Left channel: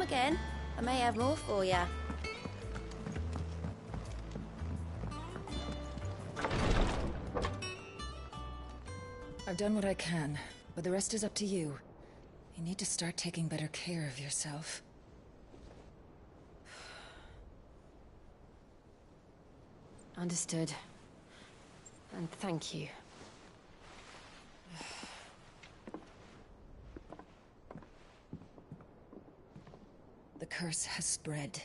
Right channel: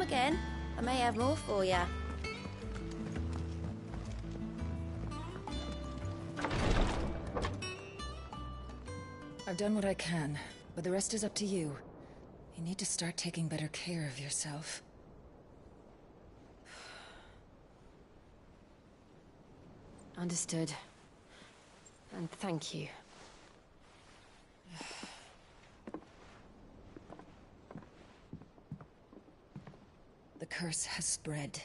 come again. I may have more for you. I've done what I can, but the rest is up to you. You need to start taking better care of yourself. Understood. And thank you. The curse has spread.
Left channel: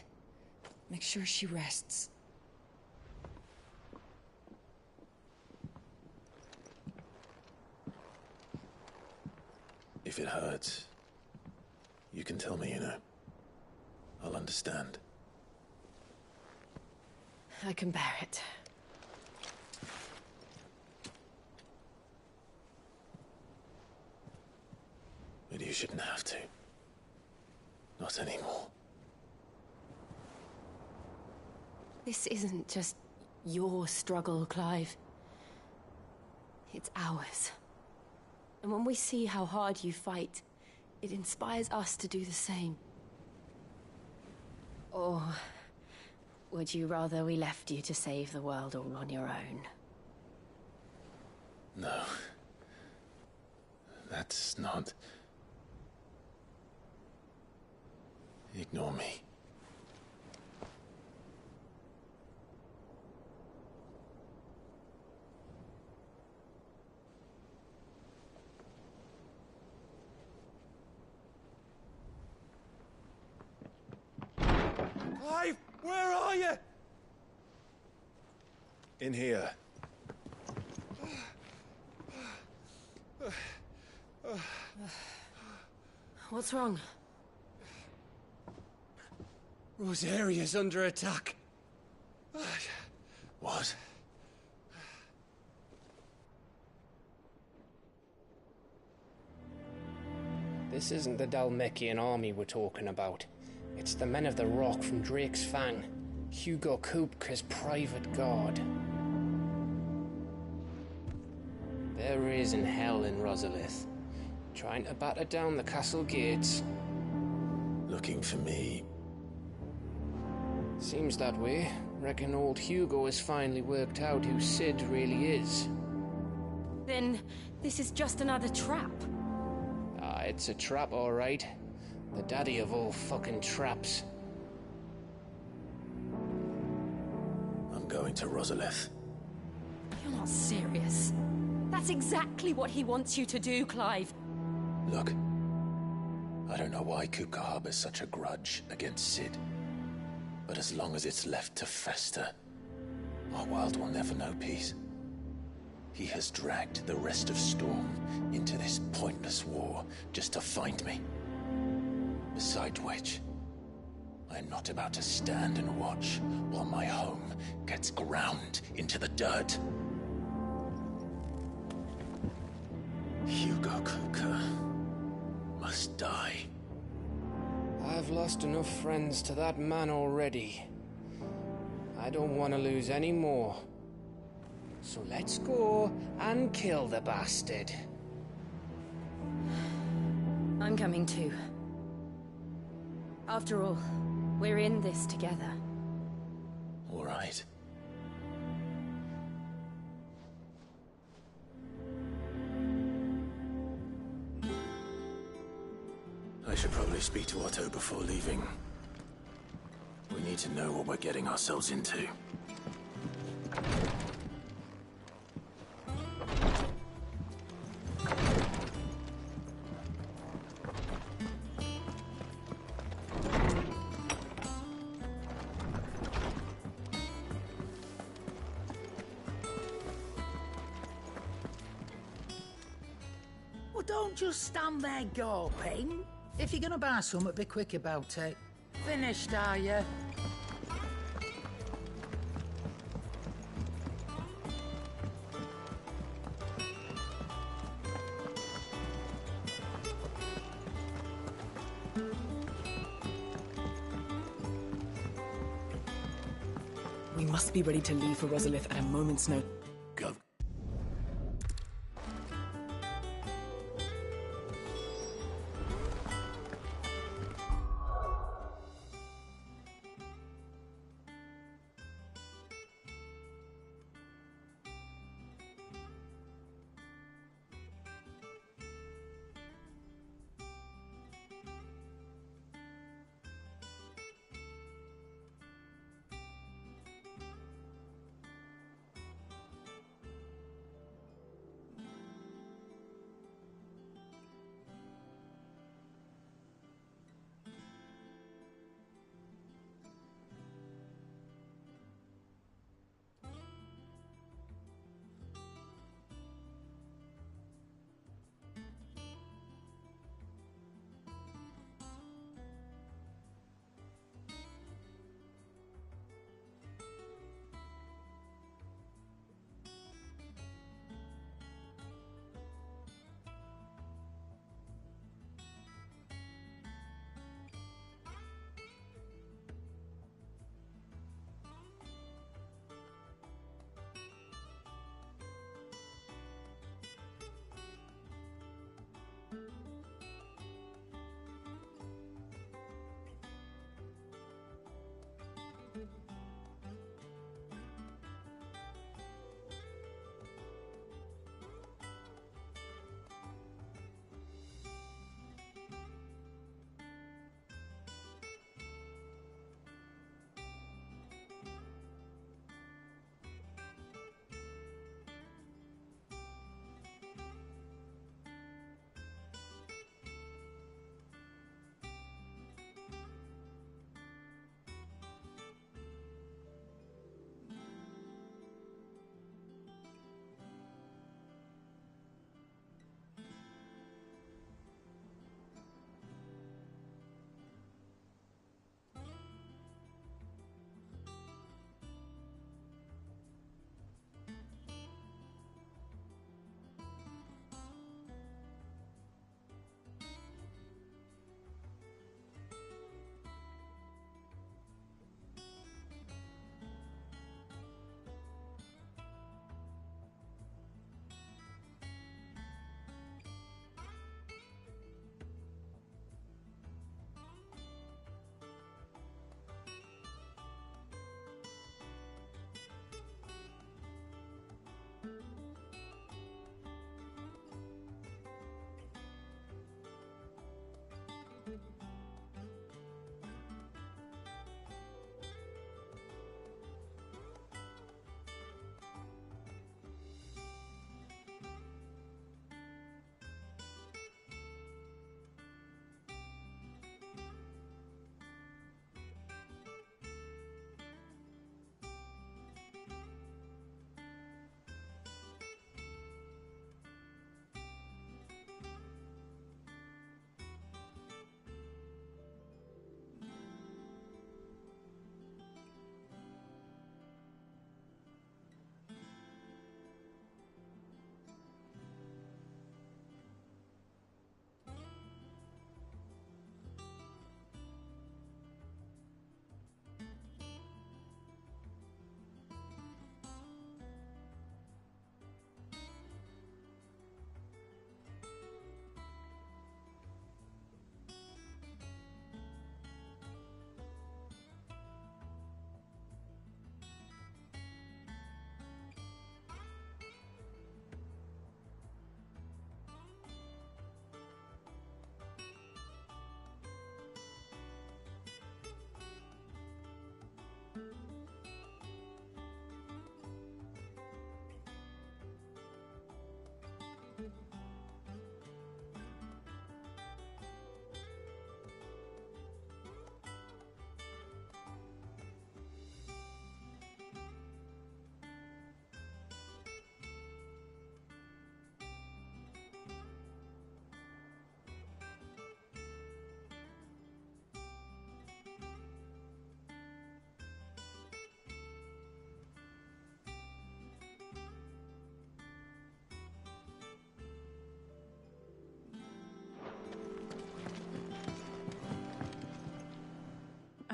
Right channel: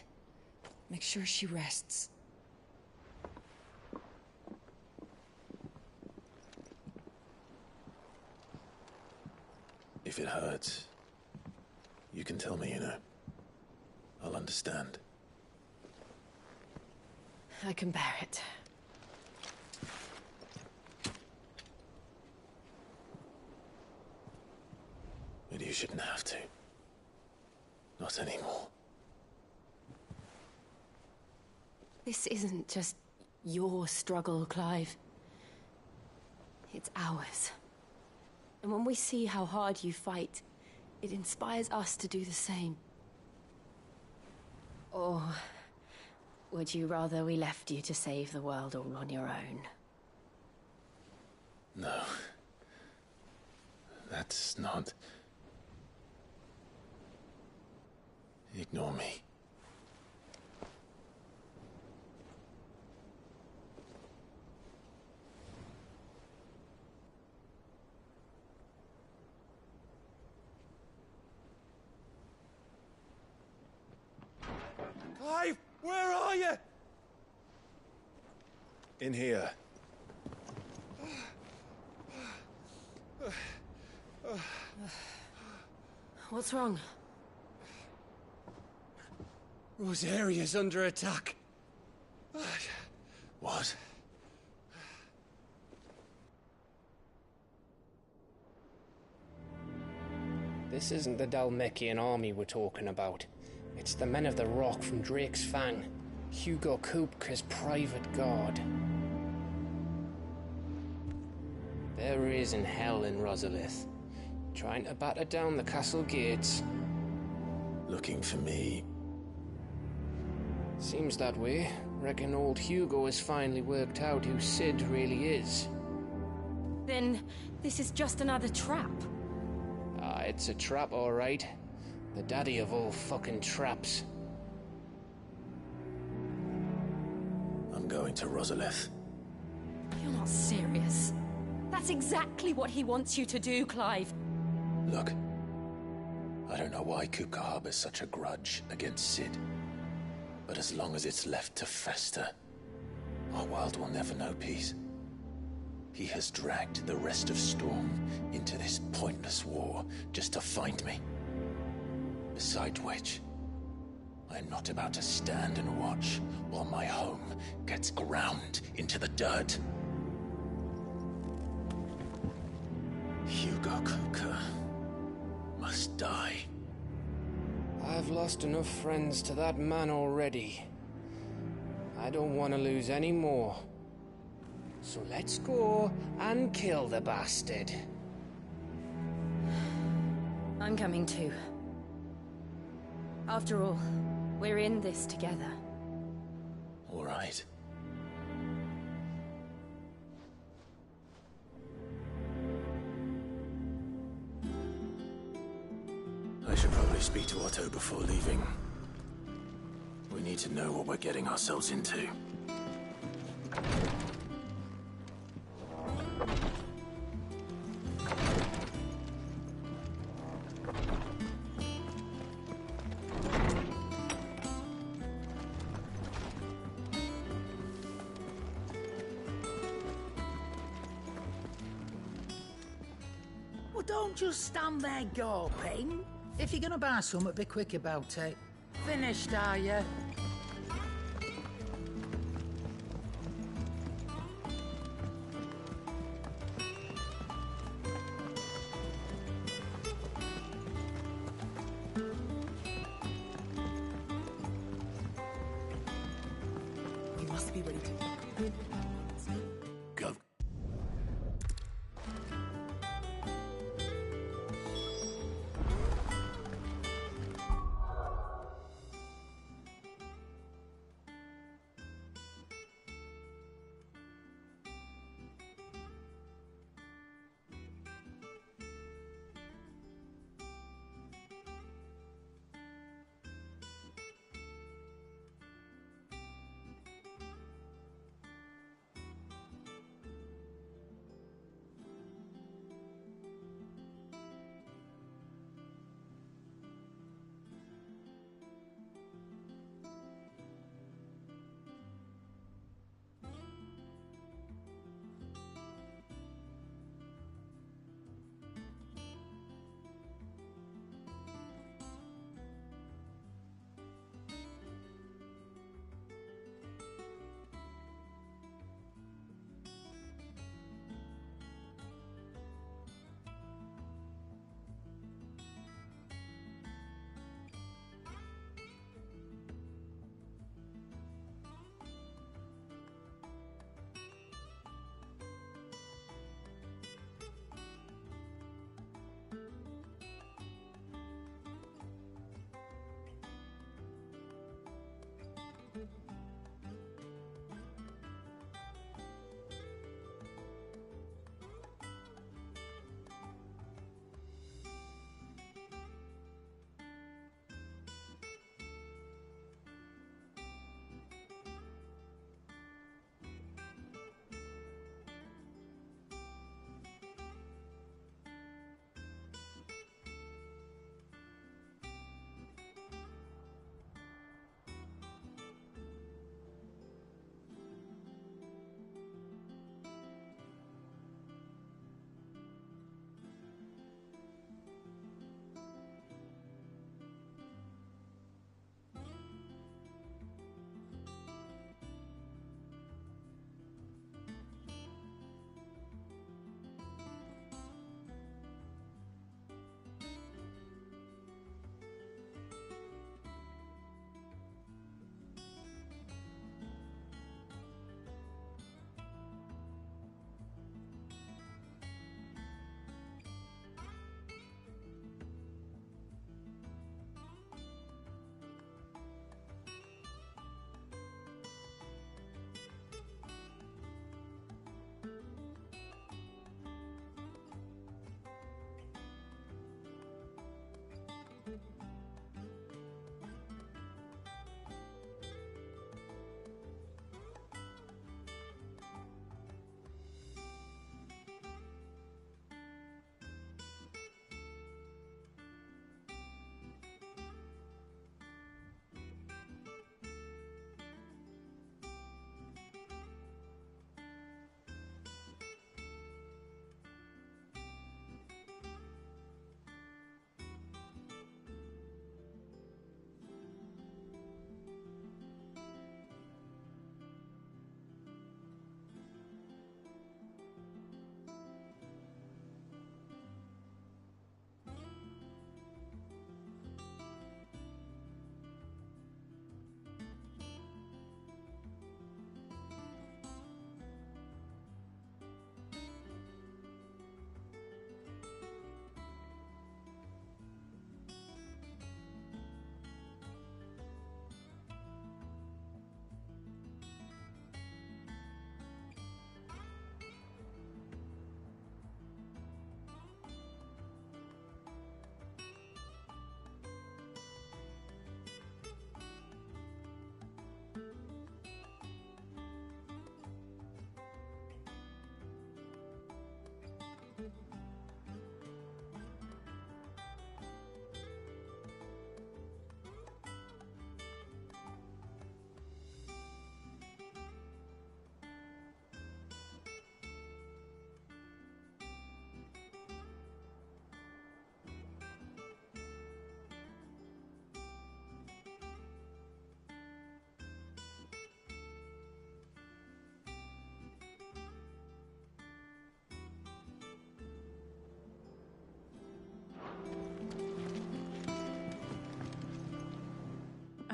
Make sure she rests. If it hurts, you can tell me, you know. I'll understand. I can bear it. But you shouldn't have to. Not anymore. This isn't just your struggle, Clive. It's ours. And when we see how hard you fight, it inspires us to do the same. Or would you rather we left you to save the world all on your own? No. That's not... Ignore me. Clive, where are you? In here. What's wrong? Rosaria's under attack. What? This isn't the Dalmekian army we're talking about. It's the men of the Rock from Drake's Fang. Hugo Kupka's private guard. There is in hell in Rosalith, trying to batter down the castle gates. Looking for me. Seems that way. Reckon old Hugo has finally worked out who Sid really is. Then this is just another trap. Ah, it's a trap, all right. The daddy of all fucking traps. I'm going to Rosalith. You're not serious. That's exactly what he wants you to do, Clive. Look. I don't know why Kupka harbors such a grudge against Sid. But as long as it's left to fester, our world will never know peace. He has dragged the rest of Storm into this pointless war just to find me. Besides which, I am not about to stand and watch while my home gets ground into the dirt. Hugo Kupka must die. I've lost enough friends to that man already. I don't want to lose any more. So let's go and kill the bastard. I'm coming too. After all, we're in this together. All right. I should probably speak to Otto before leaving. We need to know what we're getting ourselves into. Well, don't just stand there gawping. If you're gonna buy something, be quick about it. Finished, are you? We must be ready to leave for Rosalith at a moment's notice. Go.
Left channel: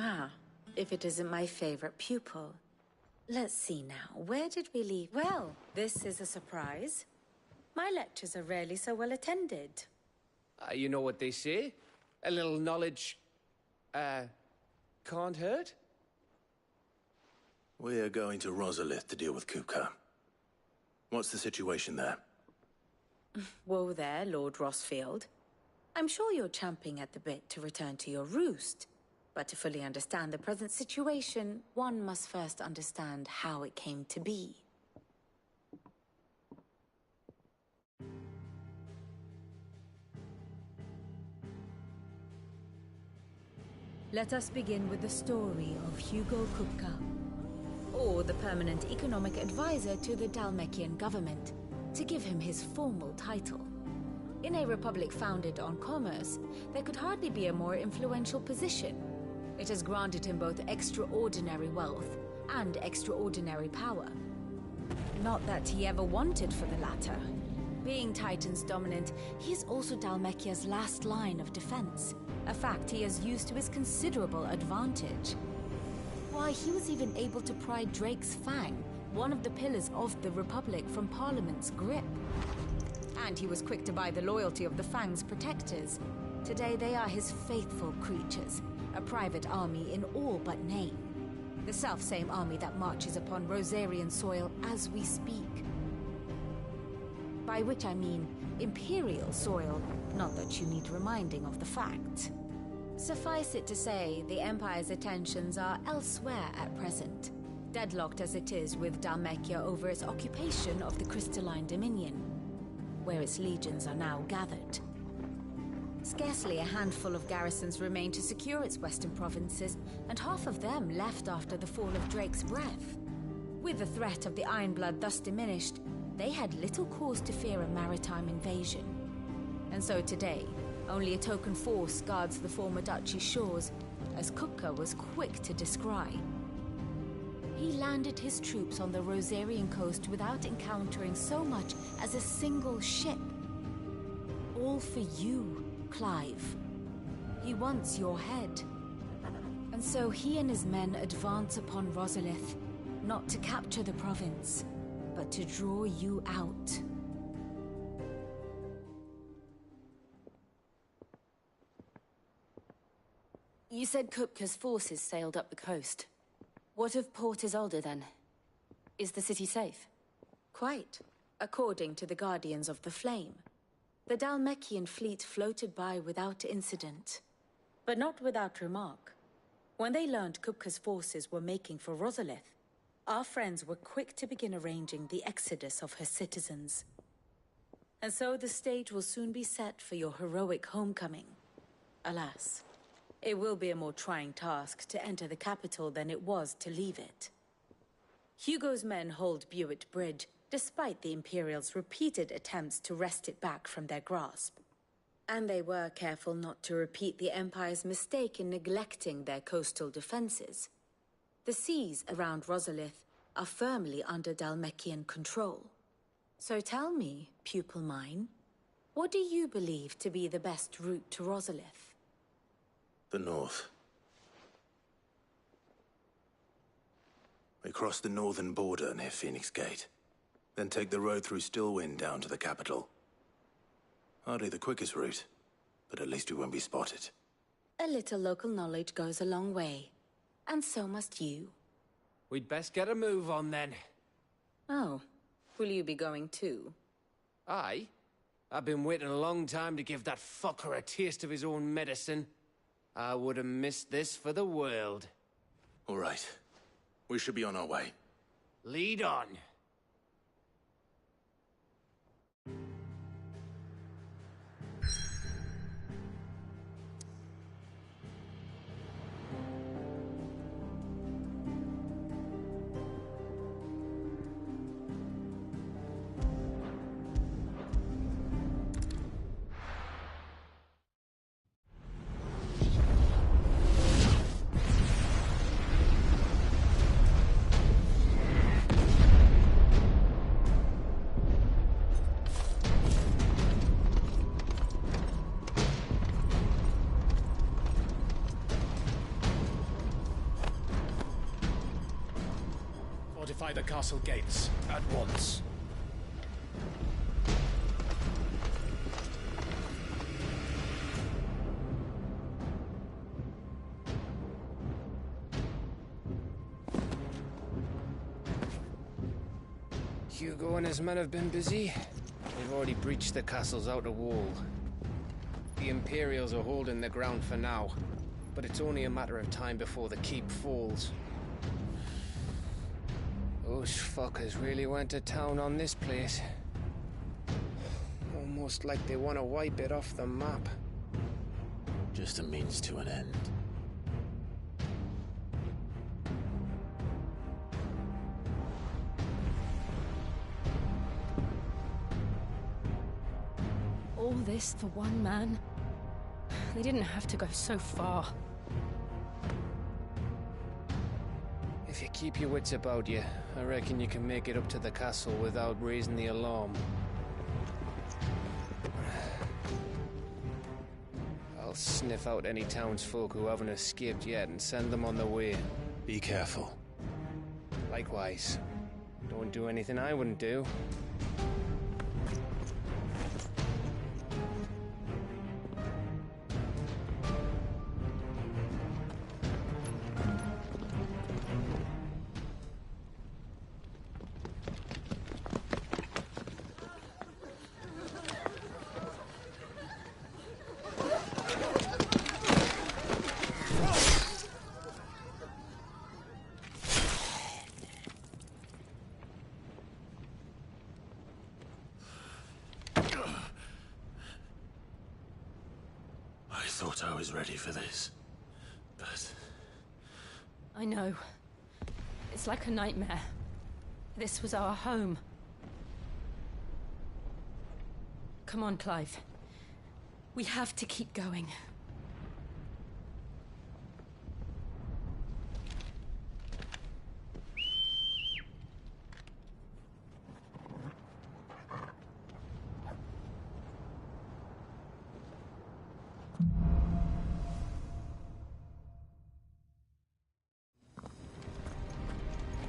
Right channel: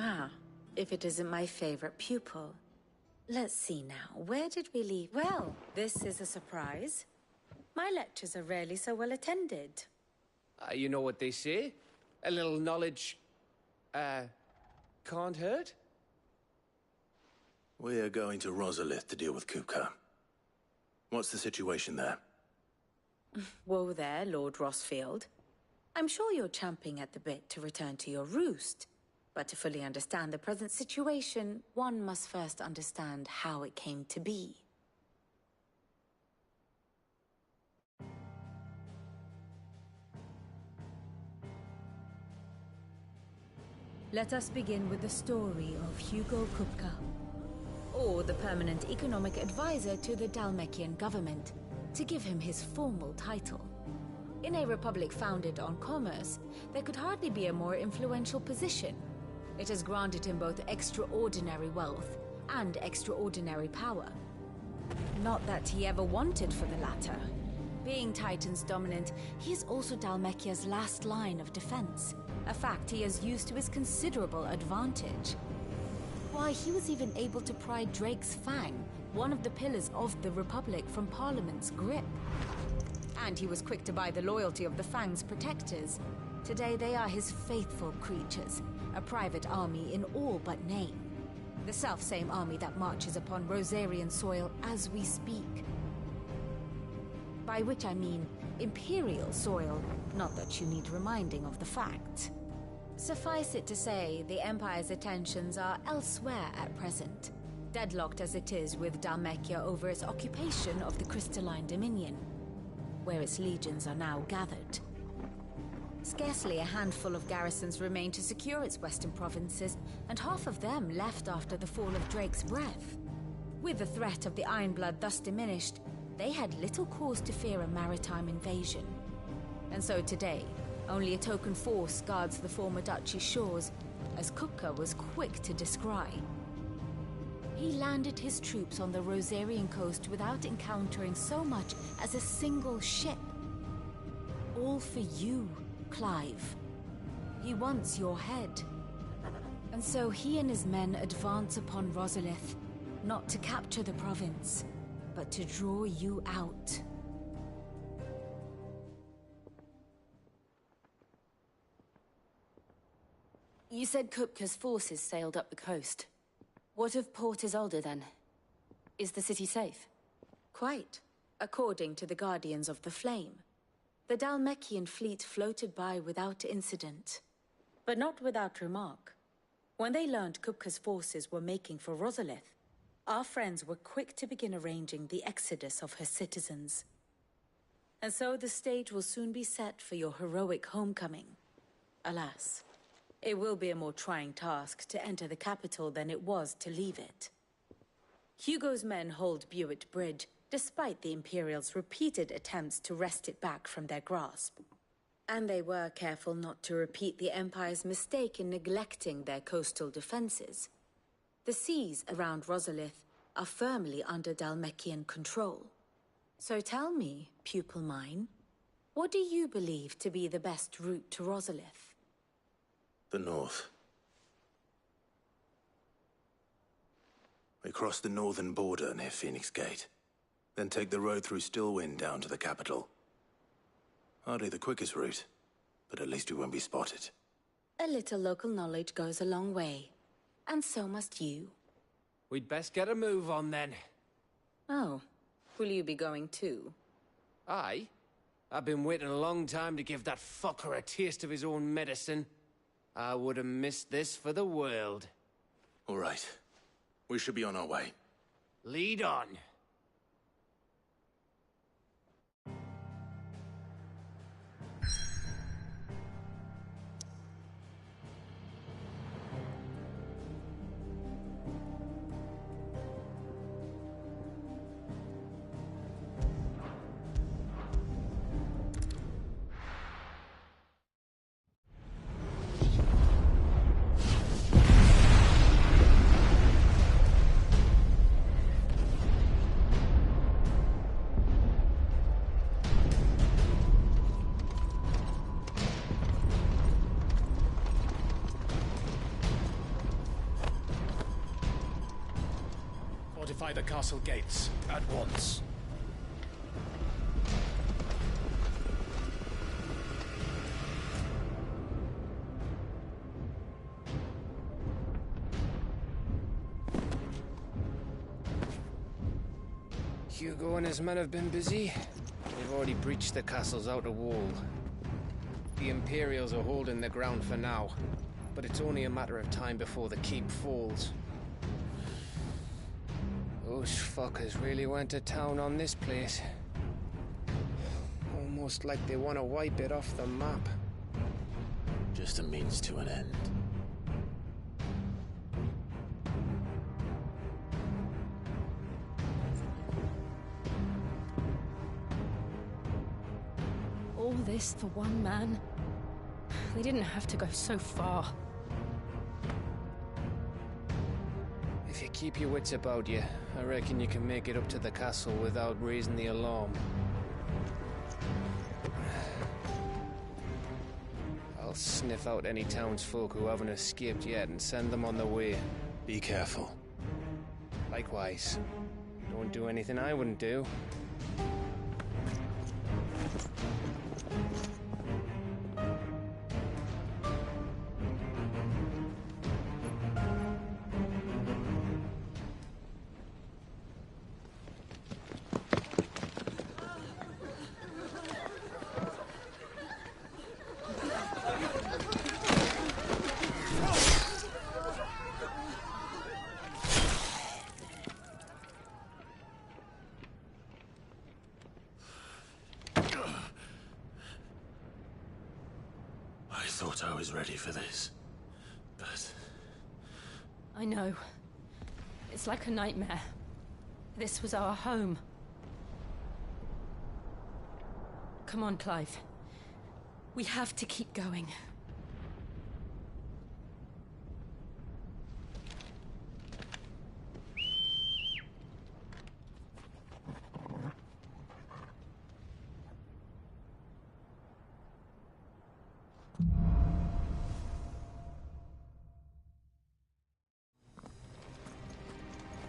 Ah, if it isn't my favorite pupil. Let's see now, where did we leave? Well, this is a surprise. My lectures are rarely so well attended. You know what they say? A little knowledge, can't hurt? We're going to Rosalith to deal with Kupka. What's the situation there? Whoa there, Lord Rossfield. I'm sure you're champing at the bit to return to your roost. But to fully understand the present situation, one must first understand how it came to be. Let us begin with the story of Hugo Kupka, or the permanent economic advisor to the Dalmekian government, to give him his formal title. In a republic founded on commerce, there could hardly be a more influential position. It has granted him both extraordinary wealth and extraordinary power. Not that he ever wanted for the latter. Being Titan's dominant, he is also Dalmekia's last line of defense, a fact he has used to his considerable advantage. Why, he was even able to pry Drake's Fang, one of the pillars of the Republic, from Parliament's grip. And he was quick to buy the loyalty of the Fang's protectors. Today they are his faithful creatures, a private army in all but name. The self-same army that marches upon Rosarian soil as we speak. By which I mean Imperial soil, not that you need reminding of the fact. Suffice it to say, the Empire's attentions are elsewhere at present, deadlocked as it is with Dalmekia over its occupation of the Crystalline Dominion, where its legions are now gathered. Scarcely a handful of garrisons remain to secure its western provinces, and half of them left after the fall of Drake's Breath. With the threat of the Ironblood thus diminished, they had little cause to fear a maritime invasion. And so today, only a token force guards the former duchy's shores, as Kupka was quick to descry. He landed his troops on the Rosarian coast without encountering so much as a single ship. All for you, Clive. He wants your head. And so he and his men advance upon Rosalith, not to capture the province, but to draw you out. You said Kupka's forces sailed up the coast. What of Port Isolde, then? Is the city safe? Quite, according to the Guardians of the Flame. The Dalmekian fleet floated by without incident, but not without remark. When they learned Kupka's forces were making for Rosalith, our friends were quick to begin arranging the exodus of her citizens. And so the stage will soon be set for your heroic homecoming. Alas, it will be a more trying task to enter the capital than it was to leave it. Hugo's men hold Buett Bridge, despite the Imperials' repeated attempts to wrest it back from their grasp. And they were careful not to repeat the Empire's mistake in neglecting their coastal defenses. The seas around Rosalith are firmly under Dalmekian control. So tell me, pupil mine, what do you believe to be the best route to Rosalith? The north. We cross the northern border near Phoenix Gate. Then take the road through Stillwind down to the capital. Hardly the quickest route, but at least we won't be spotted. A little local knowledge goes a long way. And so must you. We'd best get a move on, then. Oh, will you be going too? Aye. I've been waiting a long time to give that fucker a taste of his own medicine. I would have missed this for the world. All right. We should be on our way. Lead on. Fortify the castle gates at once. Hugo and his men have been busy. They've already breached the castle's outer wall. The Imperials are holding the ground for now, but it's only a matter of time before the keep falls. Those fuckers really went to town on this place. Almost like they want to wipe it off the map. Just a means to an end. All this for one man? They didn't have to go so far. If you keep your wits about you, I reckon you can make it up to the castle without raising the alarm. I'll sniff out any townsfolk who haven't escaped yet and send them on their way. Be careful. Likewise. Don't do anything I wouldn't do. I thought I was ready for this, but... I know. It's like a nightmare. This was our home. Come on, Clive. We have to keep going.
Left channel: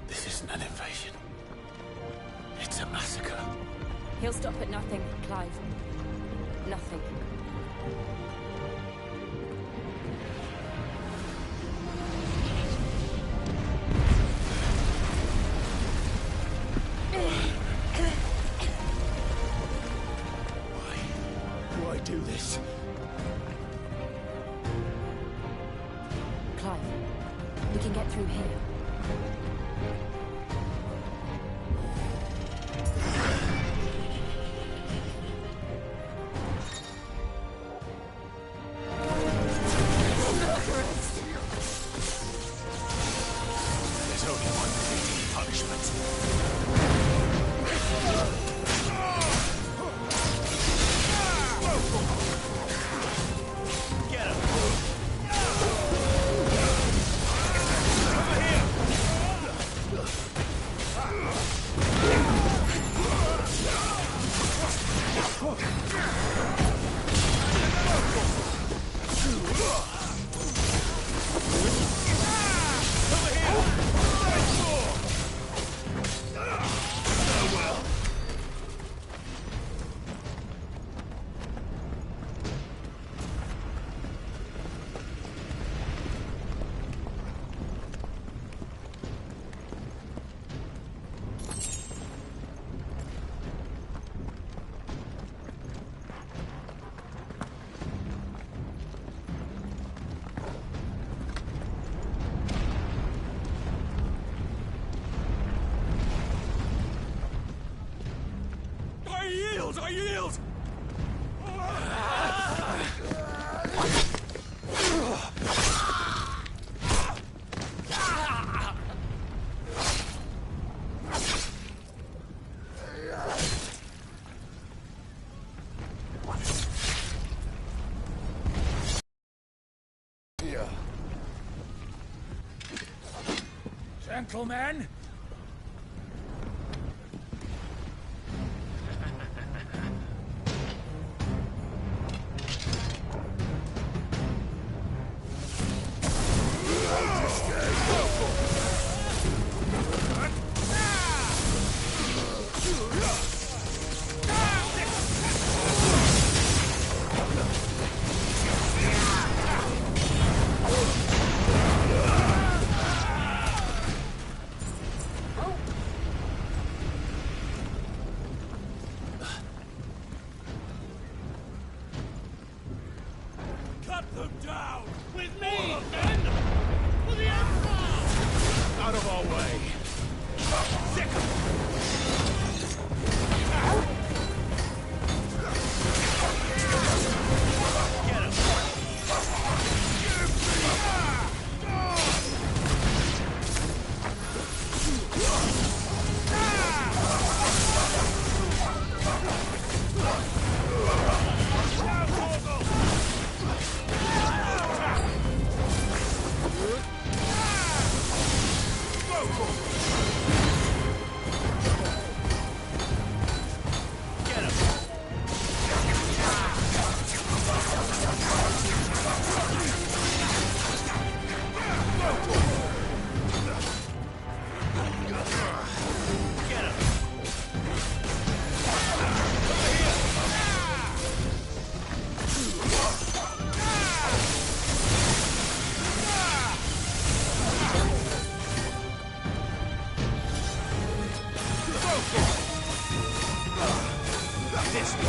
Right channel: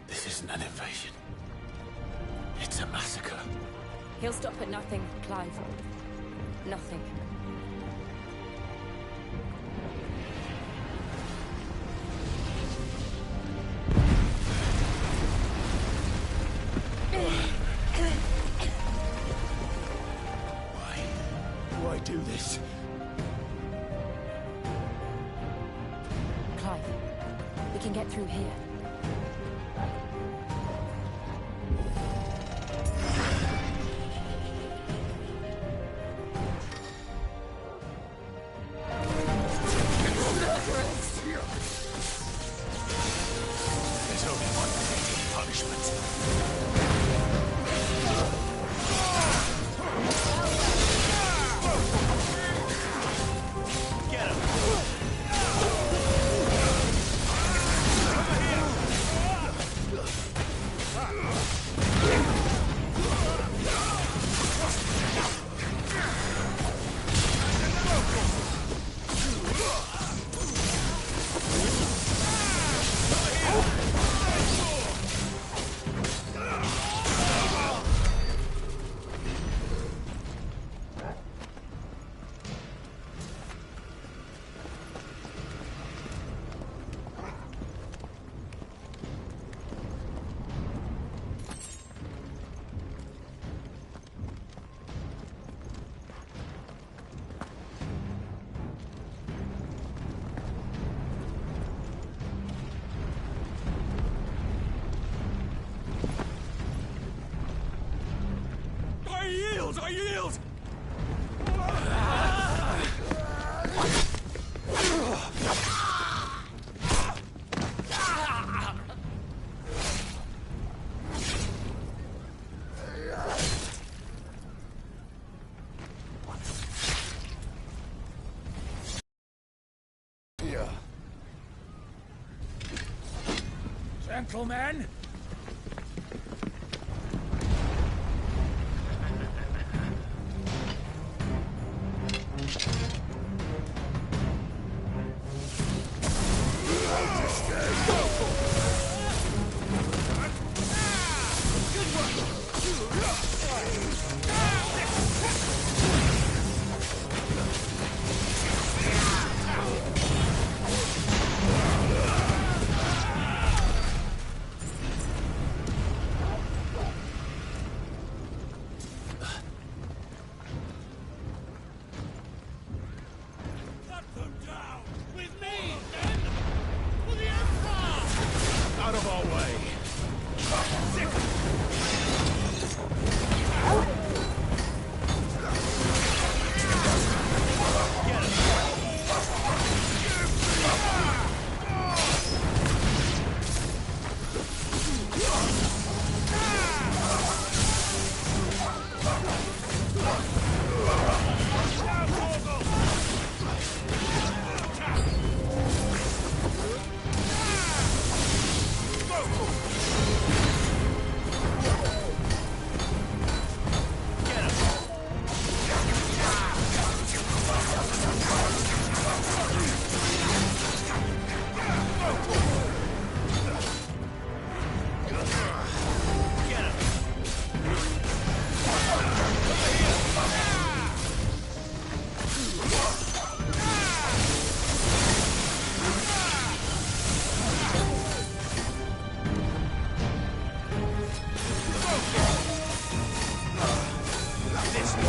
This isn't an invasion. It's a massacre. He'll stop at nothing, Clive. Nothing. Why do this? Clive, we can get through here. There's only one fitting punishment. Get him! I yield! Gentlemen! This way.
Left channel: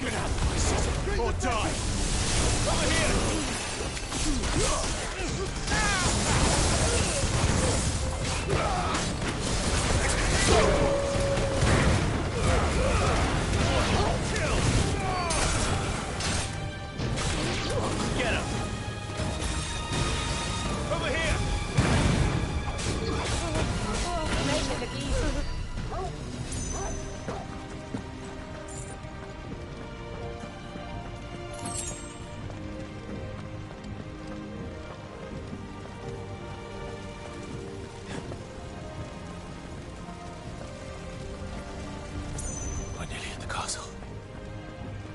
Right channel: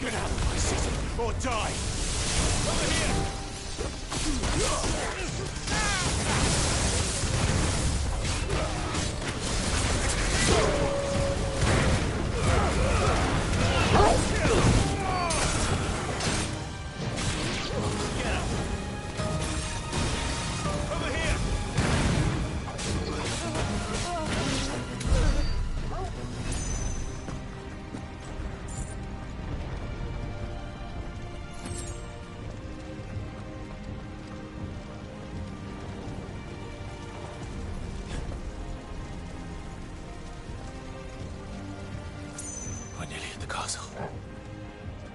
Over here. Or die! Over here! Get him! Over here! We're nearly at the castle.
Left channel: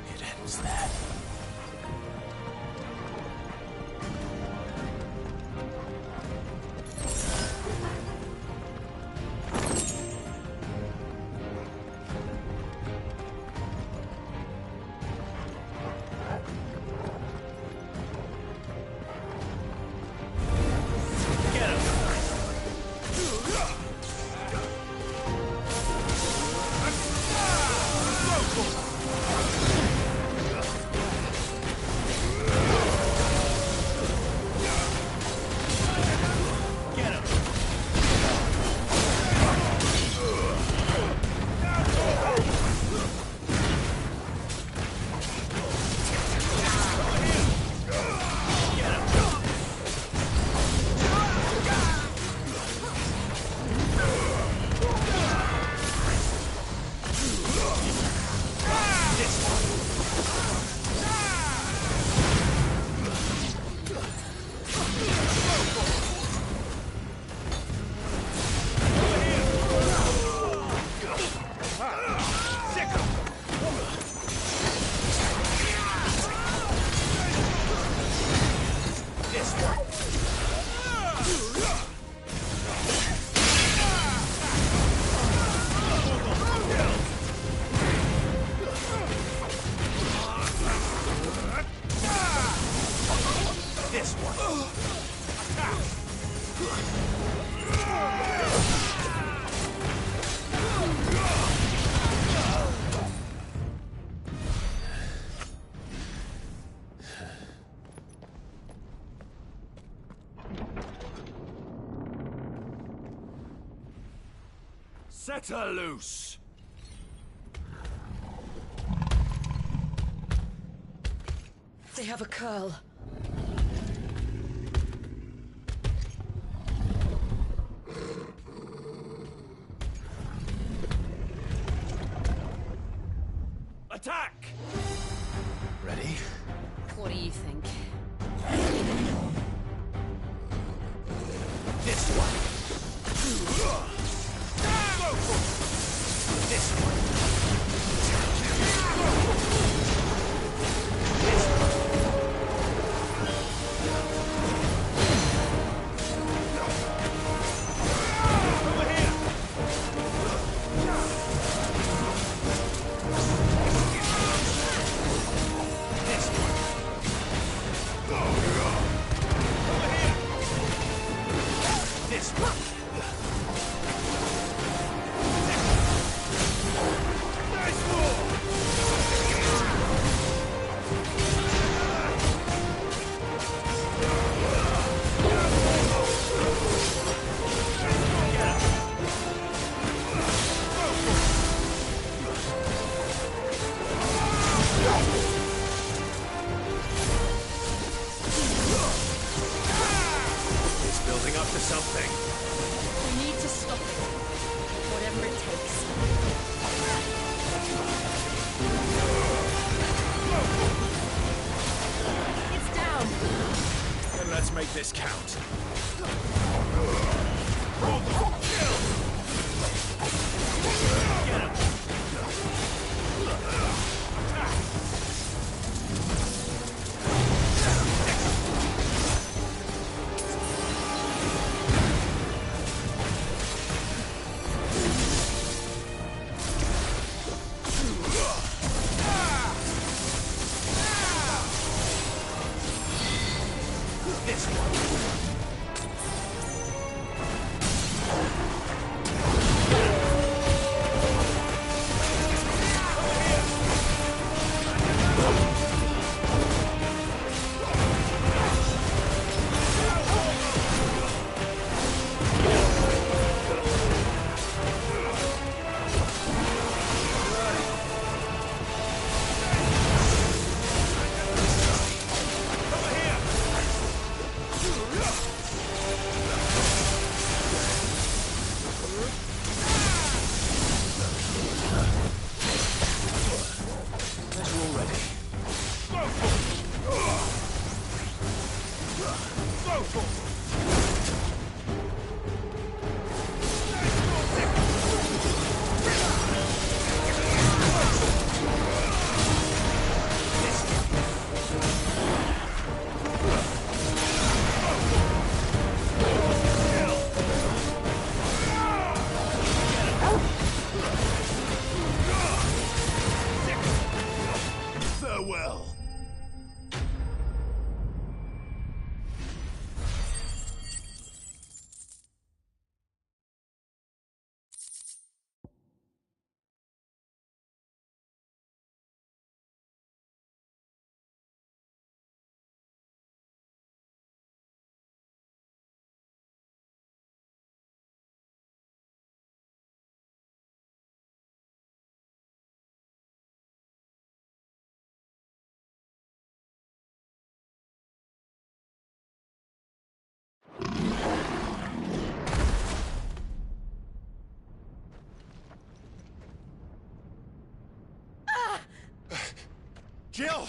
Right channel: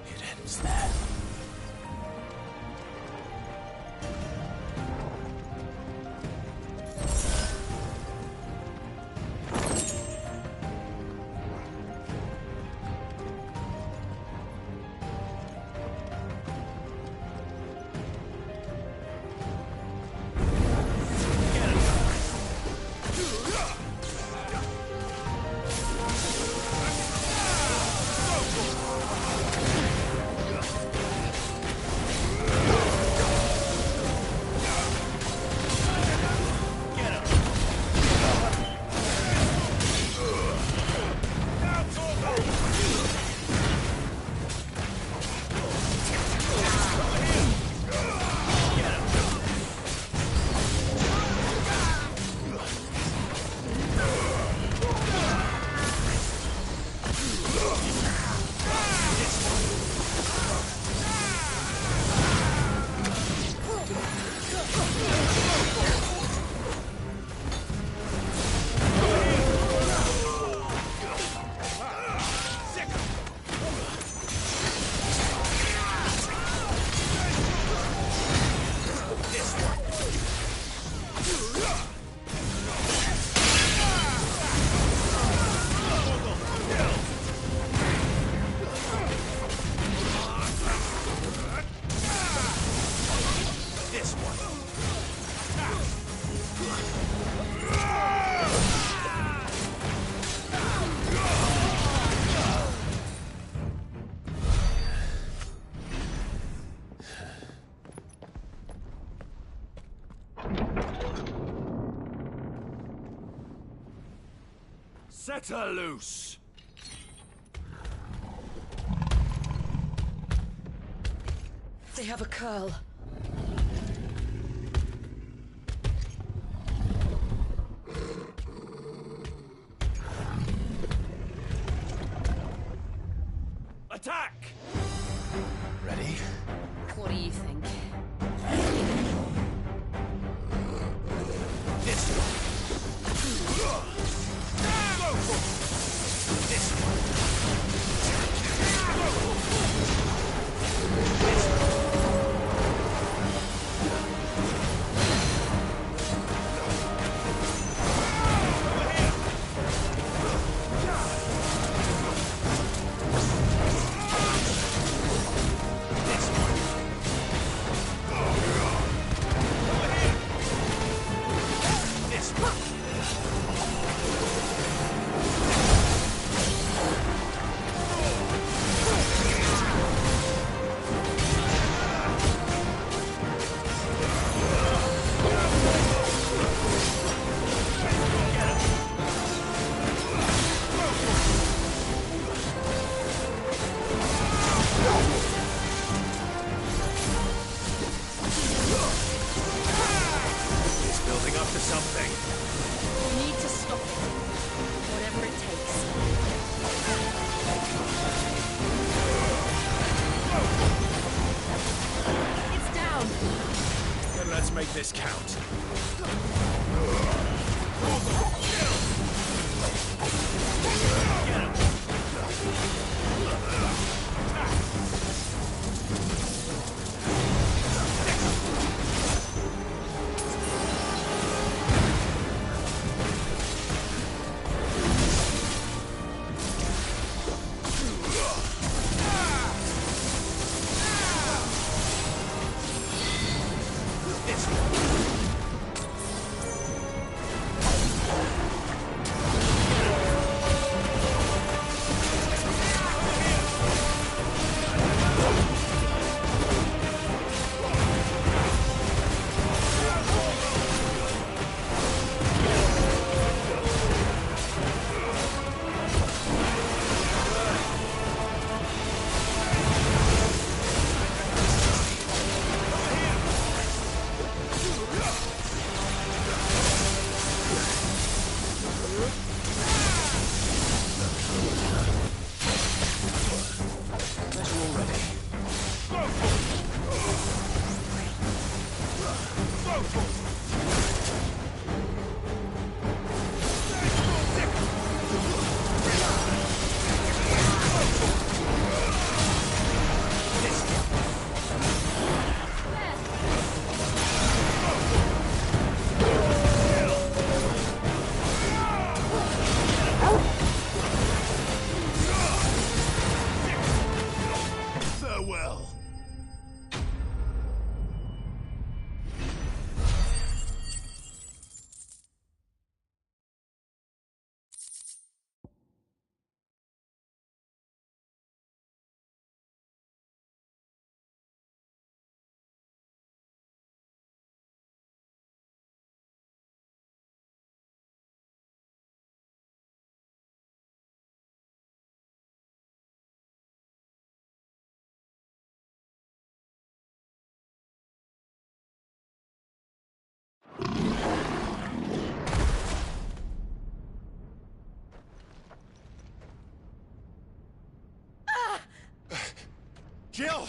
It ends there. Set her loose! They have a curl. Attack! Ready? What do you think? This one! Go for it! This one! Go for it! This one! Over here! This one! Over here! This one! It's building up to something. We need to stop it. Whatever it takes. It's down. Then let's make this count. Get him! This one! Farewell. Jill!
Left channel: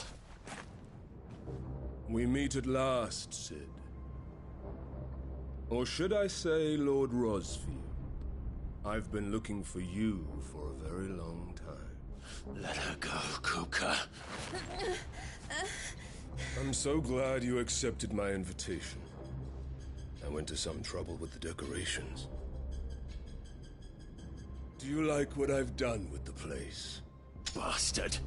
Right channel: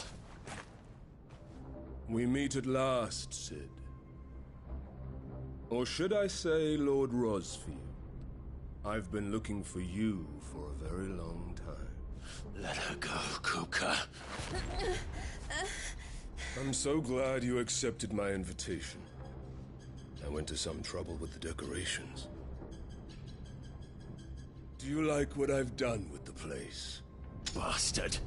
We meet at last, Sid. Or should I say, Lord Rosfield? I've been looking for you for a very long time. Let her go, Kuka. I'm so glad you accepted my invitation. I went to some trouble with the decorations. Do you like what I've done with the place? Bastard.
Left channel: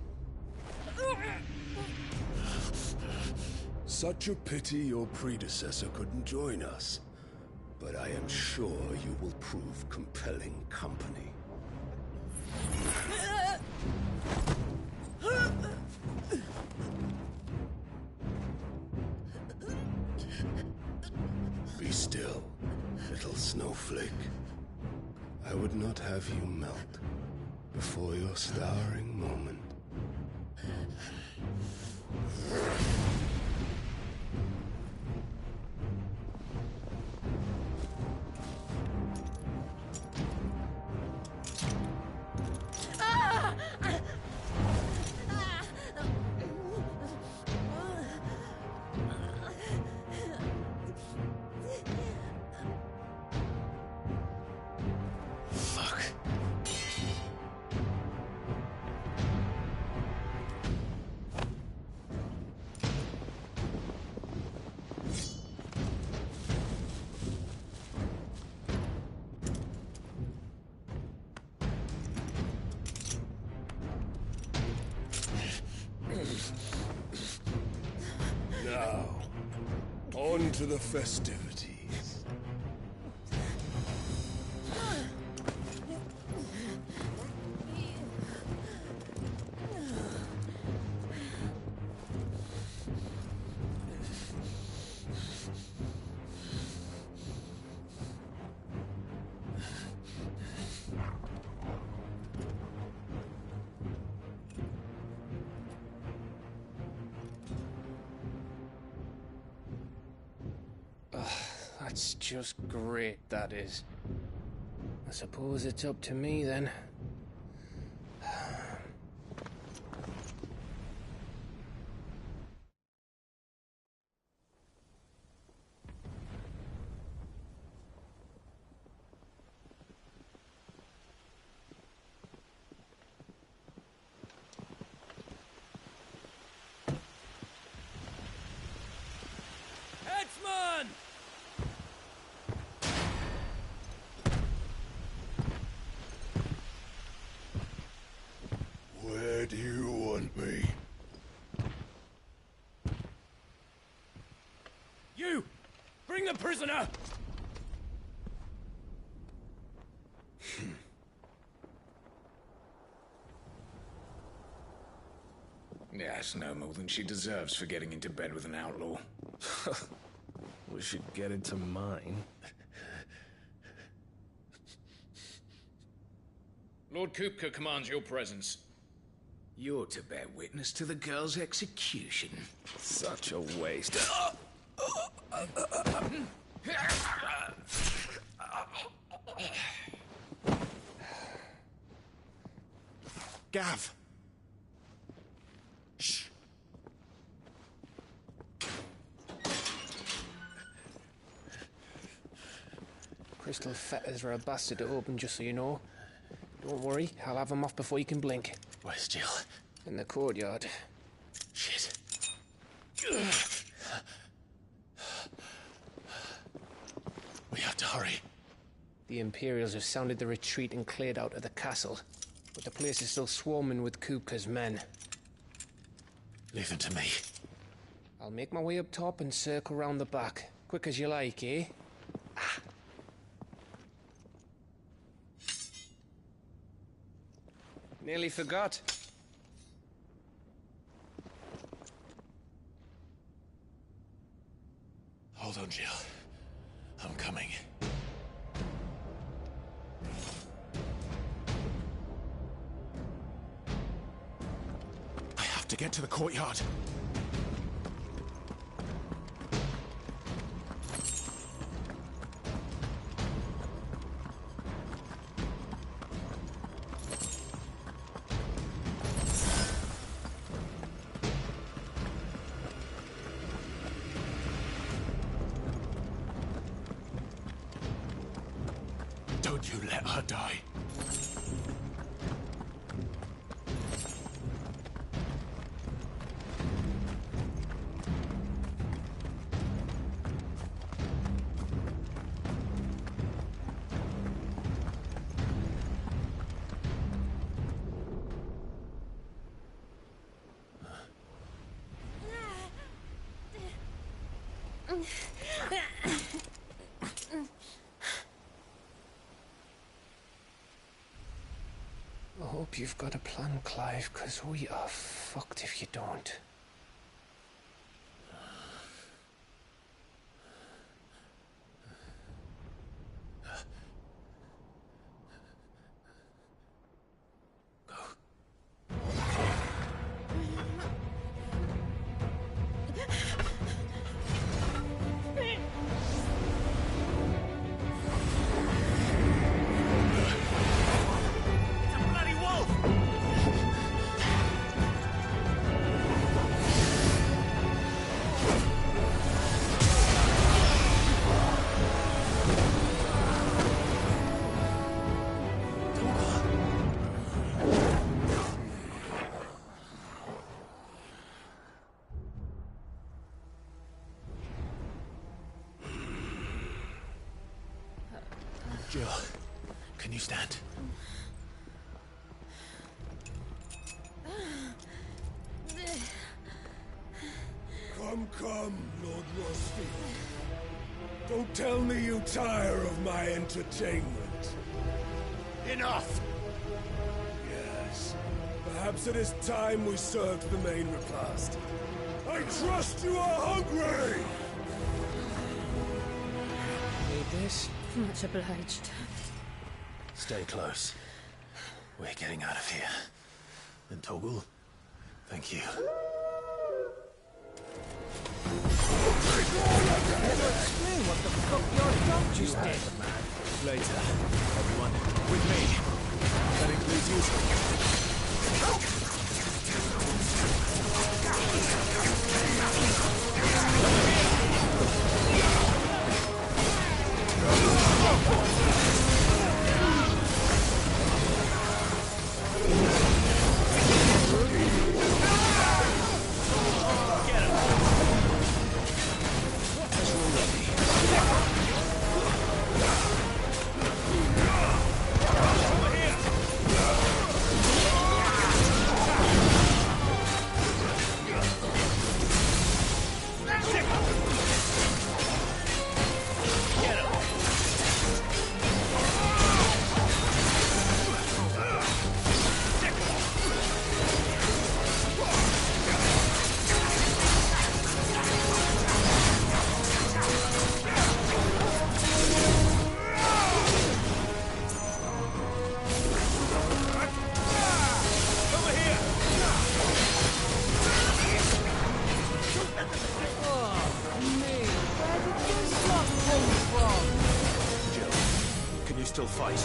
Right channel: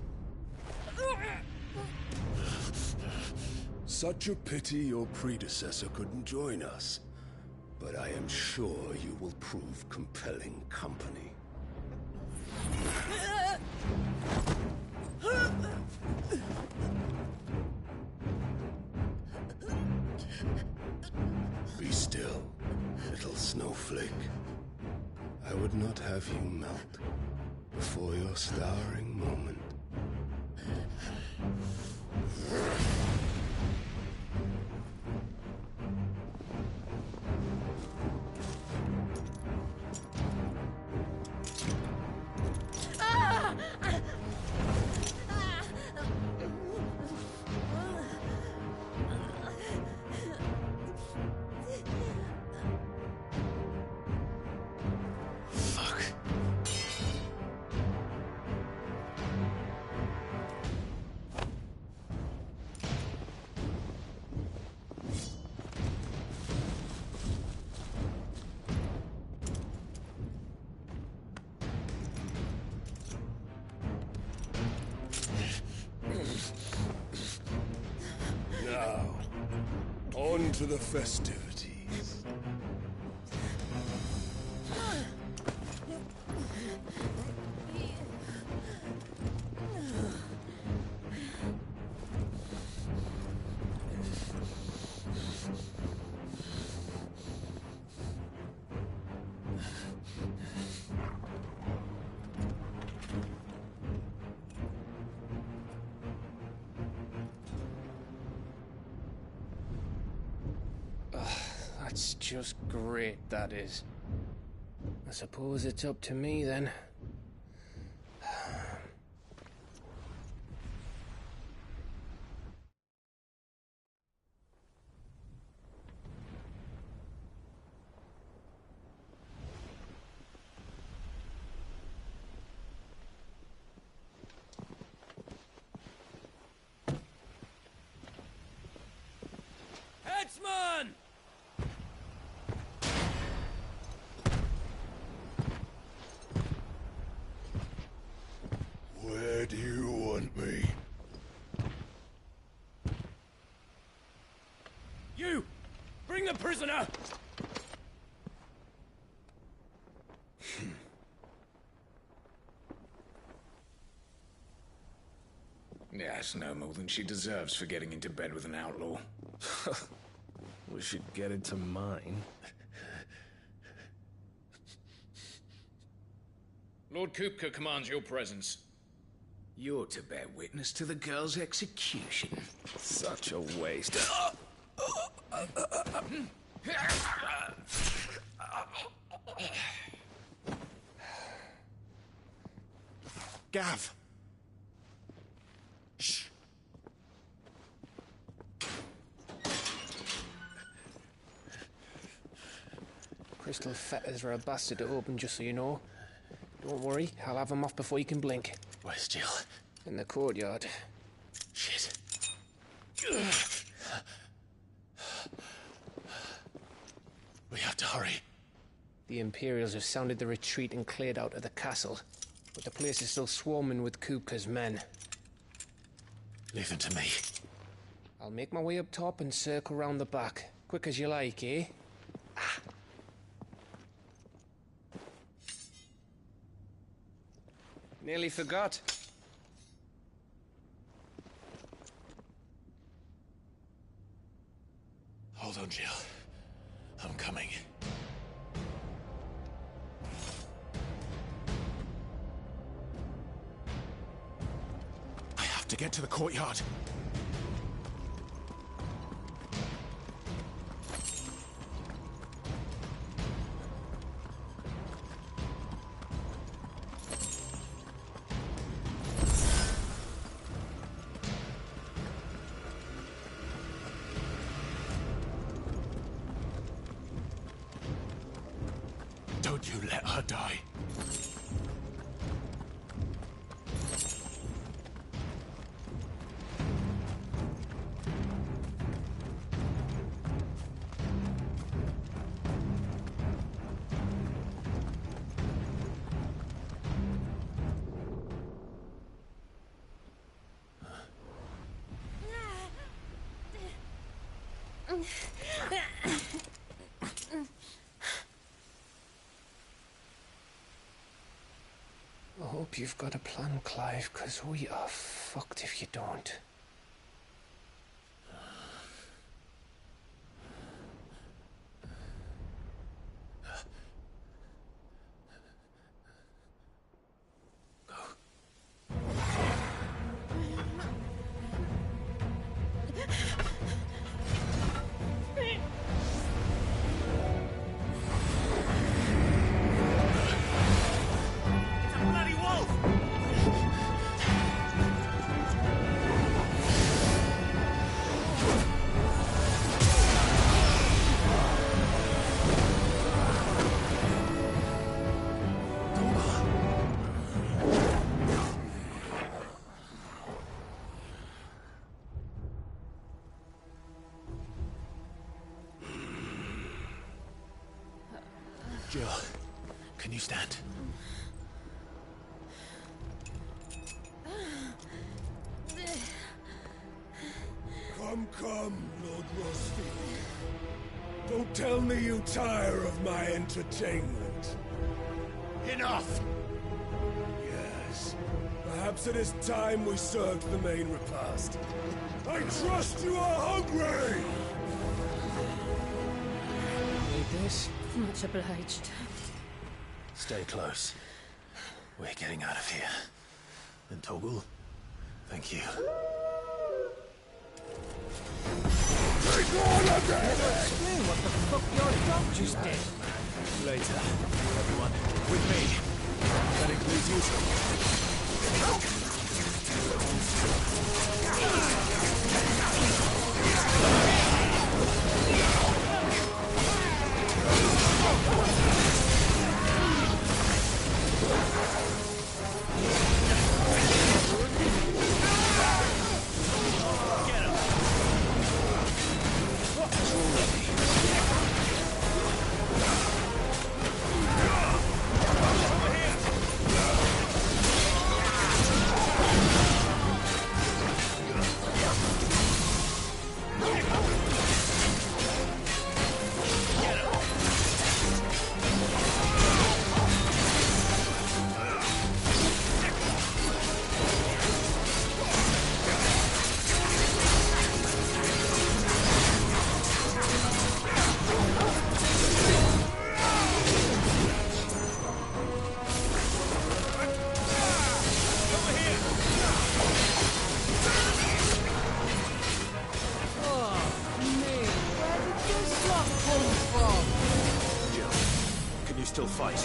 Such a pity your predecessor couldn't join us. But I am sure you will prove compelling company. Be still, little snowflake. I would not have you melt before your starring moment. Fuck. Now, on to the festivities. That's just great, that is. I suppose it's up to me then. Headsman! Where do you want me? You! Bring the prisoner! Yes, no more than she deserves for getting into bed with an outlaw. We should get into mine. Lord Kupka commands your presence. You're to bear witness to the girl's execution. Such a waste. Gav! Shh! Crystal fetters are a bastard to open, just so you know. Don't worry, I'll have them off before you can blink. Where's Jill? In the courtyard. Shit. We have to hurry. The Imperials have sounded the retreat and cleared out of the castle, but the place is still swarming with Kupka's men. Leave them to me. I'll make my way up top and circle round the back. Quick as you like, eh? Nearly forgot. Hold on, Jill. I'm coming. I have to get to the courtyard. Don't you let her die. I hope you've got a plan, Clive, because we are fucked if you don't. Jill, can you stand? Come, Lord Rosfield. Don't tell me you tire of my entertainment. Enough! Yes. Perhaps it is time we served the main repast. I trust you are hungry! Need this? Much obliged. Stay close. We're getting out of here. And Toggle, thank you. Explain what the fuck your dog just did. Later, everyone, with me. That includes you. Still fight.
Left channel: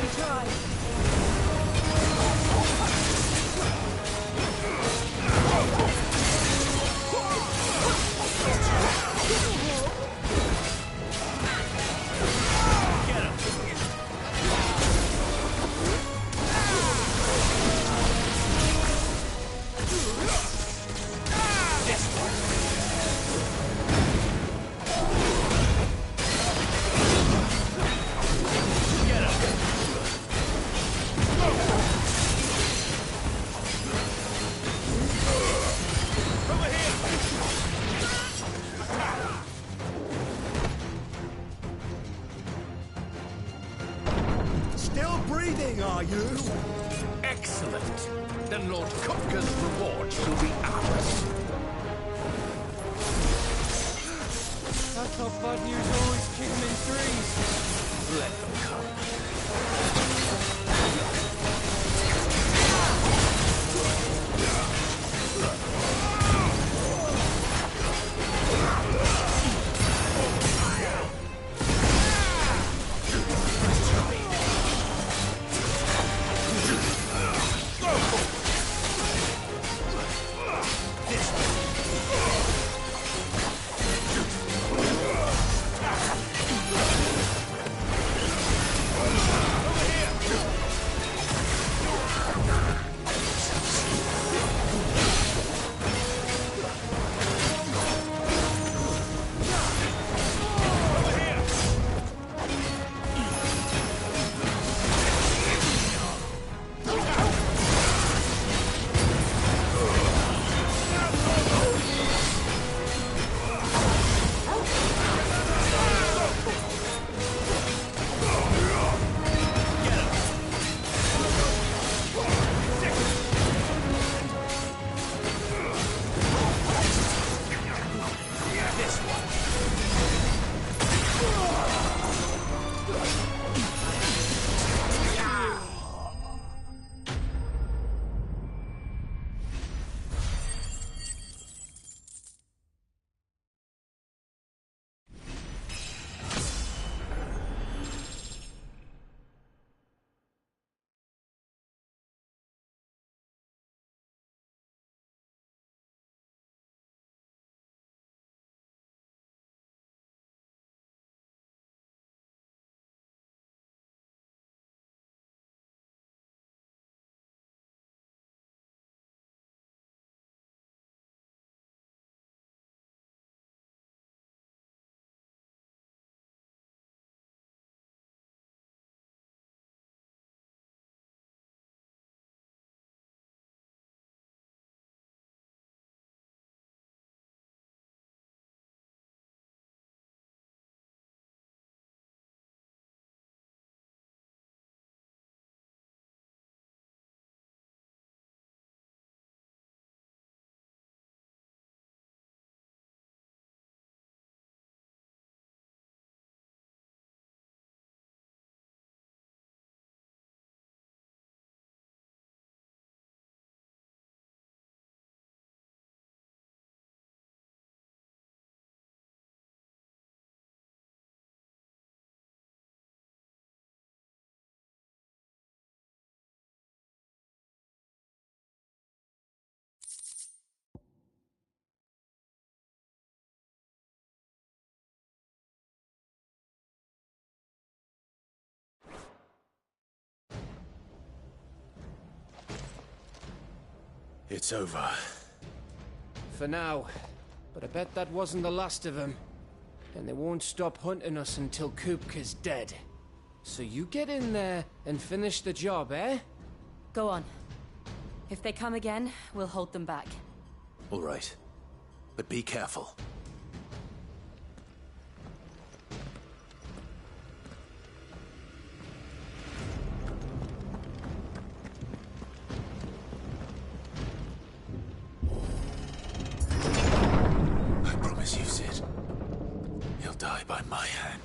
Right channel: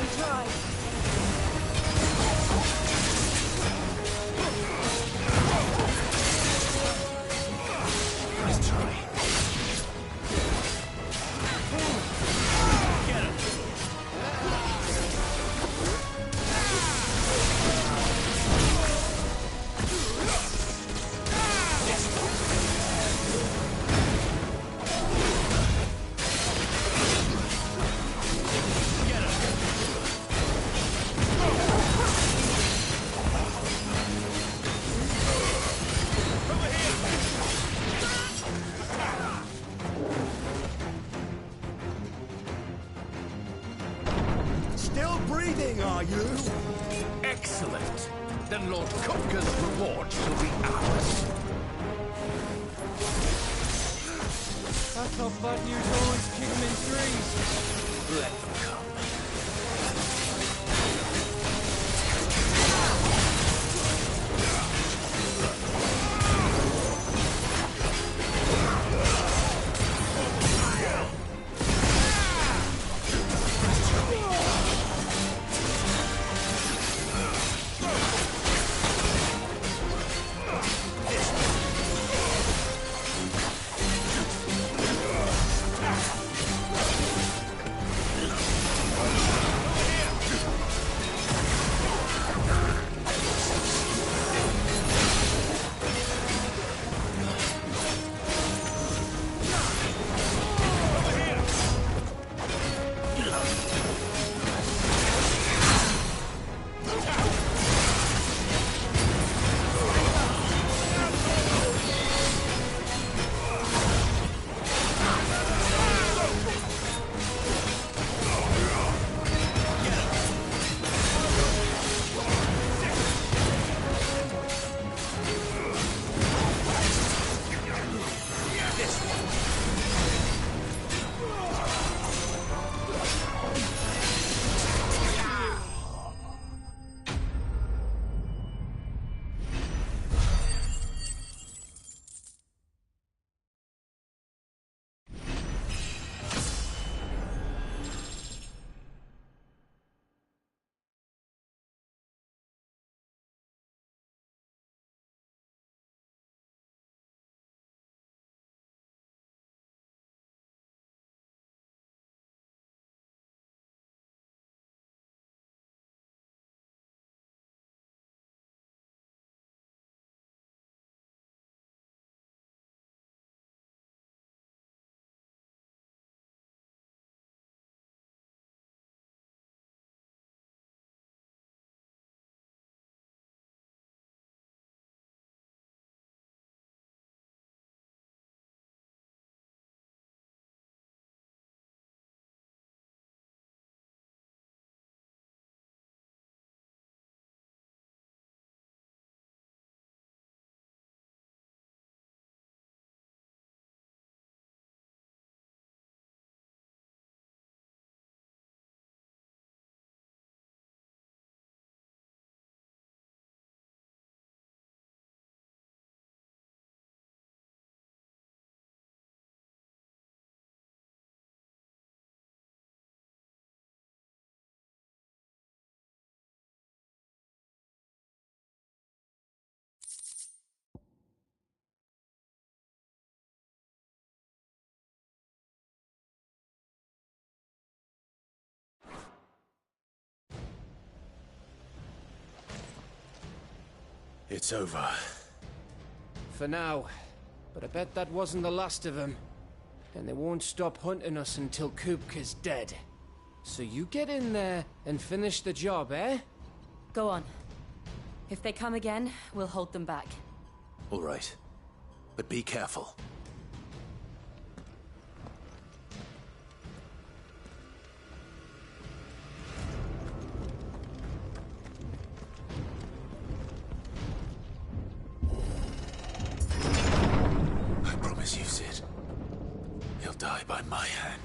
We try. Still breathing, are you? Excellent. Then Lord Kupka's reward shall be ours. I thought bad news always came in threes. Let them come. It's over. For now. But I bet that wasn't the last of them. And they won't stop hunting us until Kupka's dead. So you get in there and finish the job, eh? Go on. If they come again, we'll hold them back. All right. But be careful. I promise you, Sid. He'll die by my hand.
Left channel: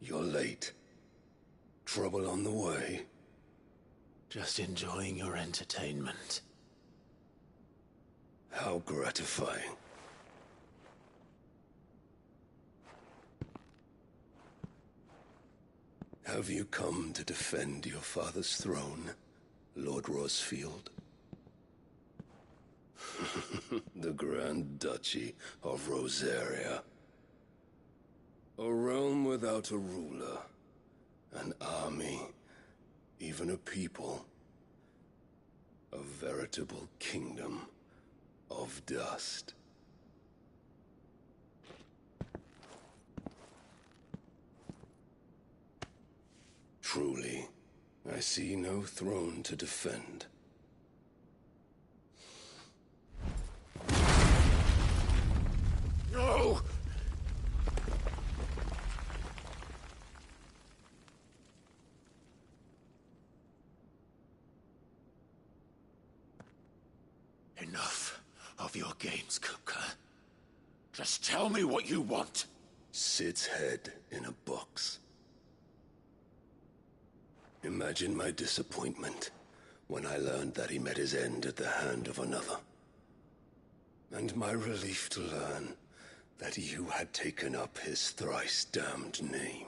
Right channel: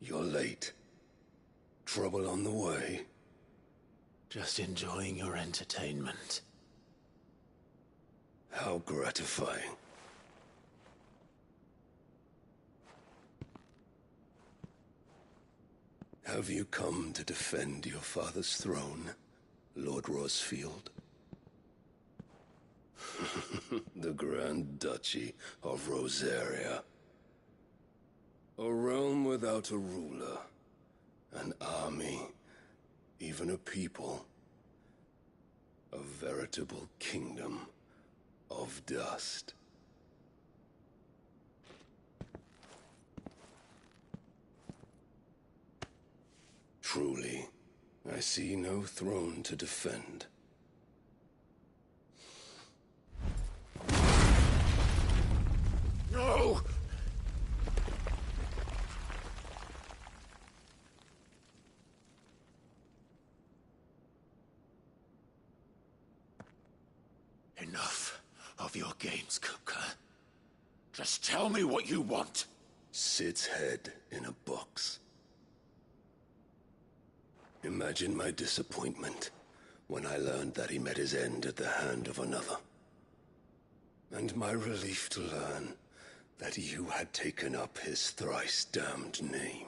You're late. Trouble on the way? Just enjoying your entertainment. How gratifying. Have you come to defend your father's throne, Lord Rosfield? The Grand Duchy of Rosaria. A realm without a ruler, an army, even a people. A veritable kingdom of dust. Truly, I see no throne to defend. No! Enough of your games, Kupka. Just tell me what you want. Sid's head in a box. Imagine my disappointment when I learned that he met his end at the hand of another. And my relief to learn that you had taken up his thrice-damned name.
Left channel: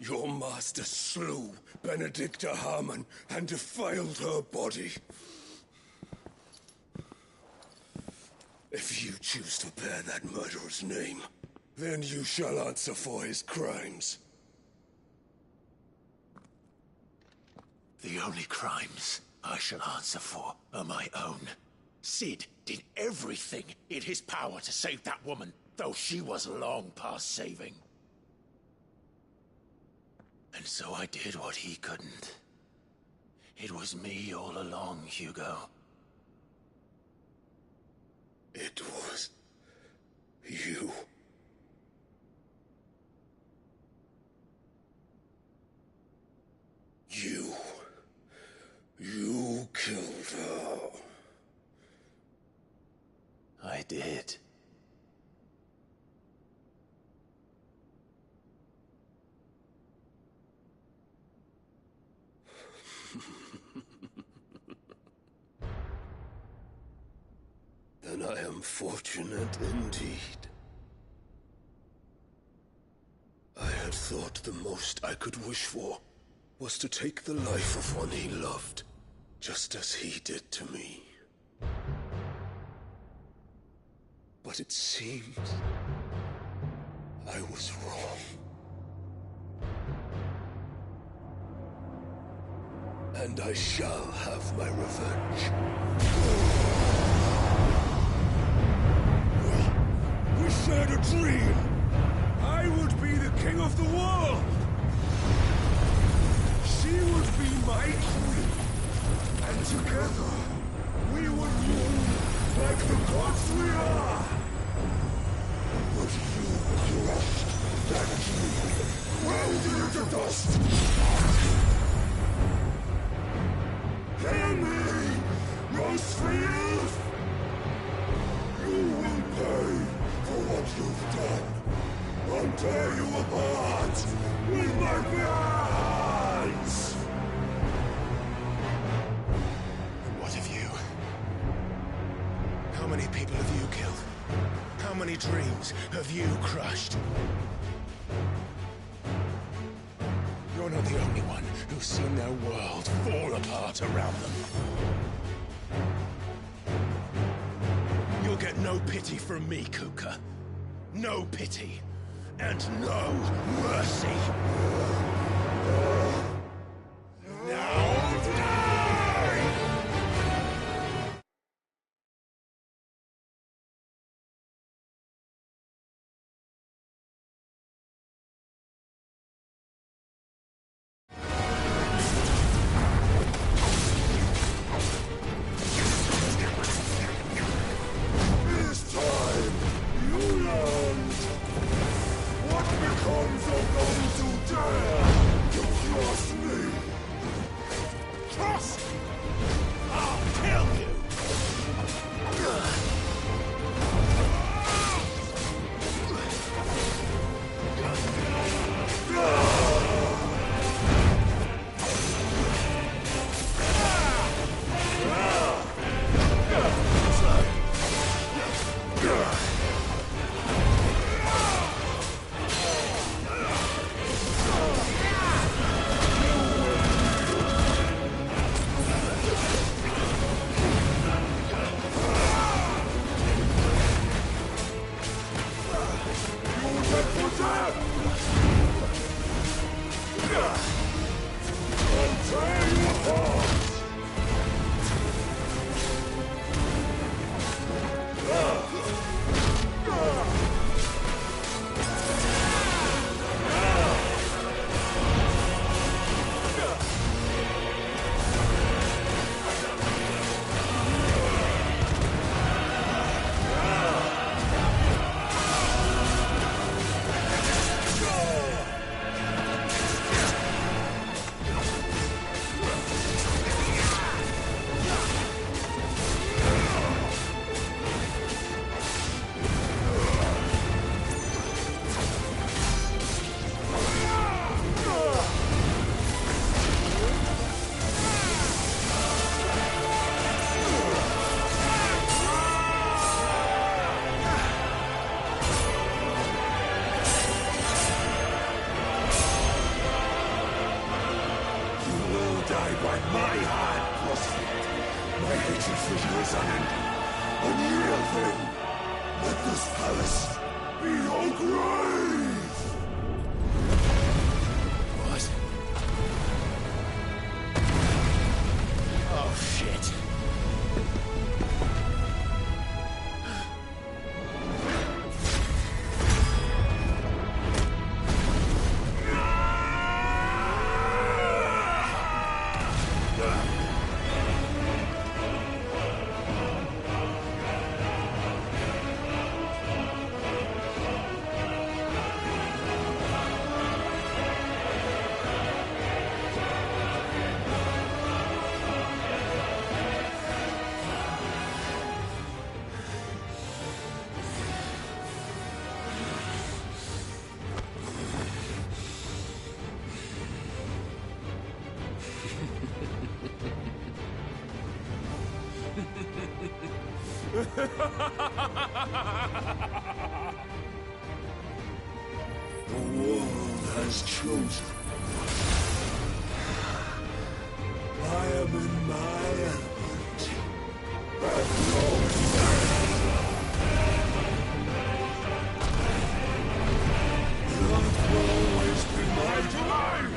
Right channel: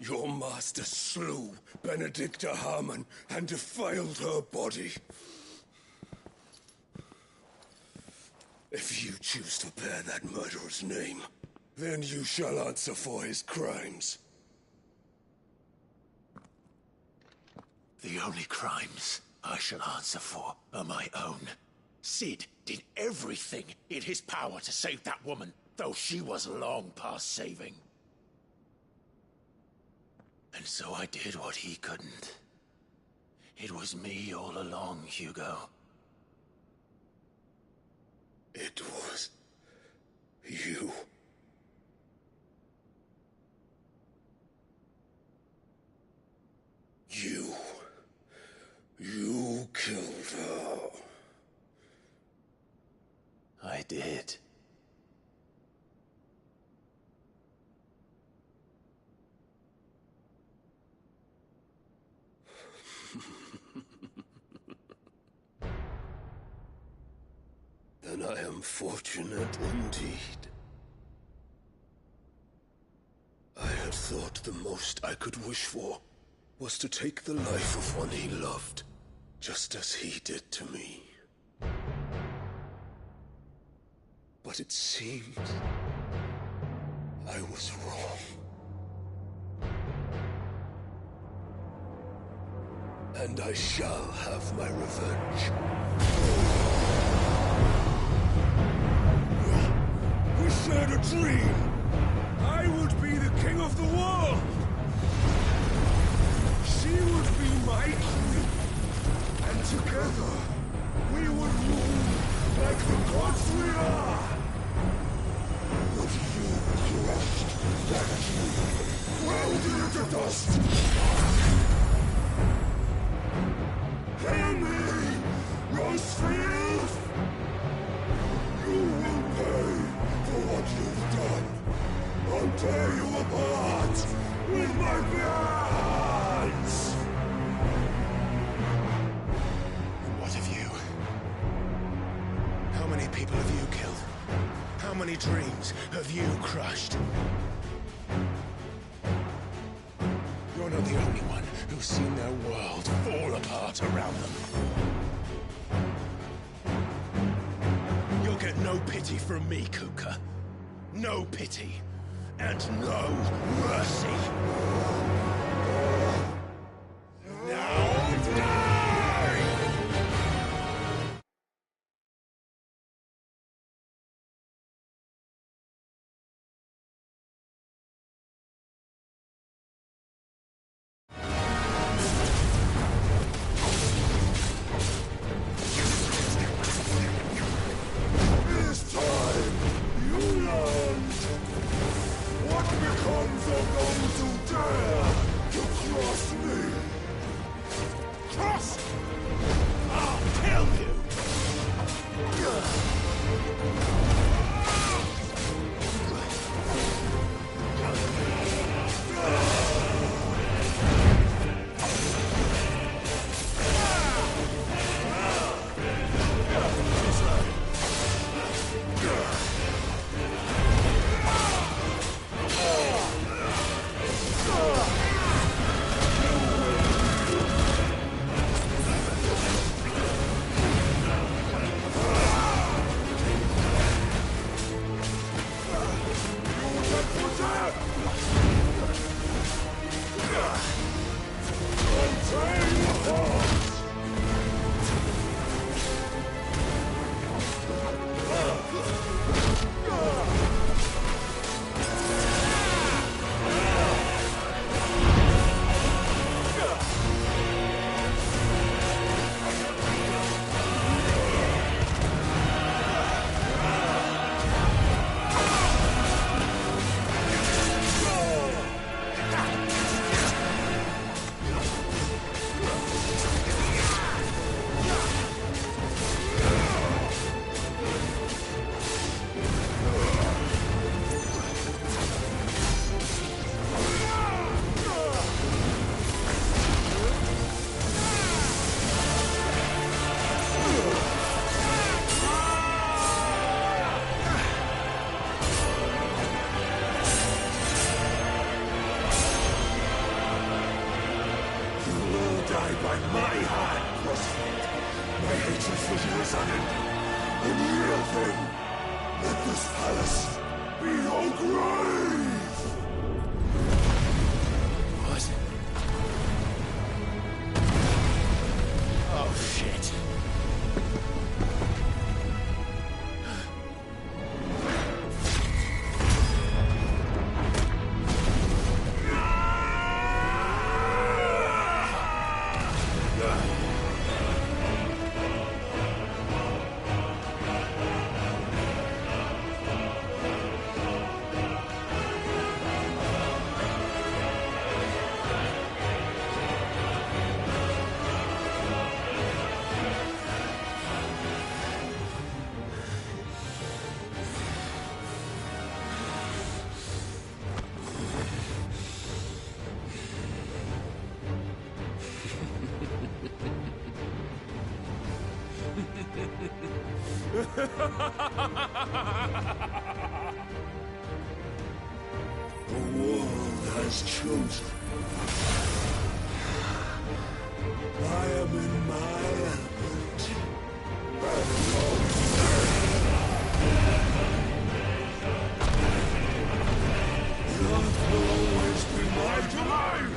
Your master slew Benedicta Harmon and defiled her body. If you choose to bear that murderer's name, then you shall answer for his crimes. The only crimes I shall answer for are my own. Sid did everything in his power to save that woman, though she was long past saving. And so I did what he couldn't. It was me all along, Hugo. It was you. You killed her. I did. Then I am fortunate indeed. I had thought the most I could wish for was to take the life of one he loved, just as he did to me. But it seems I was wrong. And I shall have my revenge. We shared a dream. I would be the king of the world. She would be my queen. And together, we would rule like the gods we are. But you crushed that dream, ground it into dust. Hear me, Rosefield! You will pay for what you've done. I'll tear you apart with my bare hands! And what of you? How many people have you killed? How many dreams have you crushed? You're not the only one who's seen their world fall apart around them. You'll get no pity from me, Kupka. No pity. And no mercy. Now die! This time, you learned what becomes of those who dare to cross me. Cross? I'll kill you! Die by my hand, Crossfield. My hatred for you is unending. Unyielding. Let this palace be your grave! What? Oh, shit. The world has chosen. I am in my element. The earth will always be my domain!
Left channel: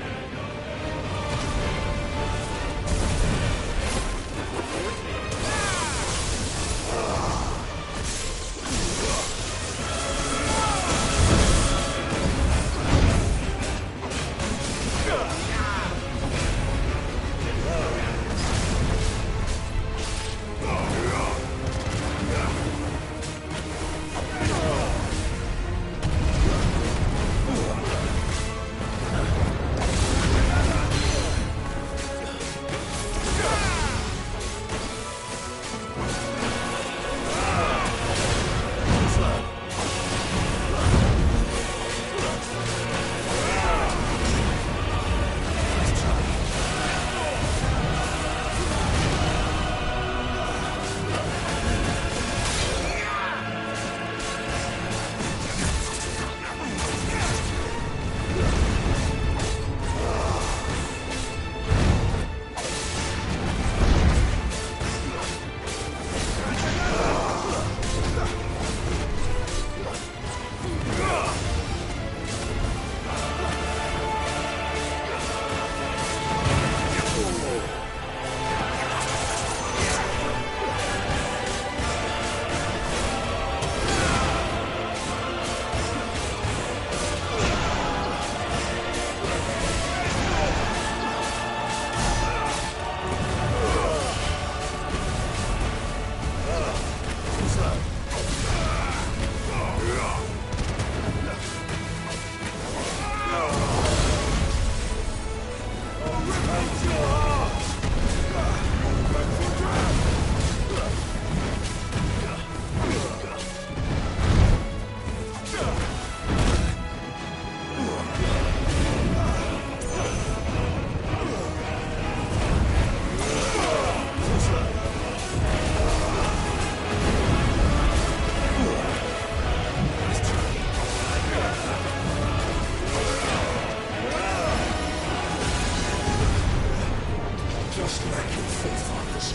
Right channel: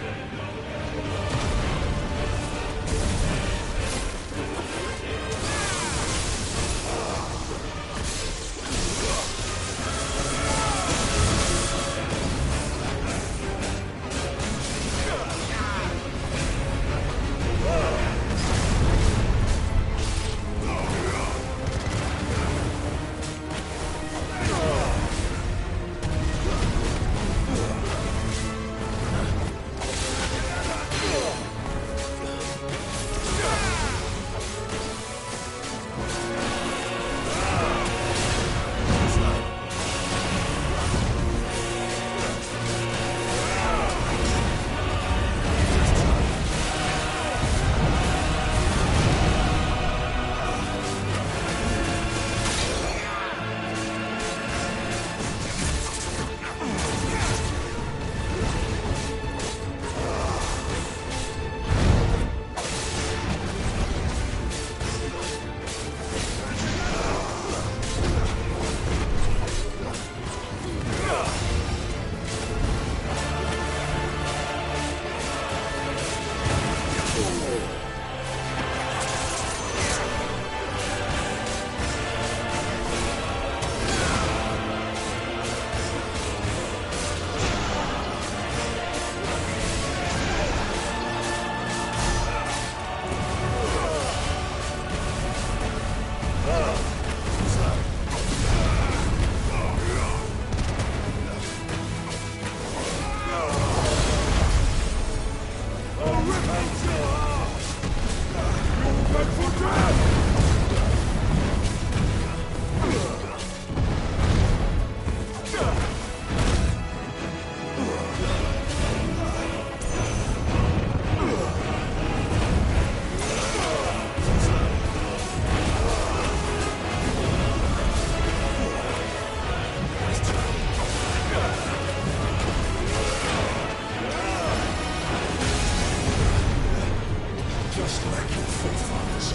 Just like your forefathers.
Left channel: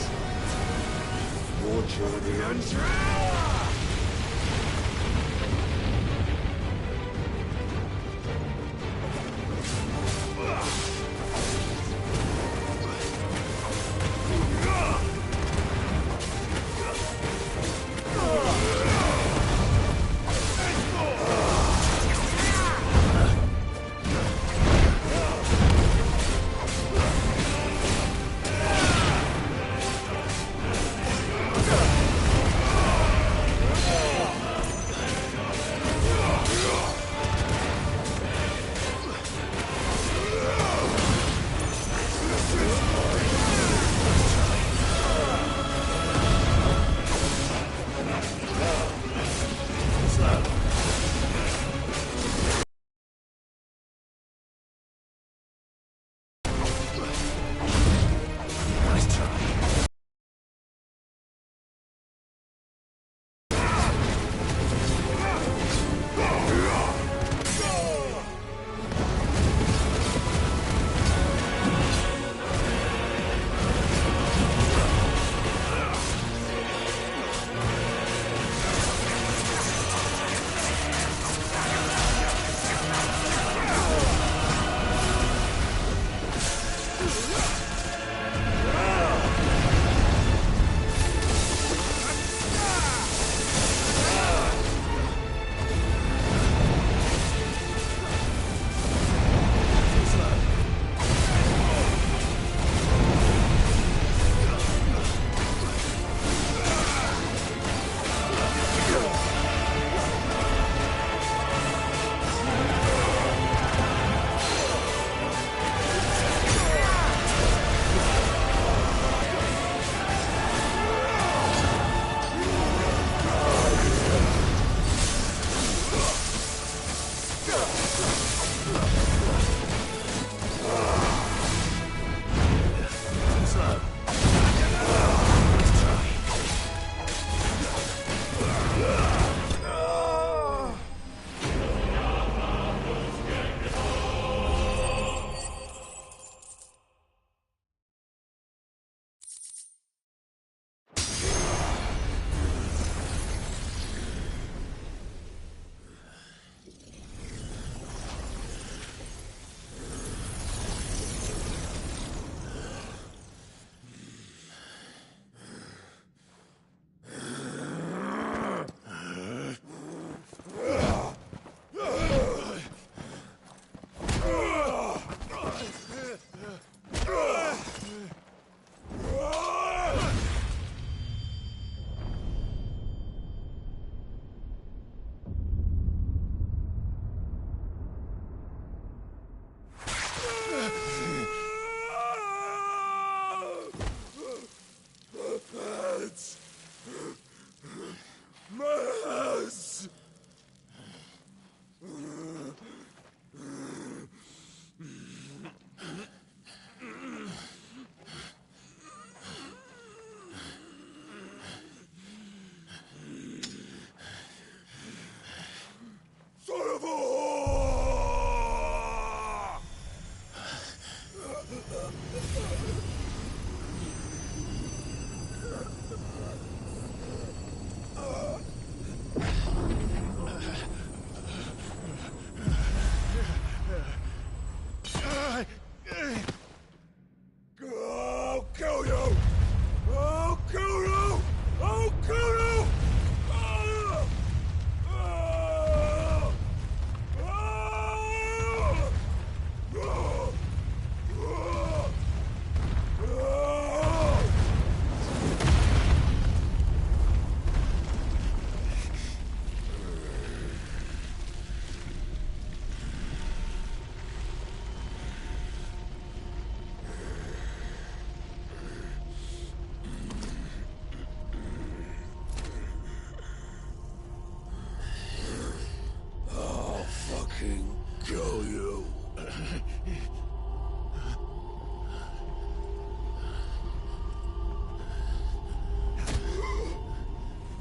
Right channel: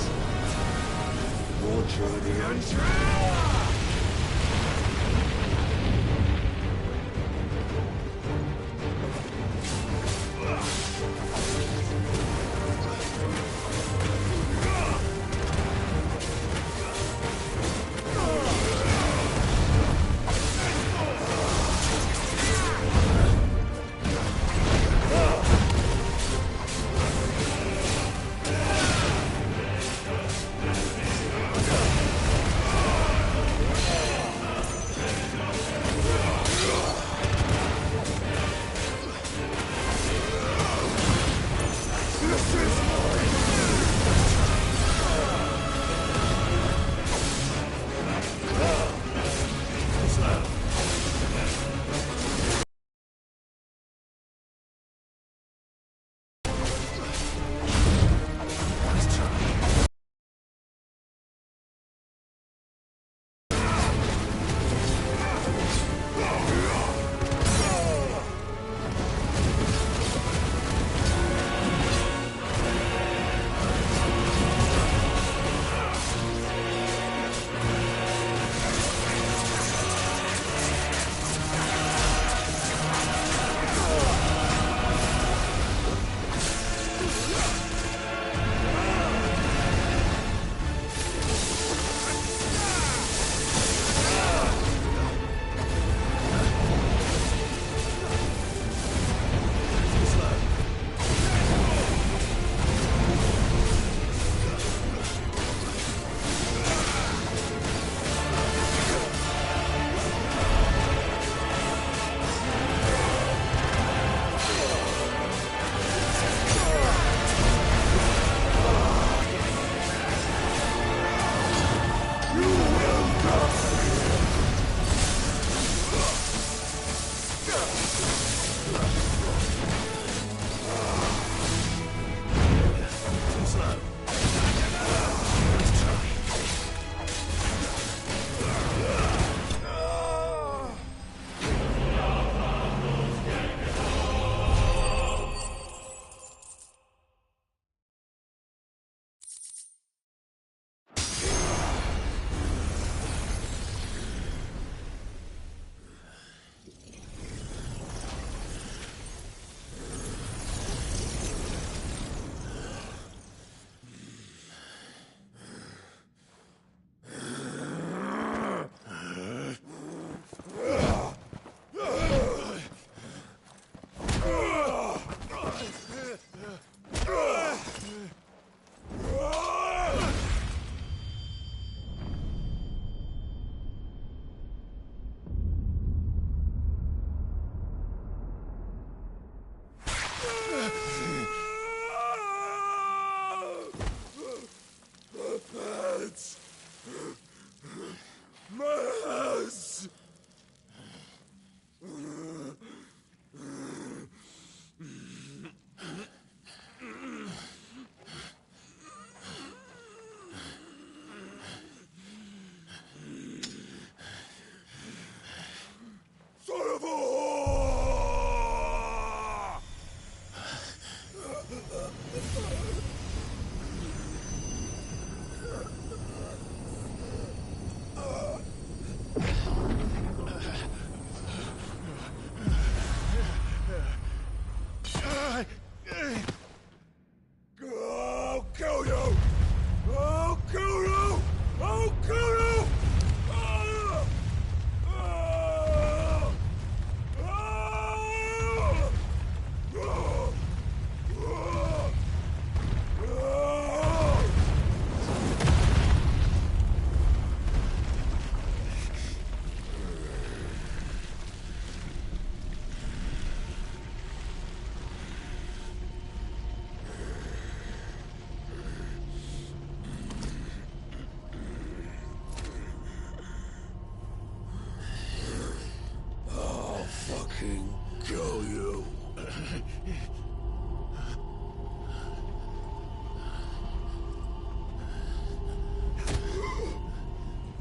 Your journey ends here!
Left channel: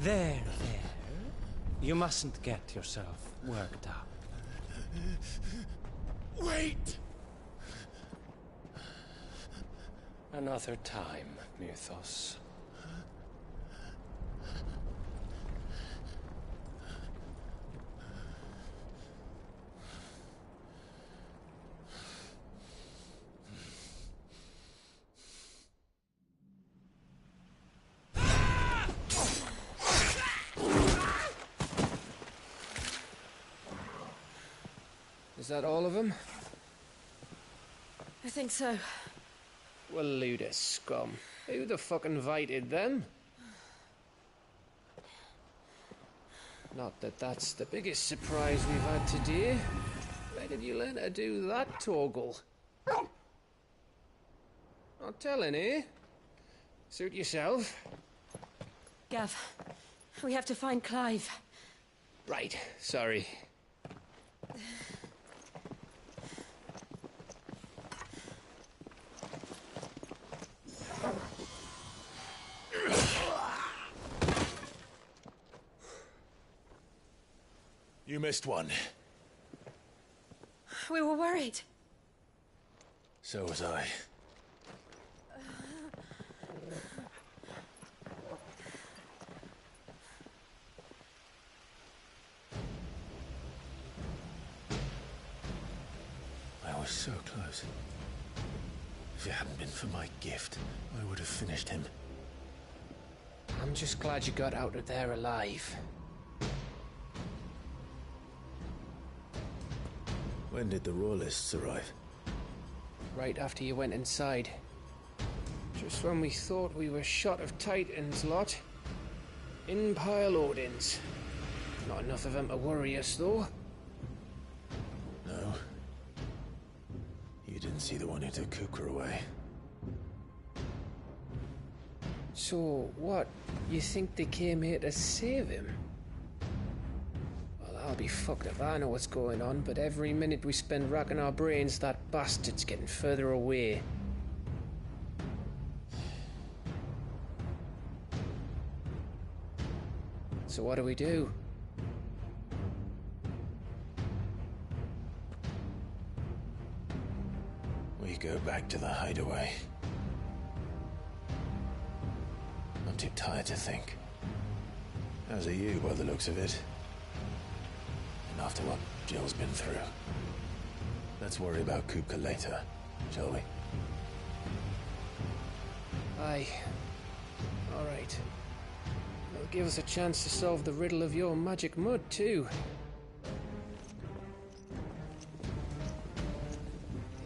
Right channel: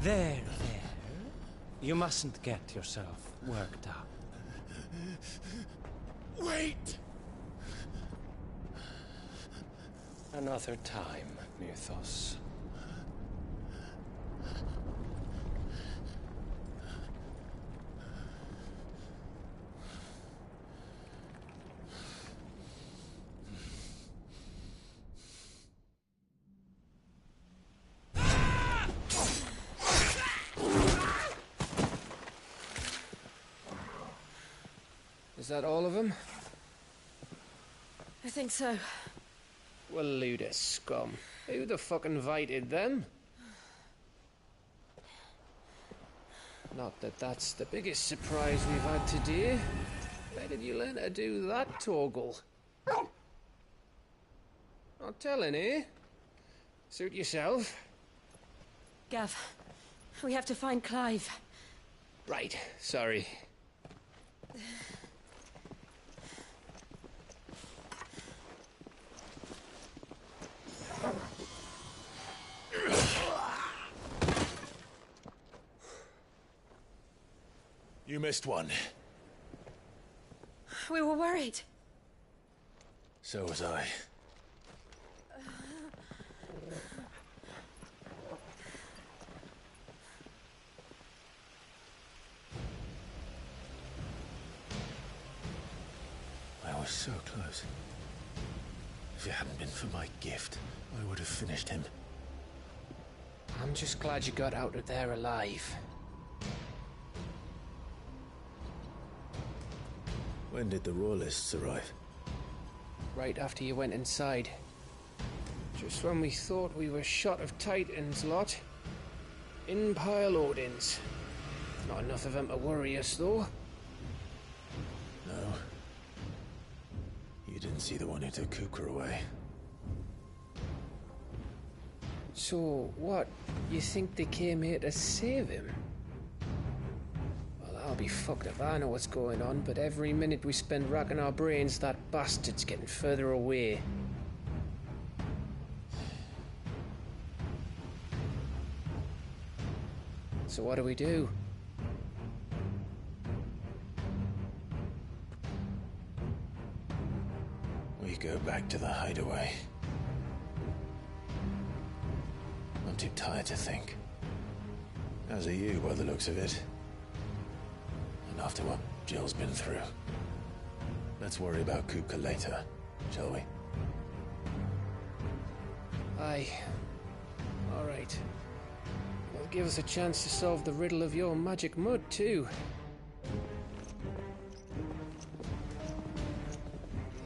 There. You mustn't get yourself worked up. Wait! Another time, Mythos. Is that all of them? I think so. Well, load of scum. Who the fuck invited them? Not that that's the biggest surprise we've had today. Where did you learn to do that, Torgal? Not telling, eh? Suit yourself. Gav, we have to find Clive. Right, sorry. You missed one. We were worried. So was I. I was so close. If it hadn't been for my gift, I would have finished him. I'm just glad you got out of there alive. When did the Royalists arrive? Right after you went inside. Just when we thought we were shot of Titans lot. In pile Odins. Not enough of them to worry us, though. No. You didn't see the one who took Kupka away. So, what? You think they came here to save him? Well, I'll be fucked if I know what's going on, but every minute we spend racking our brains, that bastard's getting further away. So what do we do? We go back to the hideaway. I'm too tired to think. As are you, by the looks of it. And after what Jill's been through. Let's worry about Kupka later, shall we? Aye. All right. Well, give us a chance to solve the riddle of your magic mud, too.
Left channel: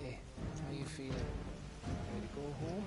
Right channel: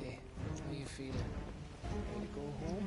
Hey, how you feeling? Ready to go home?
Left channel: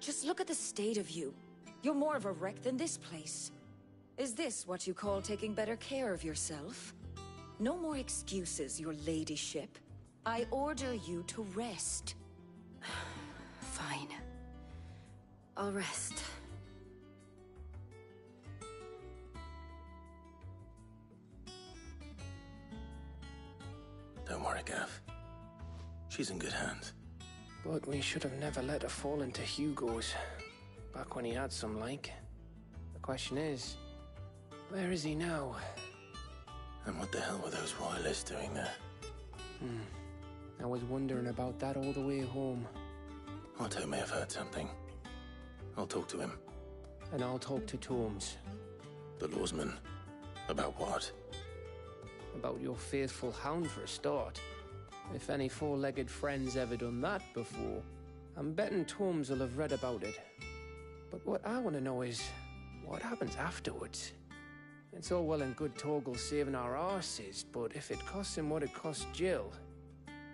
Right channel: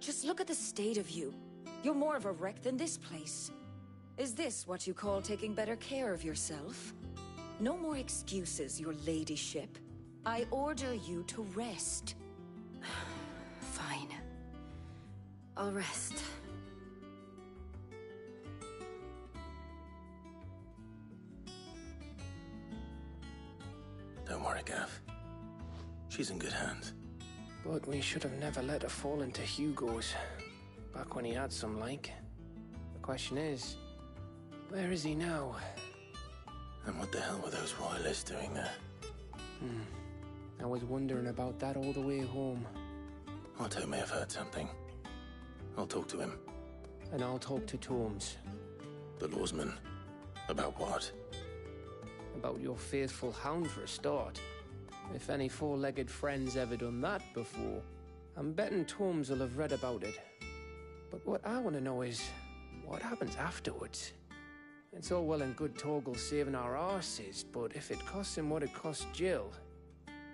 Just look at the state of you. You're more of a wreck than this place. Is this what you call taking better care of yourself? No more excuses, your ladyship. I order you to rest. Fine. I'll rest. Don't worry, Gav. She's in good hands. But we should have never let her fall into Hugo's. Back when he had some like. The question is, where is he now? And what the hell were those royalists doing there? I was wondering about that all the way home. Otto may have heard something. I'll talk to him. And I'll talk to Tomes. The lawsman. About what? About your faithful hound for a start. If any four-legged friend's ever done that before, I'm betting Tomes will have read about it. But what I want to know is, what happens afterwards? It's all well and good Torgal saving our arses, but if it costs him what it cost Jill...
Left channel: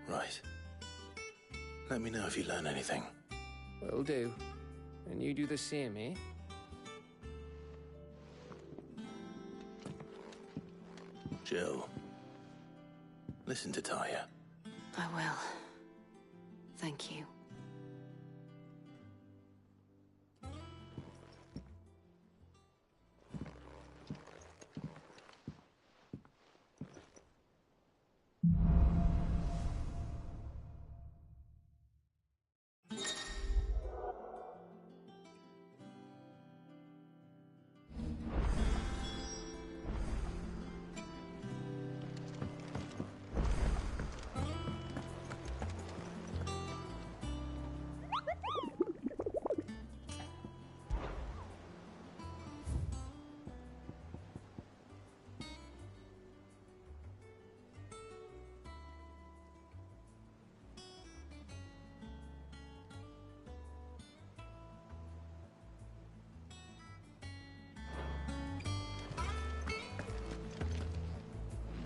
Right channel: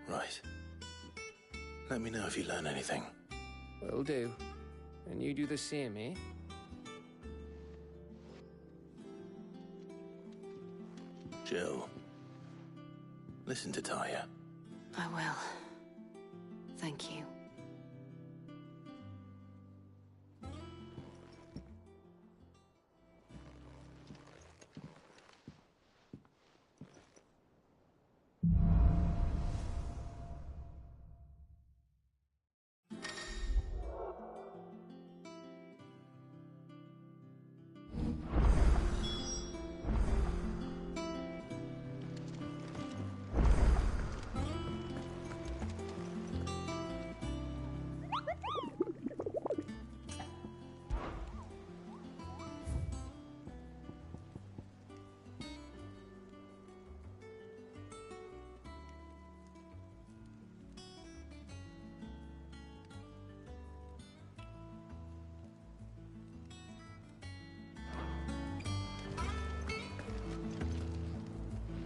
Right. Let me know if you learn anything. Will do. And you do the same, eh? Jill. Listen to Taya. I will. Thank you.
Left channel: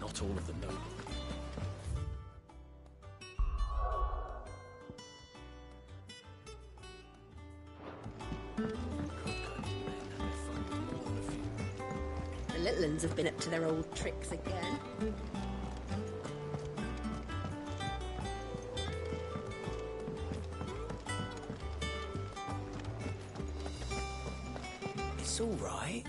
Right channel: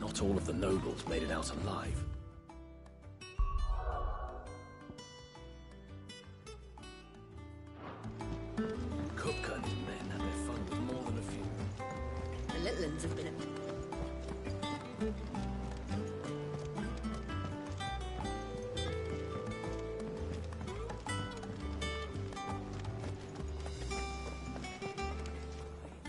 Not all of the nobles made it out alive. Kupka and his men had their fun with more than a few. The little uns have been up to their old tricks again. It's all right.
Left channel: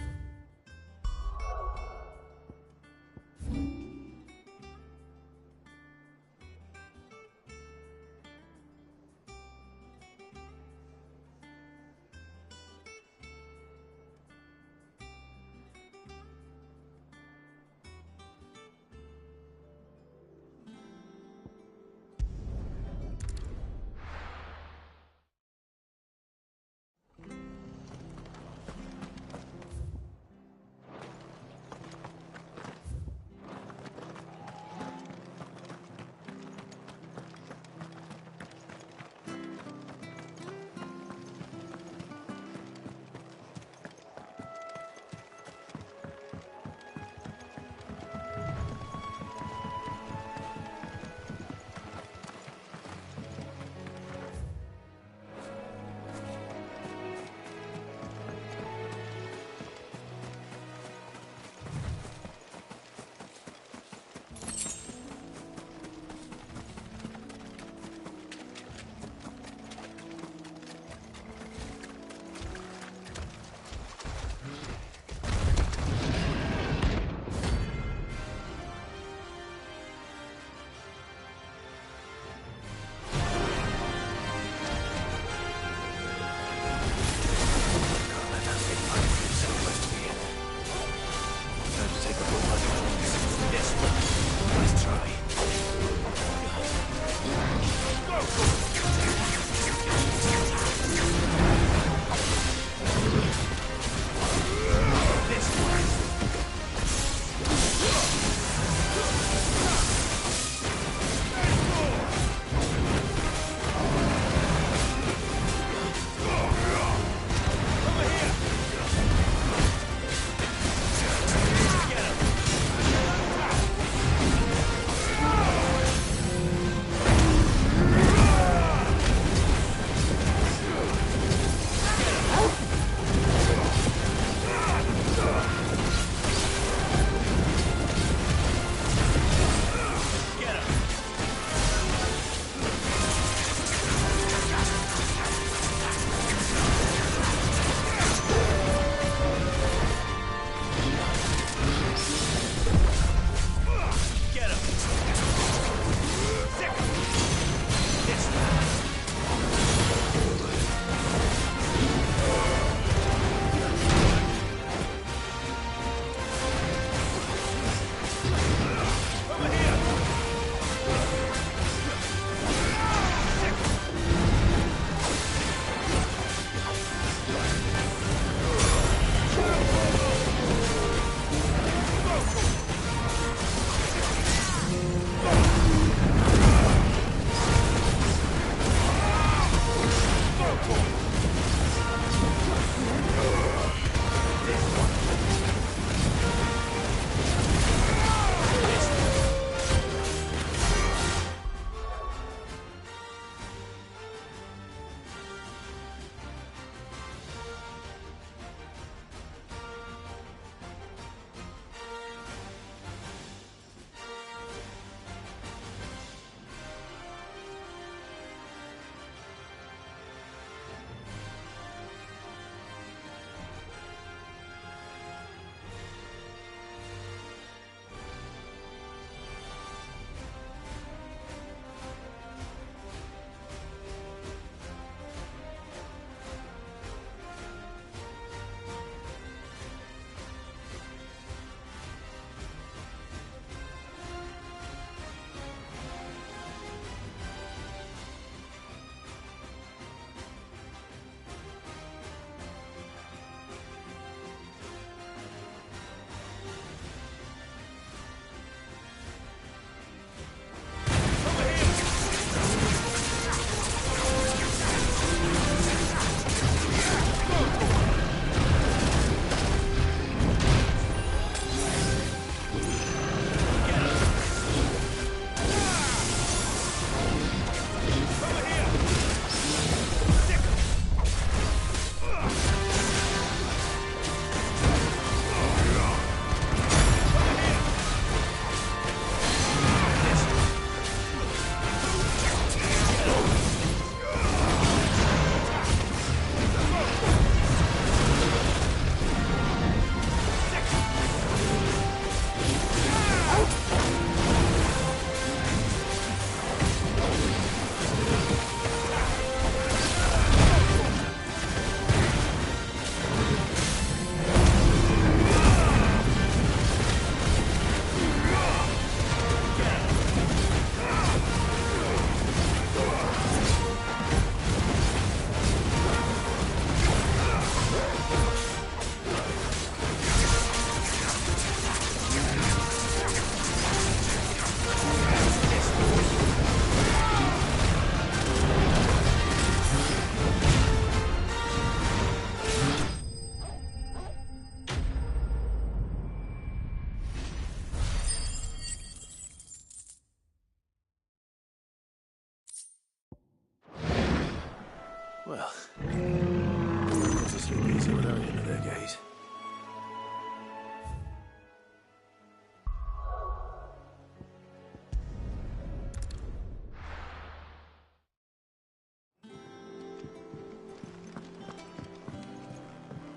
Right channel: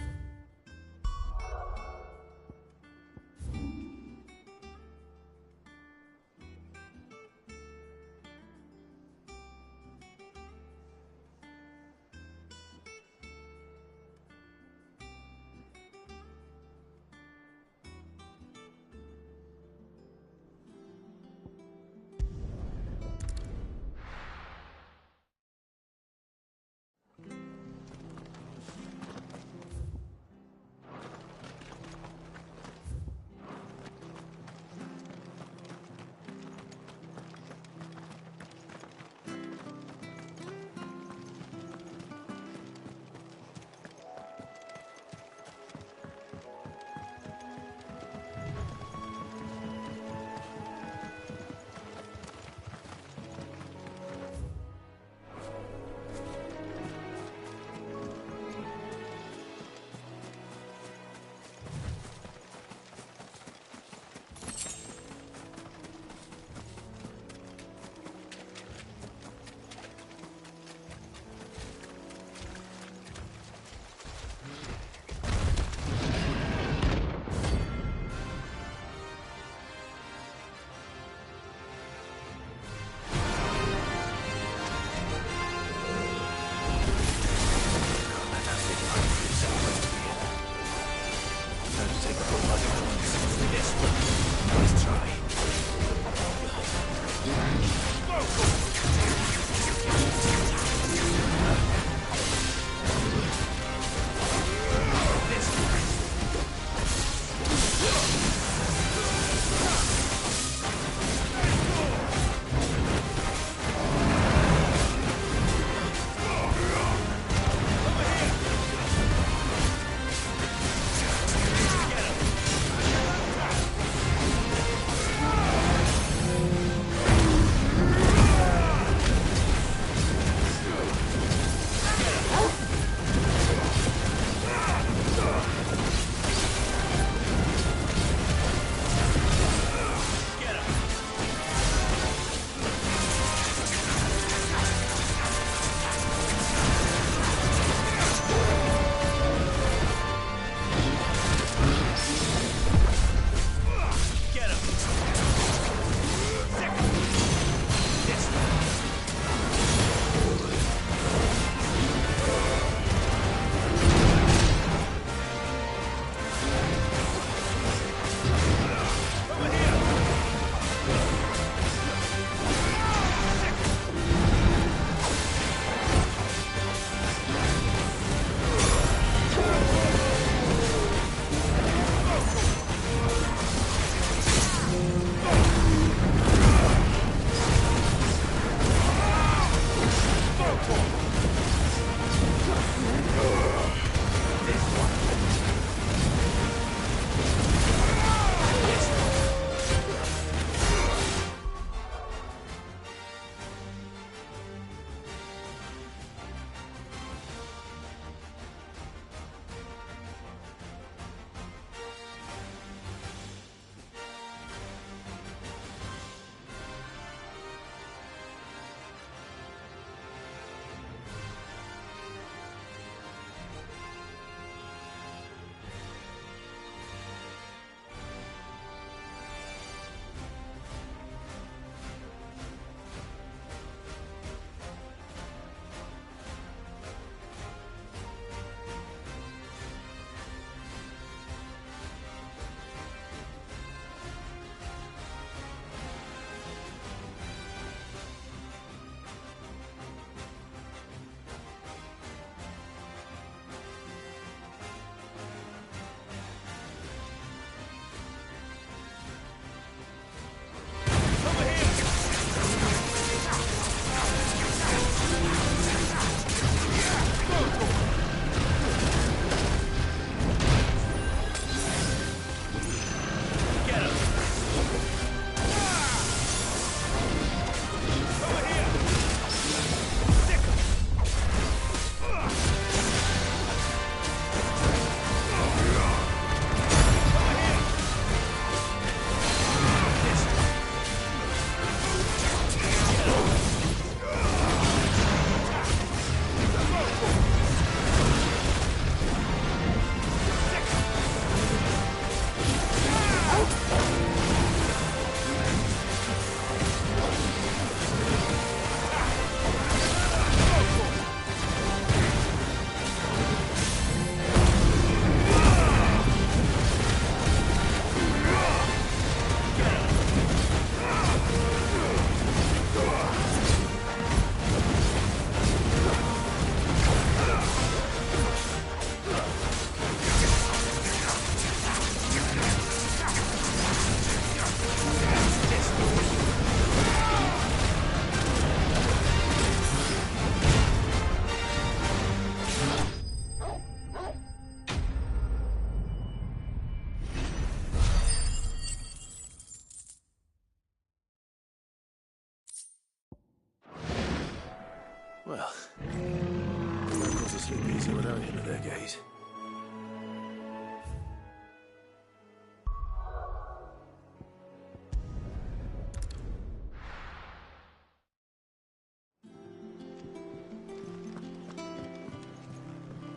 Well, of course, a sleep easy without into their gaze.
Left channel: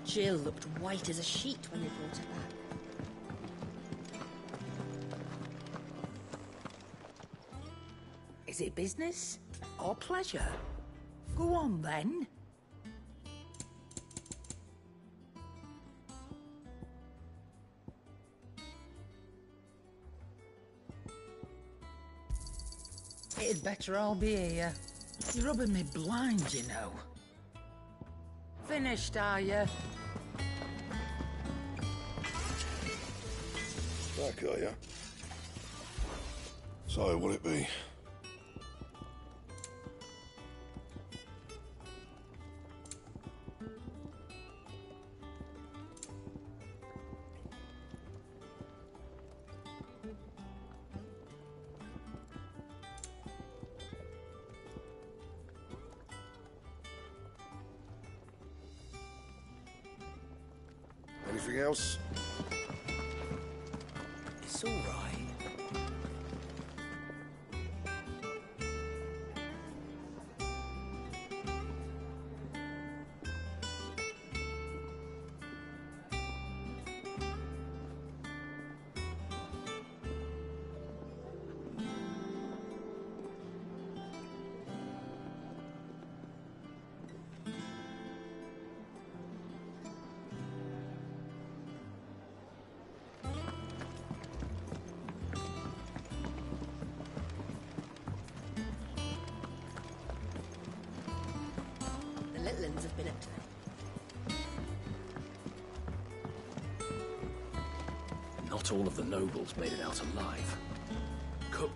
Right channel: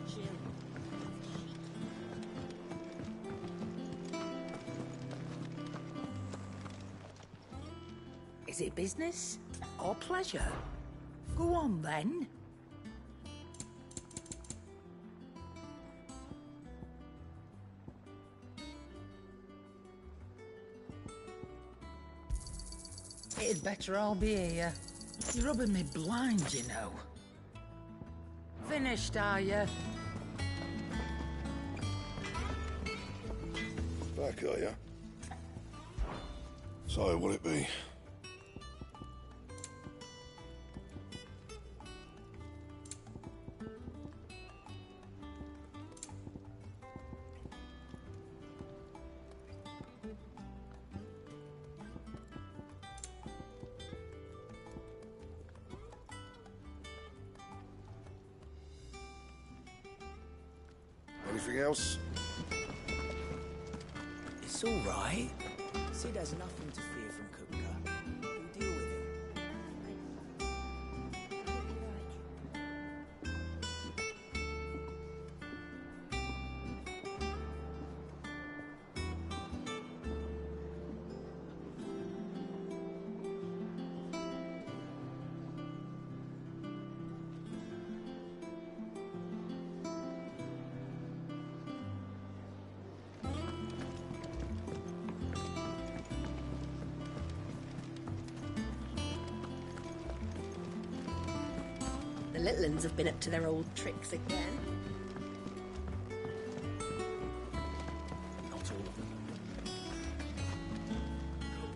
Jill looked white as a sheet when we brought her back. Is it business or pleasure? Go on, then. It'd better all be here. You're rubbing me blind, you know. Finished, are you? Back, are you? So, what'll it be? Anything else? It's all right. Sid has nothing to fear from Kupka. We'll deal with him. The little ones have been up to their old tricks again. Not all of the nobles made it out alive. Cook.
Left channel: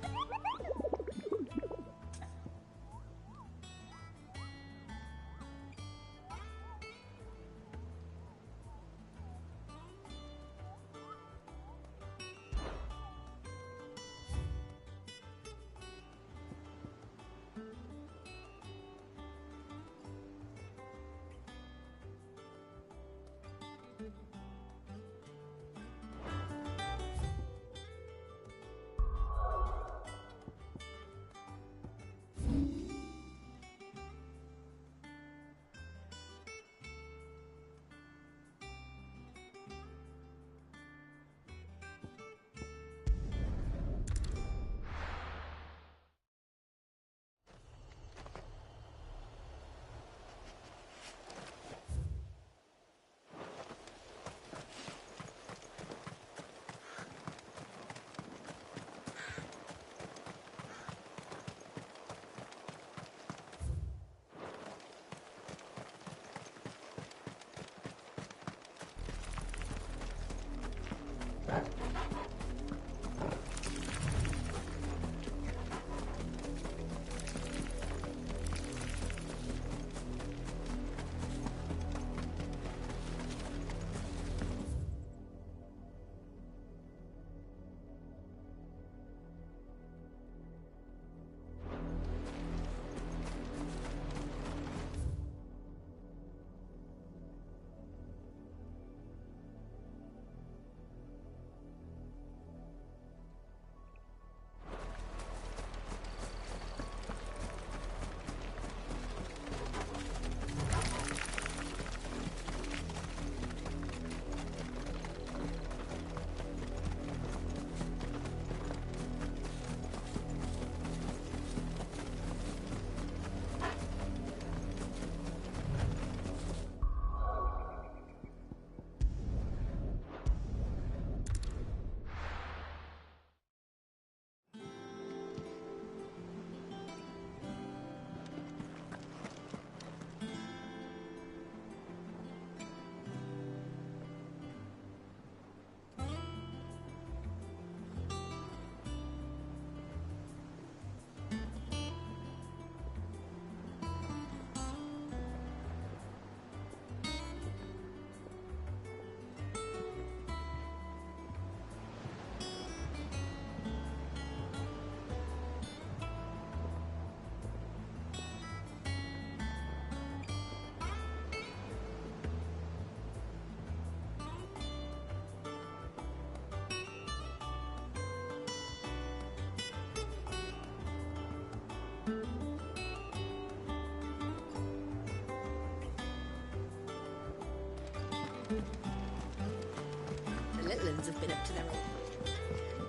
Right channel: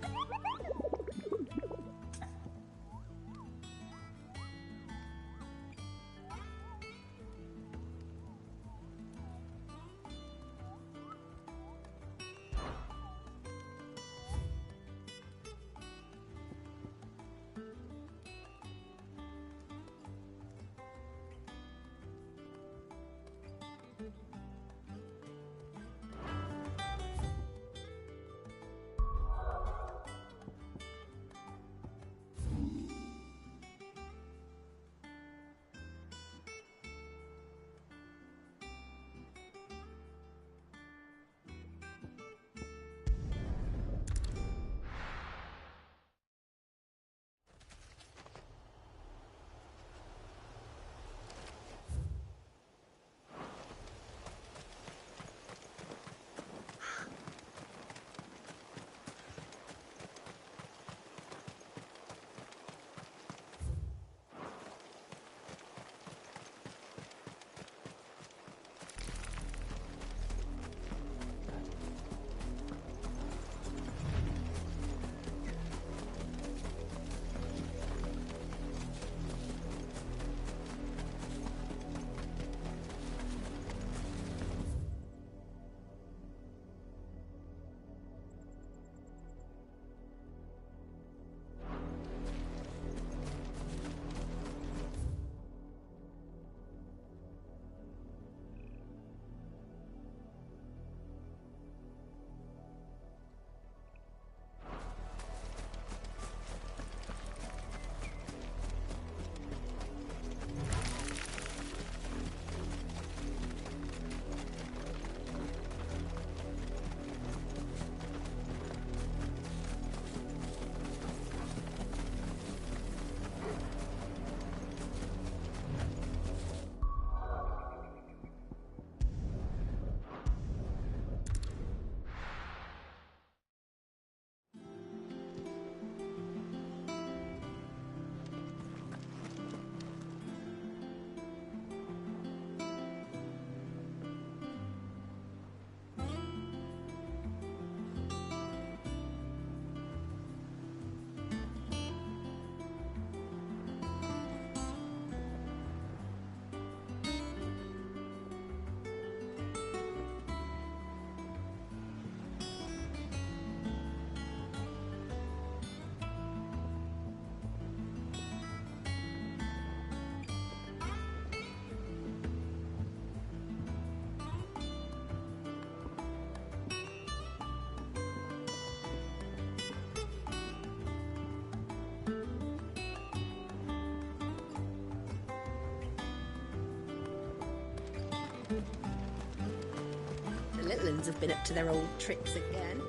Romans have been up to their old tricks again.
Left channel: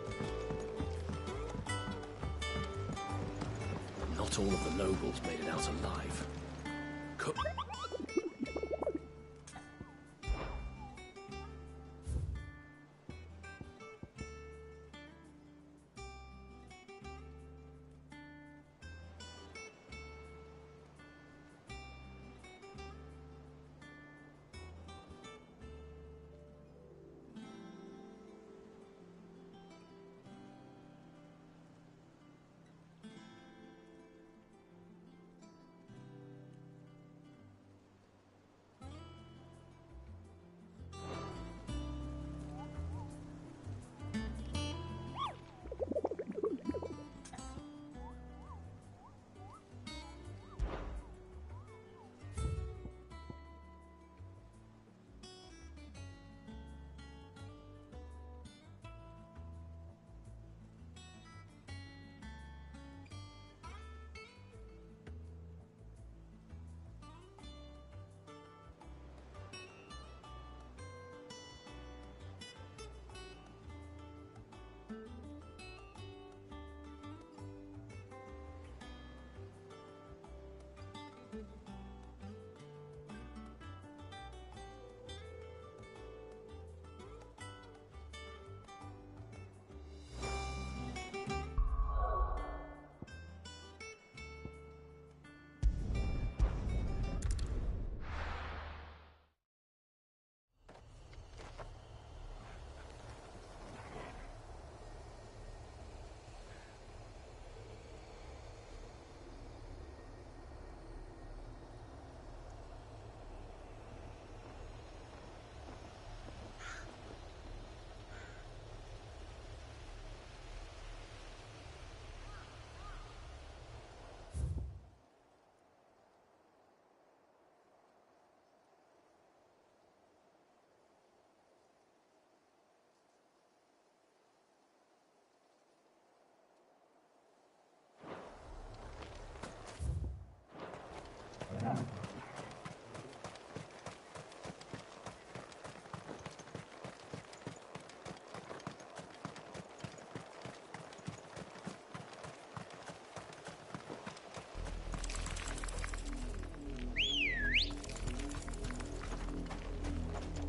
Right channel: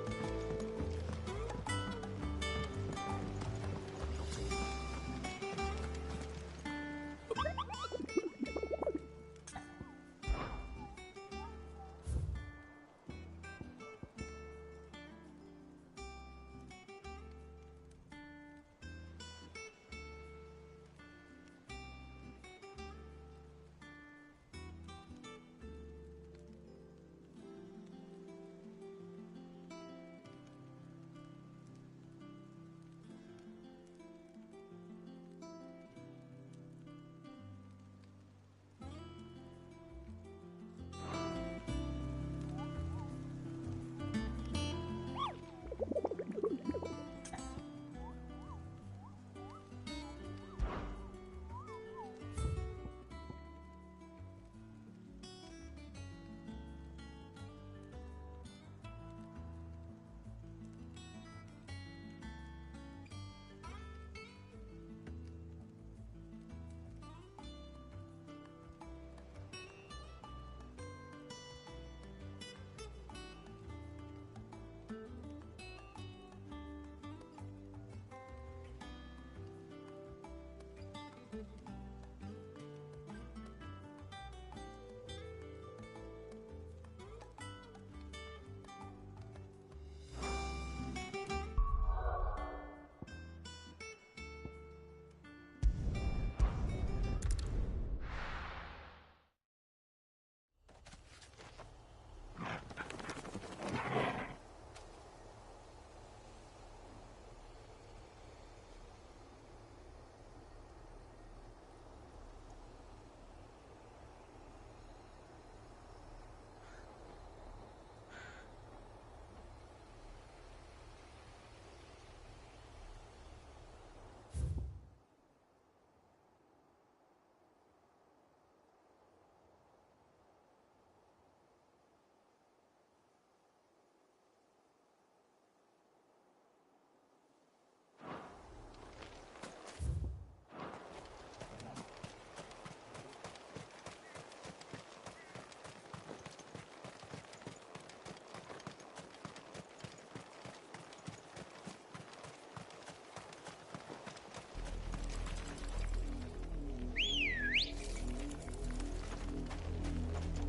Not all of the nobles made it out alive.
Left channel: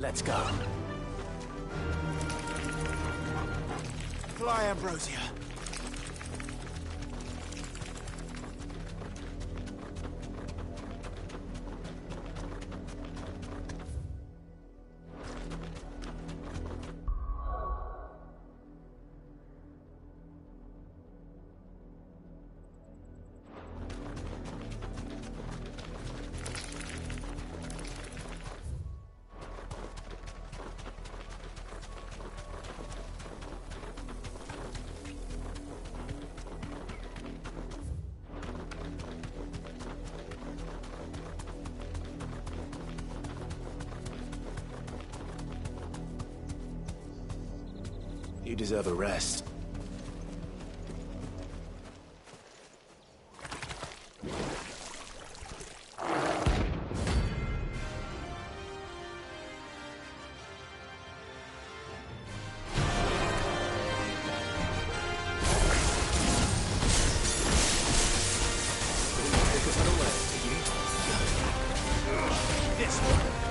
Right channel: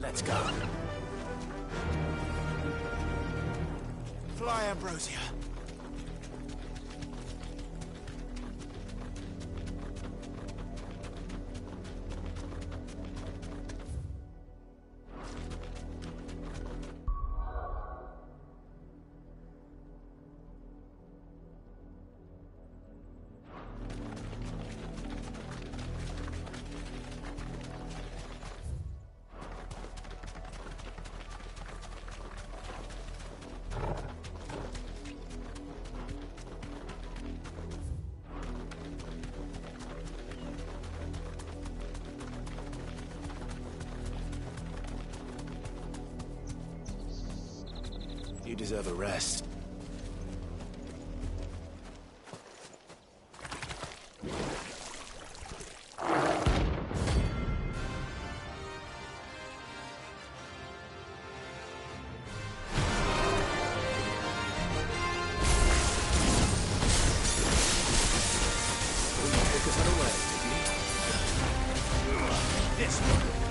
Let's go. Fly, Ambrosia. You deserve a rest. This one.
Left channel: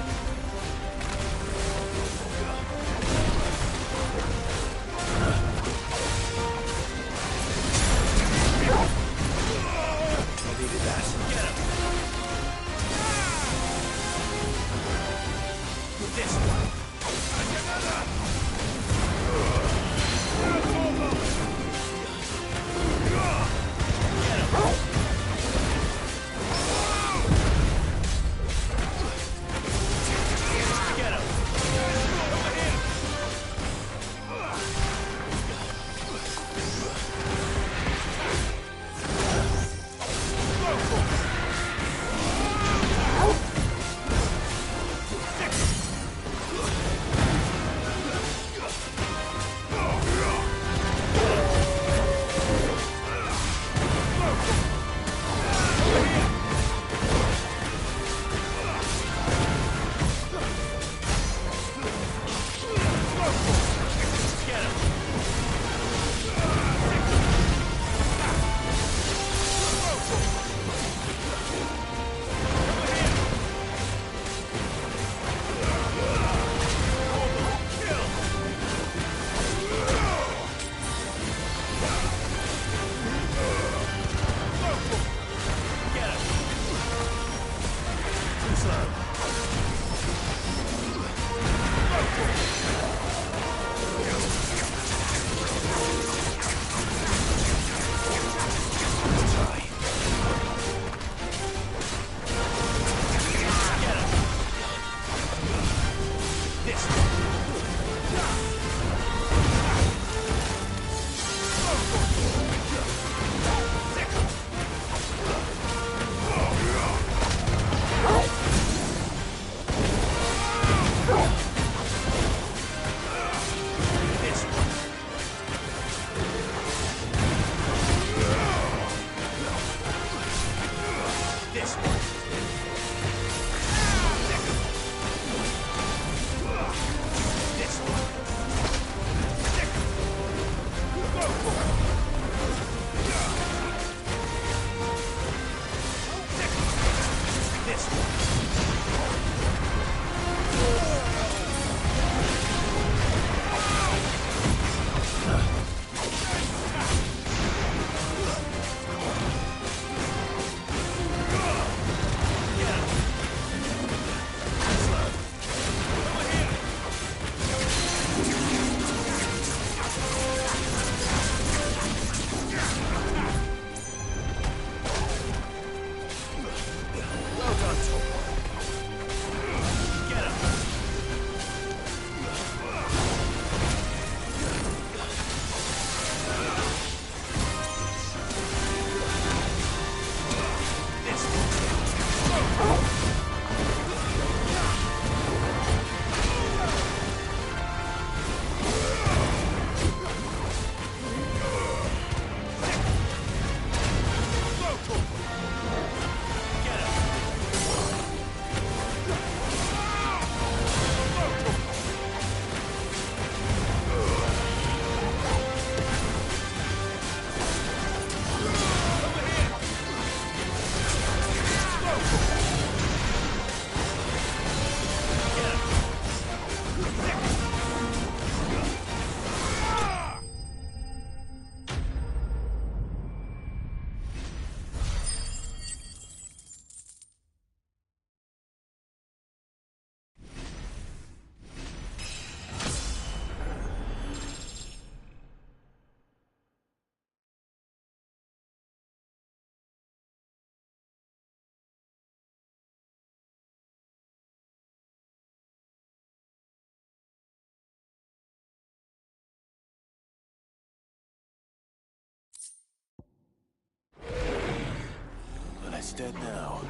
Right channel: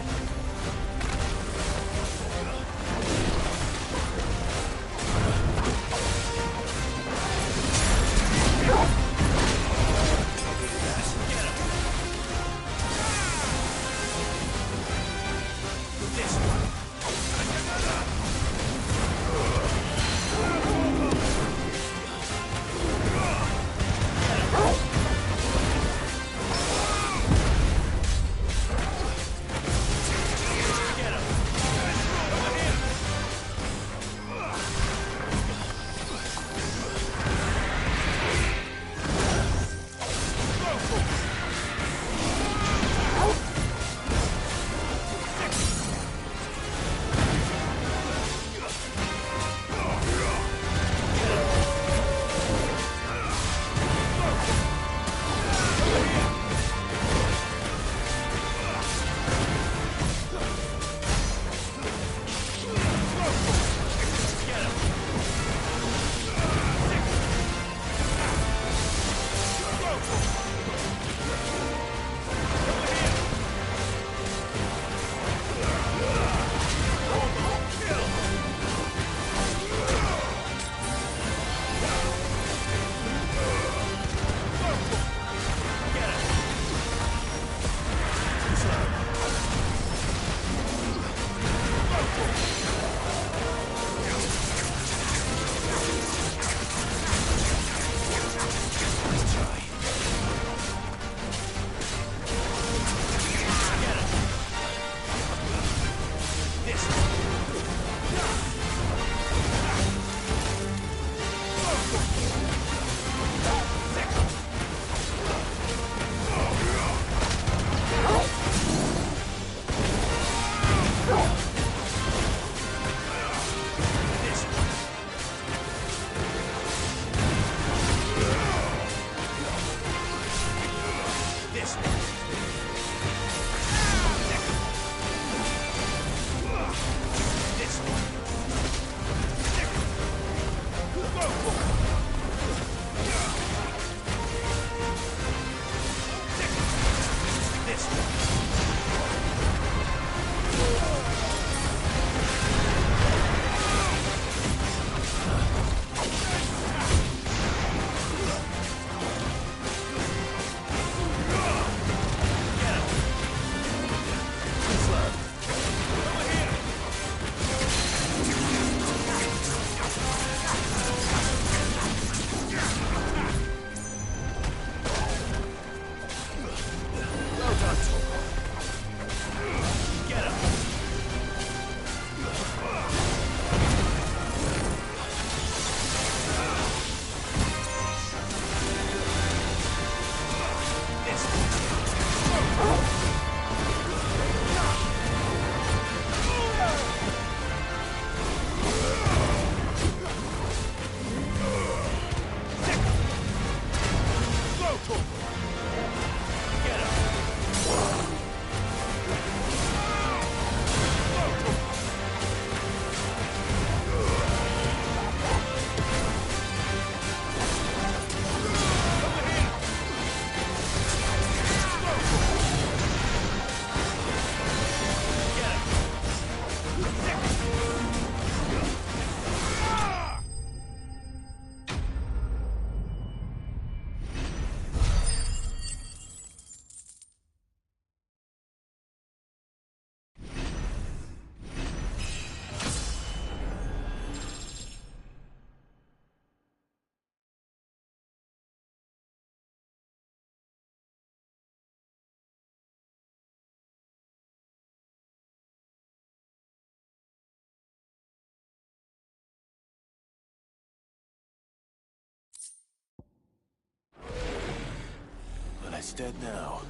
It's dead now.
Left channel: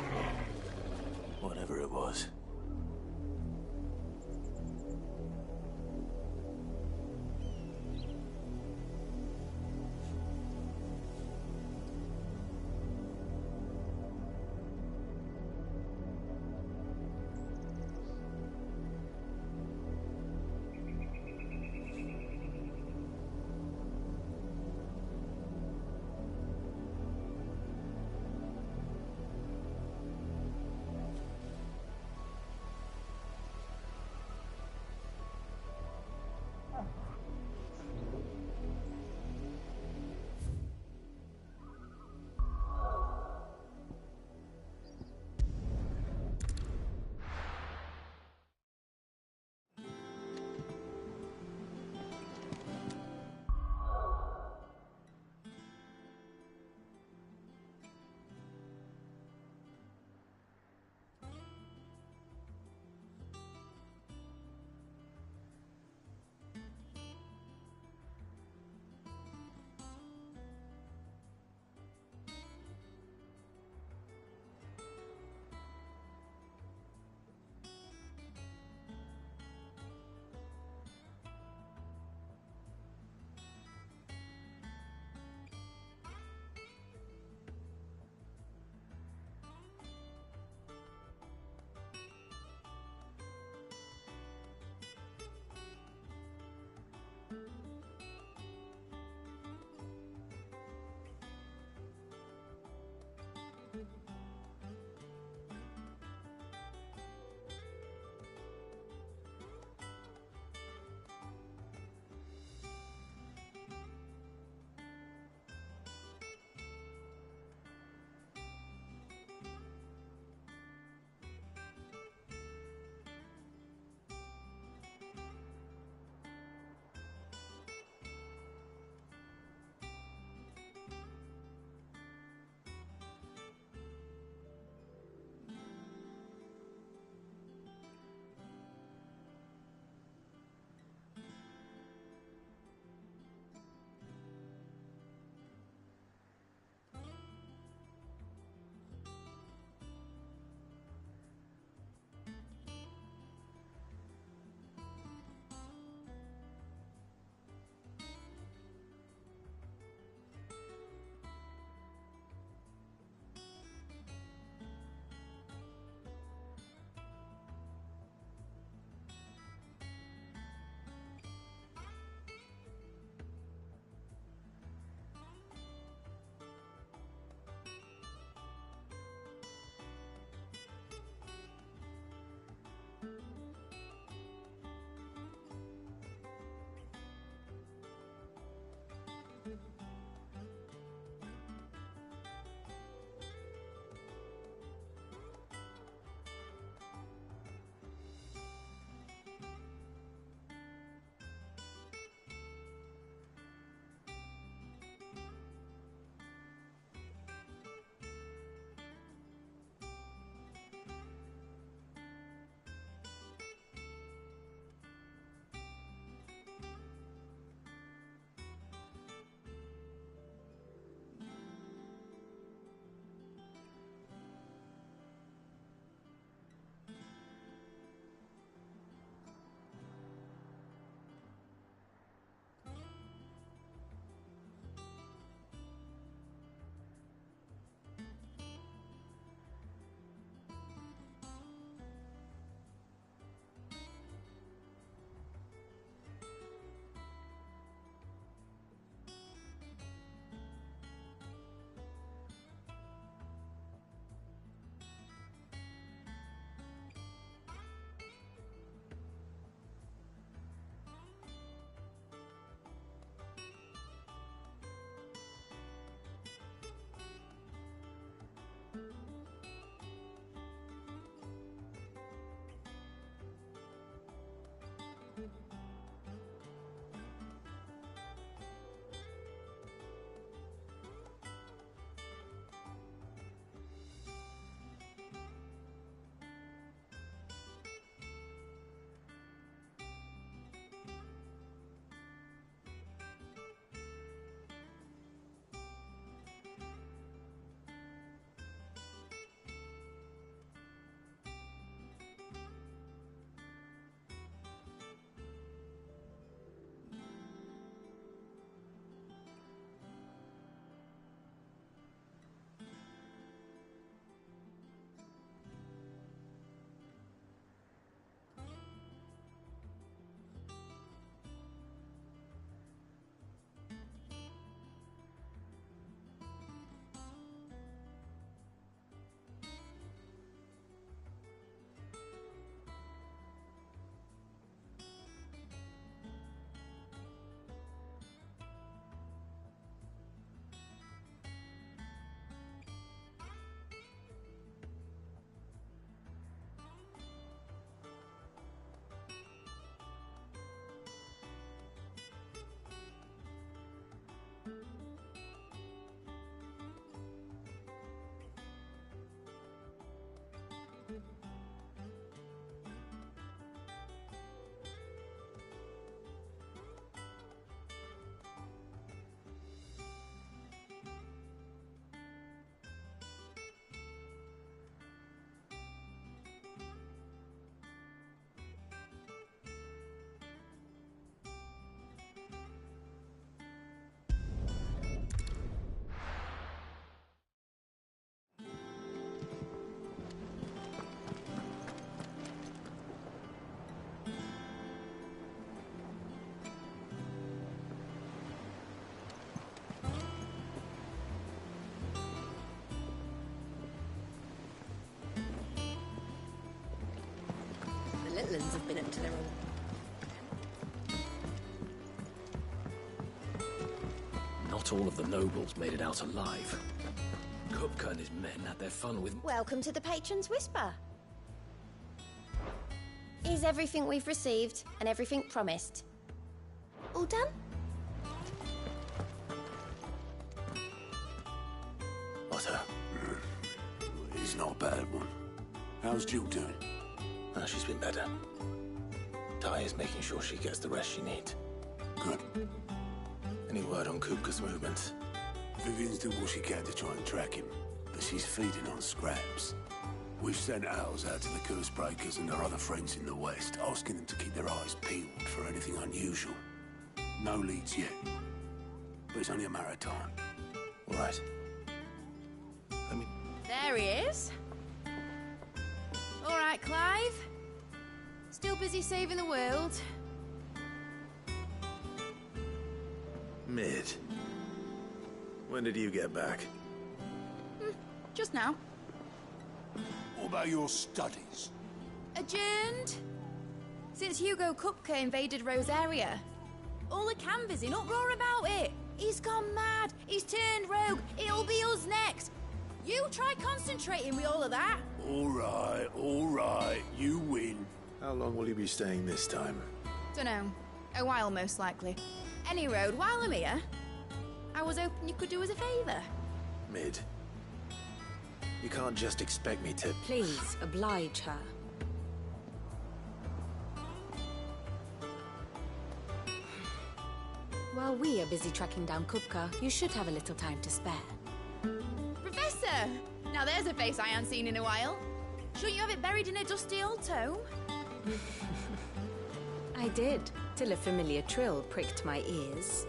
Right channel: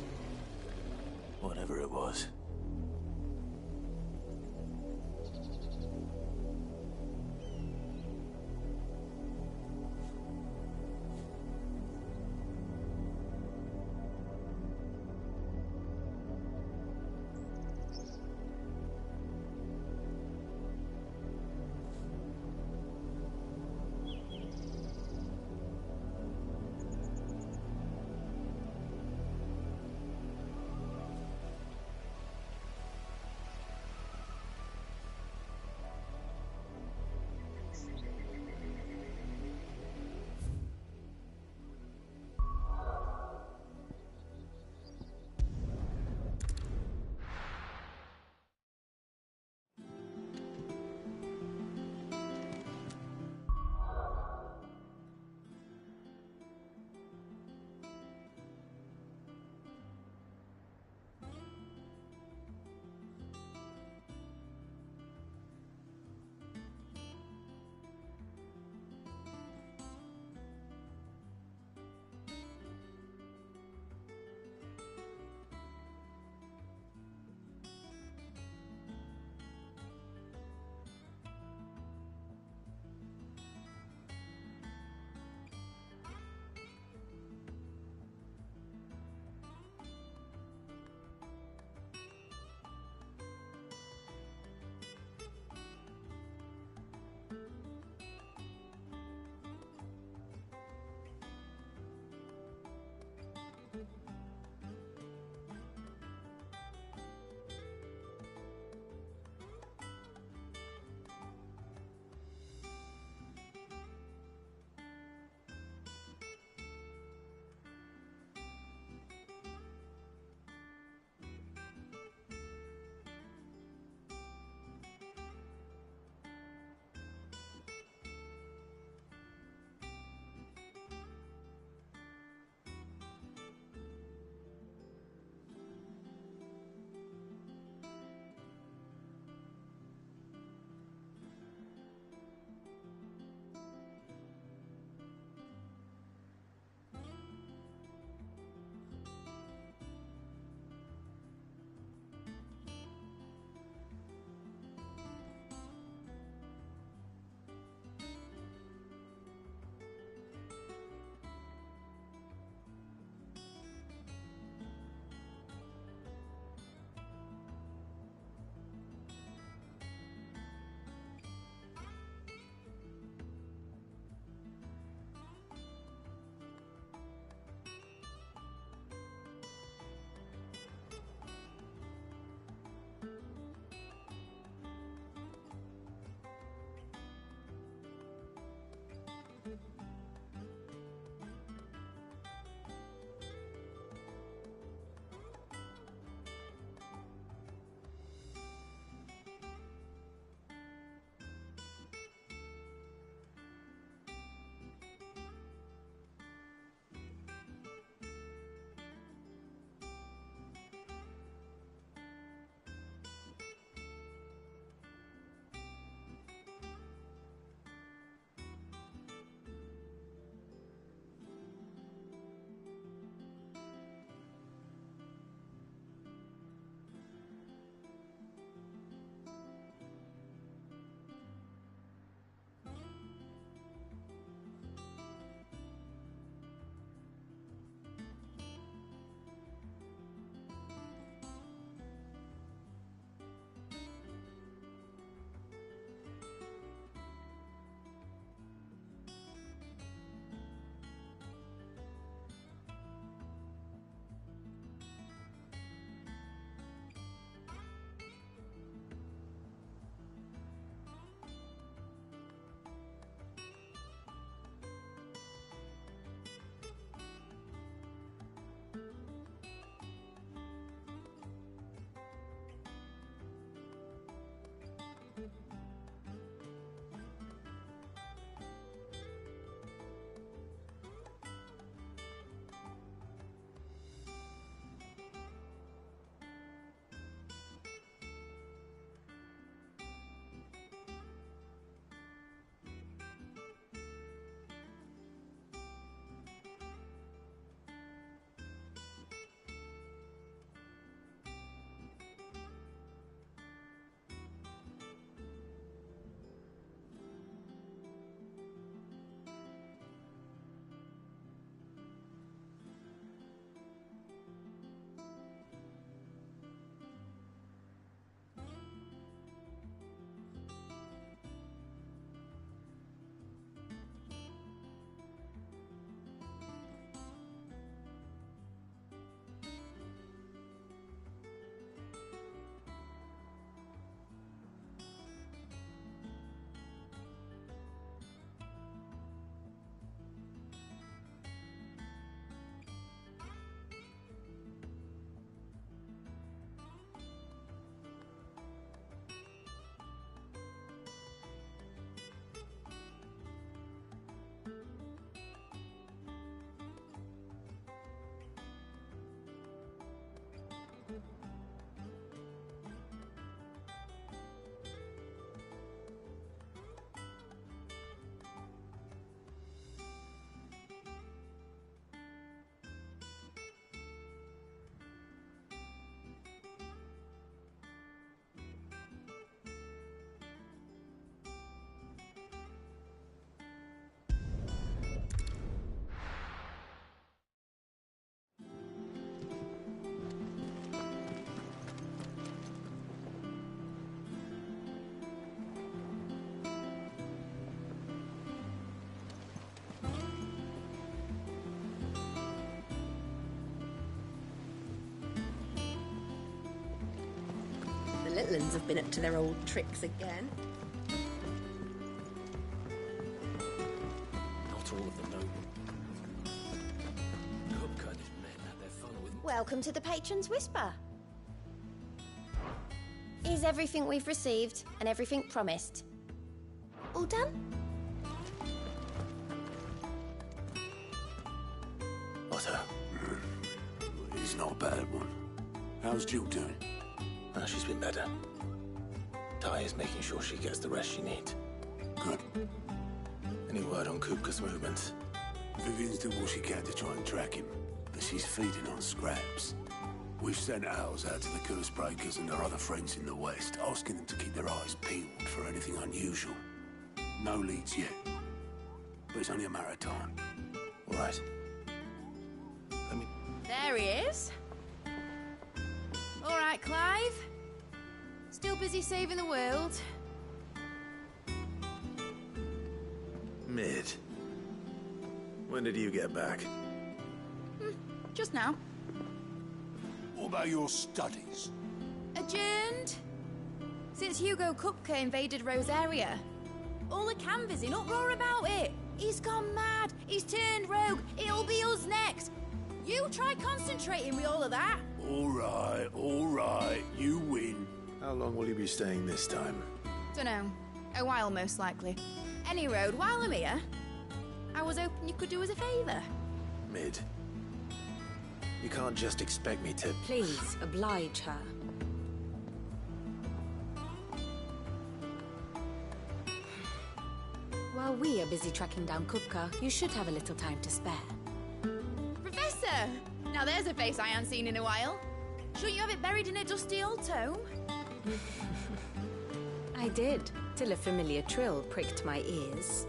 Whatever it was. Villains have been up to their old tricks again. Not all of the nobles made it out alive. Kupka and his men had their fun with... Welcome to the Patron's Whisper. Is everything we've received and everything promised all done? Otto. He's not a bad one. How's Jill doing? Oh, she's been better. Ty is making sure she gets the rest she needs. Good. Any word on Kupka's movements? Vivian's doing what she can to try and track him, but she's feeding on scraps. We've sent ours out to the curse breakers and our other friends in the west, asking them to keep their eyes peeled for anything unusual. No leads yet, but it's only a matter of time. All right. There he is. All right, Clive. Still busy saving the world. Mid. When did you get back? Just now. What about your studies? Adjourned. Since Hugo Kupka invaded Rosaria. All the canvassing in uproar about it. He's gone mad. He's turned rogue. It'll be us next. You try concentrating with all of that. All right. You win. How long will you be staying this time? Dunno. A while, most likely. Any road, while I'm here, I was hoping you could do us a favour. Mid. You can't just expect me to... Please, oblige her. While we are busy tracking down Kupka, you should have a little time to spare. Professor! Now there's a face I haven't seen in a while. Shouldn't you have it buried in a dusty old tome? I did, till a familiar trill pricked my ears.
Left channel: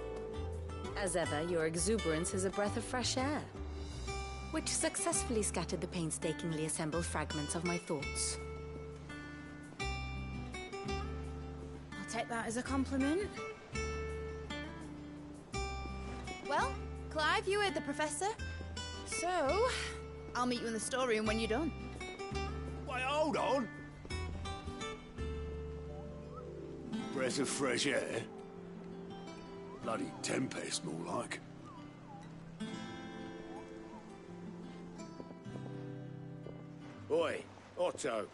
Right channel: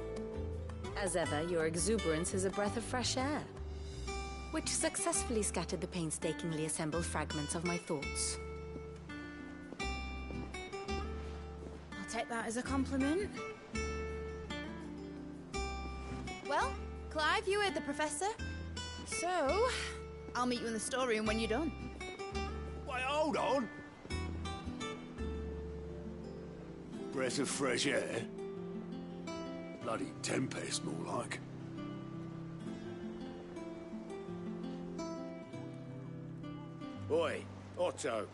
As ever, your exuberance is a breath of fresh air, which successfully scattered the painstakingly assembled fragments of my thoughts. I'll take that as a compliment. Well, Clive, you heard the Professor. So, I'll meet you in the storeroom when you're done. Wait, hold on. Breath of fresh air? Bloody tempest, more like. Oi, Otto,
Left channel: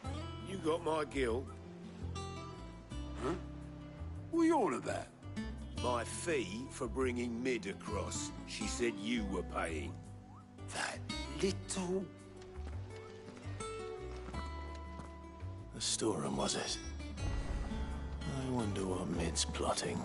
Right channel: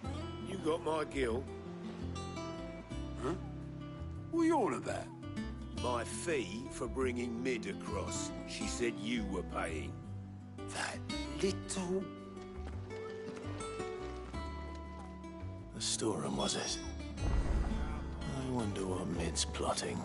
you got my gill? Huh? What are you on about? My fee for bringing Mid across. She said you were paying. That little... The storeroom, was it? I wonder what Mid's plotting.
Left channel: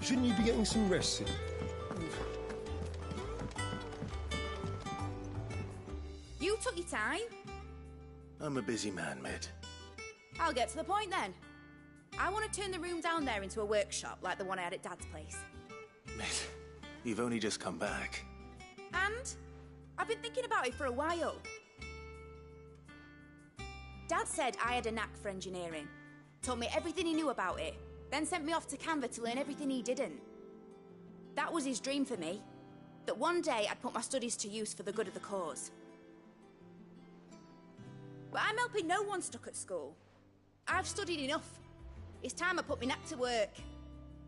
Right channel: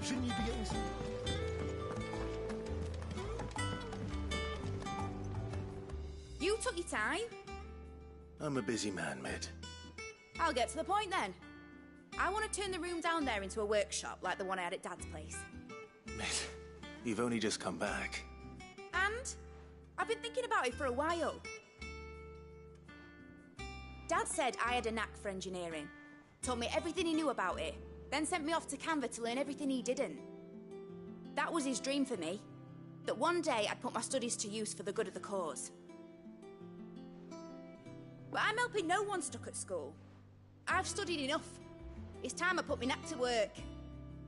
Shouldn't you be getting some rest soon? You took your time. I'm a busy man, Mid. I'll get to the point then. I want to turn the room down there into a workshop like the one I had at Dad's place. Mid, you've only just come back. And I've been thinking about it for a while. Dad said I had a knack for engineering. Told me everything he knew about it. Then sent me off to Canva to learn everything he didn't. That was his dream for me. That one day I'd put my studies to use for the good of the cause. But I'm helping no one stuck at school. I've studied enough. It's time I put my knack to work.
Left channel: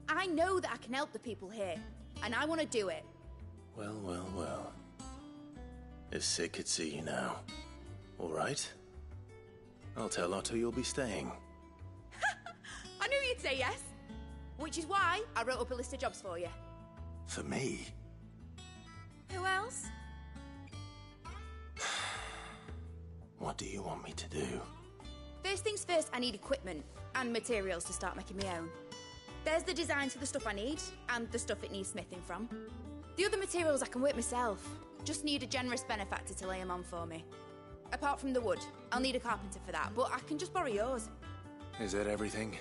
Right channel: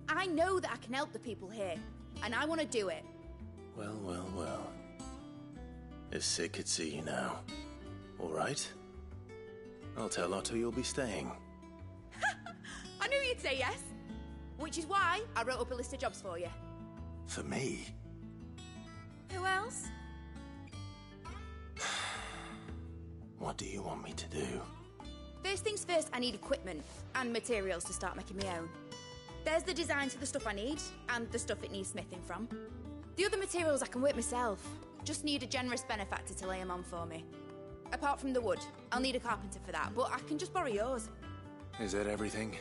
I know that I can help the people here, and I want to do it. Well. If Sid could see you now. All right. I'll tell Otto you'll be staying. I knew you'd say yes. Which is why I wrote up a list of jobs for you. For me? Who else? What do you want me to do? First things first, I need equipment and materials to start making my own. There's the designs for the stuff I need, and the stuff it needs smithing from. The other materials I can work myself. Just need a generous benefactor to lay them on for me. Apart from the wood, I'll need a carpenter for that, but I can just borrow yours. Is that everything?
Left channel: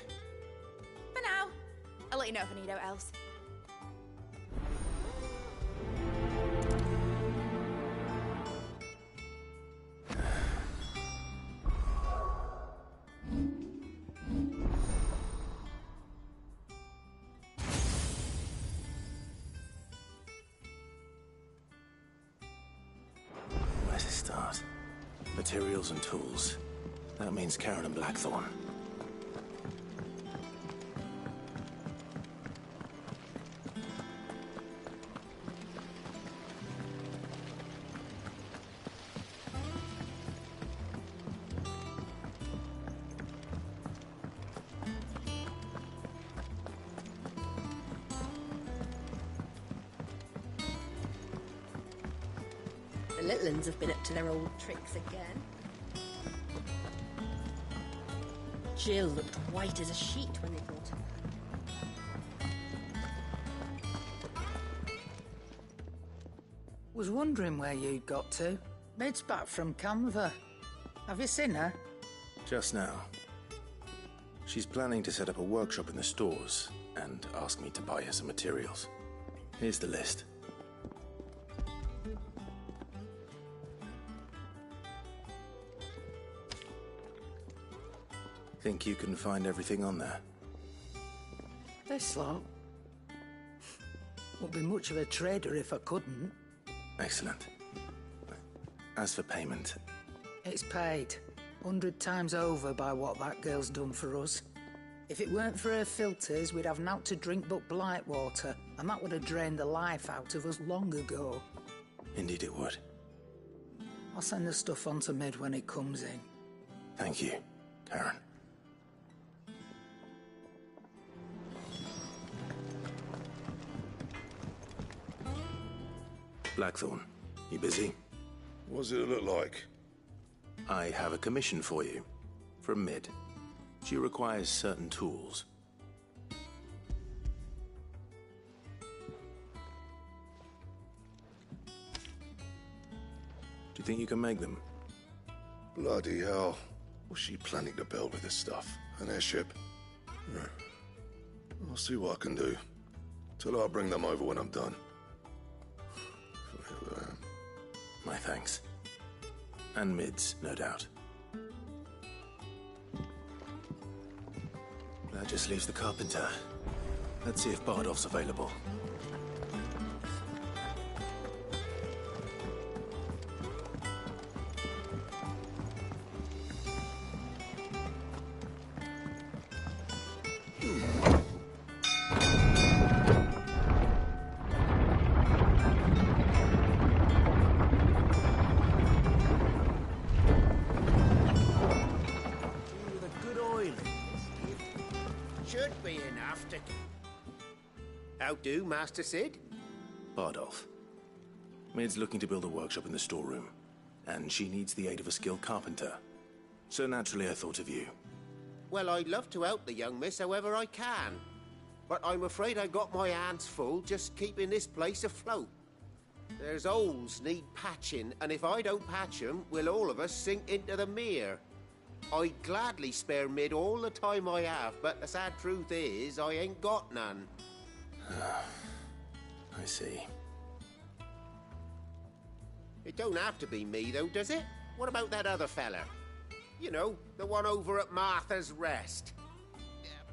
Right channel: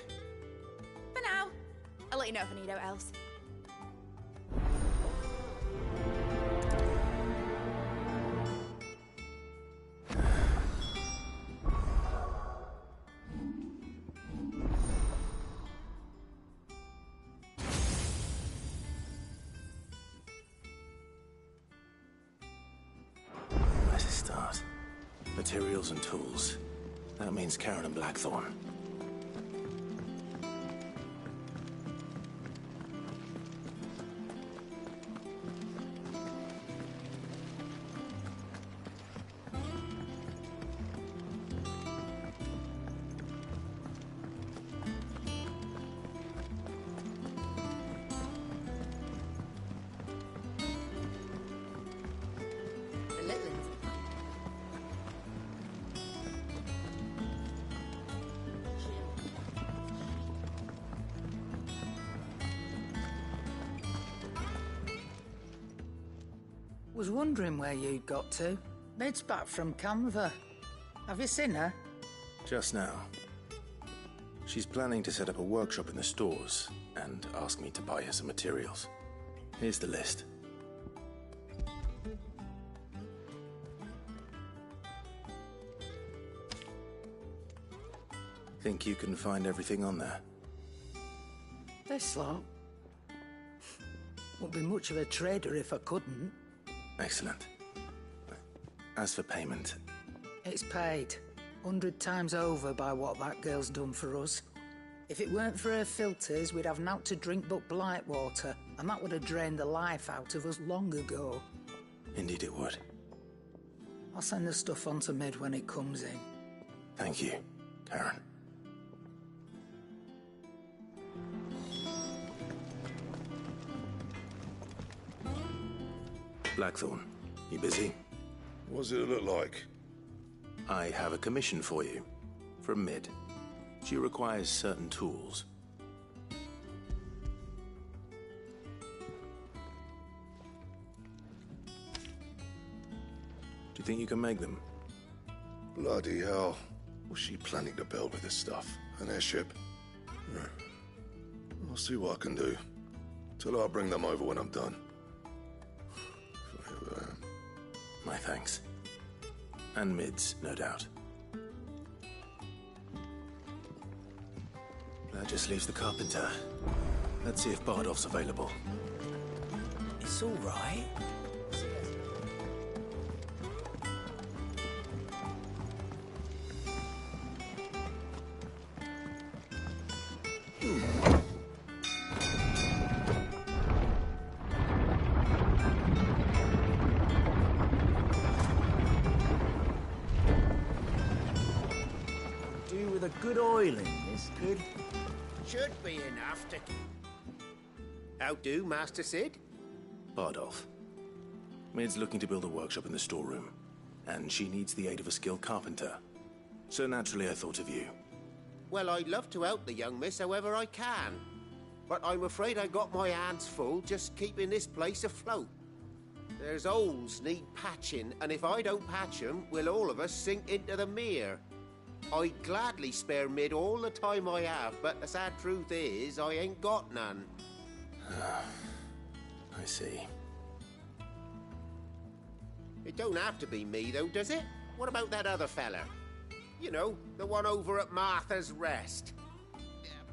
For now. I'll let you know if I need out else. materials and tools. That means Karen and Blackthorn. The little ones have been up to their old tricks again. Jill looked white as a sheet when they brought her. Was wondering where you'd got to. Mid's back from Canva. Have you seen her? Just now. She's planning to set up a workshop in the stores and ask me to buy her some materials. Here's the list. Think you can find everything on there? This lot. Wouldn't be much of a trader if I couldn't. Excellent. As for payment... It's paid. 100 times over by what that girl's done for us. If it weren't for her filters, we'd have naught to drink but blight water, and that would have drained the life out of us long ago. Indeed it would. I'll send the stuff on to Mid when it comes in. Thank you, Karen. Blackthorn, you busy? What does it look like? I have a commission for you. From Mid. She requires certain tools. Do you think you can make them? Bloody hell. What's she planning to build with this stuff? An airship? Yeah. I'll see what I can do. Tell her I'll bring them over when I'm done. My thanks. And Mid's, no doubt. That just leaves the carpenter. Let's see if Bardolph's available. It's all right. Should be enough to... How do, Master Sid? Bardolph. Mid's looking to build a workshop in the storeroom, and she needs the aid of a skilled carpenter. So naturally I thought of you. Well, I'd love to help the young miss however I can. But I'm afraid I got my hands full just keeping this place afloat. There's holes need patching, and if I don't patch them, we'll all of us sink into the mere. I'd gladly spare Mid all the time I have, but the sad truth is, I ain't got none. I see. It don't have to be me, though, does it? What about that other fella? You know, the one over at Martha's Rest.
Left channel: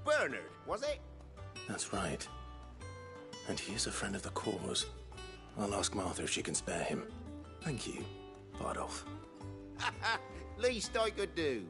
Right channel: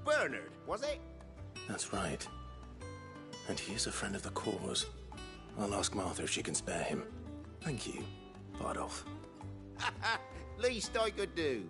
Bernard, was it? That's right. And he is a friend of the cause. I'll ask Martha if she can spare him. Thank you, Bardolph. Least I could do.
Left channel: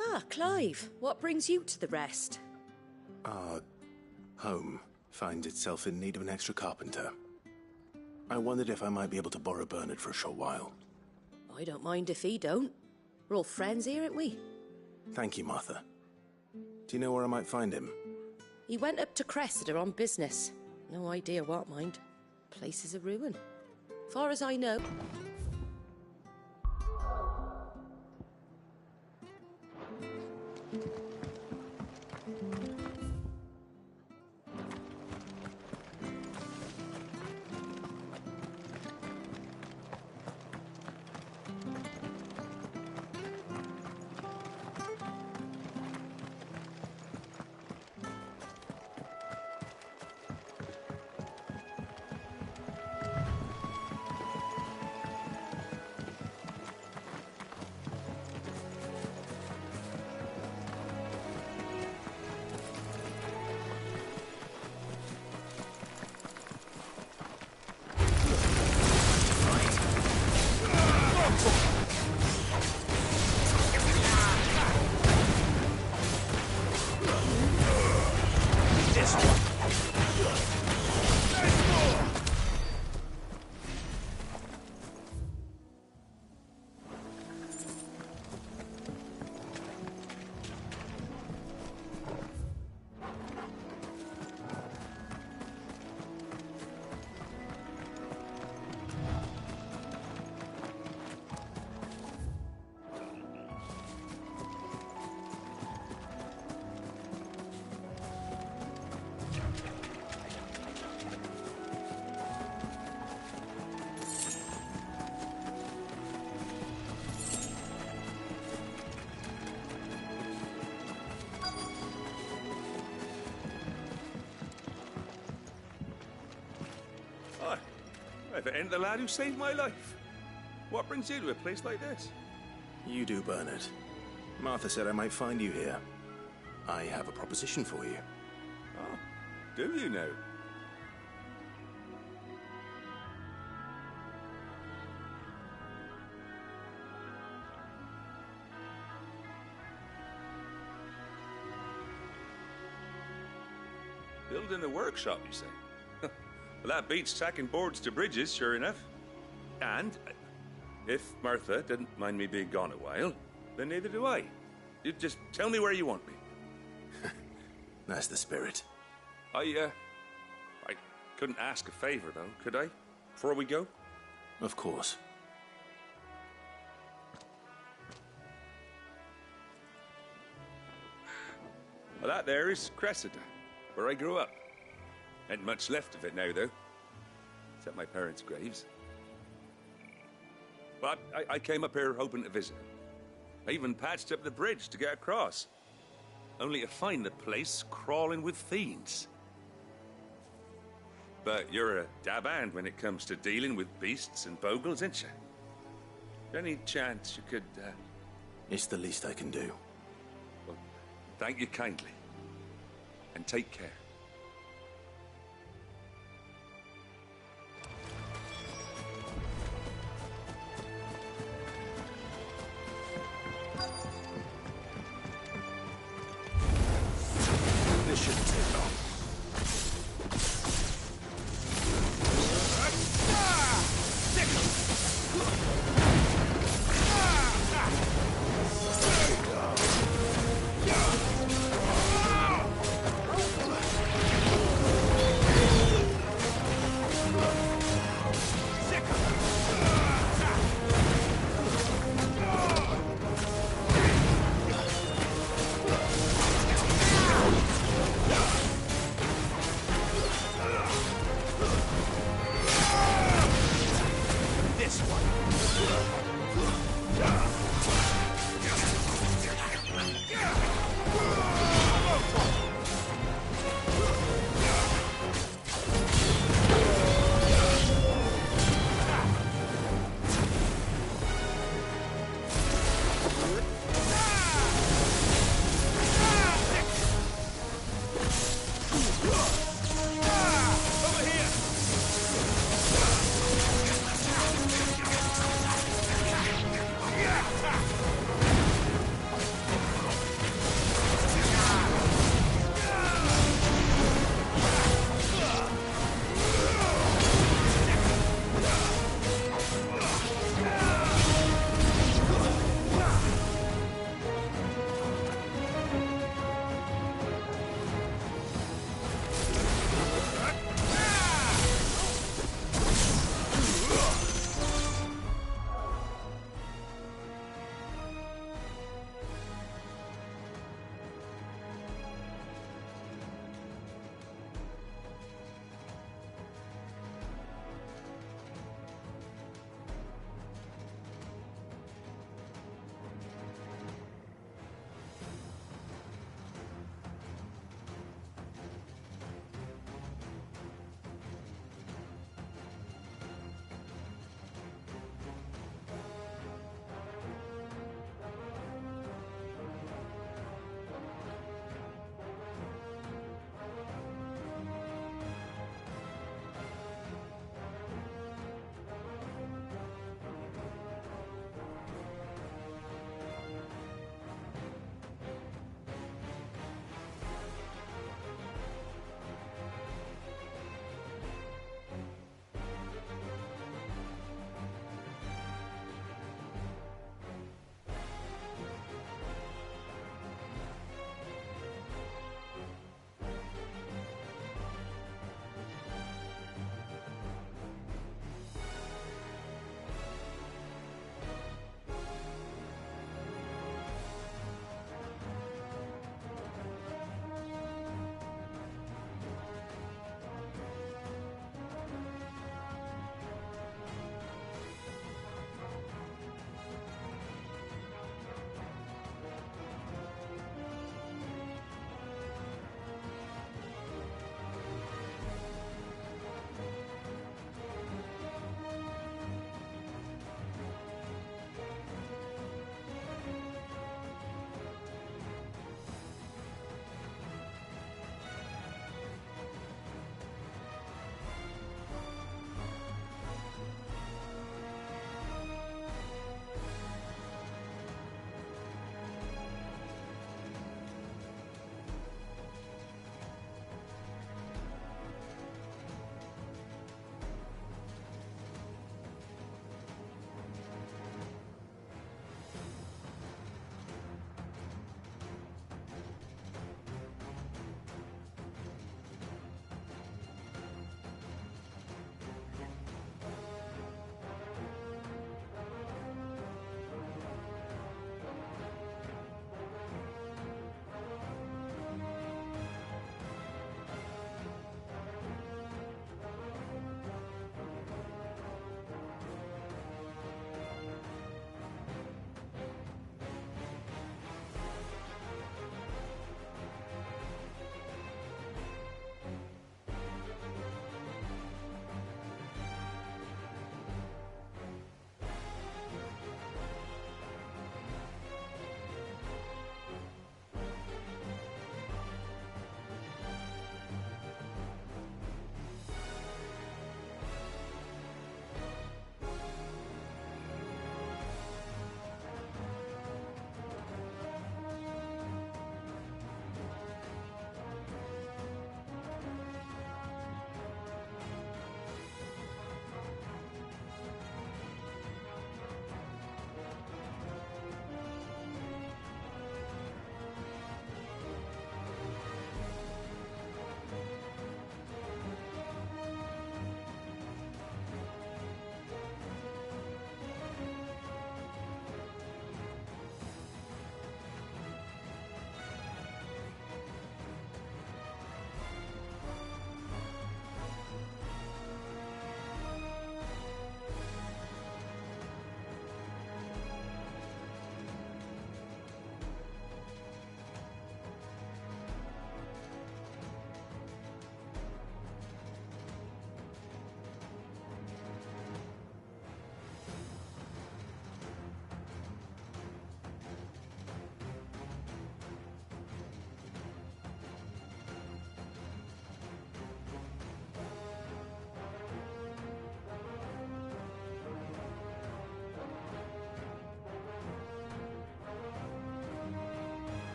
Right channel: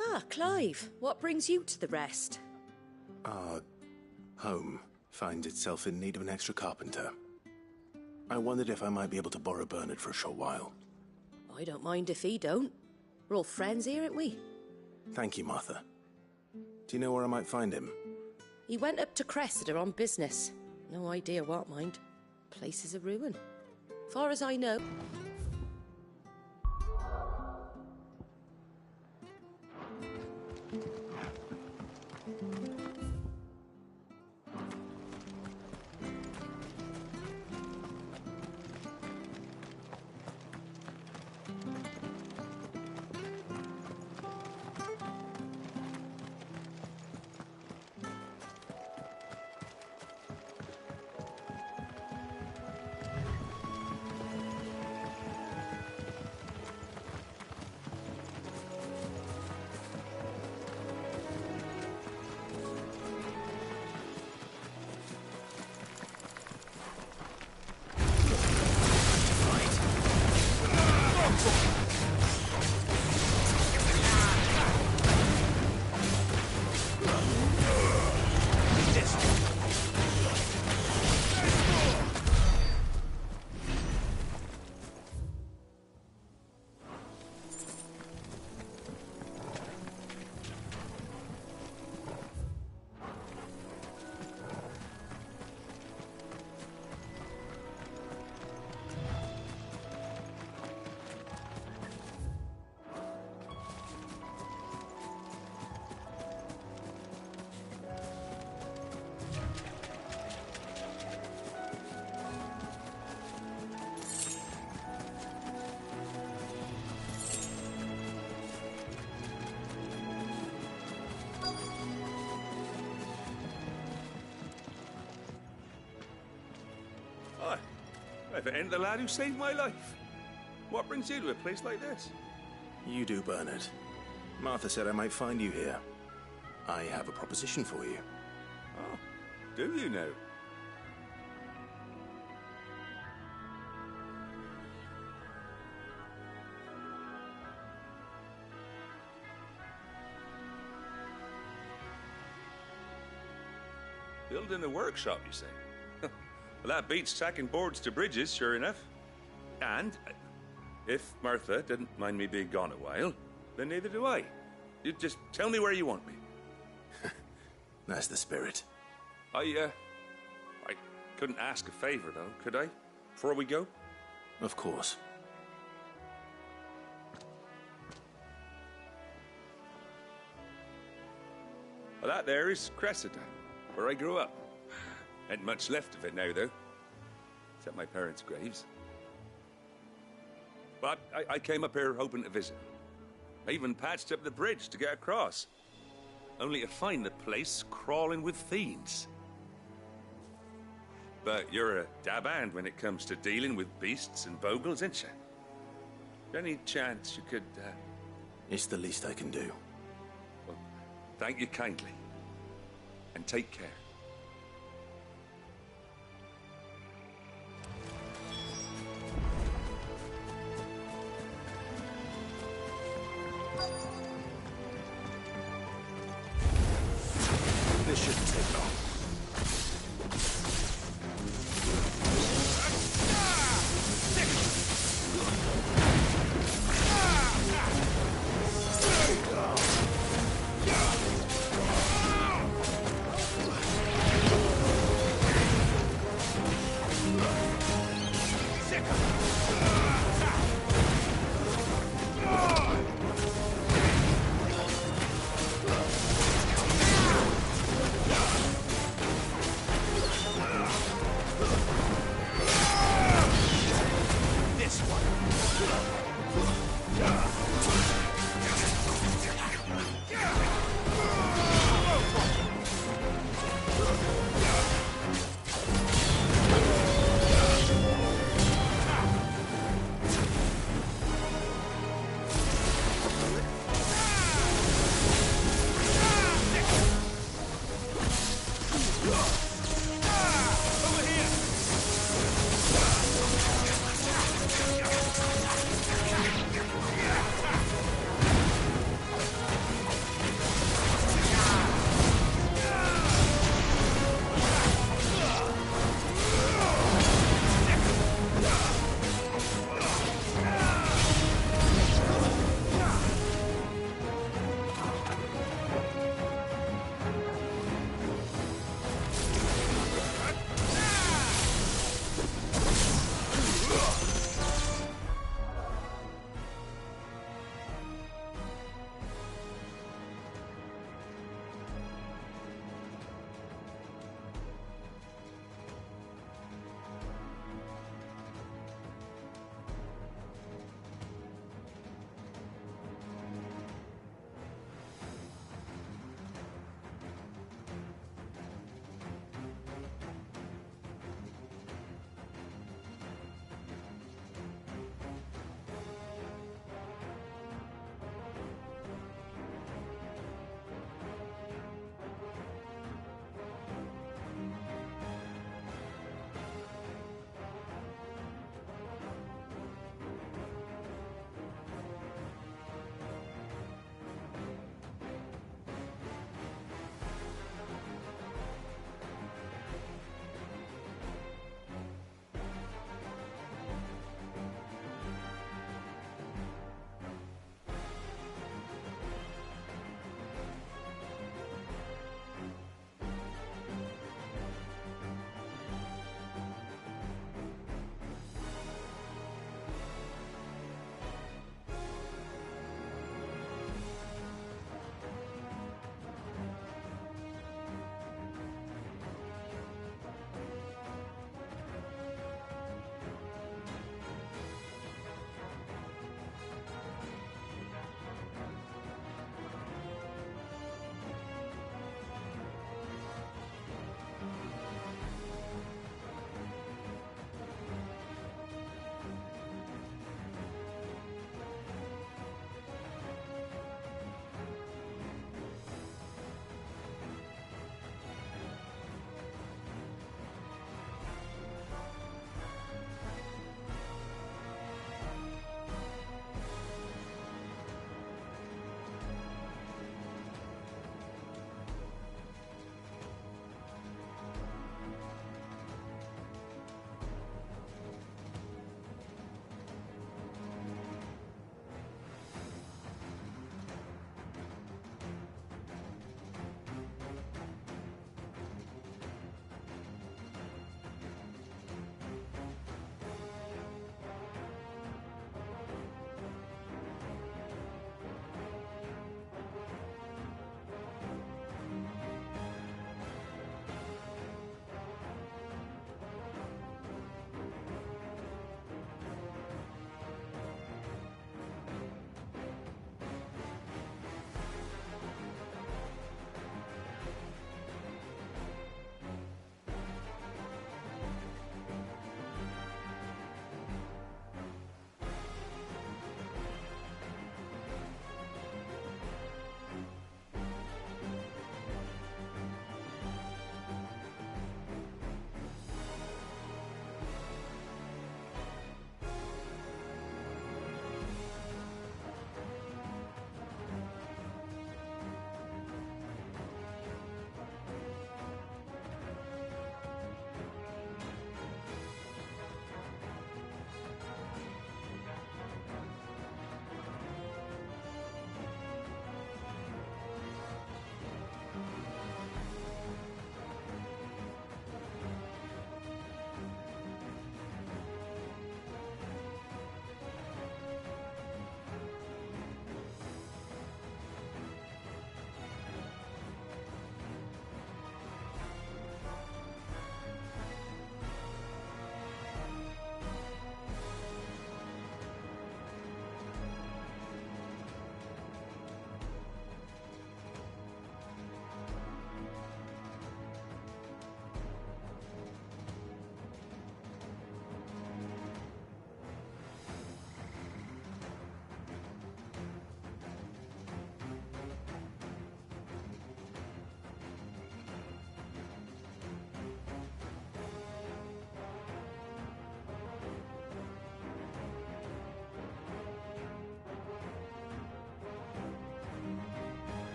Ah, Clive, what brings you to the rest? Our home finds itself in need of an extra carpenter. I wondered if I might be able to borrow Bernard for a short while. I don't mind if he don't. We're all friends here, aren't we? Thank you, Martha. Do you know where I might find him? He went up to Cressida on business. No idea what, mind. Place is a ruin. Far as I know. If it ain't the lad who saved my life. What brings you to a place like this? You do, Bernard. Martha said I might find you here. I have a proposition for you. Oh, do you now? Building a workshop, you say? Well, that beats tacking boards to bridges, sure enough. And if Martha didn't mind me being gone a while, then neither do I. You just tell me where you want me. That's the spirit. I couldn't ask a favor, though, could I? Before we go? Of course. Well, that there is Cressida, where I grew up. Ain't much left of it now, though. Except my parents' graves. But I came up here hoping to visit them. I even patched up the bridge to get across. Only to find the place crawling with fiends. But you're a dab hand when it comes to dealing with beasts and bogles, ain't you? Any chance you could, It's the least I can do. Well, thank you kindly. And take care. This shouldn't take long.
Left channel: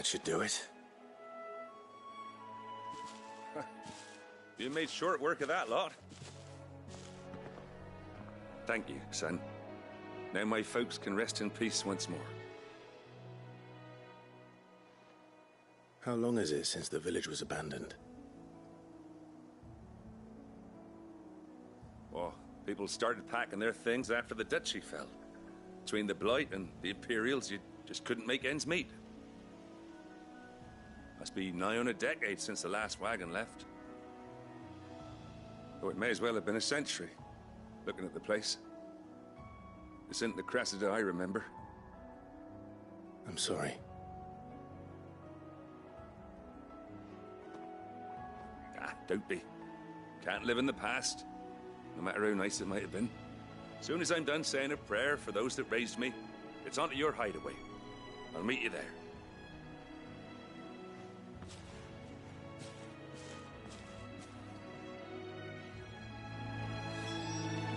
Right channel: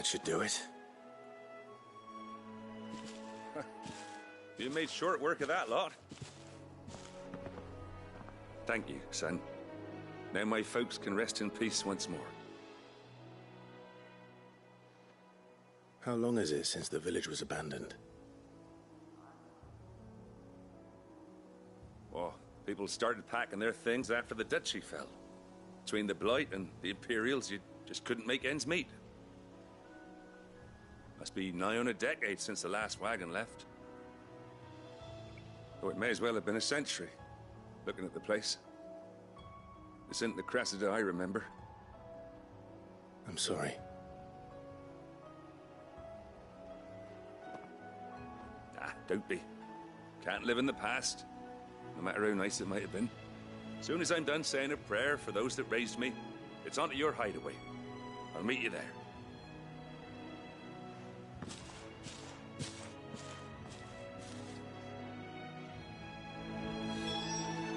That should do it. You made short work of that lot. Thank you, son. Now my folks can rest in peace once more. How long is it since the village was abandoned? Oh, people started packing their things after the duchy fell. Between the Blight and the Imperials, you just couldn't make ends meet. Must be nigh on a decade since the last wagon left. Oh, it may as well have been a century, looking at the place. This isn't the Cressida I remember. I'm sorry. Ah, don't be. Can't live in the past, no matter how nice it might have been. Soon as I'm done saying a prayer for those that raised me, it's on to your hideaway. I'll meet you there.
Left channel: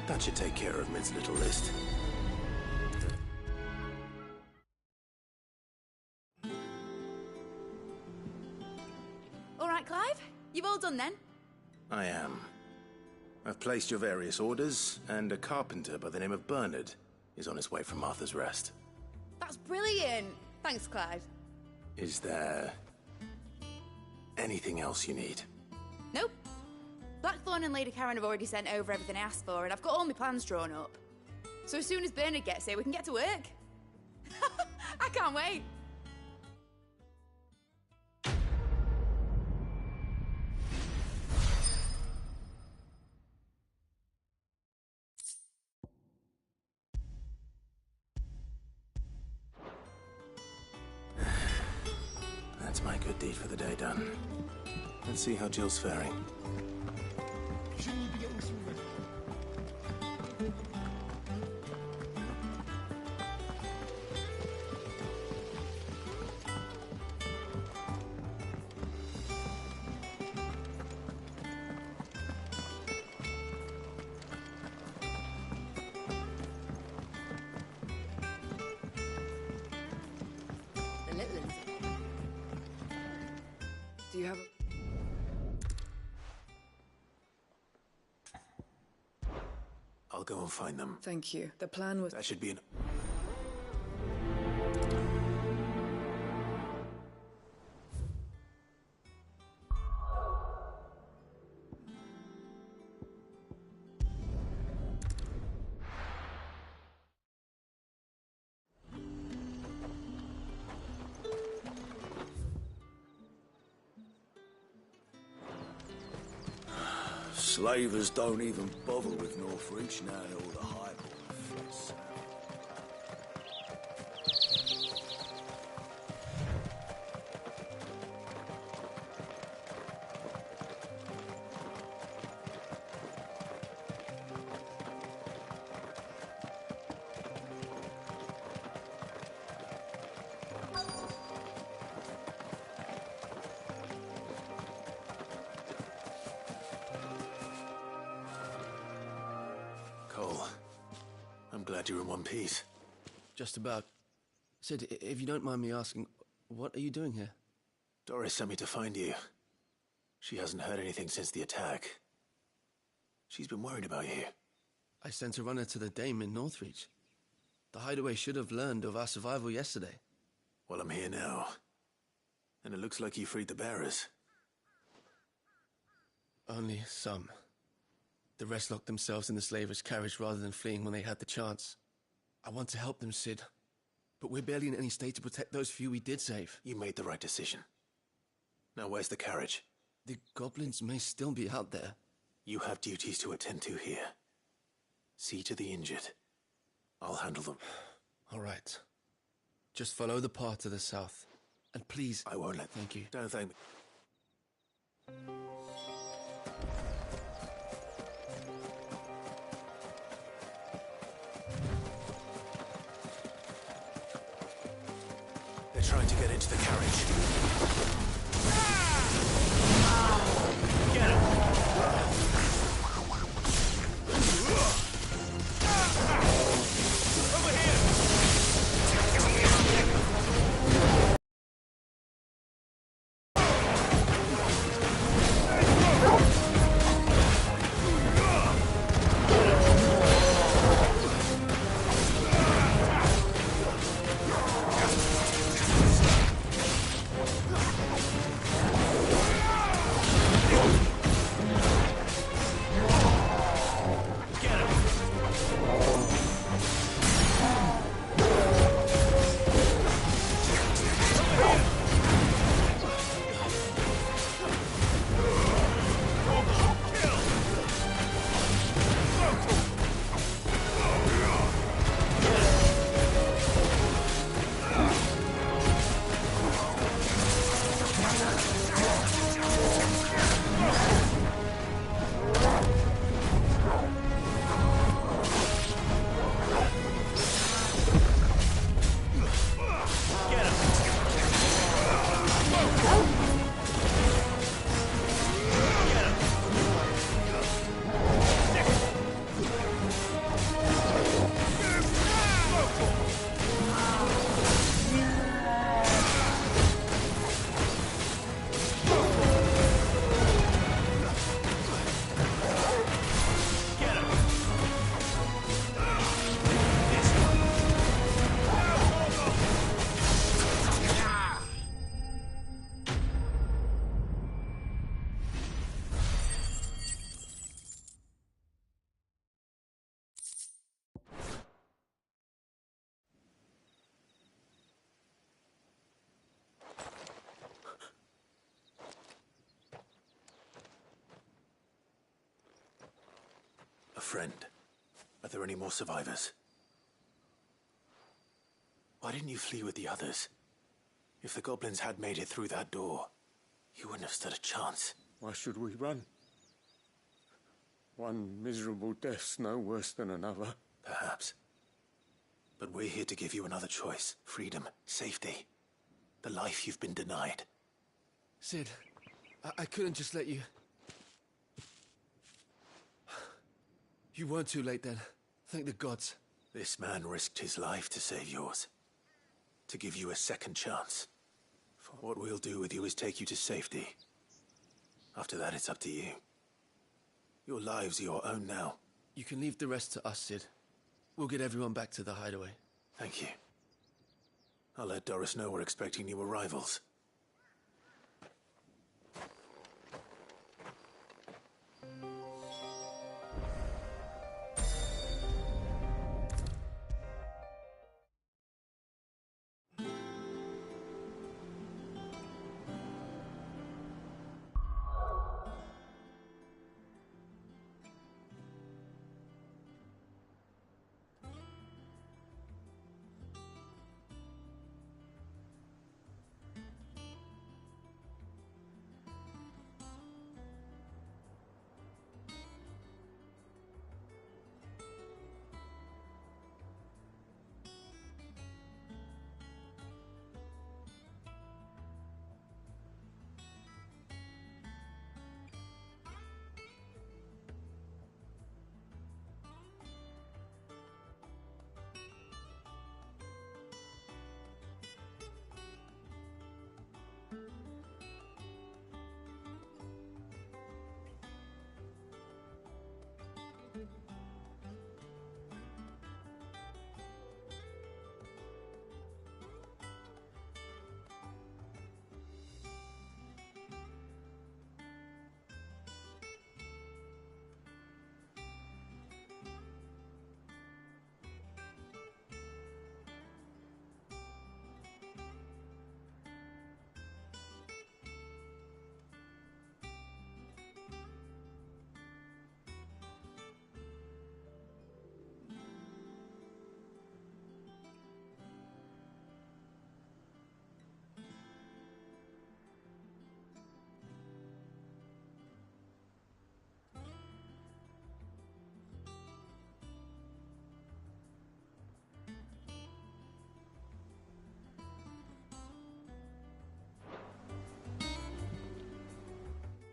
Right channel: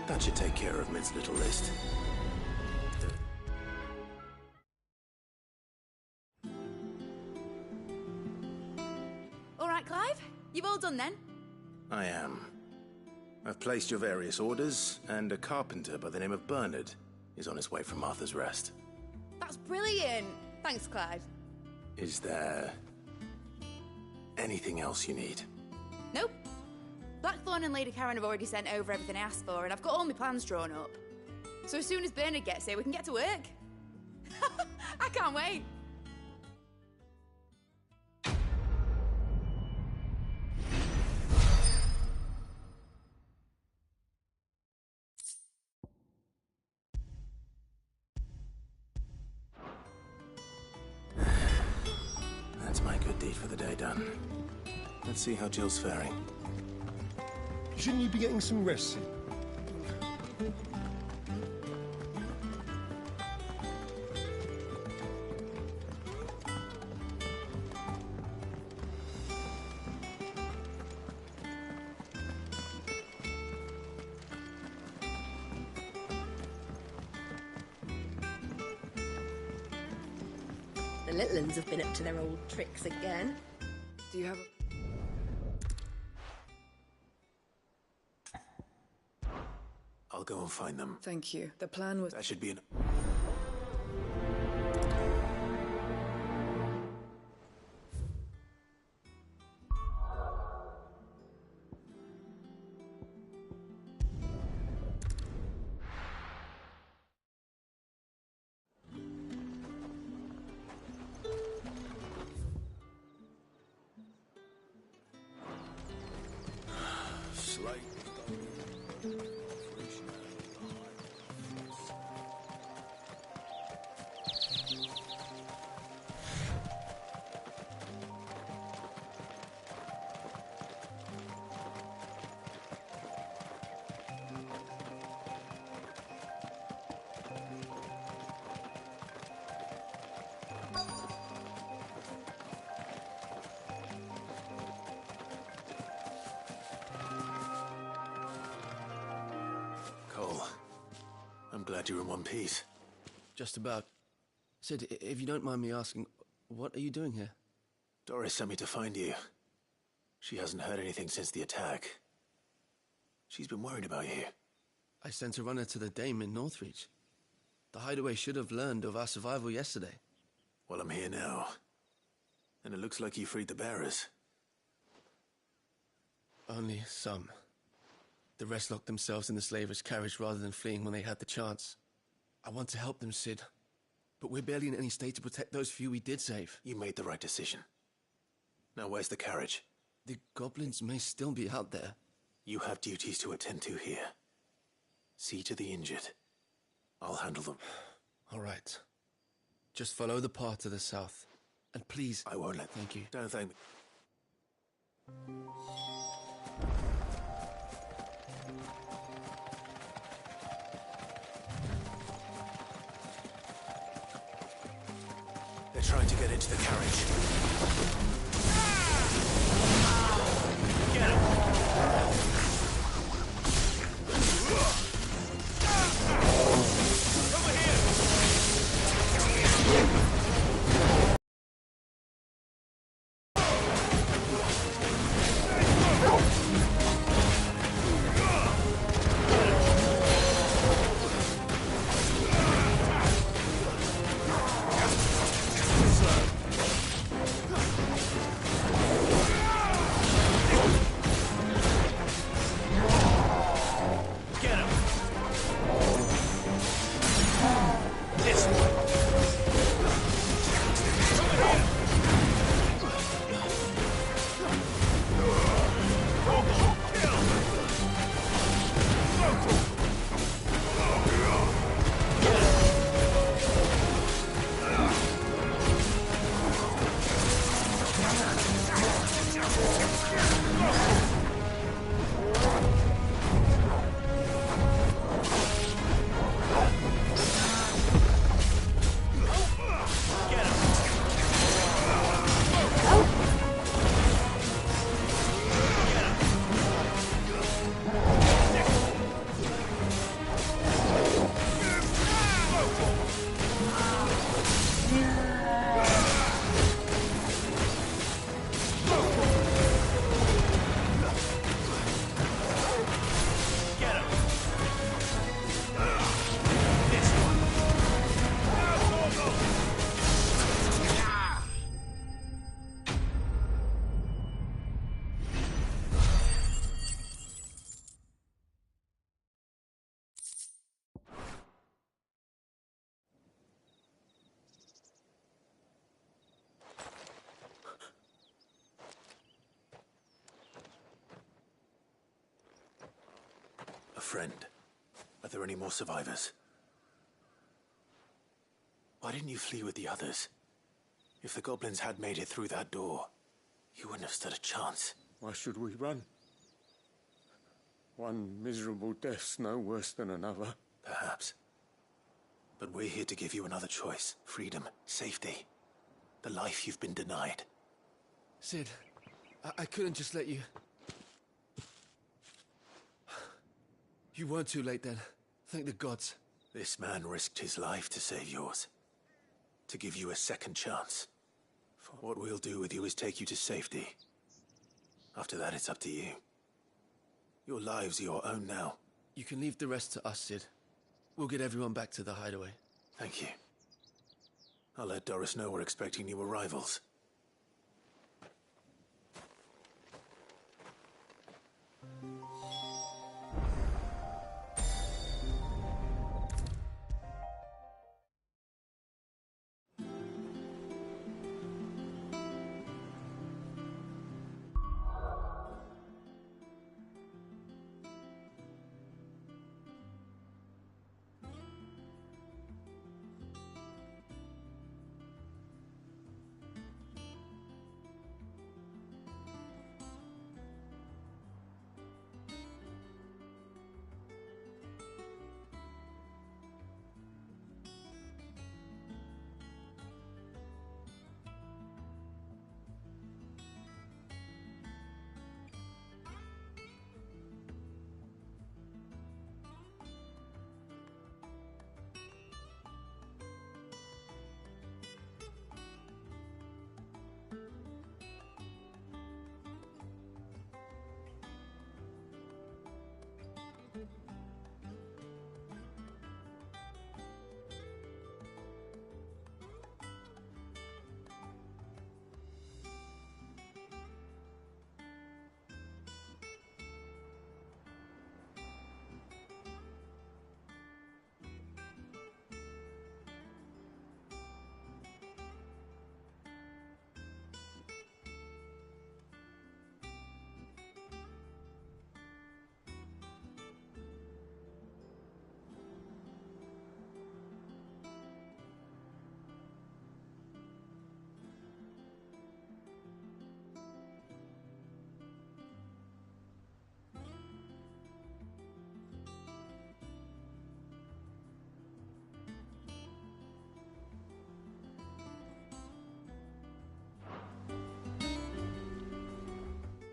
That should take care of Mid's little list. All right, Clive. You've all done then? I am. I've placed your various orders, and a carpenter by the name of Bernard is on his way from Arthur's Rest. That's brilliant. Thanks, Clive. Is there anything else you need? Nope. Blackthorn and Lady Karen have already sent over everything I asked for, and I've got all my plans drawn up. So as soon as Bernard gets here, we can get to work. I can't wait. That's my good deed for the day done. Let's see how Jill's faring. Shouldn't you be getting some rest? The little ones have been up to their old tricks again. Do you have a... I'll go and find them. Thank you. The plan was... That should be an... Slavers don't even bother with Northreach now all the highborn flats. Cole, I'm glad you're in one piece. Just about. Sid, if you don't mind me asking, what are you doing here? Doris sent me to find you. She hasn't heard anything since the attack. She's been worried about you. I sent a runner to the Dame in Northreach. The hideaway should have learned of our survival yesterday. Well, I'm here now. And it looks like you freed the bearers. Only some. The rest locked themselves in the slaver's carriage rather than fleeing when they had the chance. I want to help them, Sid. But we're barely in any state to protect those few we did save. You made the right decision. Now where's the carriage? The goblins may still be out there. You have duties to attend to here. See to the injured. I'll handle them. All right. Just follow the path to the south. And please... I won't let... Thank you. Don't thank me. They're trying to get into the carriage. friend. Are there any more survivors? Why didn't you flee with the others? If the goblins had made it through that door, you wouldn't have stood a chance. Why should we run? One miserable death's no worse than another. Perhaps. But we're here to give you another choice. Freedom, safety. The life you've been denied. Sid, I couldn't just let you... You weren't too late then. Thank the gods. This man risked his life to save yours. To give you a second chance. What we'll do with you is take you to safety. After that, it's up to you. Your lives are your own now. You can leave the rest to us, Sid. We'll get everyone back to the hideaway. Thank you. I'll let Doris know we're expecting new arrivals.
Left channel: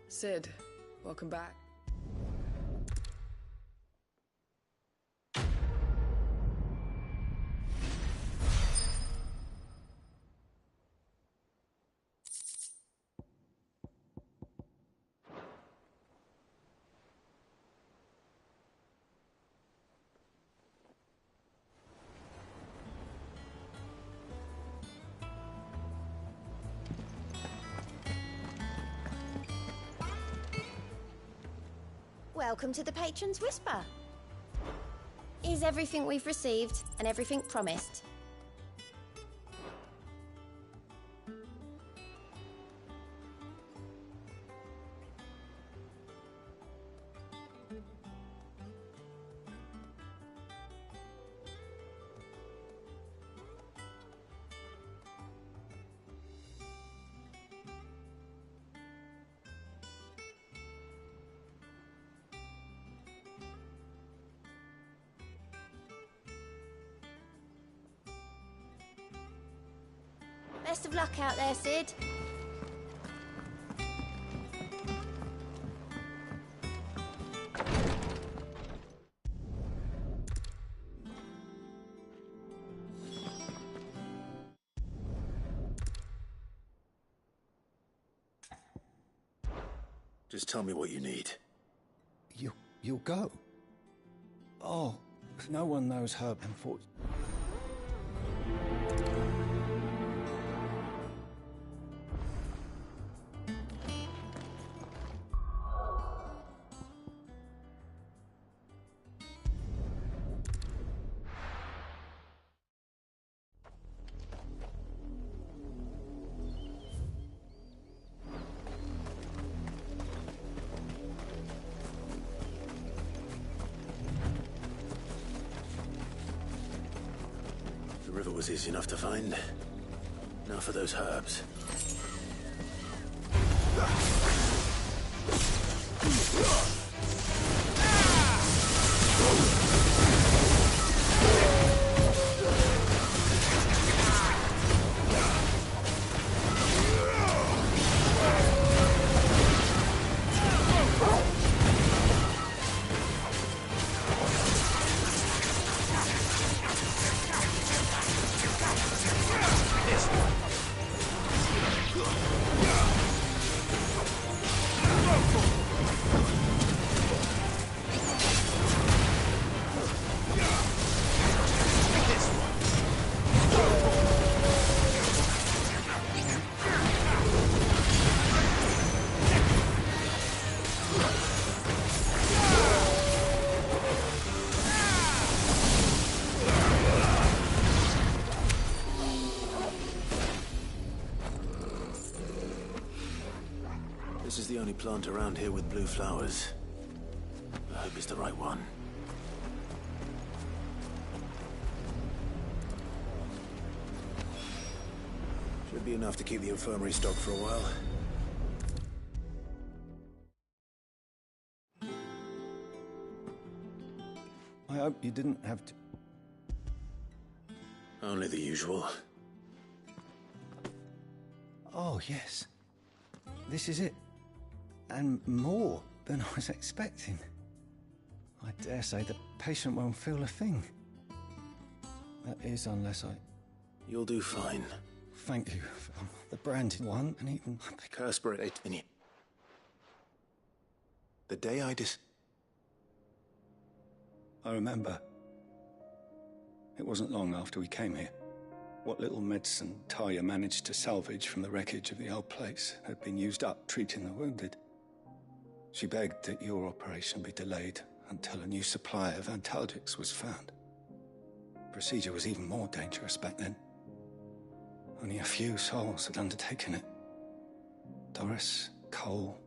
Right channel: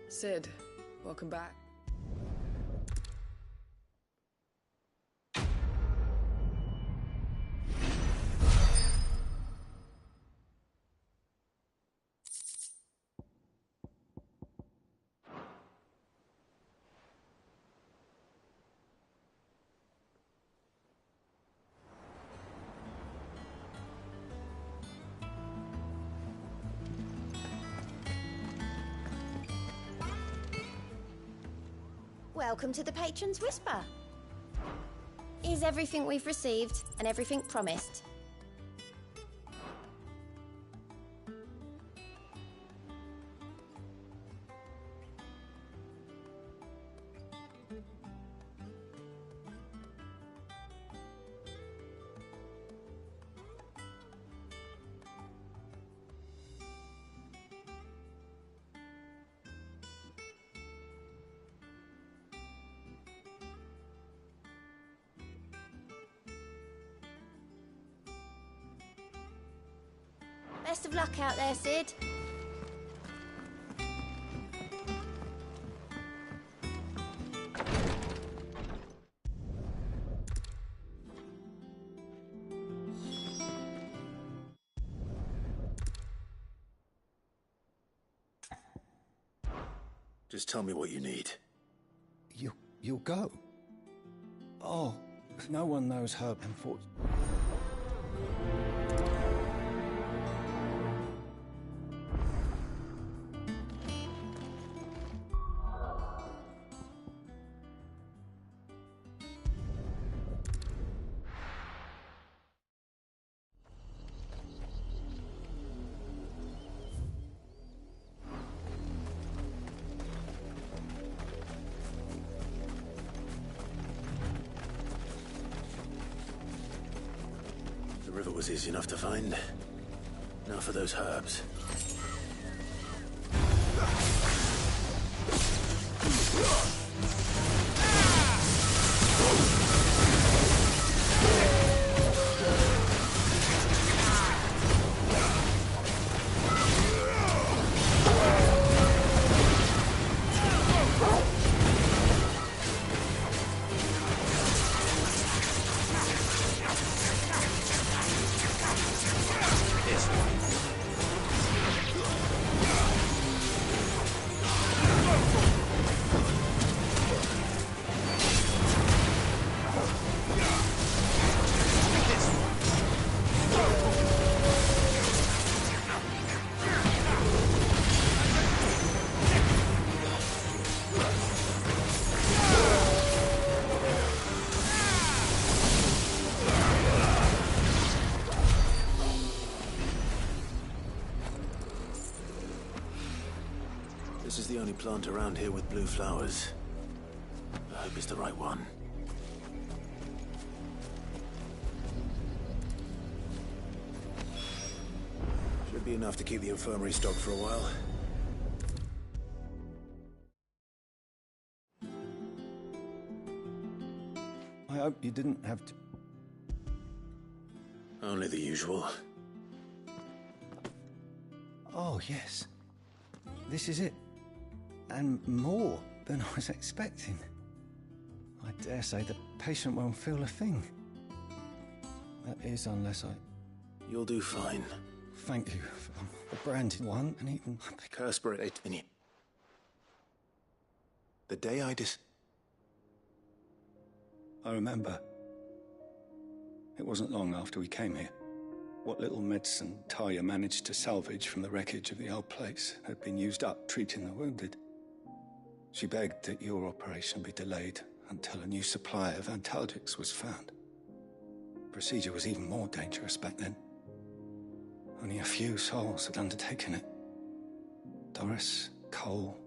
Sid, welcome back. Welcome to the Patron's Whisper. Is everything we've received and everything promised? Best of luck out there, Sid. Just tell me what you need. You'll go? Oh, no one knows her, unfortunately. The river was easy enough to find. Now for those herbs. This is the only plant around here with blue flowers. I hope it's the right one. Should be enough to keep the infirmary stocked for a while. I hope you didn't have to... Only the usual. Oh, yes. This is it. And more than I was expecting. I dare say the patient won't feel a thing. That is, unless I... You'll do fine. Thank you for the branded one, and even... Curspirate. The day I I remember. It wasn't long after we came here. What little medicine Talia managed to salvage from the wreckage of the old place had been used up treating the wounded. She begged that your operation be delayed until a new supply of antalgics was found. Procedure was even more dangerous back then. Only a few souls had undertaken it. Doris, Cole,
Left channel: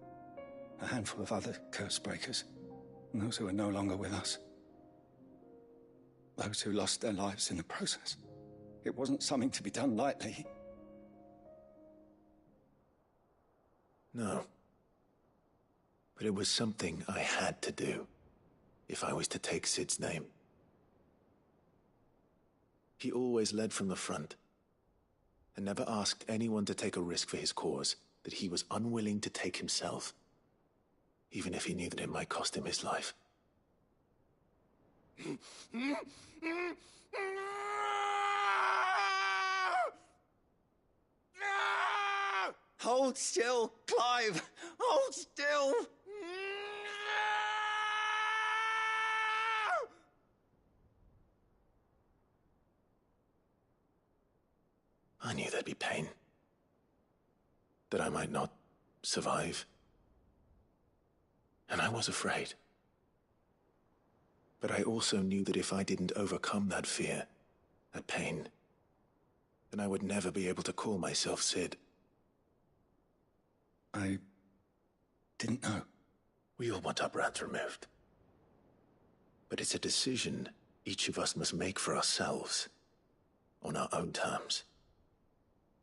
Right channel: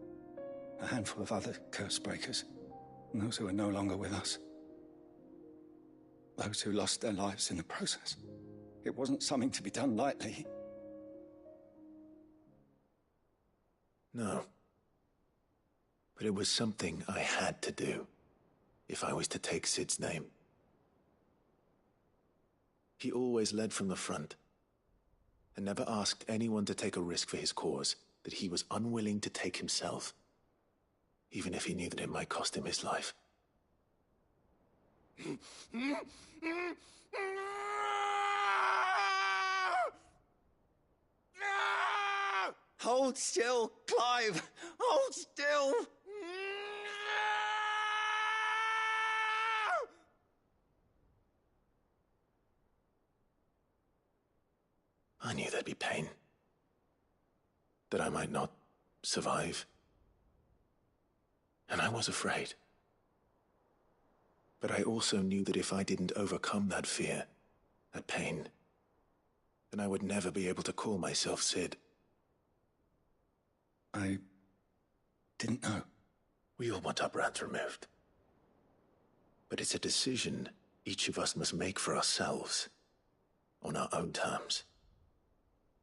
a handful of other curse breakers, and those who are no longer with us. Those who lost their lives in the process. It wasn't something to be done lightly. No. But it was something I had to do, if I was to take Sid's name. He always led from the front, and never asked anyone to take a risk for his cause that he was unwilling to take himself, even if he knew that it might cost him his life. Hold still, Clive! Hold still! I knew there'd be pain. That I might not survive. And I was afraid. But I also knew that if I didn't overcome that fear, that pain, then I would never be able to call myself Sid. I didn't know. We all want our brands removed. But it's a decision each of us must make for ourselves, on our own terms.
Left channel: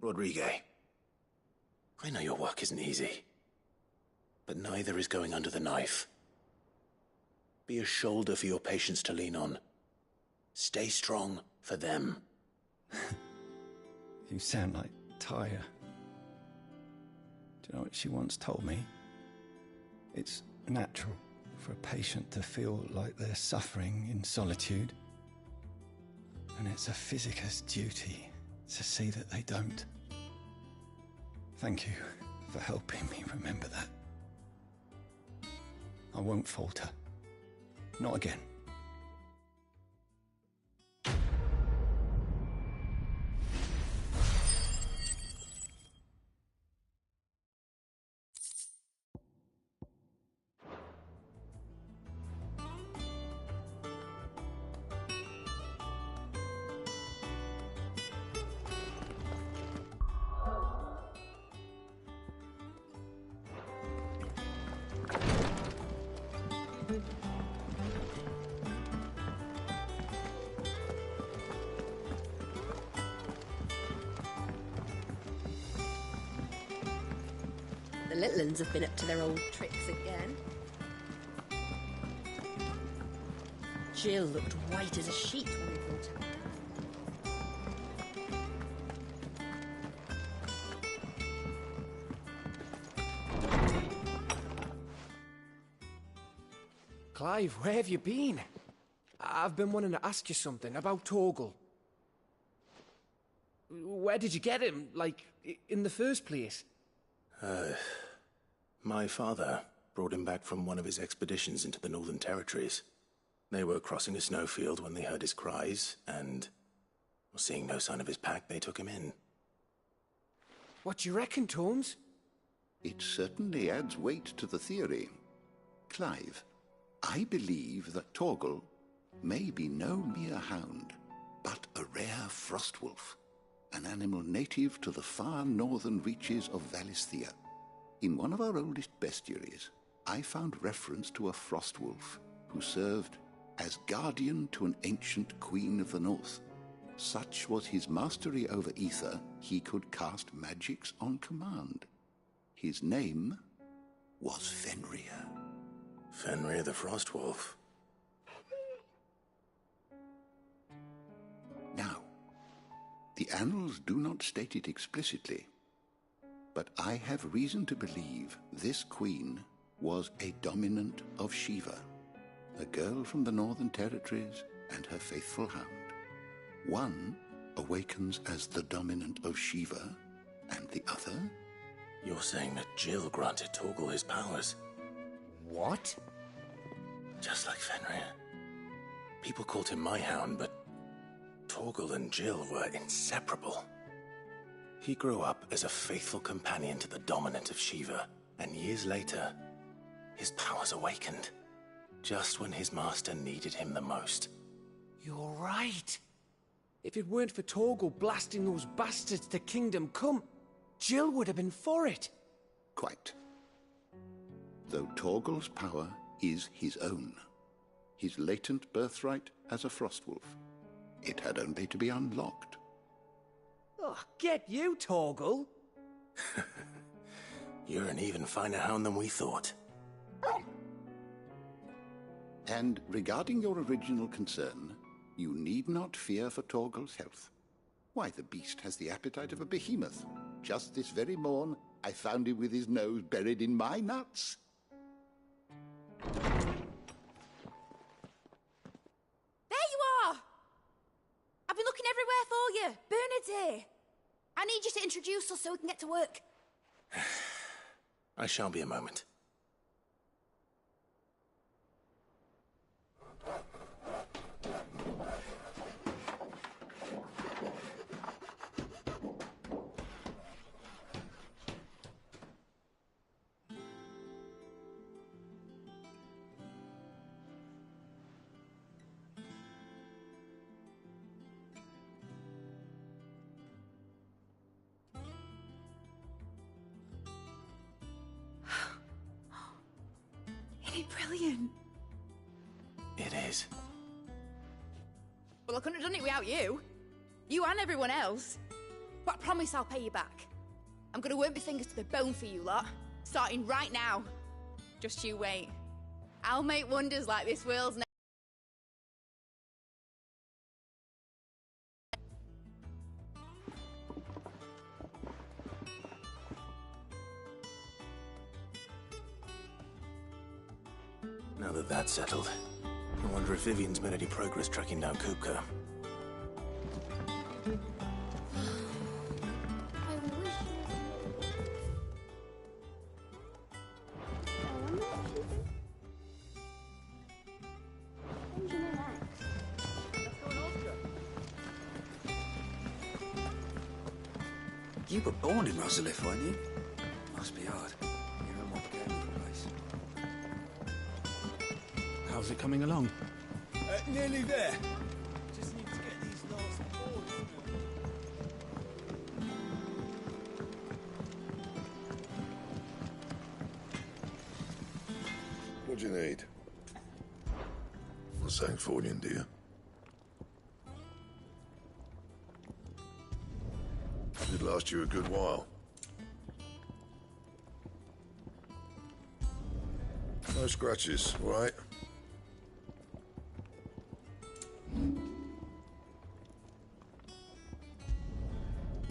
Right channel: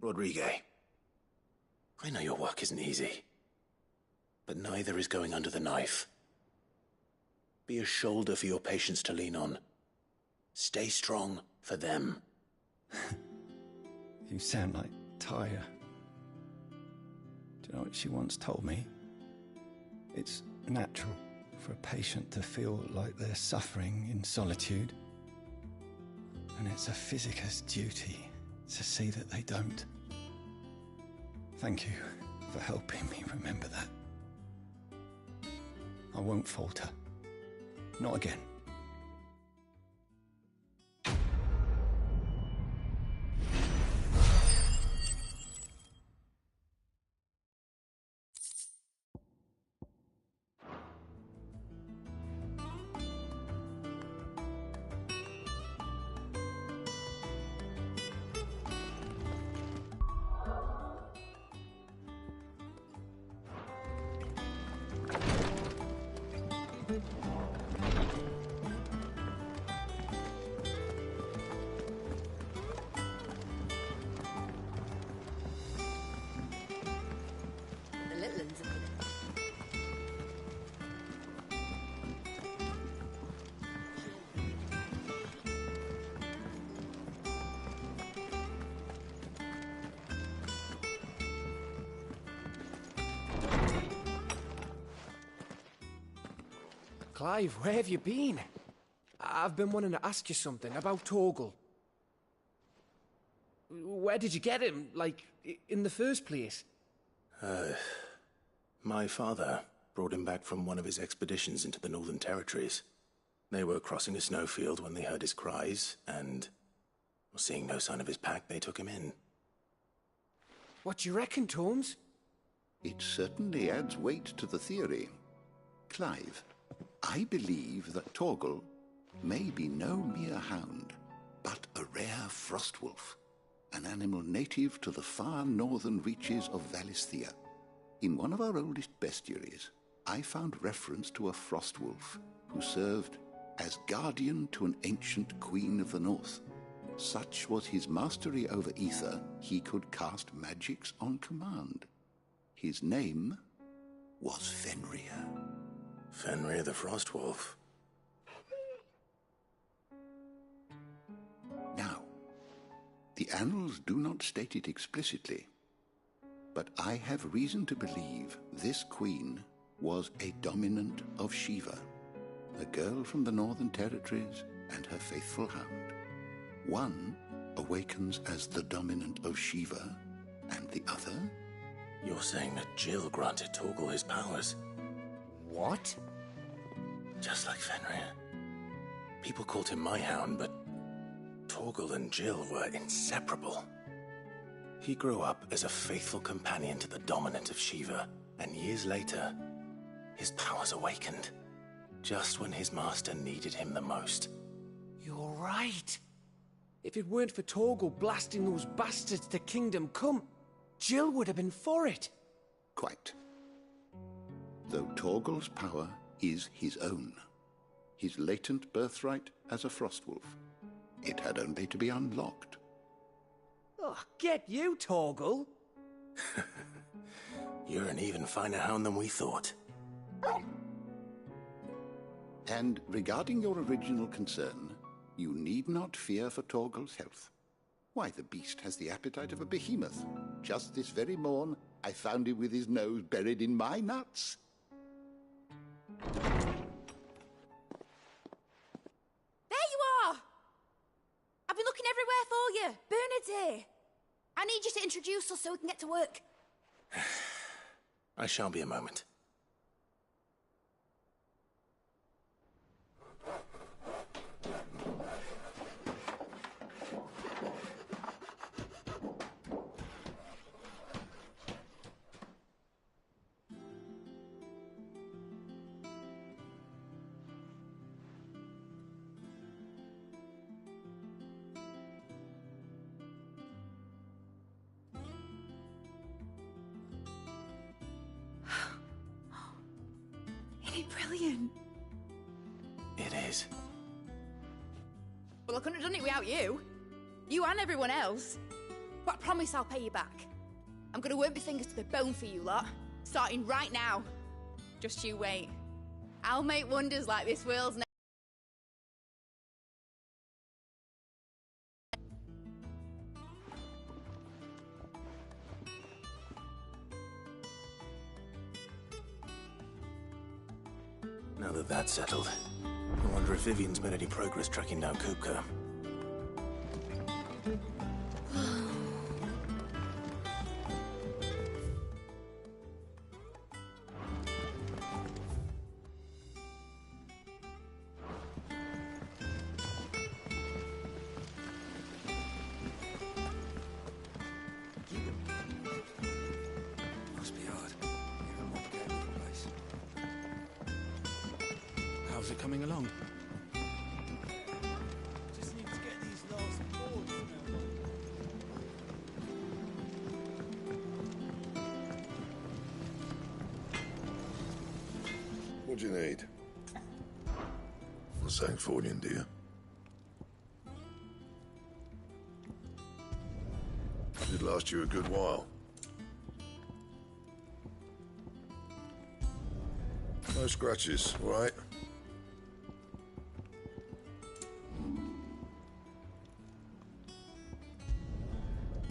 Rodriguez, I know your work isn't easy, but neither is going under the knife. Be a shoulder for your patients to lean on. Stay strong for them. You sound like Talia. Do you know what she once told me? It's natural for a patient to feel like they're suffering in solitude. And it's a physicist's duty to see that they don't. Thank you for helping me remember that. I won't falter. Not again. little uns have been up to their old tricks again. Jill looked white as a sheet. Clive, where have you been? I've been wanting to ask you something about Torgal. Where did you get him, like, in the first place? My father brought him back from one of his expeditions into the Northern Territories. They were crossing a snowfield when they heard his cries, and, seeing no sign of his pack, they took him in. What do you reckon, Tomes? It certainly adds weight to the theory. Clive, I believe that Torgal may be no mere hound, but a rare frostwolf, an animal native to the far northern reaches of Valisthea. In one of our oldest bestiaries, I found reference to a frostwolf who served as guardian to an ancient queen of the north. Such was his mastery over ether, he could cast magics on command. His name was Fenrir. Fenrir the Frostwolf. Now, the annals do not state it explicitly, but I have reason to believe this queen was a dominant of Shiva, a girl from the Northern Territories and her faithful hound. One awakens as the dominant of Shiva, and the other... You're saying that Jill granted Torgal his powers? What? Just like Fenrir. People called him my hound, but Torgal and Jill were inseparable. He grew up as a faithful companion to the dominant of Shiva, and years later, his powers awakened, just when his master needed him the most. You're right. If it weren't for Torgal blasting those bastards to Kingdom Come, Jill would have been for it. Quite. Though Torgal's power is his own, his latent birthright as a Frostwolf, it had only to be unlocked. Oh, get you, Torgal! You're an even finer hound than we thought. And regarding your original concern, you need not fear for Torgal's health. Why, the beast has the appetite of a behemoth. Just this very morn, I found him with his nose buried in my nuts. There you are! I've been looking everywhere for you. Bernard's here. I need you to introduce us so we can get to work. I shall be a moment. Isn't it brilliant? It is. Well, I couldn't have done it without you. You and everyone else. But I promise I'll pay you back. I'm gonna work my fingers to the bone for you lot. Starting right now. Just you wait. I'll make wonders like this world's never. Now that that's settled, I wonder if Vivian's made any progress tracking down Kupka. You were born in Rosalith, weren't you? Must be hard. You're a mob game of the place. How's it coming along? Nearly there. Just need to get these last boards now. What do you need? What's saying for you, dear? It'd last you a good while. No scratches, all right?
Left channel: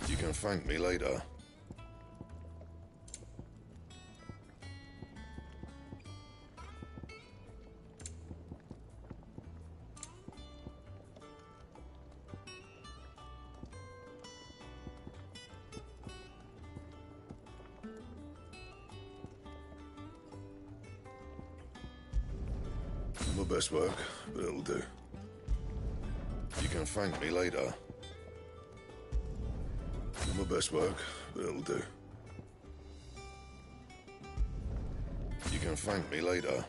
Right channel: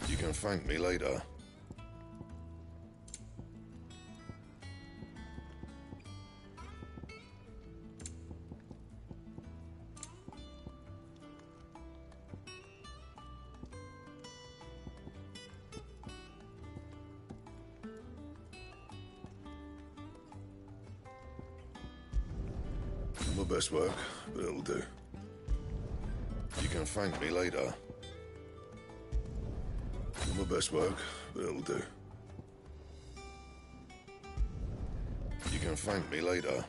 You can thank me later. My best work, but it'll do. You can thank me later. My best work, but it'll do. You can thank me later.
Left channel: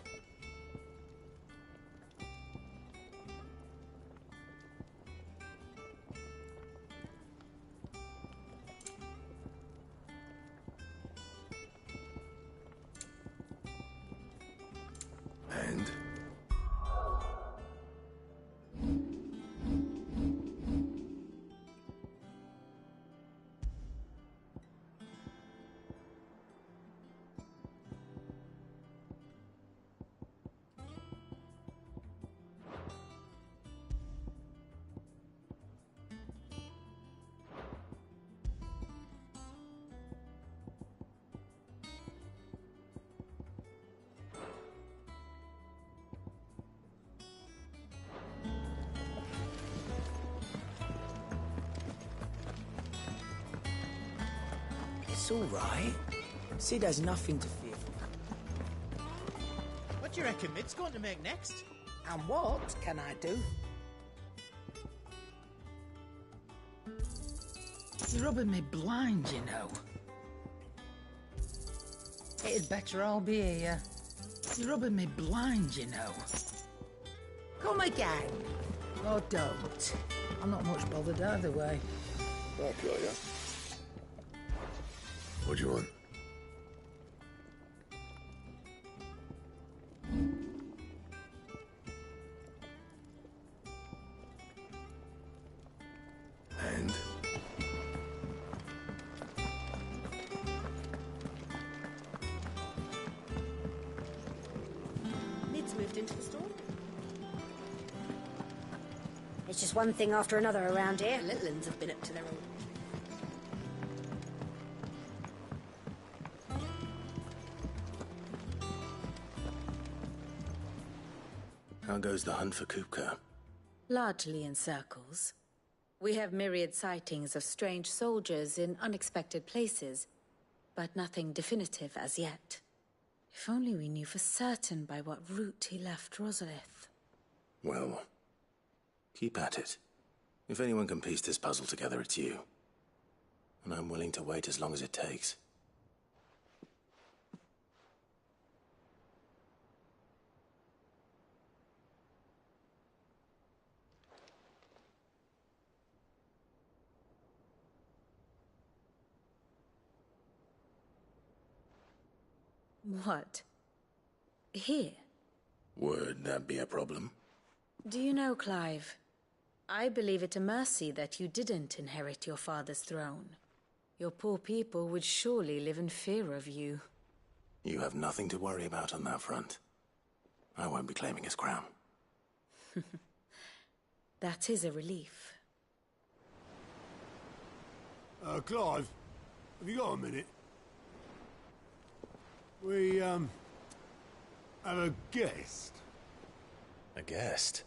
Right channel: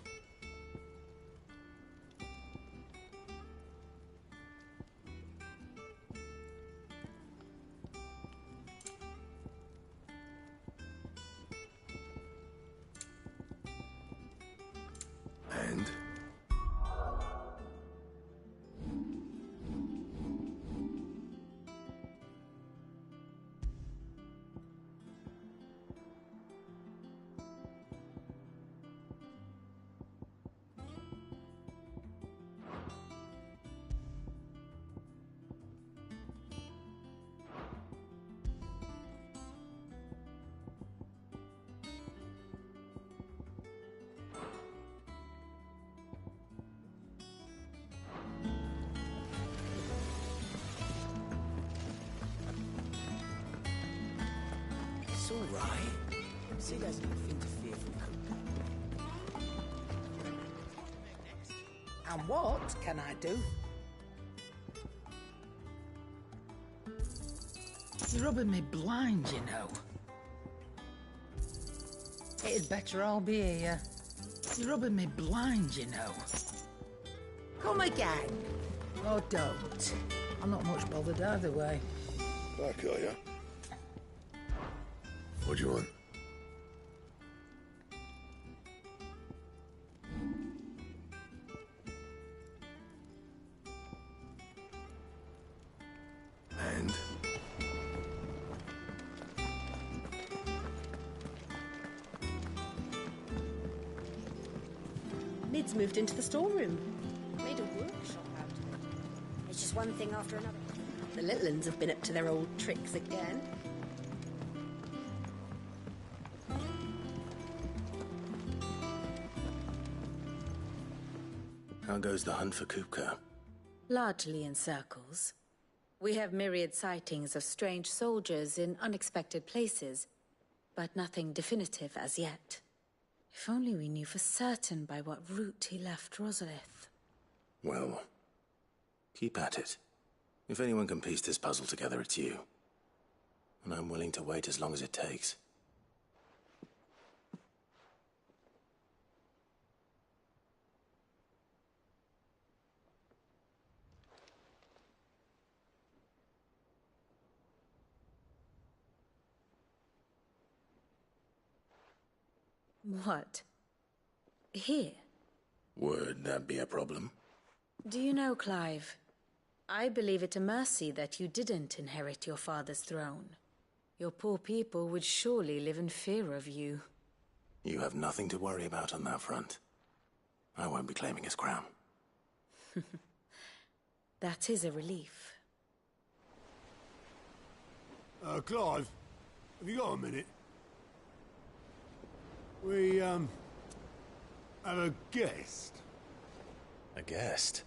And? It's all right. Sid has nothing to fear from that. What do you reckon Mid's going to make next? And what can I do? You're rubbing me blind, you know. It'd better all be here. You're rubbing me blind, you know. Come again. Or don't. I'm not much bothered either way. Back, are ya? What do you want? And? Mid's moved into the storeroom. It's just one thing after another around here. The little uns have been up to their old tricks again. How goes the hunt for Kupka? Largely in circles. We have myriad sightings of strange soldiers in unexpected places, but nothing definitive as yet. If only we knew for certain by what route he left Rosalith. Well, keep at it. If anyone can piece this puzzle together, it's you. And I'm willing to wait as long as it takes. What? Here? Would that be a problem? Do you know, Clive? I believe it a mercy that you didn't inherit your father's throne. Your poor people would surely live in fear of you. You have nothing to worry about on that front. I won't be claiming his crown. That is a relief. Clive, have you got a minute? We, have a guest. A guest?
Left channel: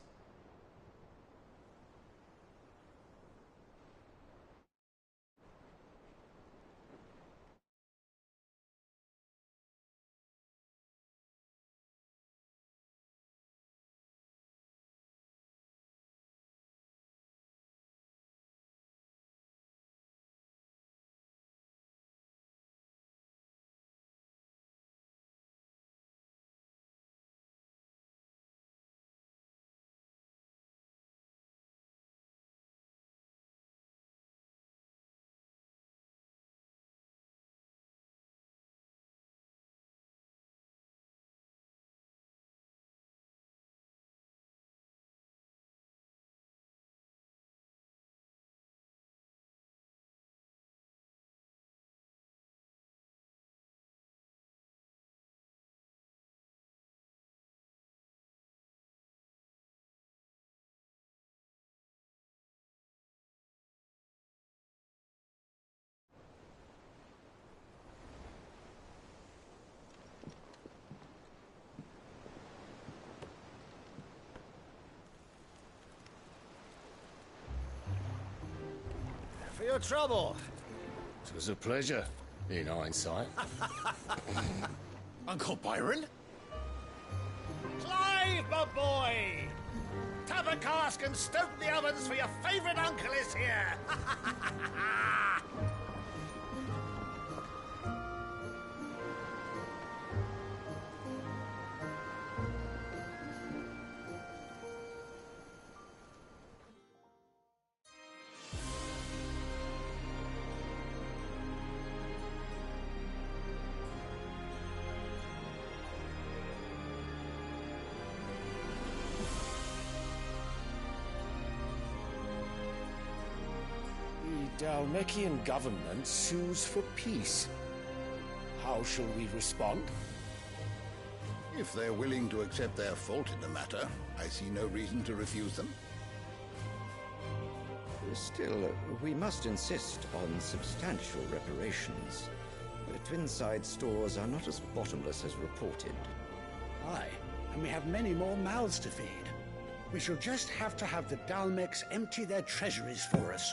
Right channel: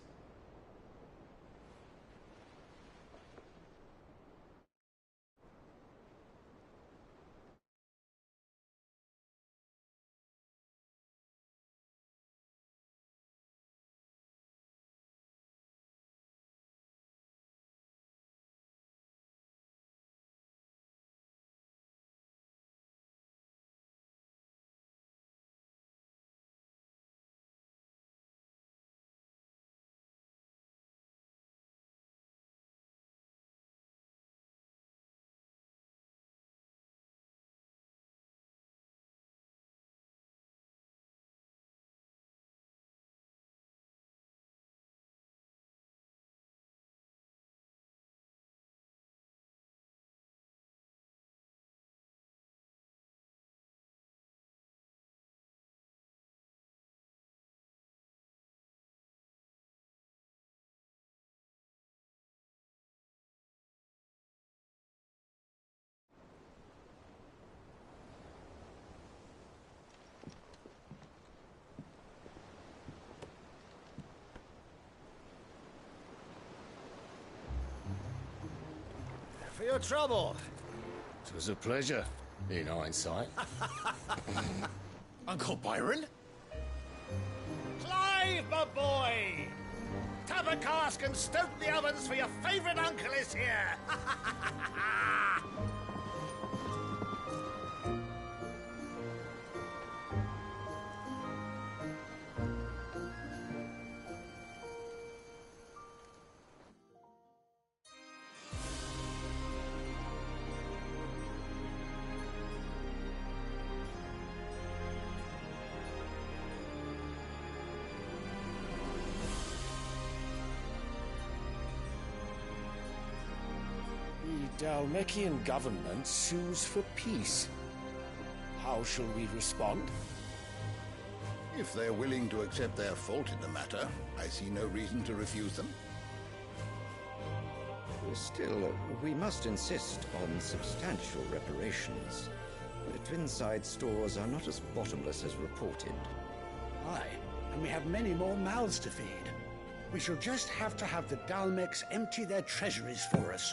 for your trouble. It was a pleasure, in hindsight. Uncle Byron? Clive, my boy! Tap a cask and stoke the ovens, for your favourite uncle is here! The Dalmekian government sues for peace. How shall we respond? If they're willing to accept their fault in the matter, I see no reason to refuse them. Still, we must insist on substantial reparations. The Twinside stores are not as bottomless as reported. Aye, and we have many more mouths to feed. We shall just have to have the Dalmecs empty their treasuries for us.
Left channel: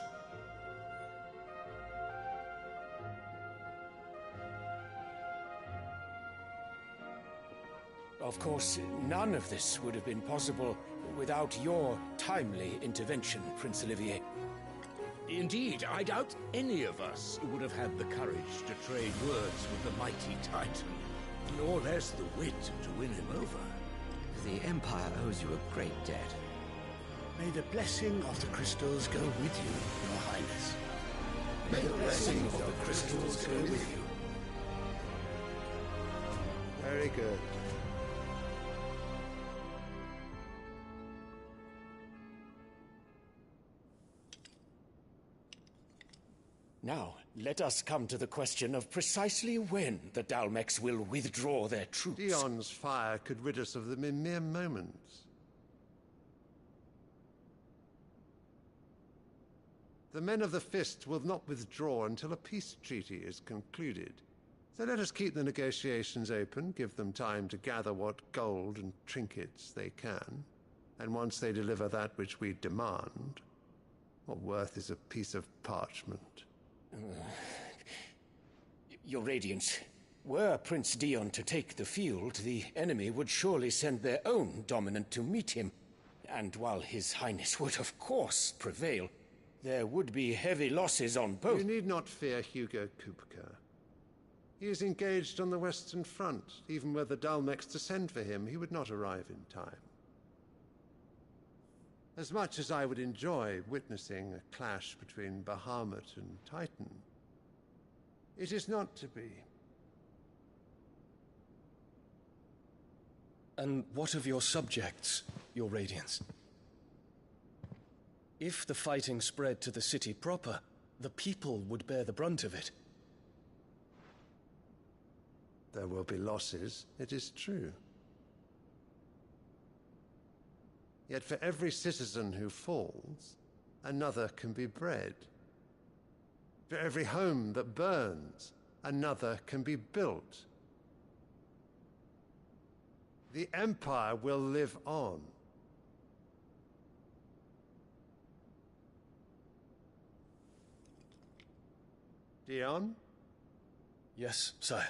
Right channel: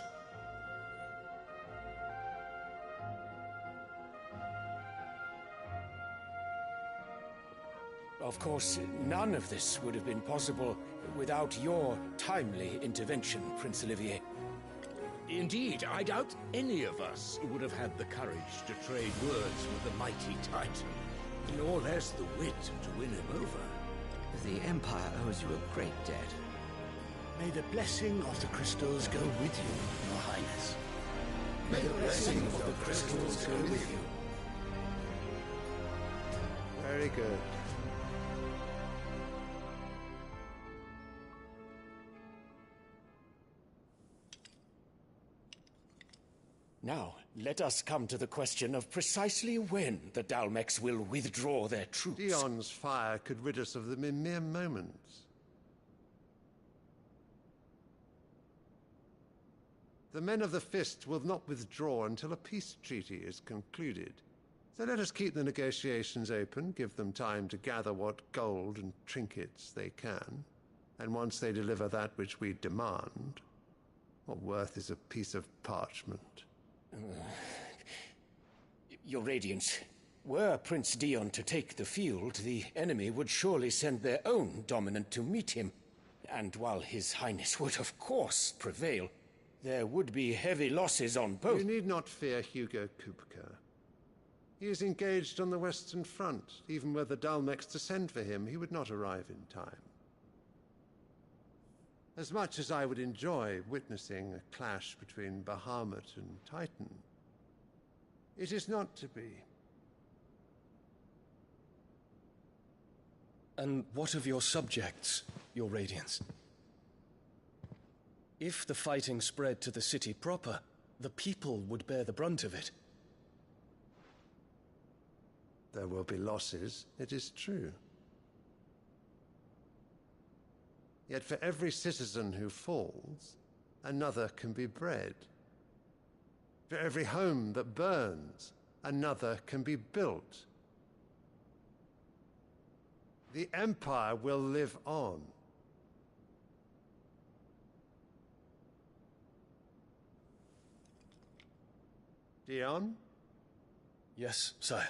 Of course, none of this would have been possible without your timely intervention, Prince Olivier. Indeed, I doubt any of us would have had the courage to trade words with the mighty Titan, nor less the wit to win him over. The Empire owes you a great debt. May the blessing of the crystals go with you, Your Highness. May the blessing of the crystals go with you. Very good. Now, let us come to the question of precisely when the Dalmecs will withdraw their troops. Dion's fire could rid us of them in mere moments. The men of the Fist will not withdraw until a peace treaty is concluded. So let us keep the negotiations open, give them time to gather what gold and trinkets they can, and once they deliver that which we demand, what worth is a piece of parchment? Your Radiance, were Prince Dion to take the field, the enemy would surely send their own dominant to meet him. And while His Highness would of course prevail, there would be heavy losses on both. You need not fear Hugo Kupka. He is engaged on the Western Front. Even were the Dalmecs to send for him, he would not arrive in time. As much as I would enjoy witnessing a clash between Bahamut and Titan, it is not to be. And what of your subjects, Your Radiance? If the fighting spread to the city proper, the people would bear the brunt of it. There will be losses, it is true. Yet for every citizen who falls, another can be bred. For every home that burns, another can be built. The Empire will live on. Dion? Yes, sire.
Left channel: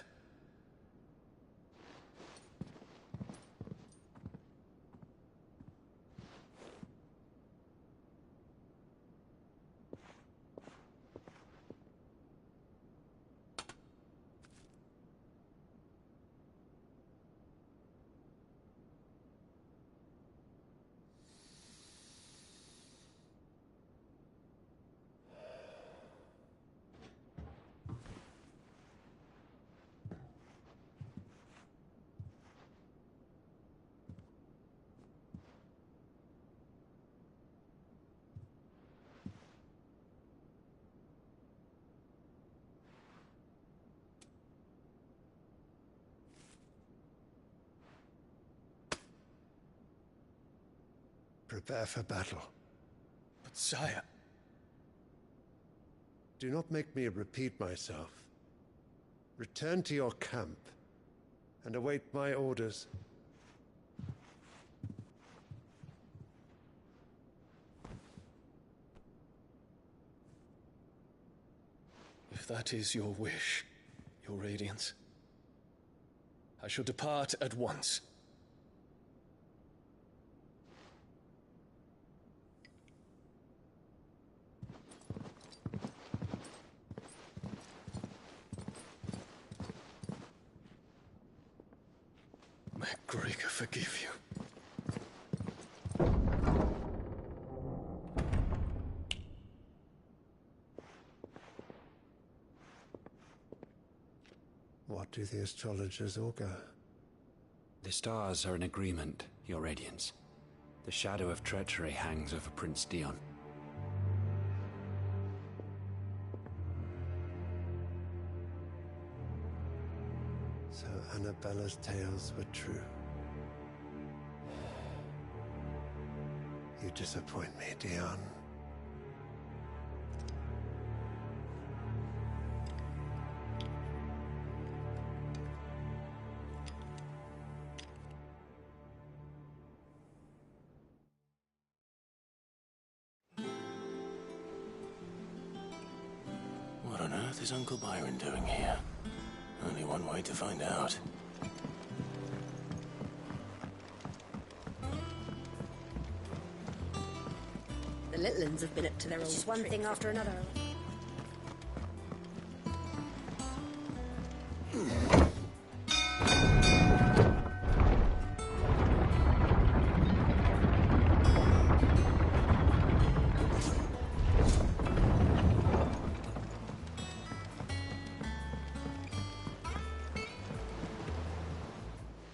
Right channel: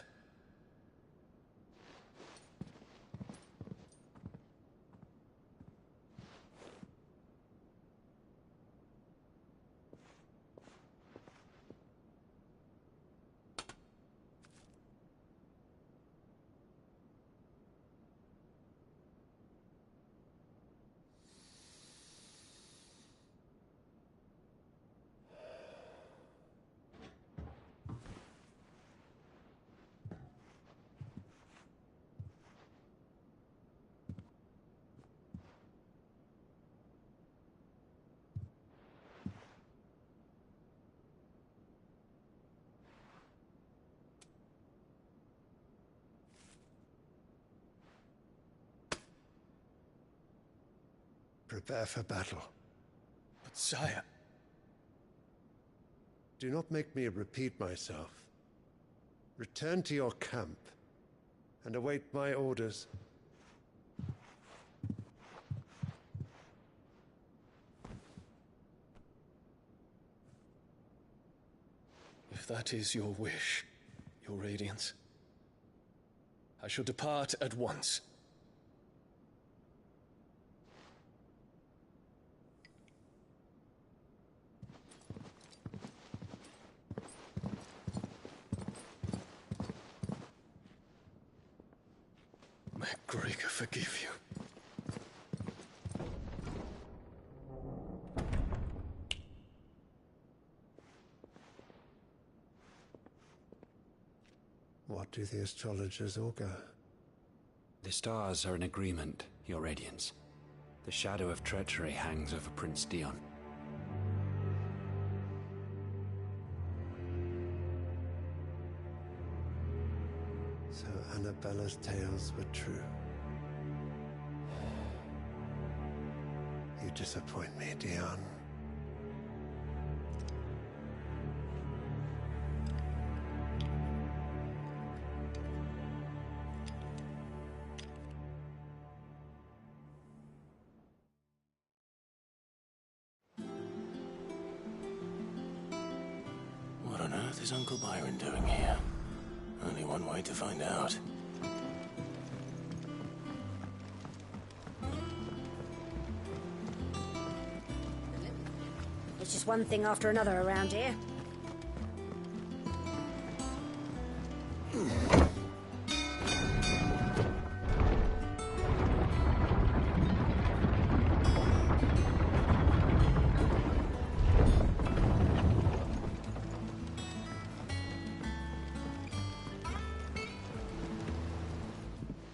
Prepare for battle. But sire... Do not make me repeat myself. Return to your camp and await my orders. If that is your wish, your radiance, I shall depart at once. May Gregor forgive you. What do the astrologers augur? The stars are in agreement, Your Radiance. The shadow of treachery hangs over Prince Dion. So Annabella's tales were true. You disappoint me, Dion. What on earth is Uncle Byron doing here? Only one way to find out. The little uns have been up to their It's just one thing after another around here.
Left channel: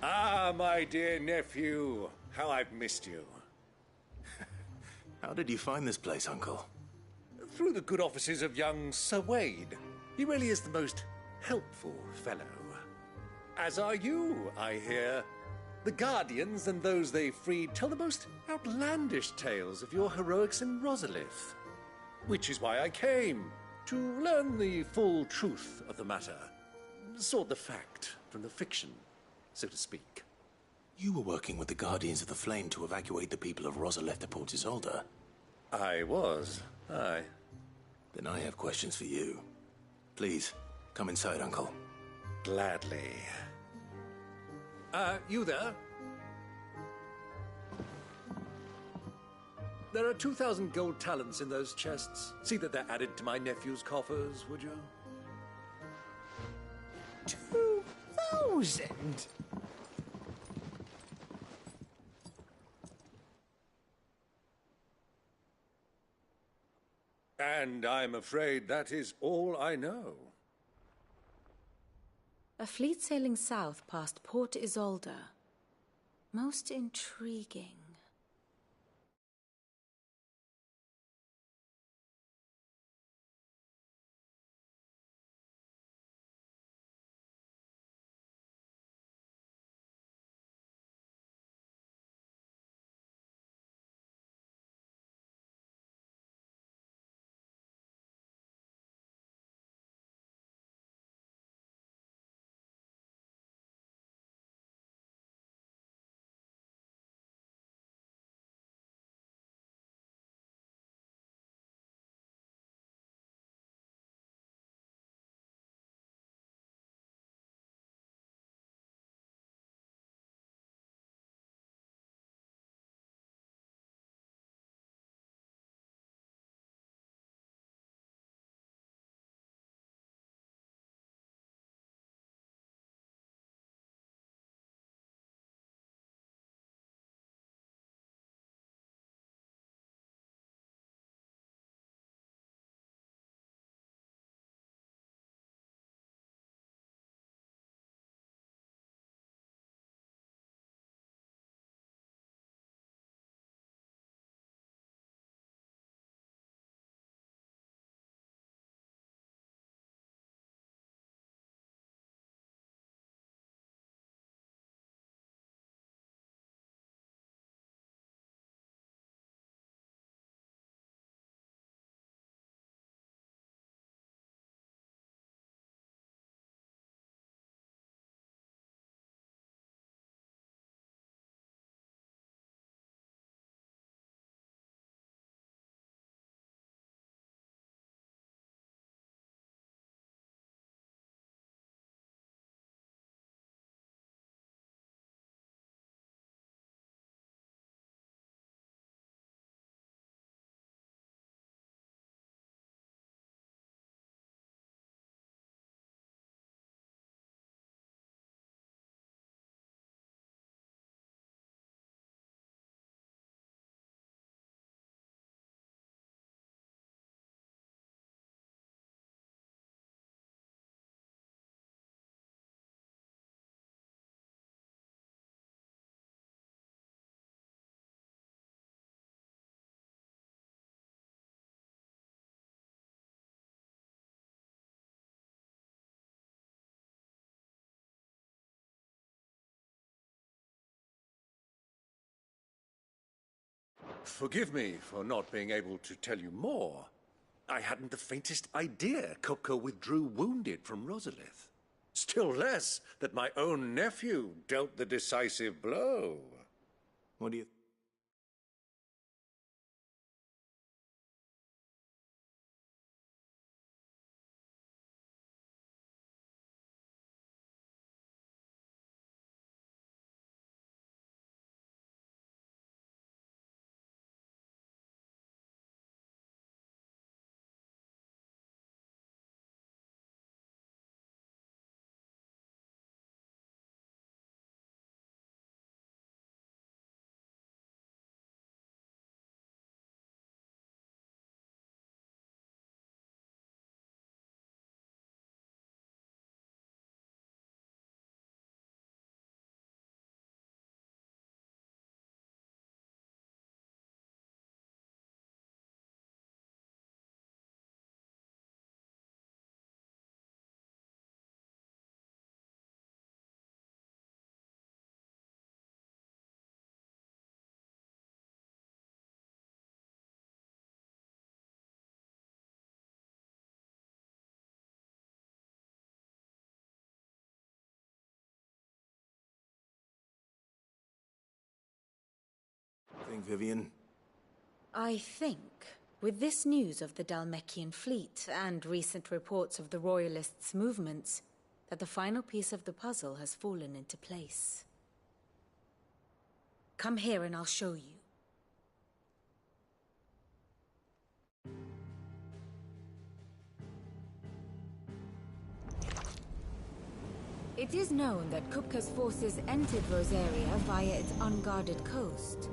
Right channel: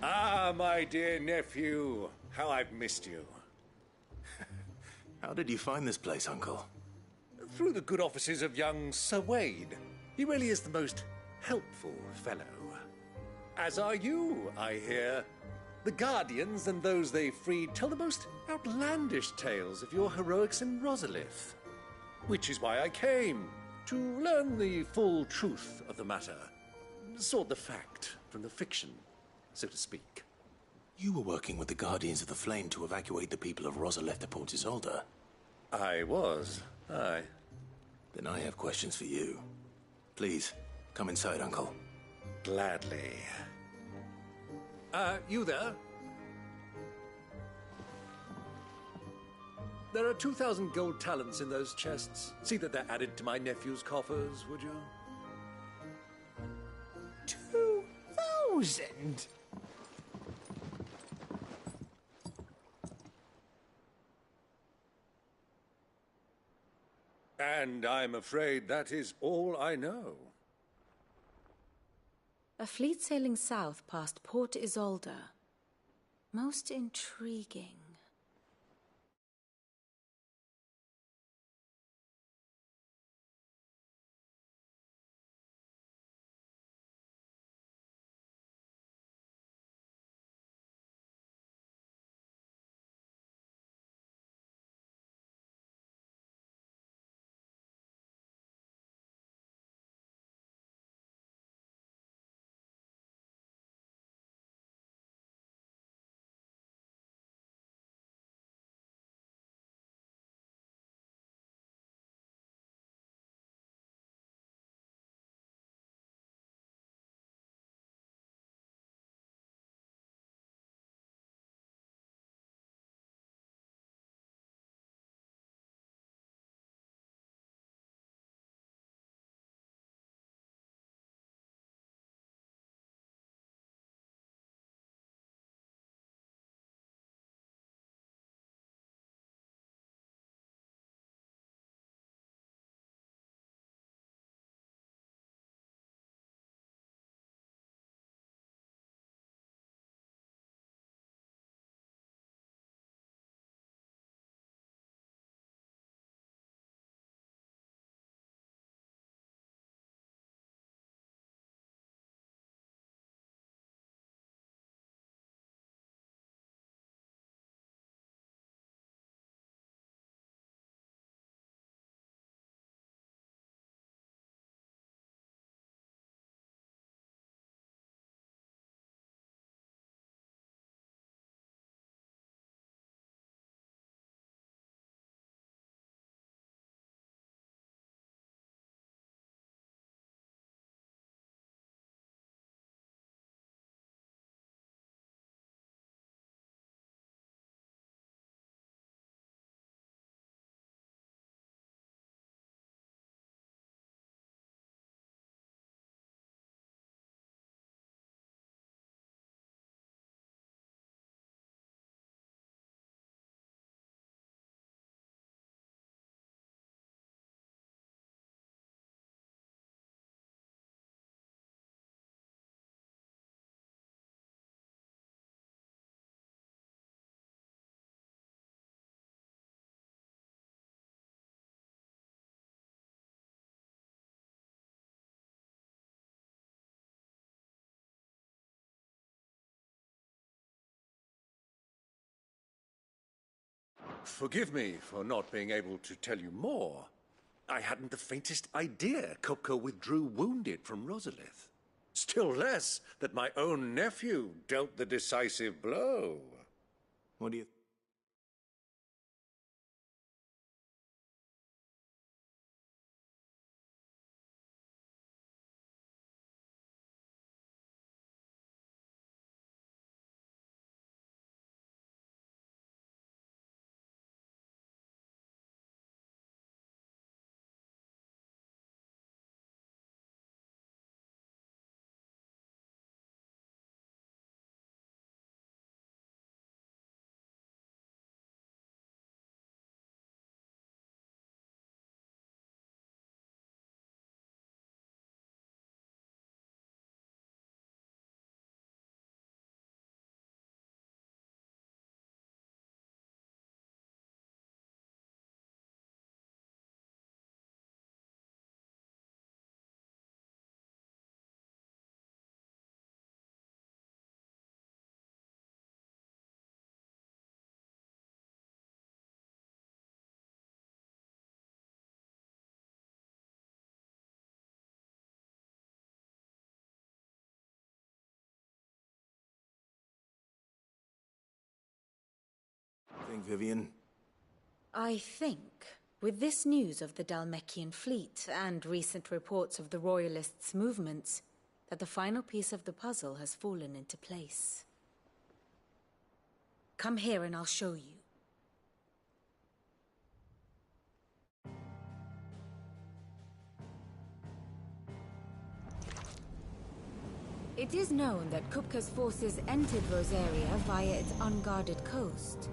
Ah, my dear nephew. How I've missed you. How did you find this place, Uncle? Through the good offices of young Sir Wade. He really is the most helpful fellow. As are you, I hear. The Guardians and those they freed tell the most outlandish tales of your heroics in Rosalith. Which is why I came, to learn the full truth of the matter. Sort the fact from the fiction, so to speak. You were working with the Guardians of the Flame to evacuate the people of Rosalith to Port Isolde. I was, aye. Then I have questions for you. Please, come inside, Uncle. Gladly. You there? There are 2,000 gold talents in those chests. See that they're added to my nephew's coffers, would you? 2,000? And I'm afraid that is all I know. A fleet sailing south past Port Isolde. Most intriguing. Forgive me for not being able to tell you more. I hadn't the faintest idea Kupka withdrew wounded from Rosalith. Still less that my own nephew dealt the decisive blow. What do you... think, Vivian? I think, with this news of the Dalmekian fleet and recent reports of the Royalists' movements, that the final piece of the puzzle has fallen into place. Come here and I'll show you. It is known that Kupka's forces entered Rosaria via its unguarded coast.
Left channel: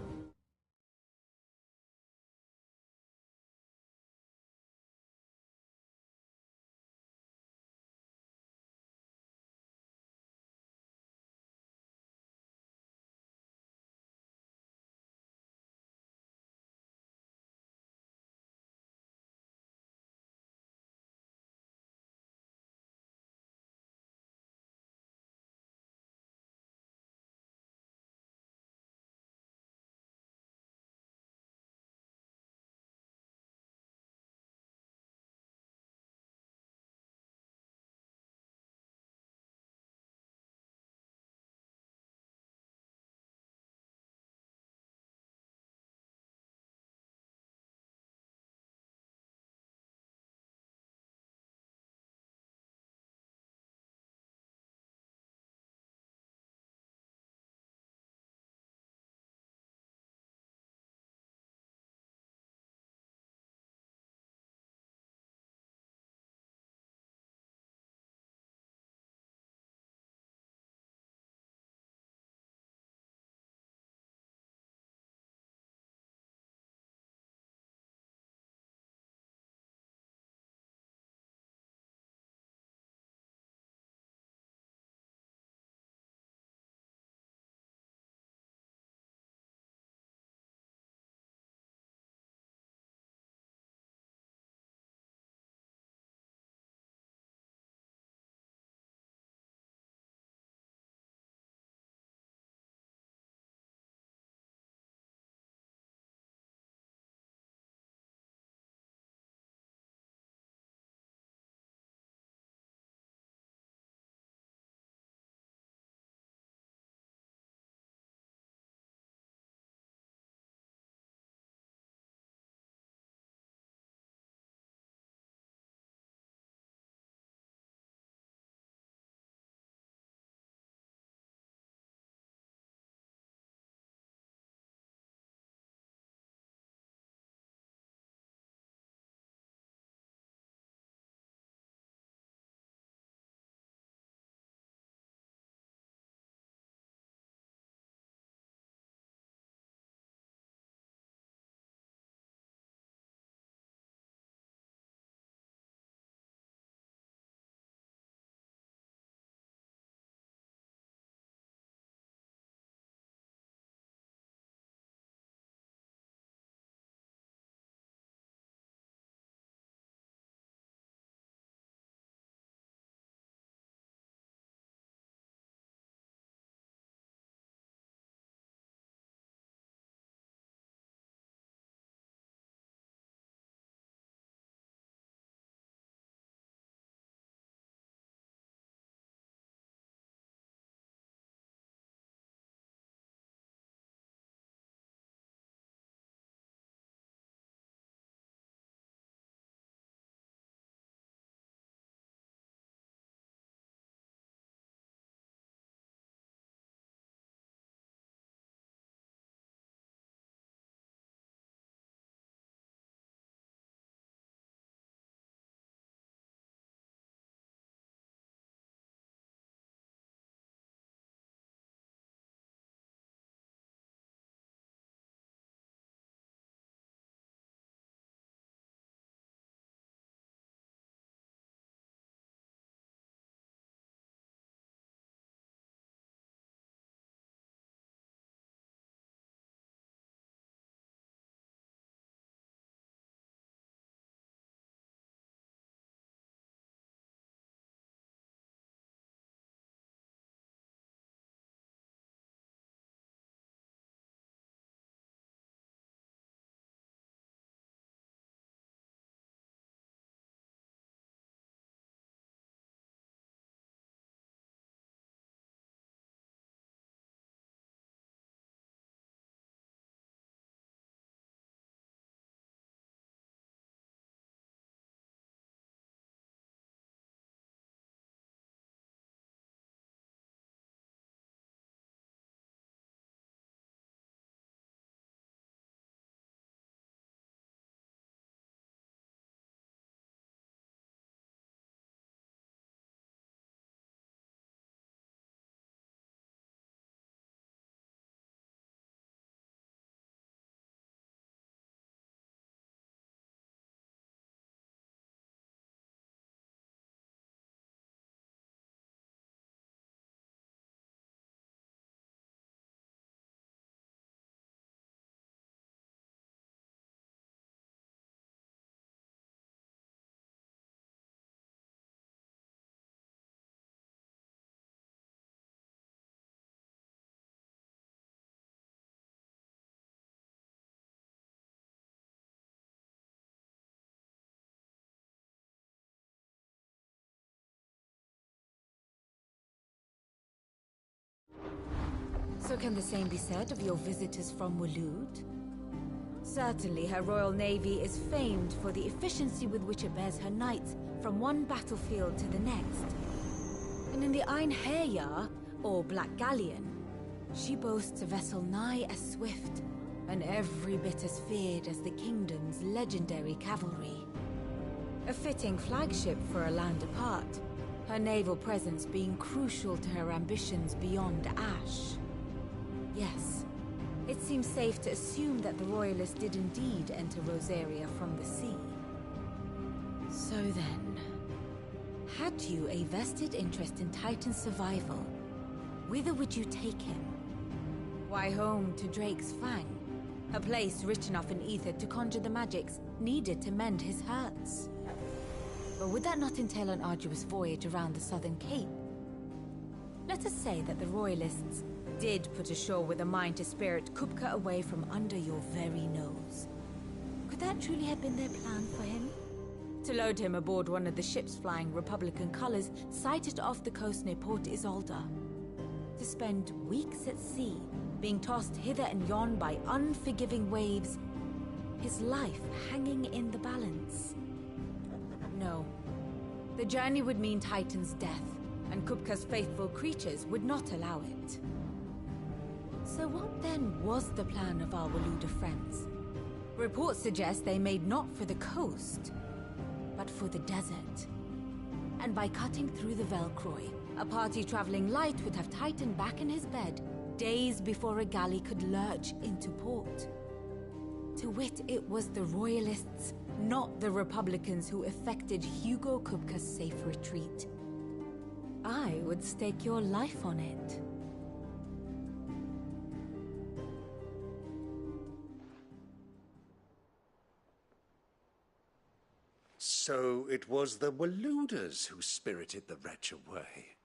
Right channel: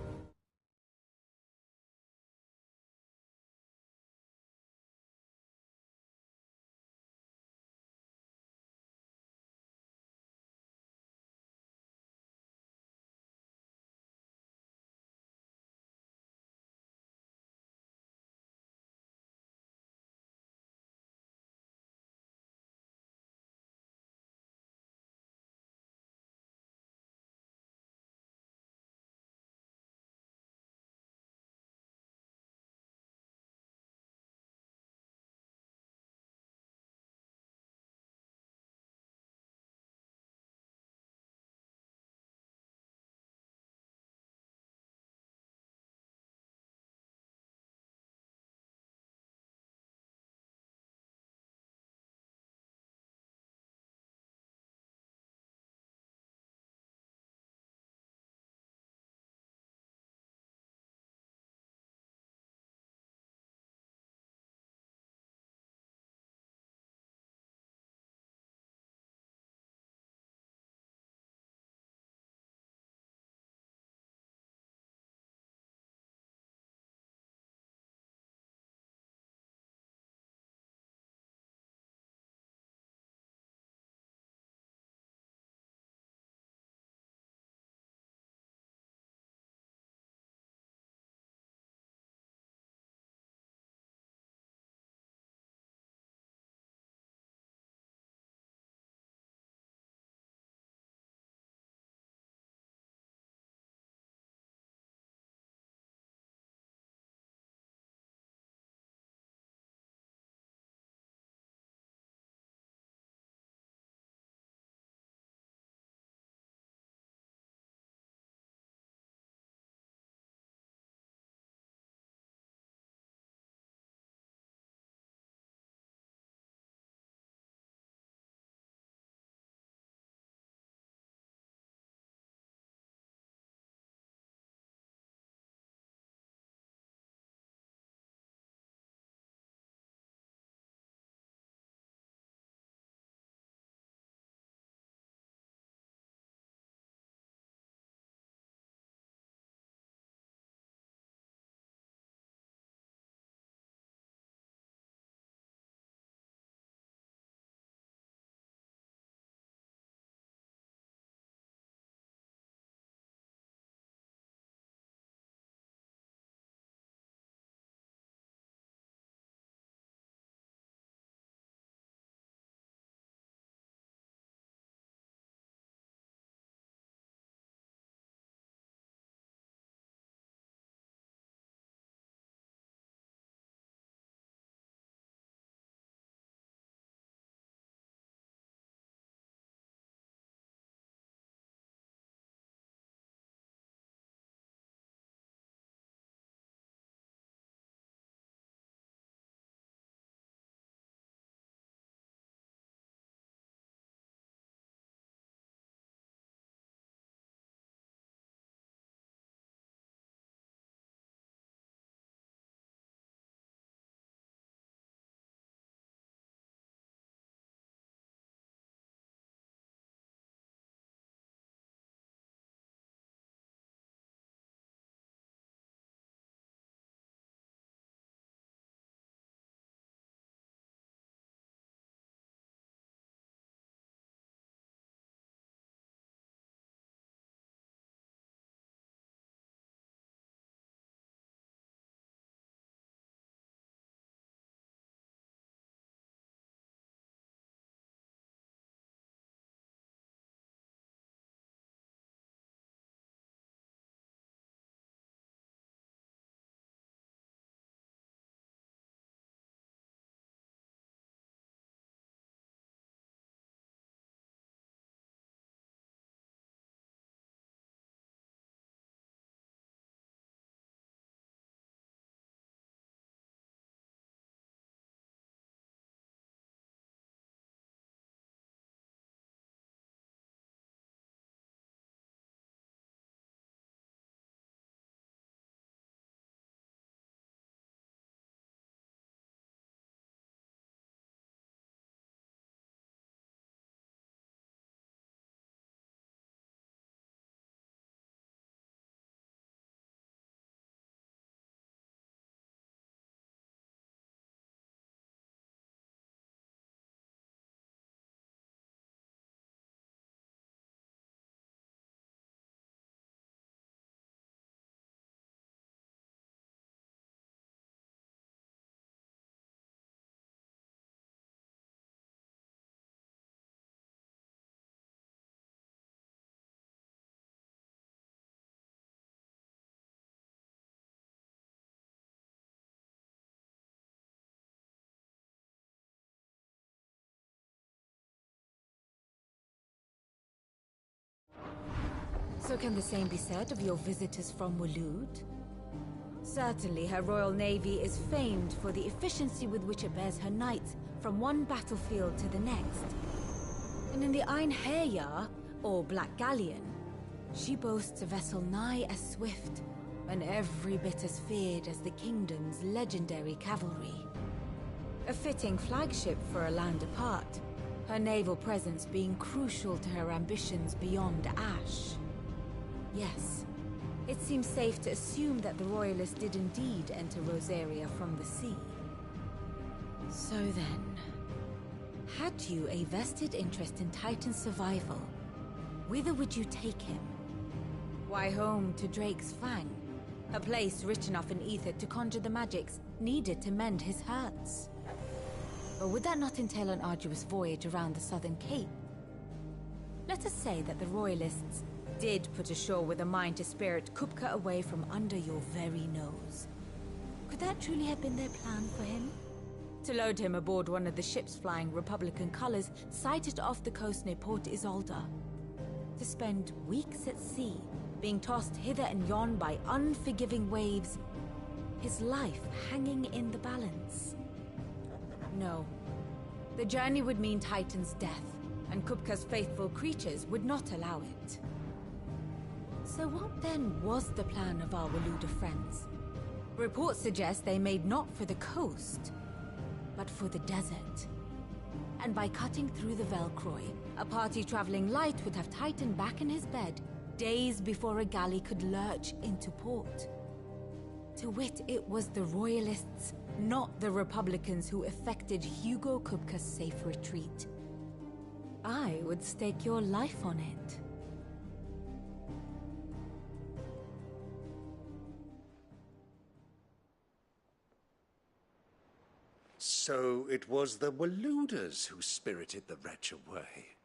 So can the same be said of your visitors from Waloed? Certainly, her Royal Navy is famed for the efficiency with which it bears her knights from one battlefield to the next. And in the Einherjar, or Black Galleon, she boasts a vessel nigh as swift, and every bit as feared as the kingdom's legendary cavalry. A fitting flagship for a land apart, her naval presence being crucial to her ambitions beyond Ash. Yes, it seems safe to assume that the Royalists did indeed enter Rosaria from the sea. So then, had you a vested interest in Titan's survival, whither would you take him? Why, home to Drake's Fang, a place rich enough in ether to conjure the magics needed to mend his hurts. But would that not entail an arduous voyage around the southern cape? Let us say that the Royalists did put ashore with a mind to spirit Kupka away from under your very nose. Could that truly have been their plan for him? To load him aboard one of the ships flying Republican colors sighted off the coast near Port Isolde. To spend weeks at sea, being tossed hither and yon by unforgiving waves, his life hanging in the balance. No. The journey would mean Titan's death, and Kupka's faithful creatures would not allow it. So what then was the plan of our Waluda friends? Reports suggest they made not for the coast, but for the desert. And by cutting through the Velcroy, a party traveling light would have Titan back in his bed days before a galley could lurch into port. To wit, it was the Royalists, not the Republicans, who effected Hugo Kupka's safe retreat. I would stake your life on it. So it was the Waludas who spirited the wretch away.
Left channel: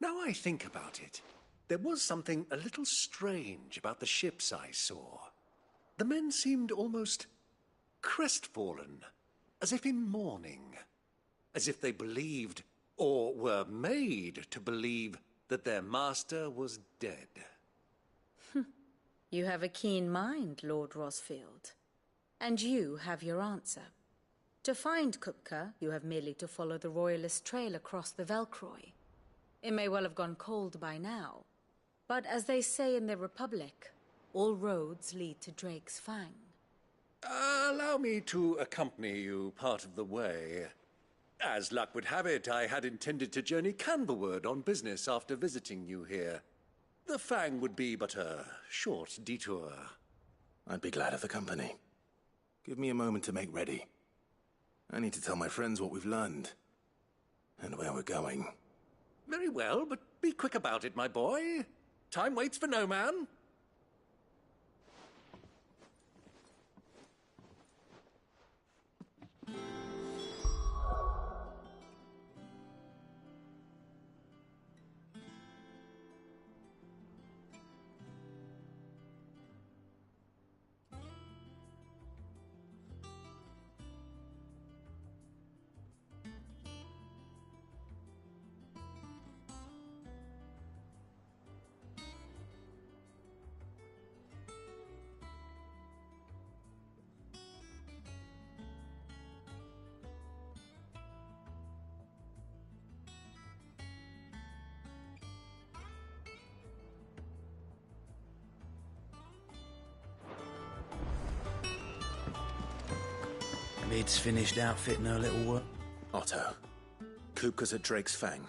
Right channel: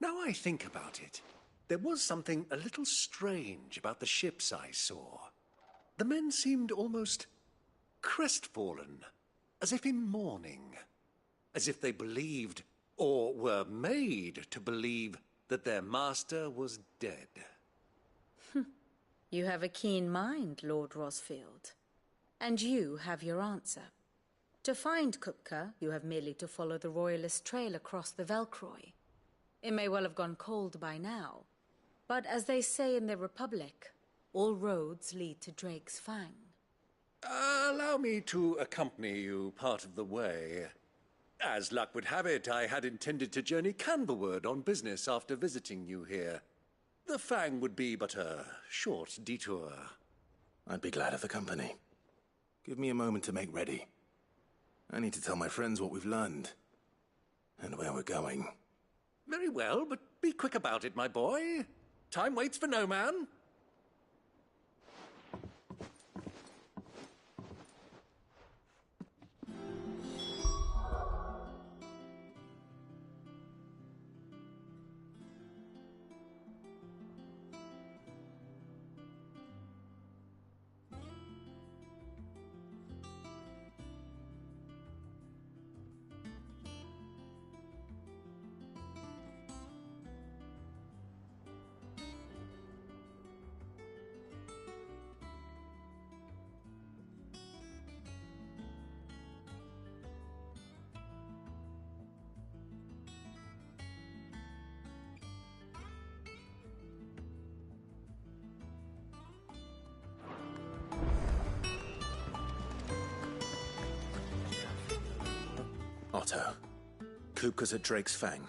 Now I think about it, there was something a little strange about the ships I saw. The men seemed almost crestfallen, as if in mourning, as if they believed, or were made to believe, that their master was dead. You have a keen mind, Lord Rosfield. And you have your answer. To find Kupka, you have merely to follow the Royalist trail across the Velcroy. It may well have gone cold by now, but as they say in the Republic, all roads lead to Drake's Fang. Allow me to accompany you part of the way. As luck would have it, I had intended to journey Canberward on business after visiting you here. The Fang would be but a short detour. I'd be glad of the company. Give me a moment to make ready. I need to tell my friends what we've learned, and where we're going. Very well, but be quick about it, my boy. Time waits for no man. Lid's finished outfitting her little work. Otto, Kupka's at Drake's Fang.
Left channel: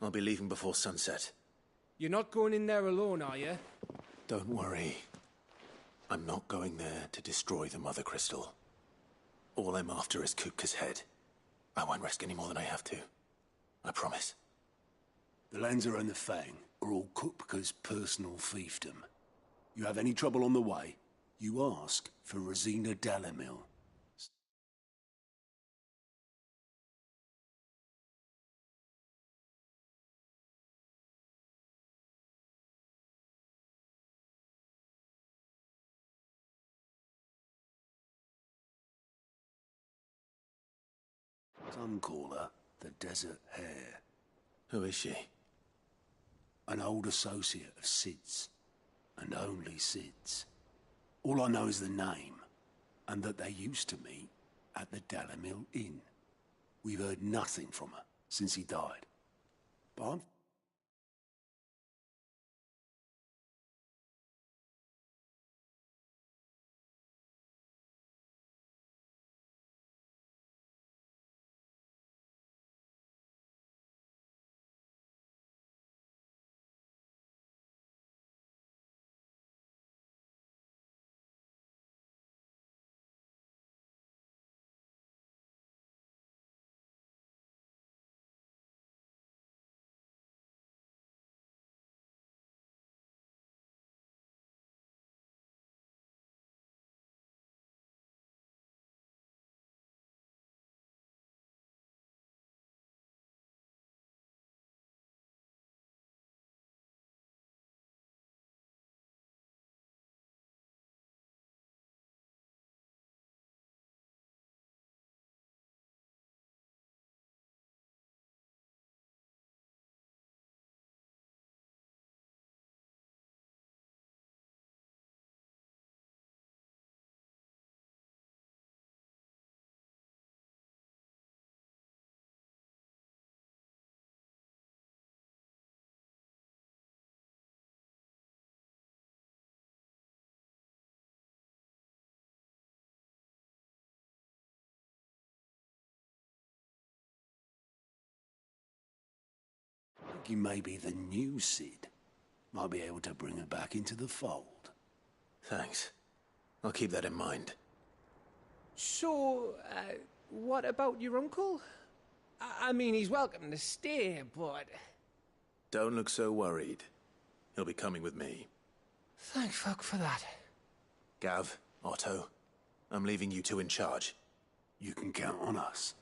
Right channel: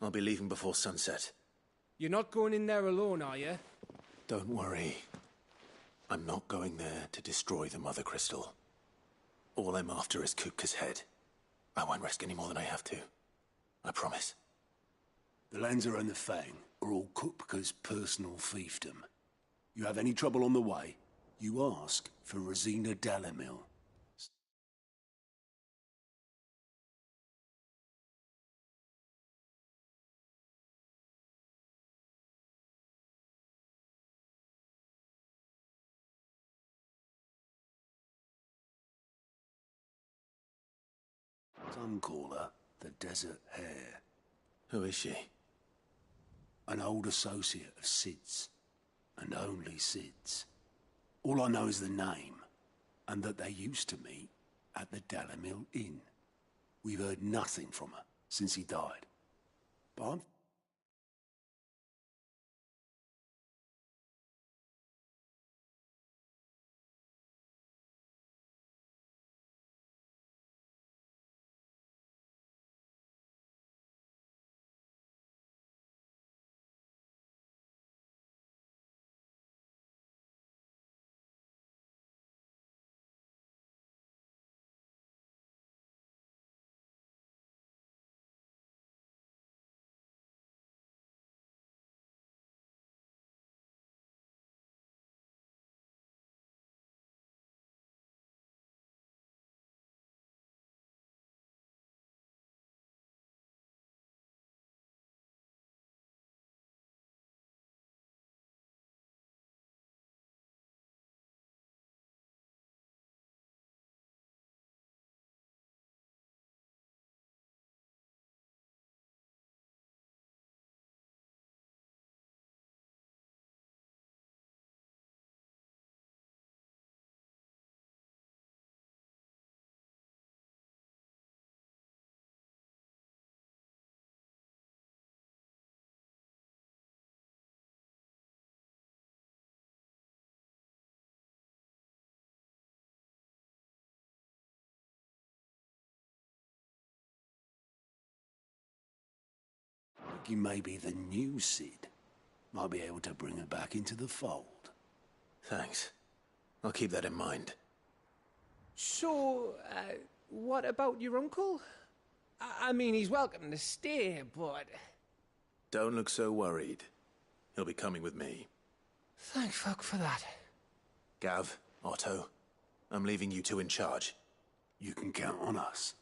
I'll be leaving before sunset. You're not going in there alone, are you? Don't worry. I'm not going there to destroy the Mother Crystal. All I'm after is Kupka's head. I won't risk any more than I have to. I promise. The Lancer and the Fang are all Kupka's personal fiefdom. You have any trouble on the way, you ask for Rosina Dalamil. Some call her the Desert Hare. Who is she? An old associate of Sid's. And only Sid's. All I know is the name, and that they used to meet at the Dalamil Inn. We've heard nothing from her since he died. But I'm... Thinking maybe the new Sid might be able to bring her back into the fold. Thanks. I'll keep that in mind. So, what about your uncle? I mean, he's welcome to stay, but... Don't look so worried. He'll be coming with me. Thank fuck for that. Gav, Otto, I'm leaving you two in charge. You can count on us.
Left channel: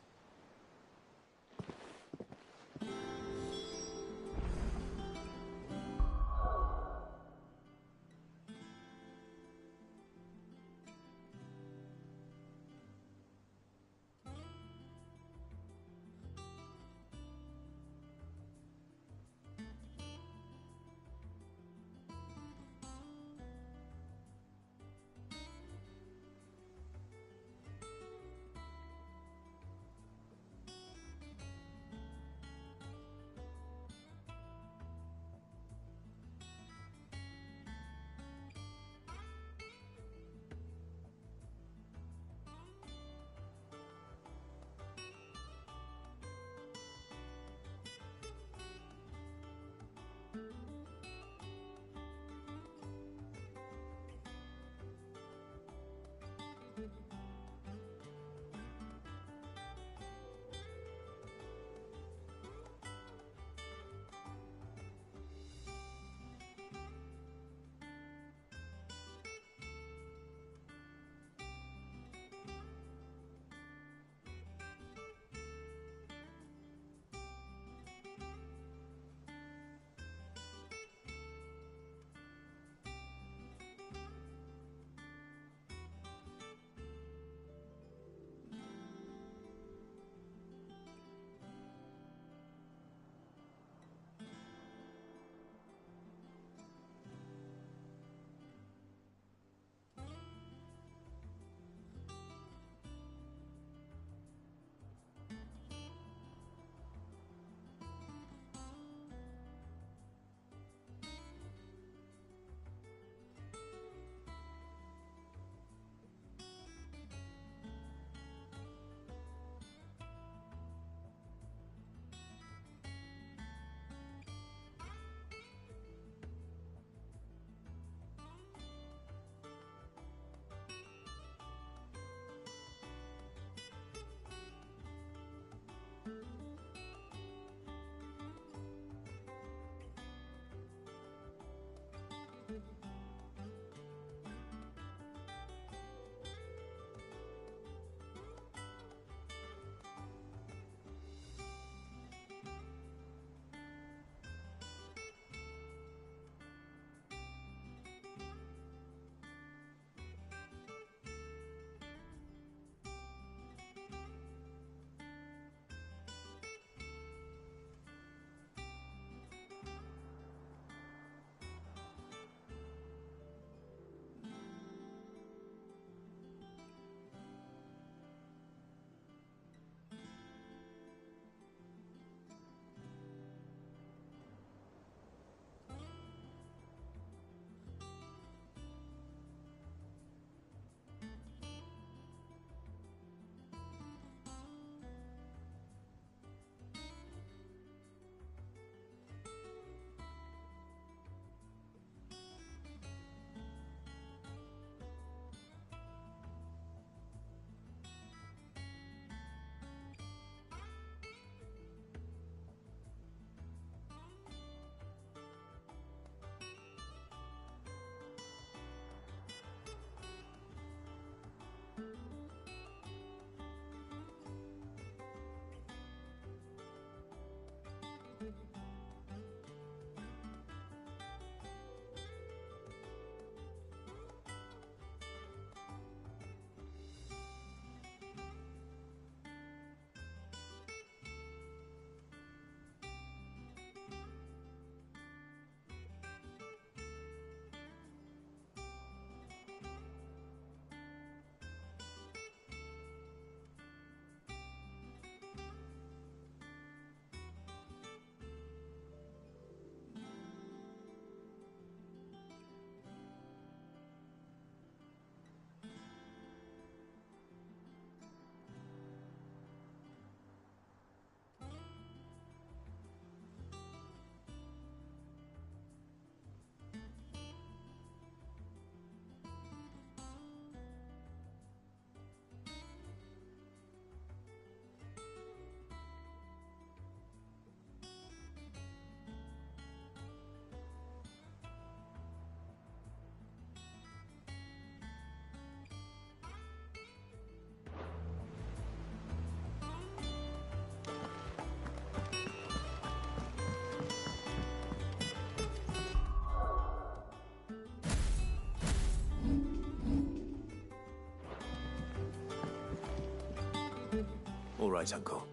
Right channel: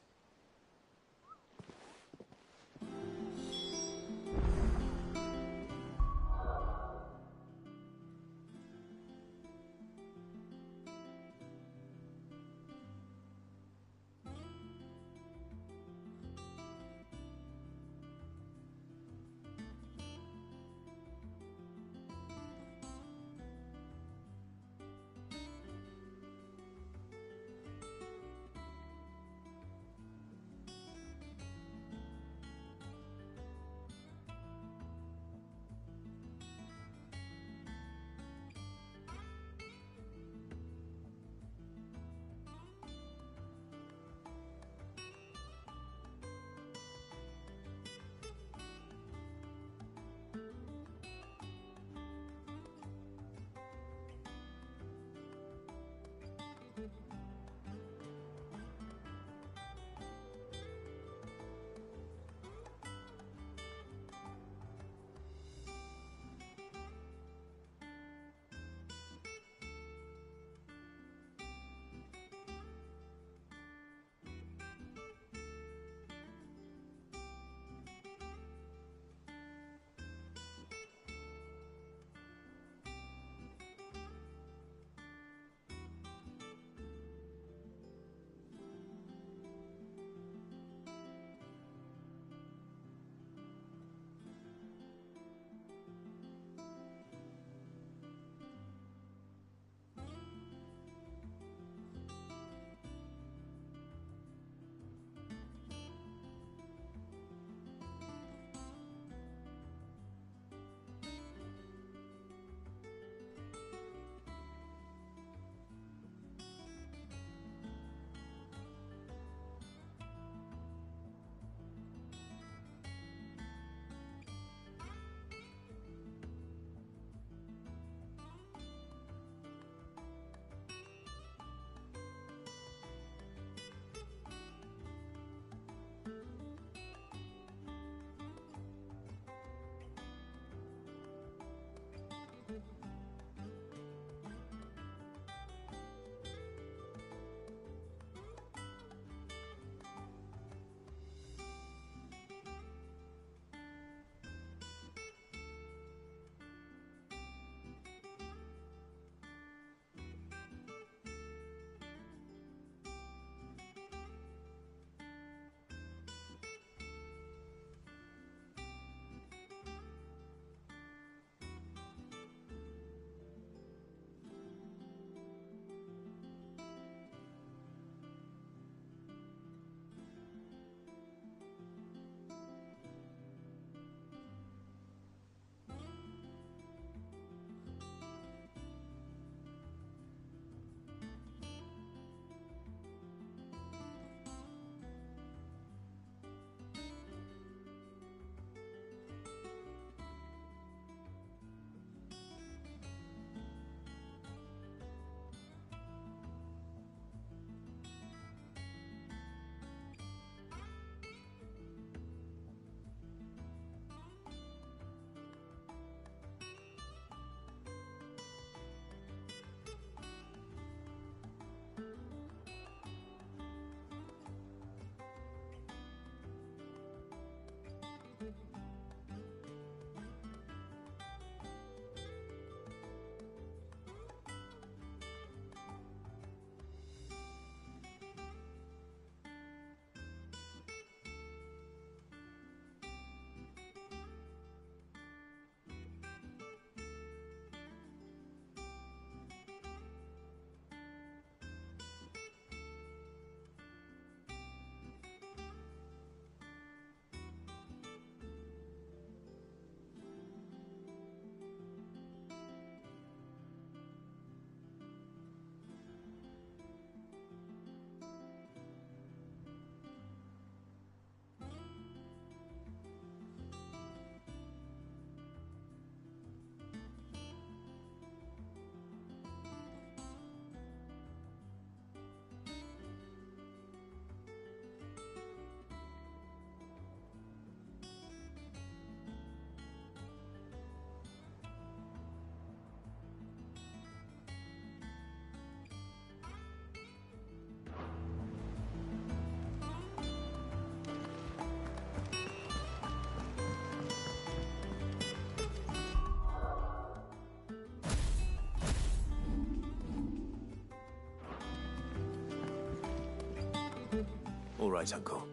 All right, Uncle.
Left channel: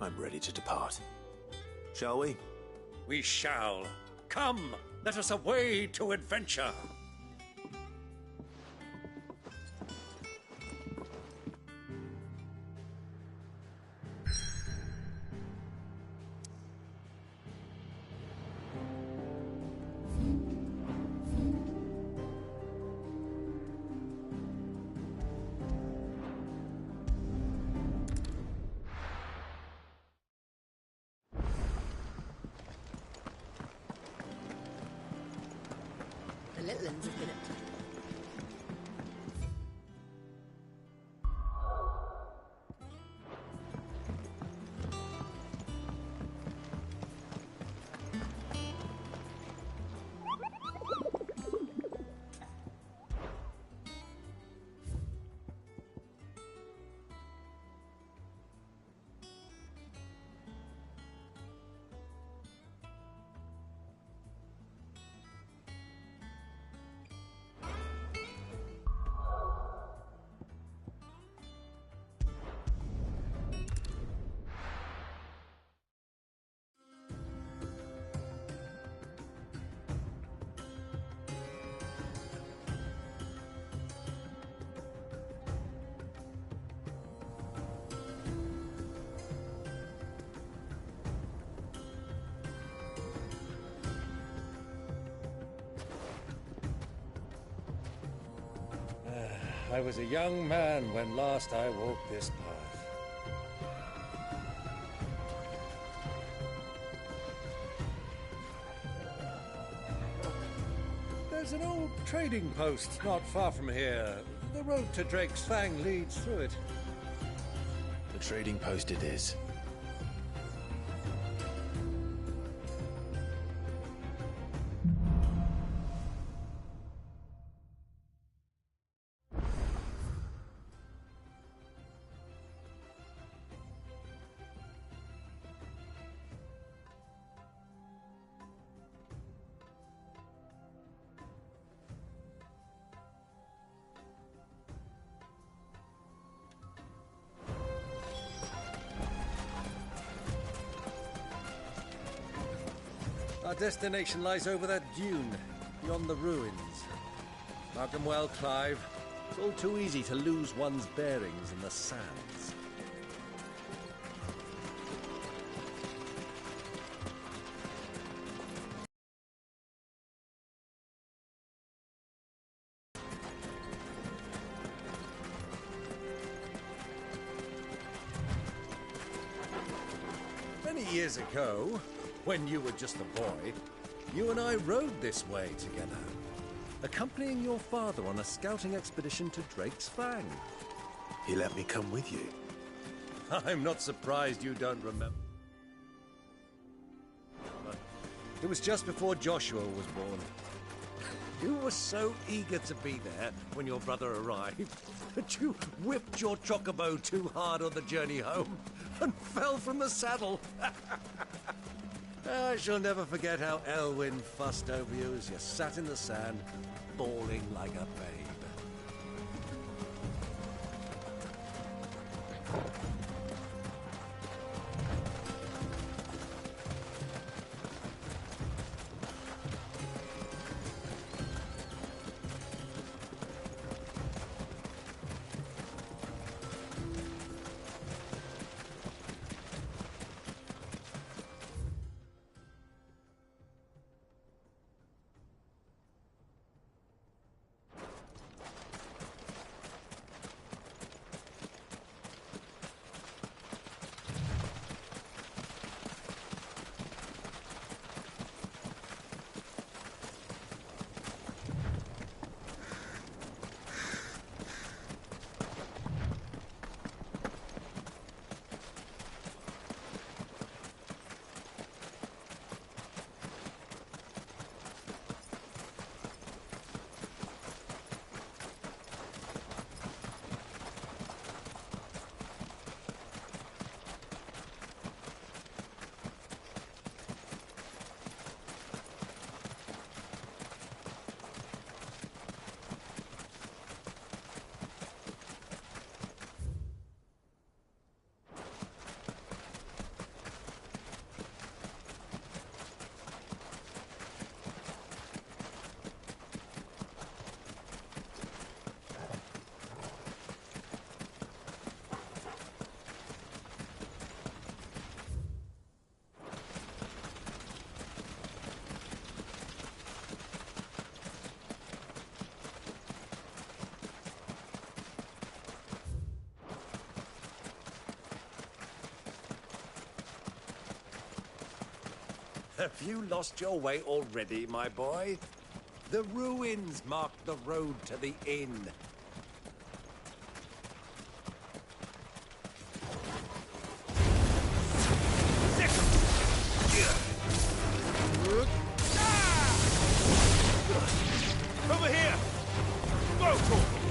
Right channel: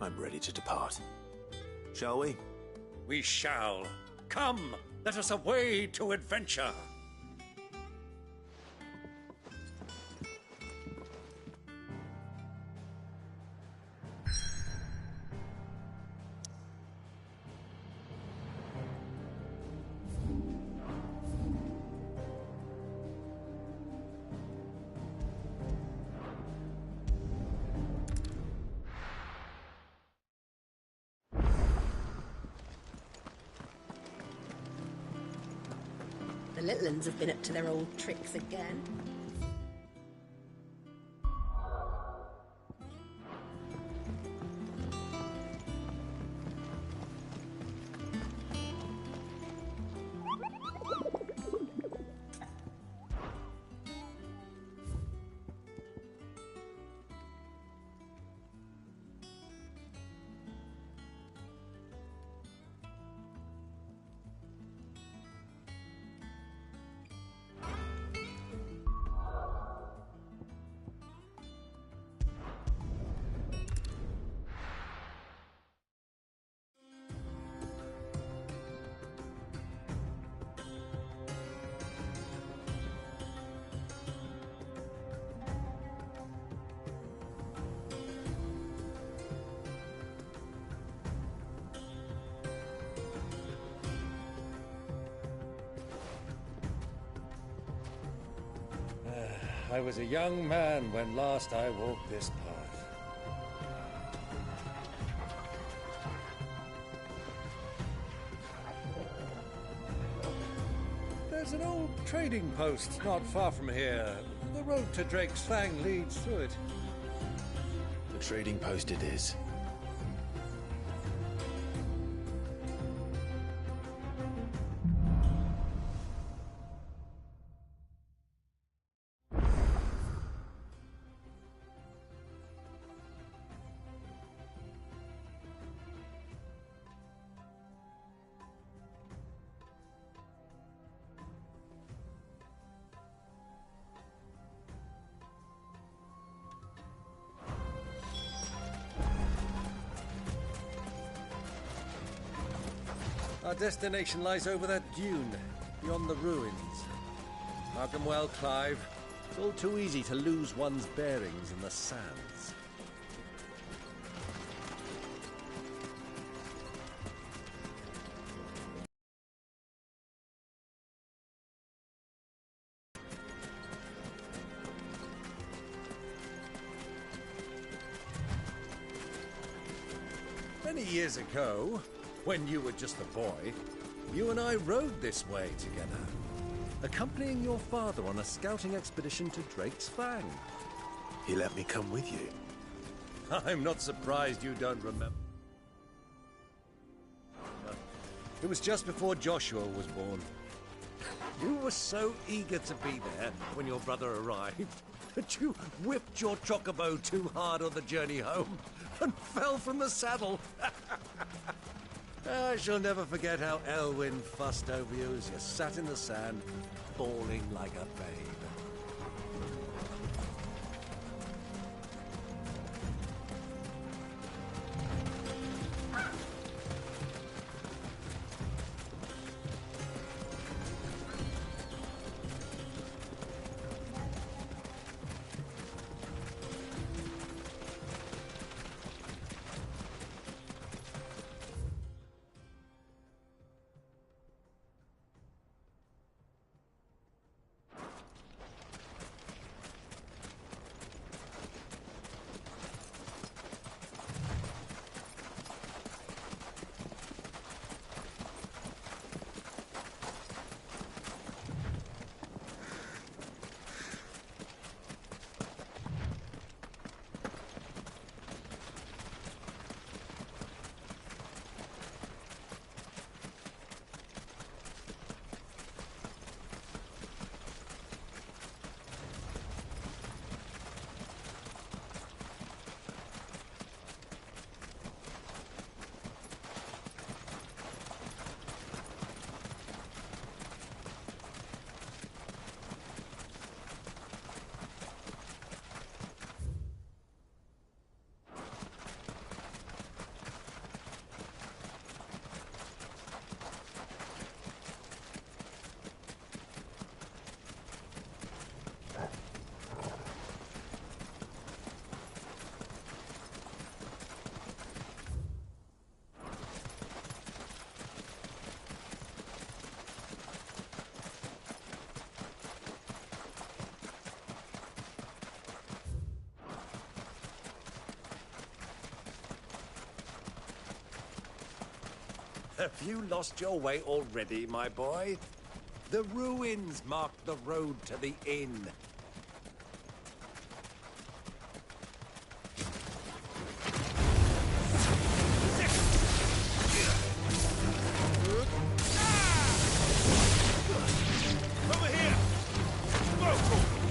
I'm ready to depart. Shall we? We shall. Come, let us away to adventure. The little ones have been up to their old tricks again. I was a young man when last I walked this path. There's an old trading post not far from here. The road to Drake's Fang leads through it. The trading post it is. Our destination lies over that dune, beyond the ruins. Mark 'em well, Clive. It's all too easy to lose one's bearings in the sands. Many years ago, when you were just a boy, you and I rode this way together, accompanying your father on a scouting expedition to Drake's Fang. He let me come with you. I'm not surprised you don't remember. It was just before Joshua was born. You were so eager to be there when your brother arrived that you whipped your chocobo too hard on the journey home and fell from the saddle. I shall never forget how Elwyn fussed over you as you sat in the sand, bawling like a babe. Have you lost your way already, my boy? The ruins mark the road to the inn. Over here! Go!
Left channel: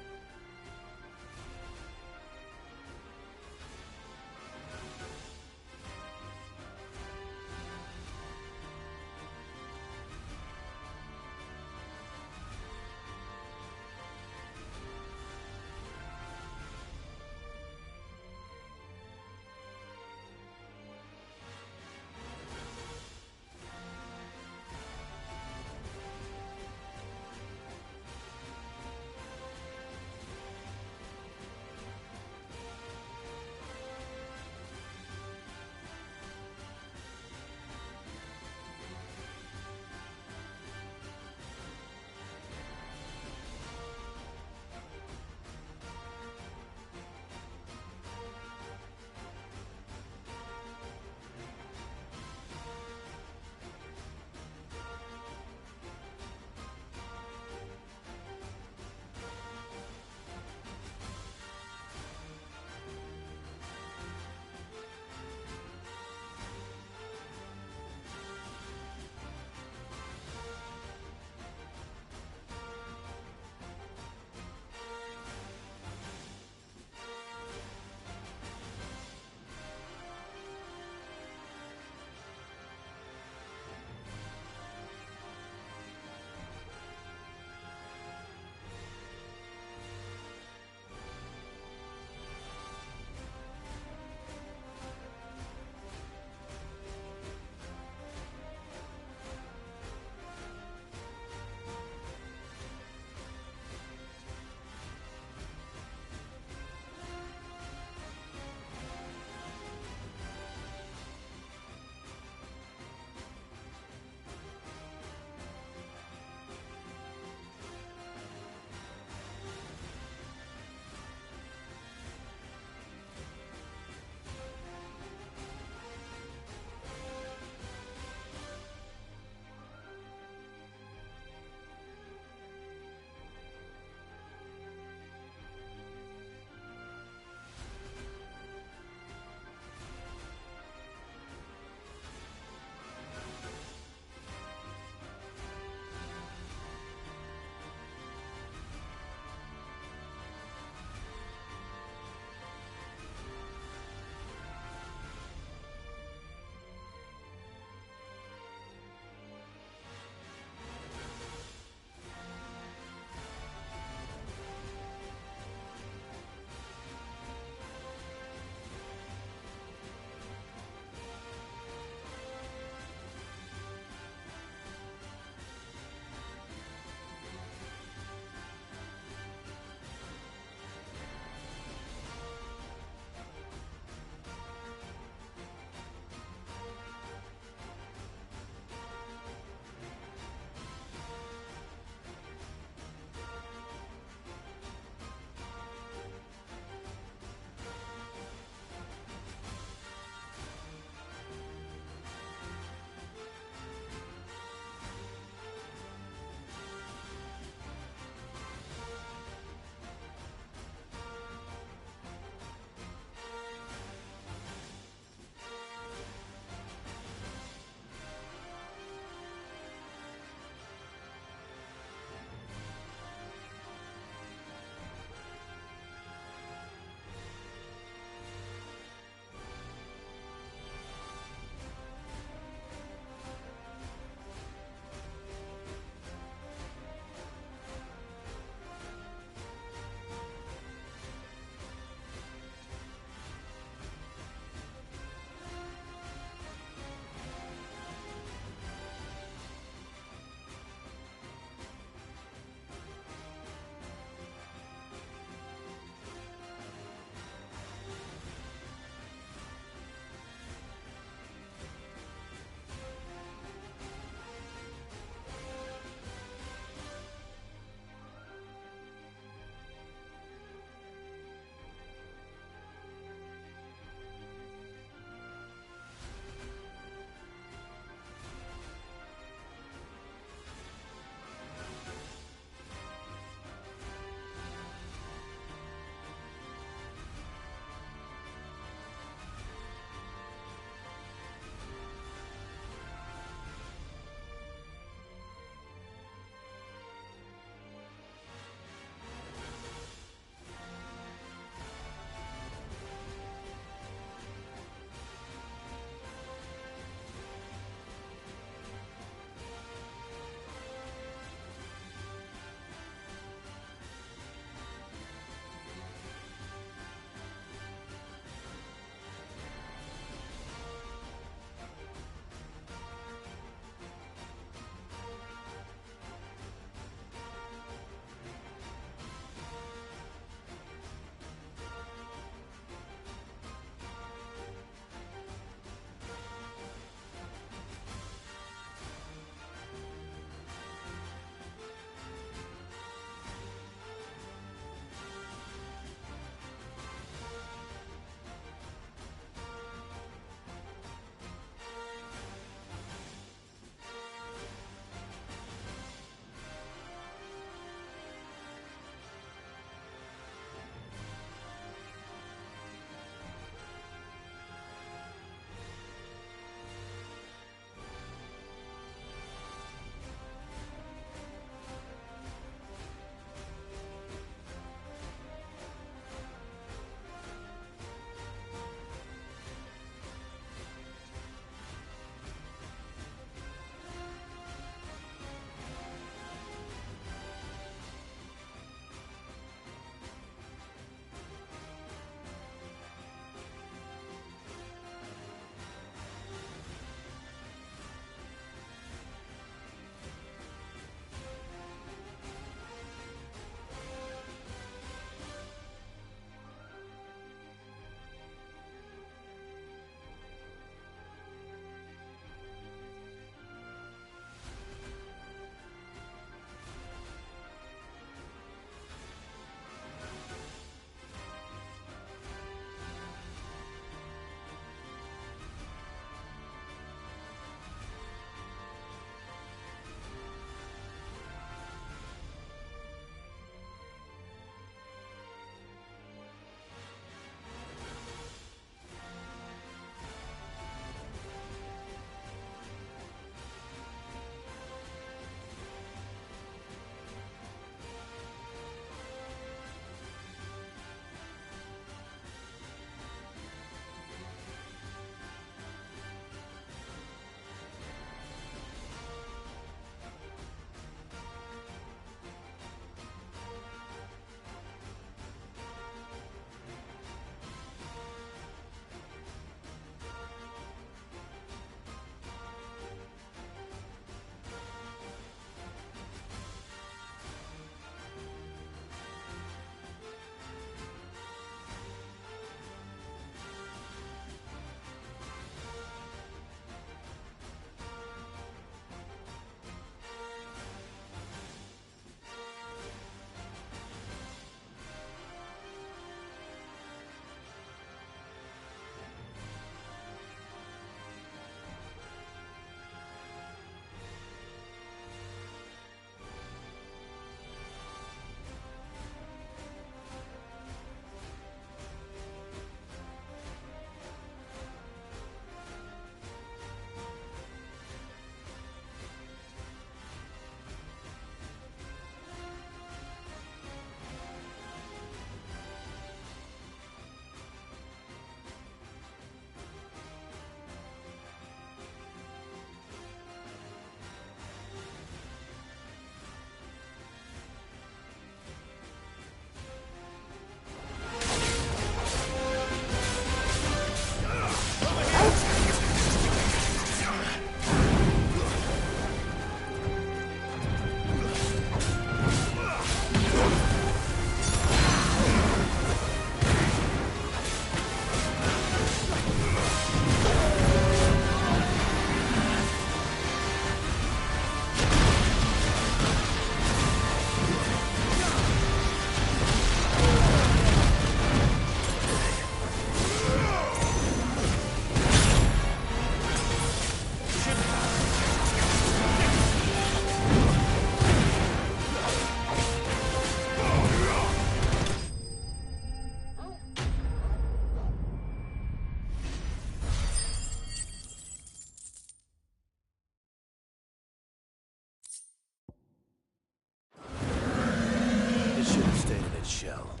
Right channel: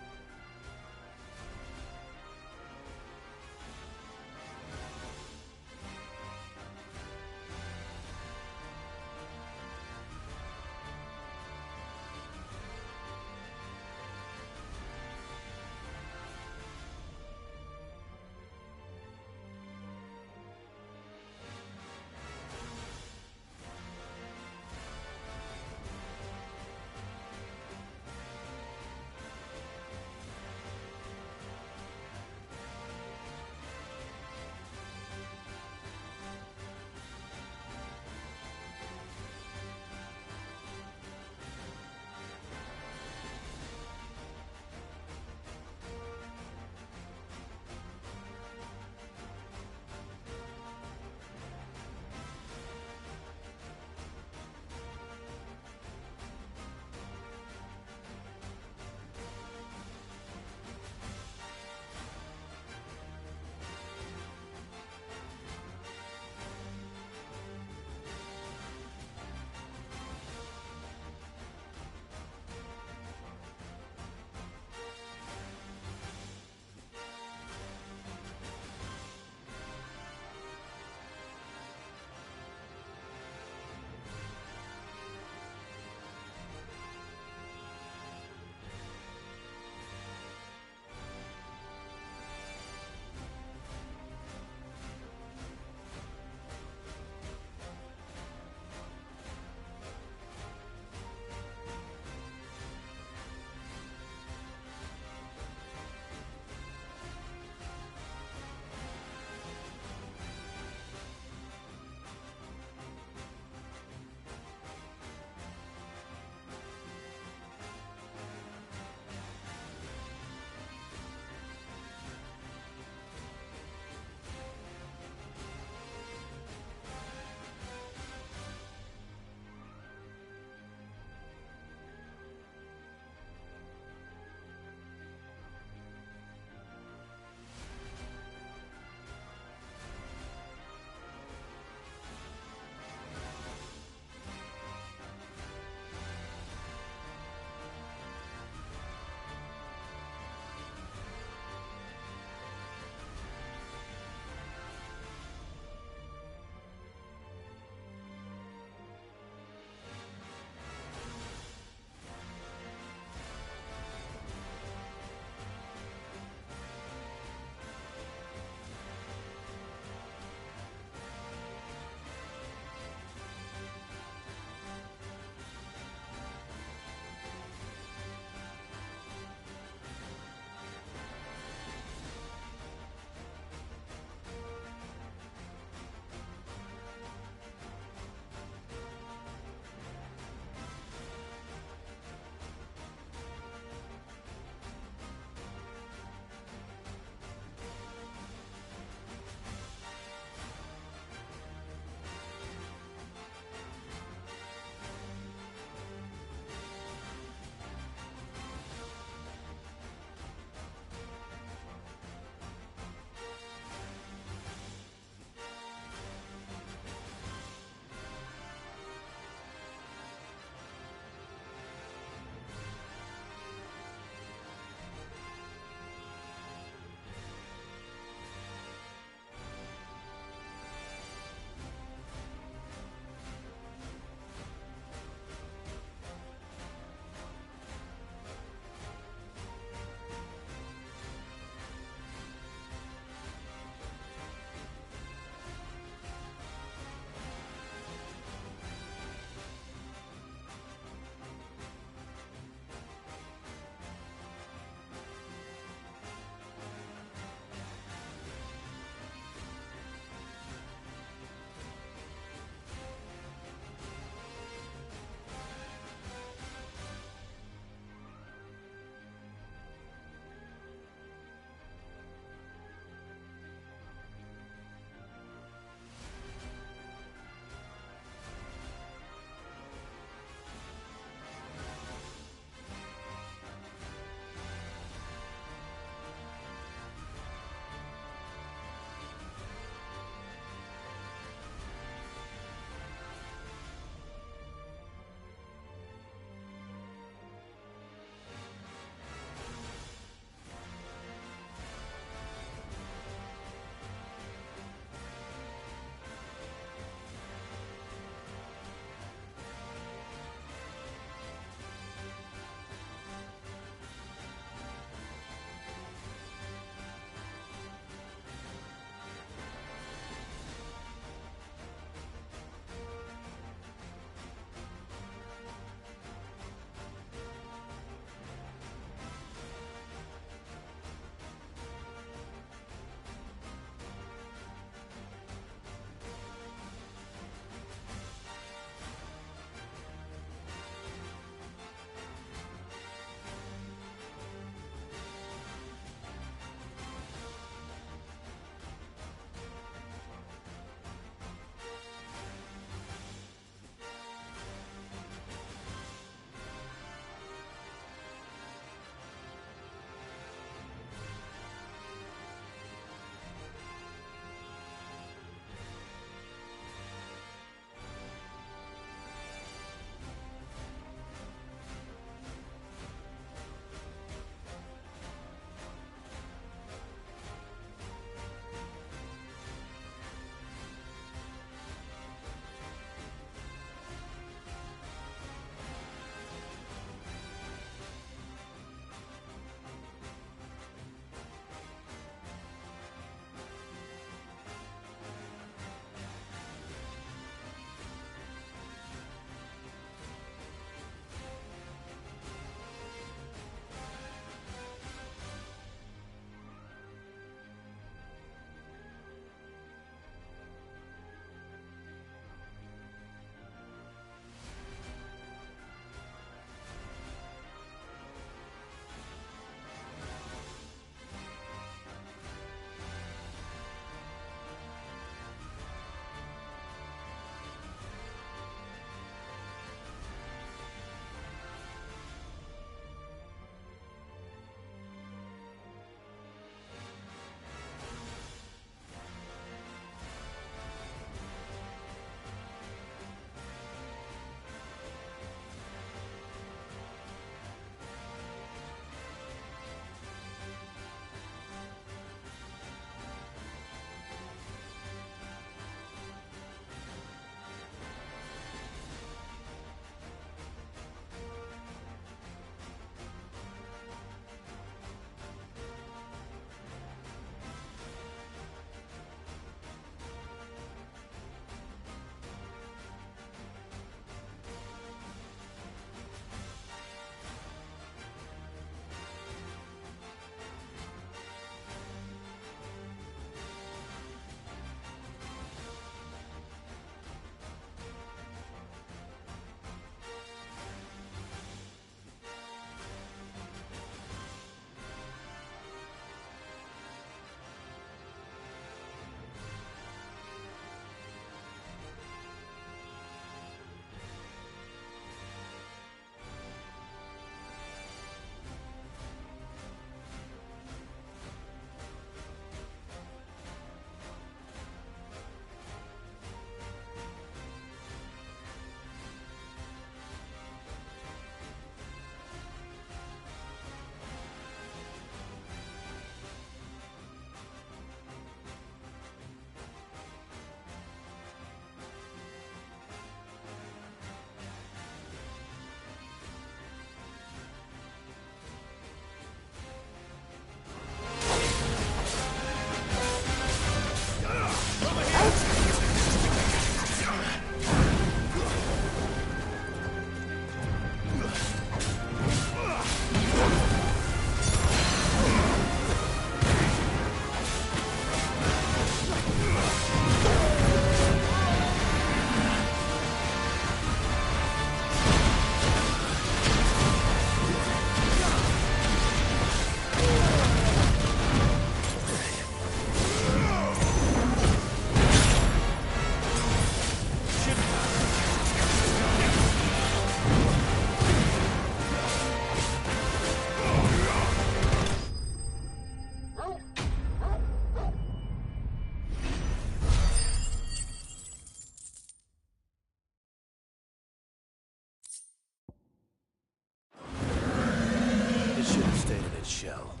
shall.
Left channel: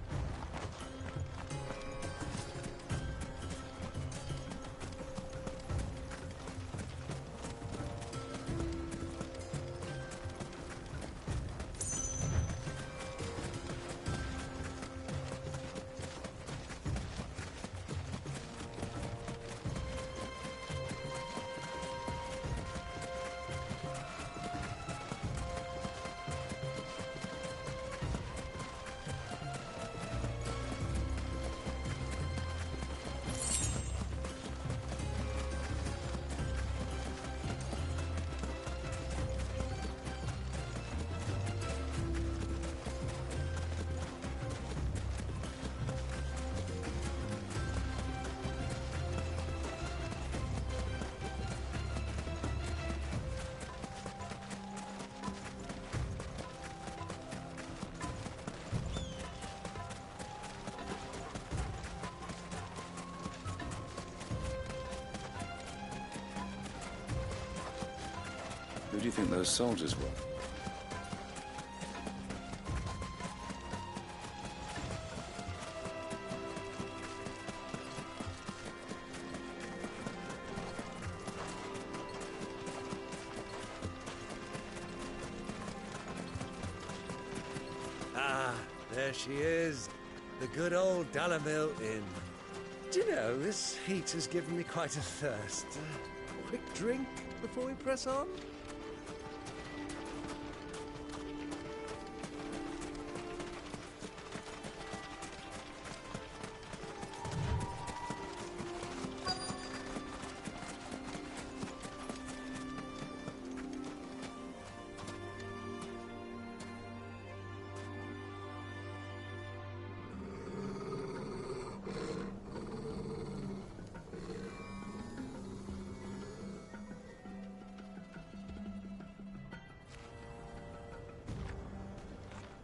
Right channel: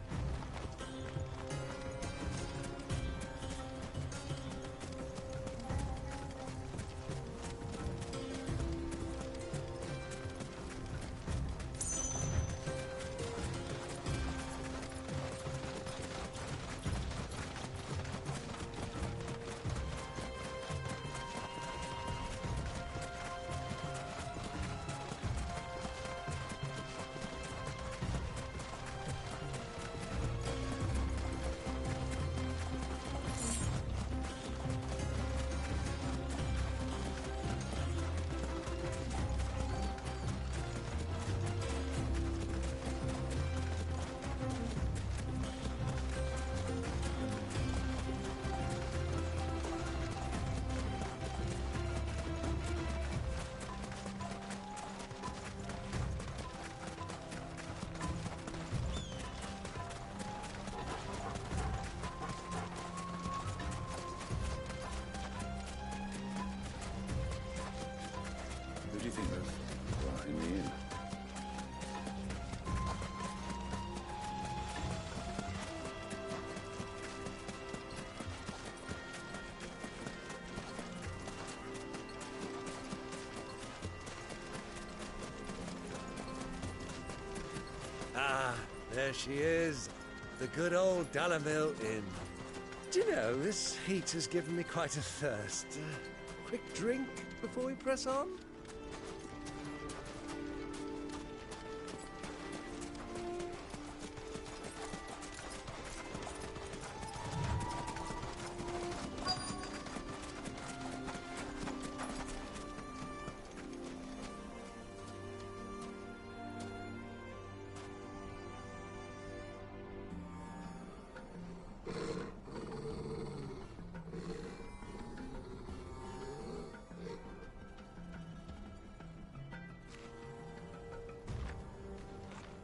Who do you think those soldiers were in the inn? Ah, there she is. The good old Dalamil Inn. Do you know, this heat has given me quite a thirst. Quick drink before we press on?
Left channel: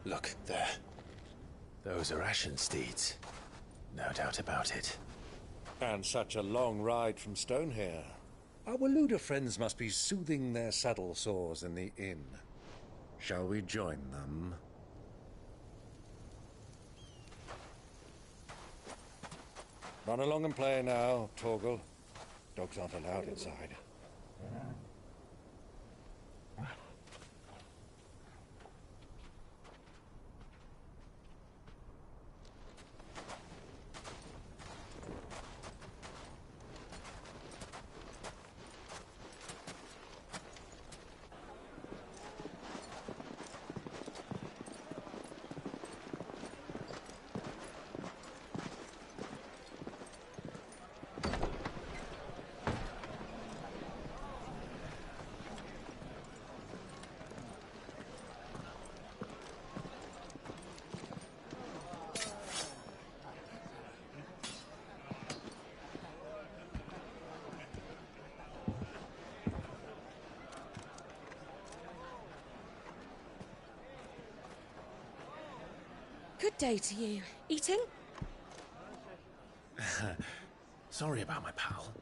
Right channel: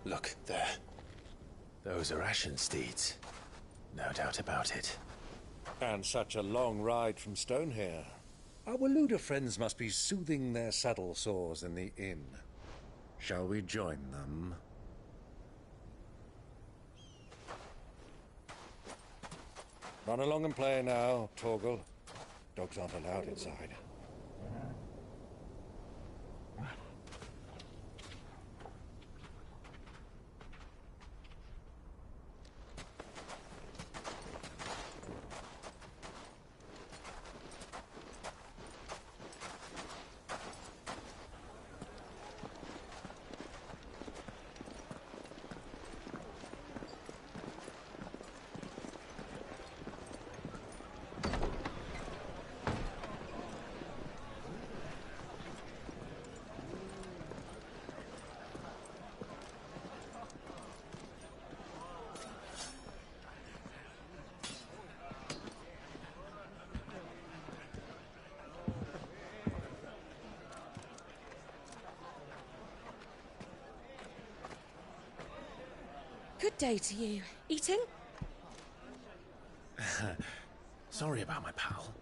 Look, there. Those are ashen steeds. No doubt about it. And such a long ride from Stonehair. Our Waluda friends must be soothing their saddle sores in the inn. Shall we join them? Run along and play now, Torgal. Dogs aren't allowed inside. Good day to you. Eating? Sorry about my pal.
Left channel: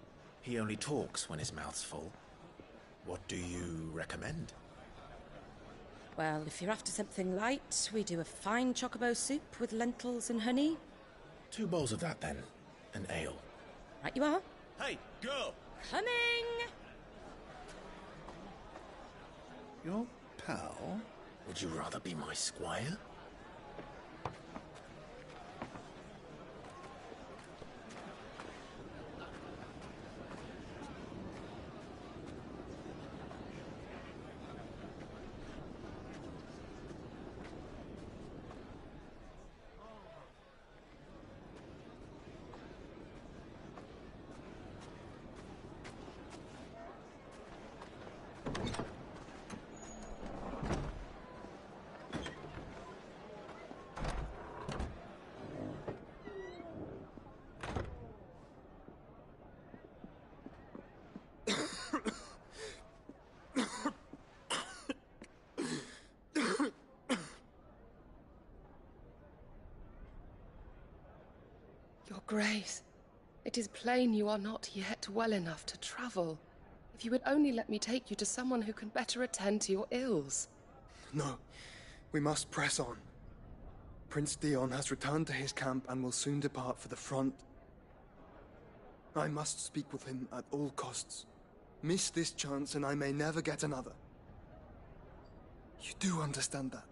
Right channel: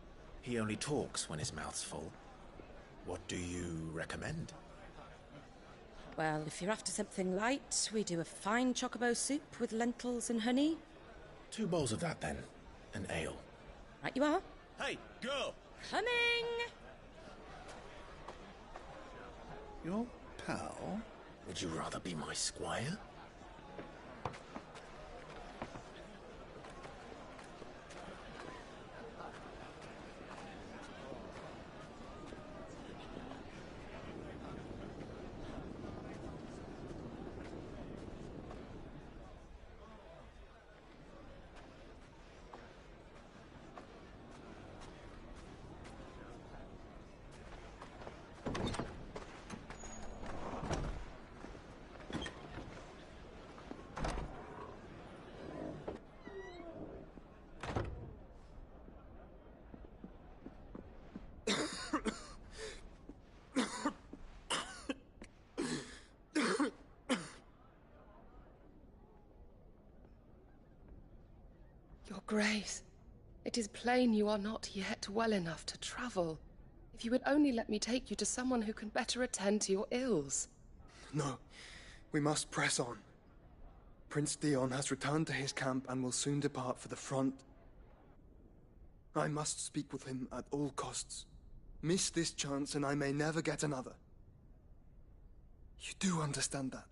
He only talks when his mouth's full. What do you recommend? Well, if you're after something light, we do a fine chocobo soup with lentils and honey. 2 bowls of that, then. An ale. Right you are. Hey, girl! Coming! Your pal? Would you rather be my squire? Your Grace, it is plain you are not yet well enough to travel. If you would only let me take you to someone who can better attend to your ills. No, we must press on. Prince Dion has returned to his camp and will soon depart for the front. I must speak with him at all costs. Miss this chance and I may never get another. You do understand that?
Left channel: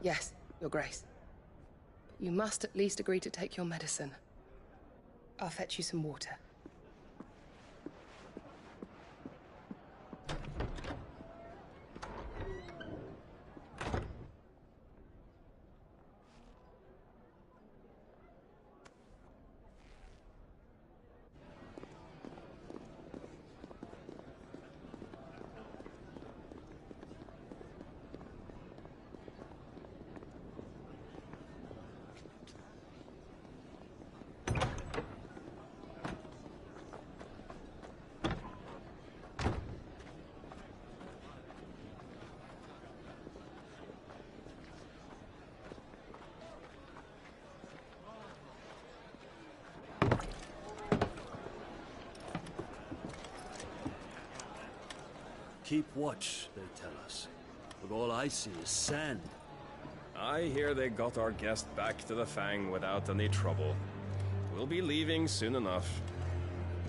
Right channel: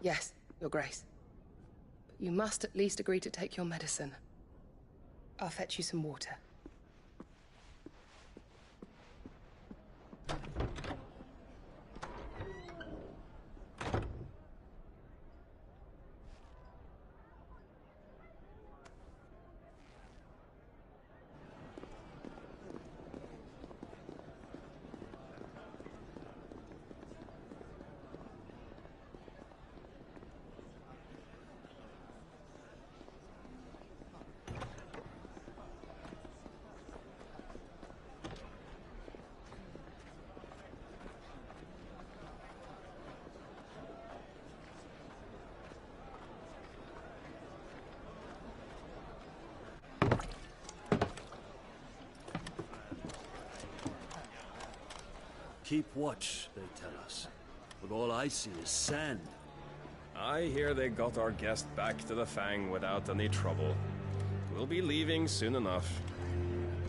Yes, Your Grace. But you must at least agree to take your medicine. I'll fetch you some water. Keep watch, they tell us. But all I see is sand. I hear they got our guest back to the Fang without any trouble. We'll be leaving soon enough.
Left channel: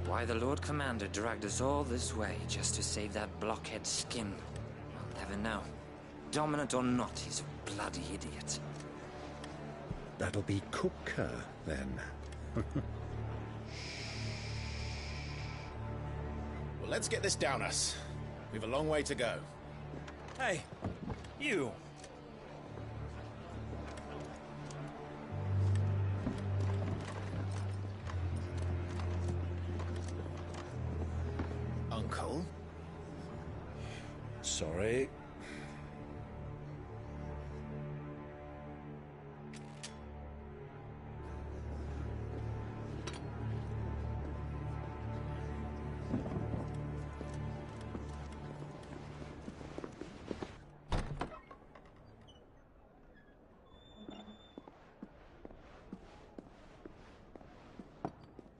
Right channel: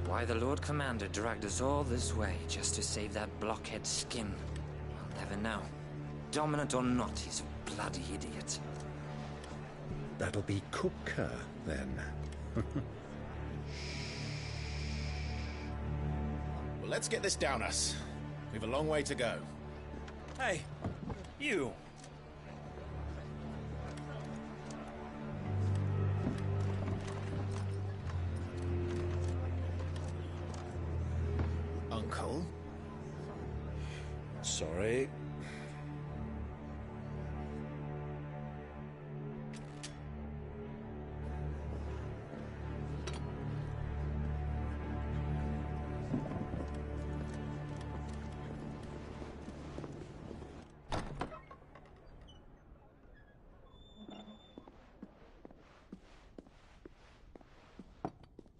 Why the Lord Commander dragged us all this way just to save that blockhead skin, I'll never know. Dominant or not, he's a bloody idiot. That'll be Cooker, then. Well, let's get this down us. We've a long way to go. Hey, you! Uncle? Sorry.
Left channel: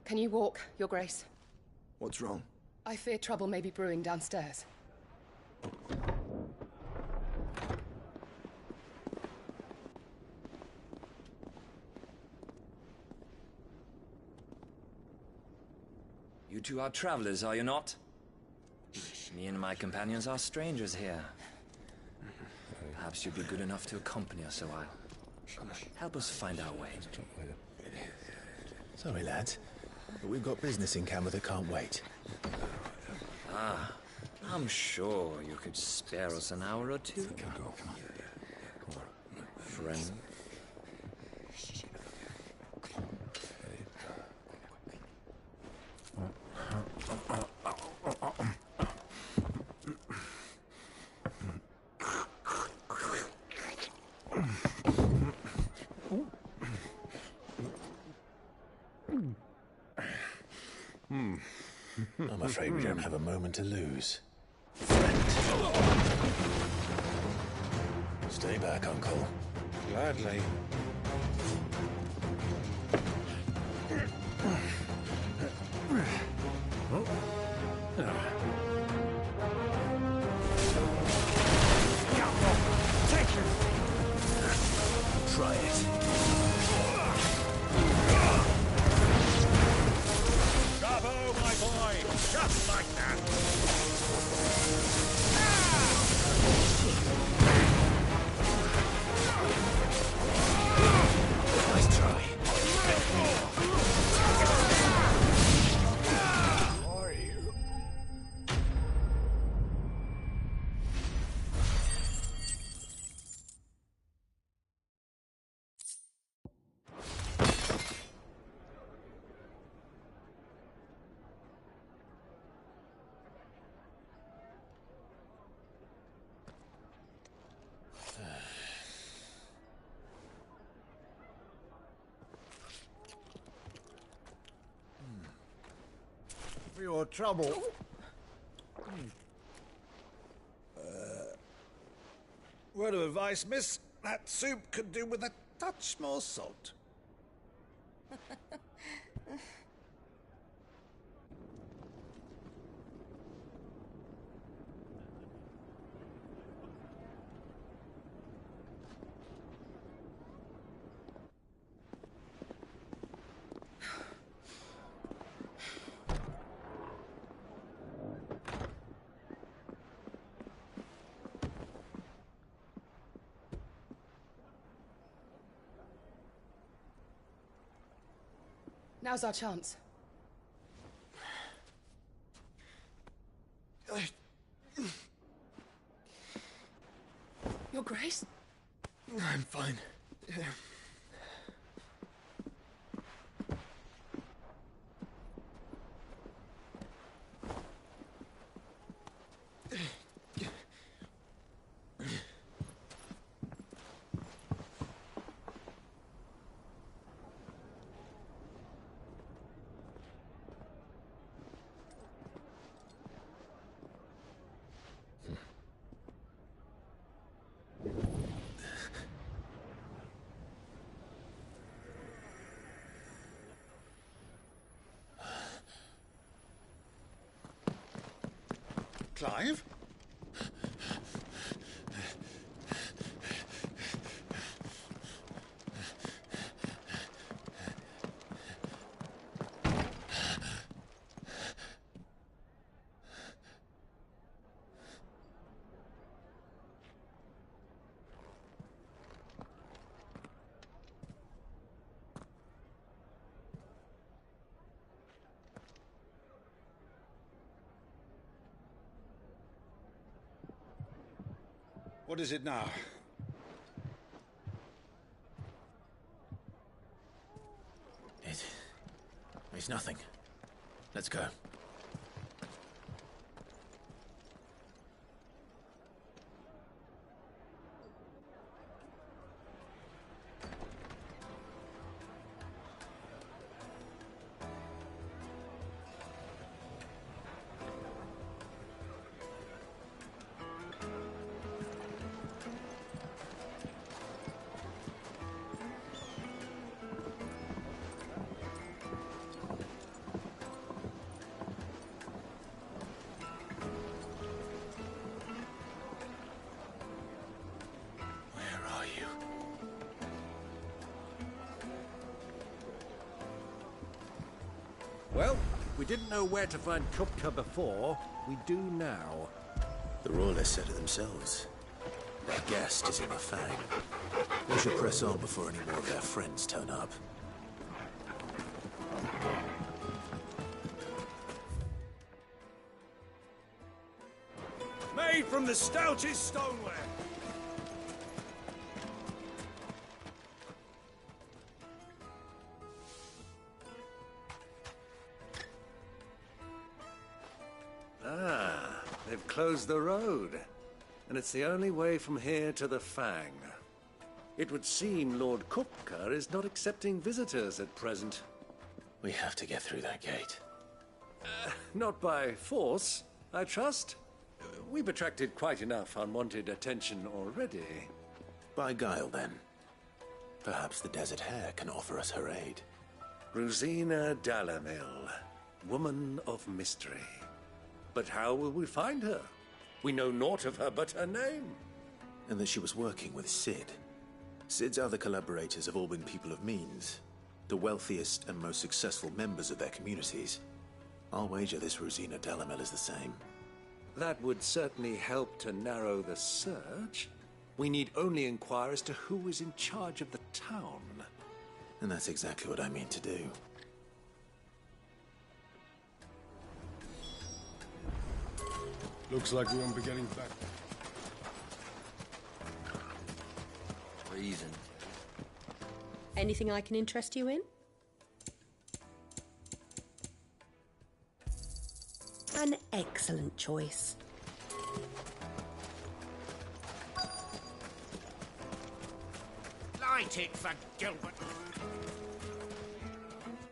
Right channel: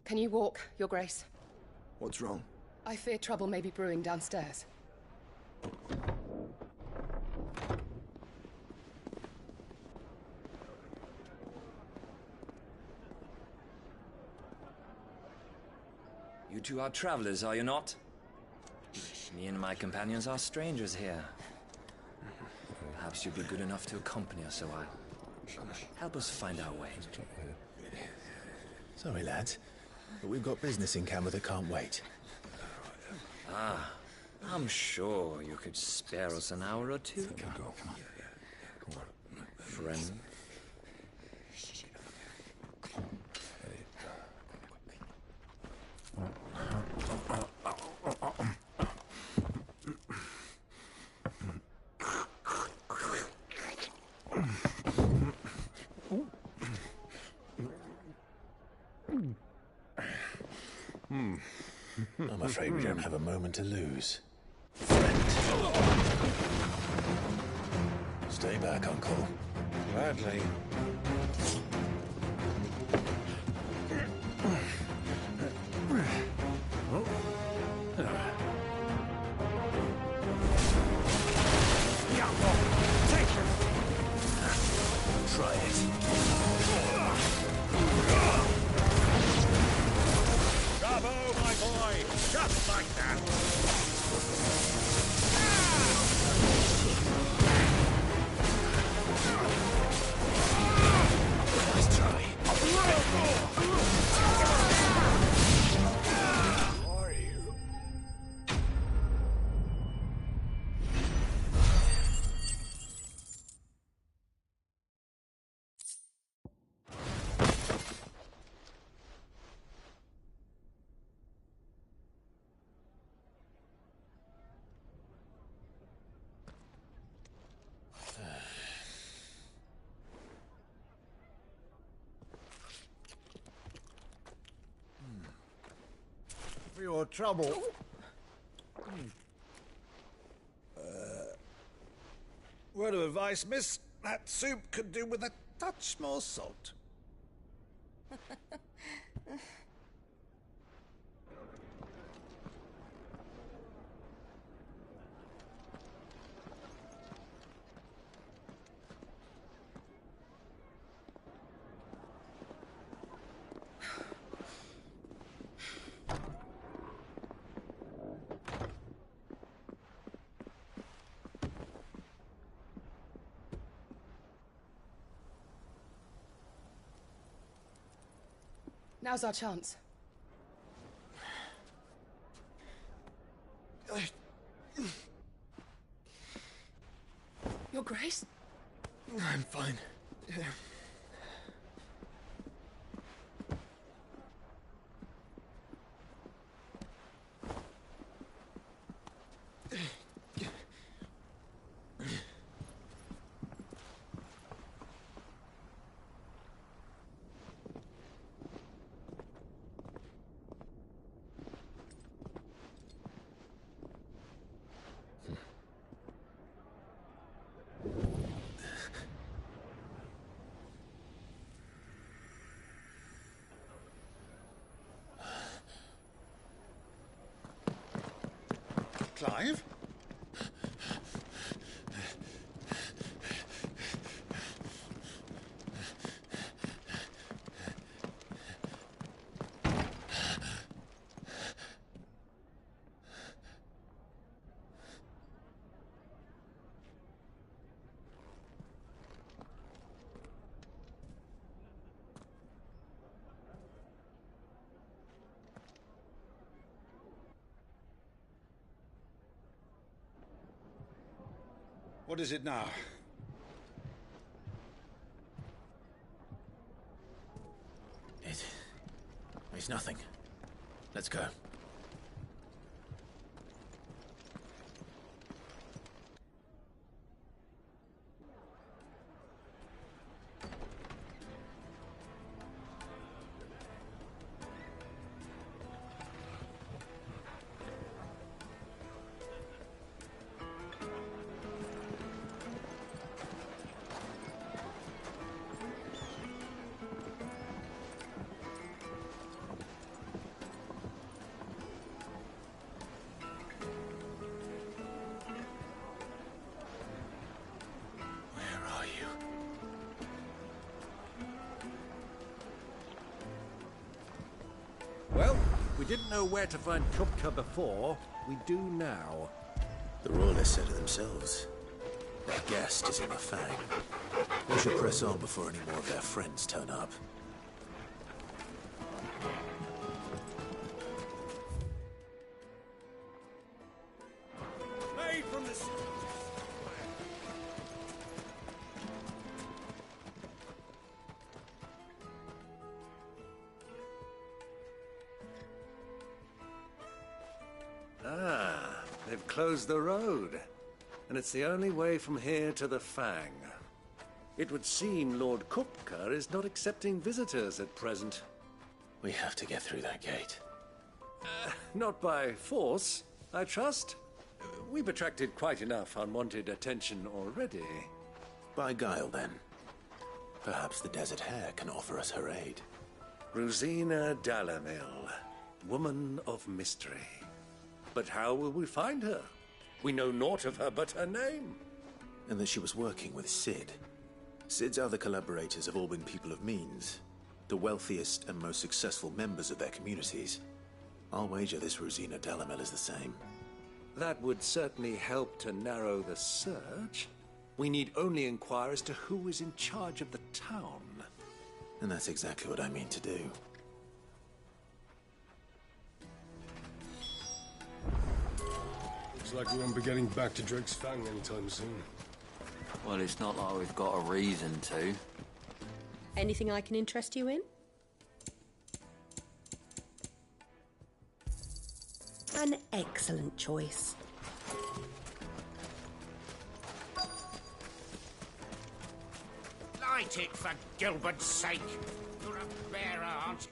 Can you walk, Your Grace? What's wrong? I fear trouble may be brewing downstairs. You two are travelers, are you not? Me and my companions are strangers here. Perhaps you'd be good enough to accompany us a while. Help us find our way. Sorry, lads, but we've got business in camera that can't wait. Ah, I'm sure you could spare us an hour or two. Come on. Friend. I'm afraid we don't have a moment to lose. Stay back, Uncle. Gladly. Take your... Try it. Bravo, my boy! Just like that! Nice try. For your trouble. Word of advice, miss. That soup could do with a touch more salt. Now's our chance. Your Grace? I'm fine. Clive? What is it now? It's nothing. Let's go. Well, we didn't know where to find Kupka before. We do now. The Royalists said it themselves. Their guest is in the Fang. We should press on before any more of their friends turn up. Made from the stoutest stoneware. Ah, they've closed the road. And it's the only way from here to the Fang. It would seem Lord Kupka is not accepting visitors at present. We have to get through that gate. Not by force, I trust. We've attracted quite enough unwanted attention already. By guile, then. Perhaps the Desert Hare can offer us her aid. Rosina Dalamil, woman of mystery. But how will we find her? We know naught of her but her name. And that she was working with Sid. Sid's other collaborators have all been people of means. The wealthiest and most successful members of their communities. I'll wager this Rosina Dalamil is the same. That would certainly help to narrow the search. We need only inquire as to who is in charge of the town. And that's exactly what I mean to do. Looks like we won't be getting back to Drake's Fang anytime soon. Well, it's not like we've got a reason to. Anything I can interest you in? An excellent choice. Light it, for Gilbert's sake. Bare aunt.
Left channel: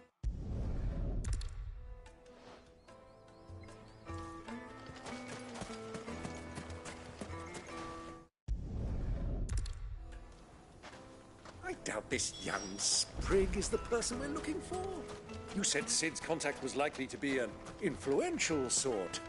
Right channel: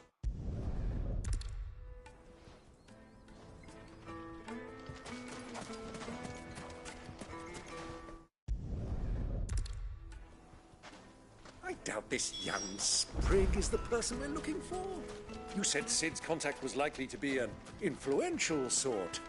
I doubt this young sprig is the person we're looking for. You said Sid's contact was likely to be an influential sort.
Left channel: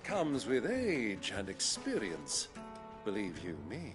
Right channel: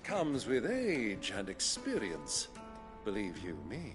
comes with age and experience, believe you me.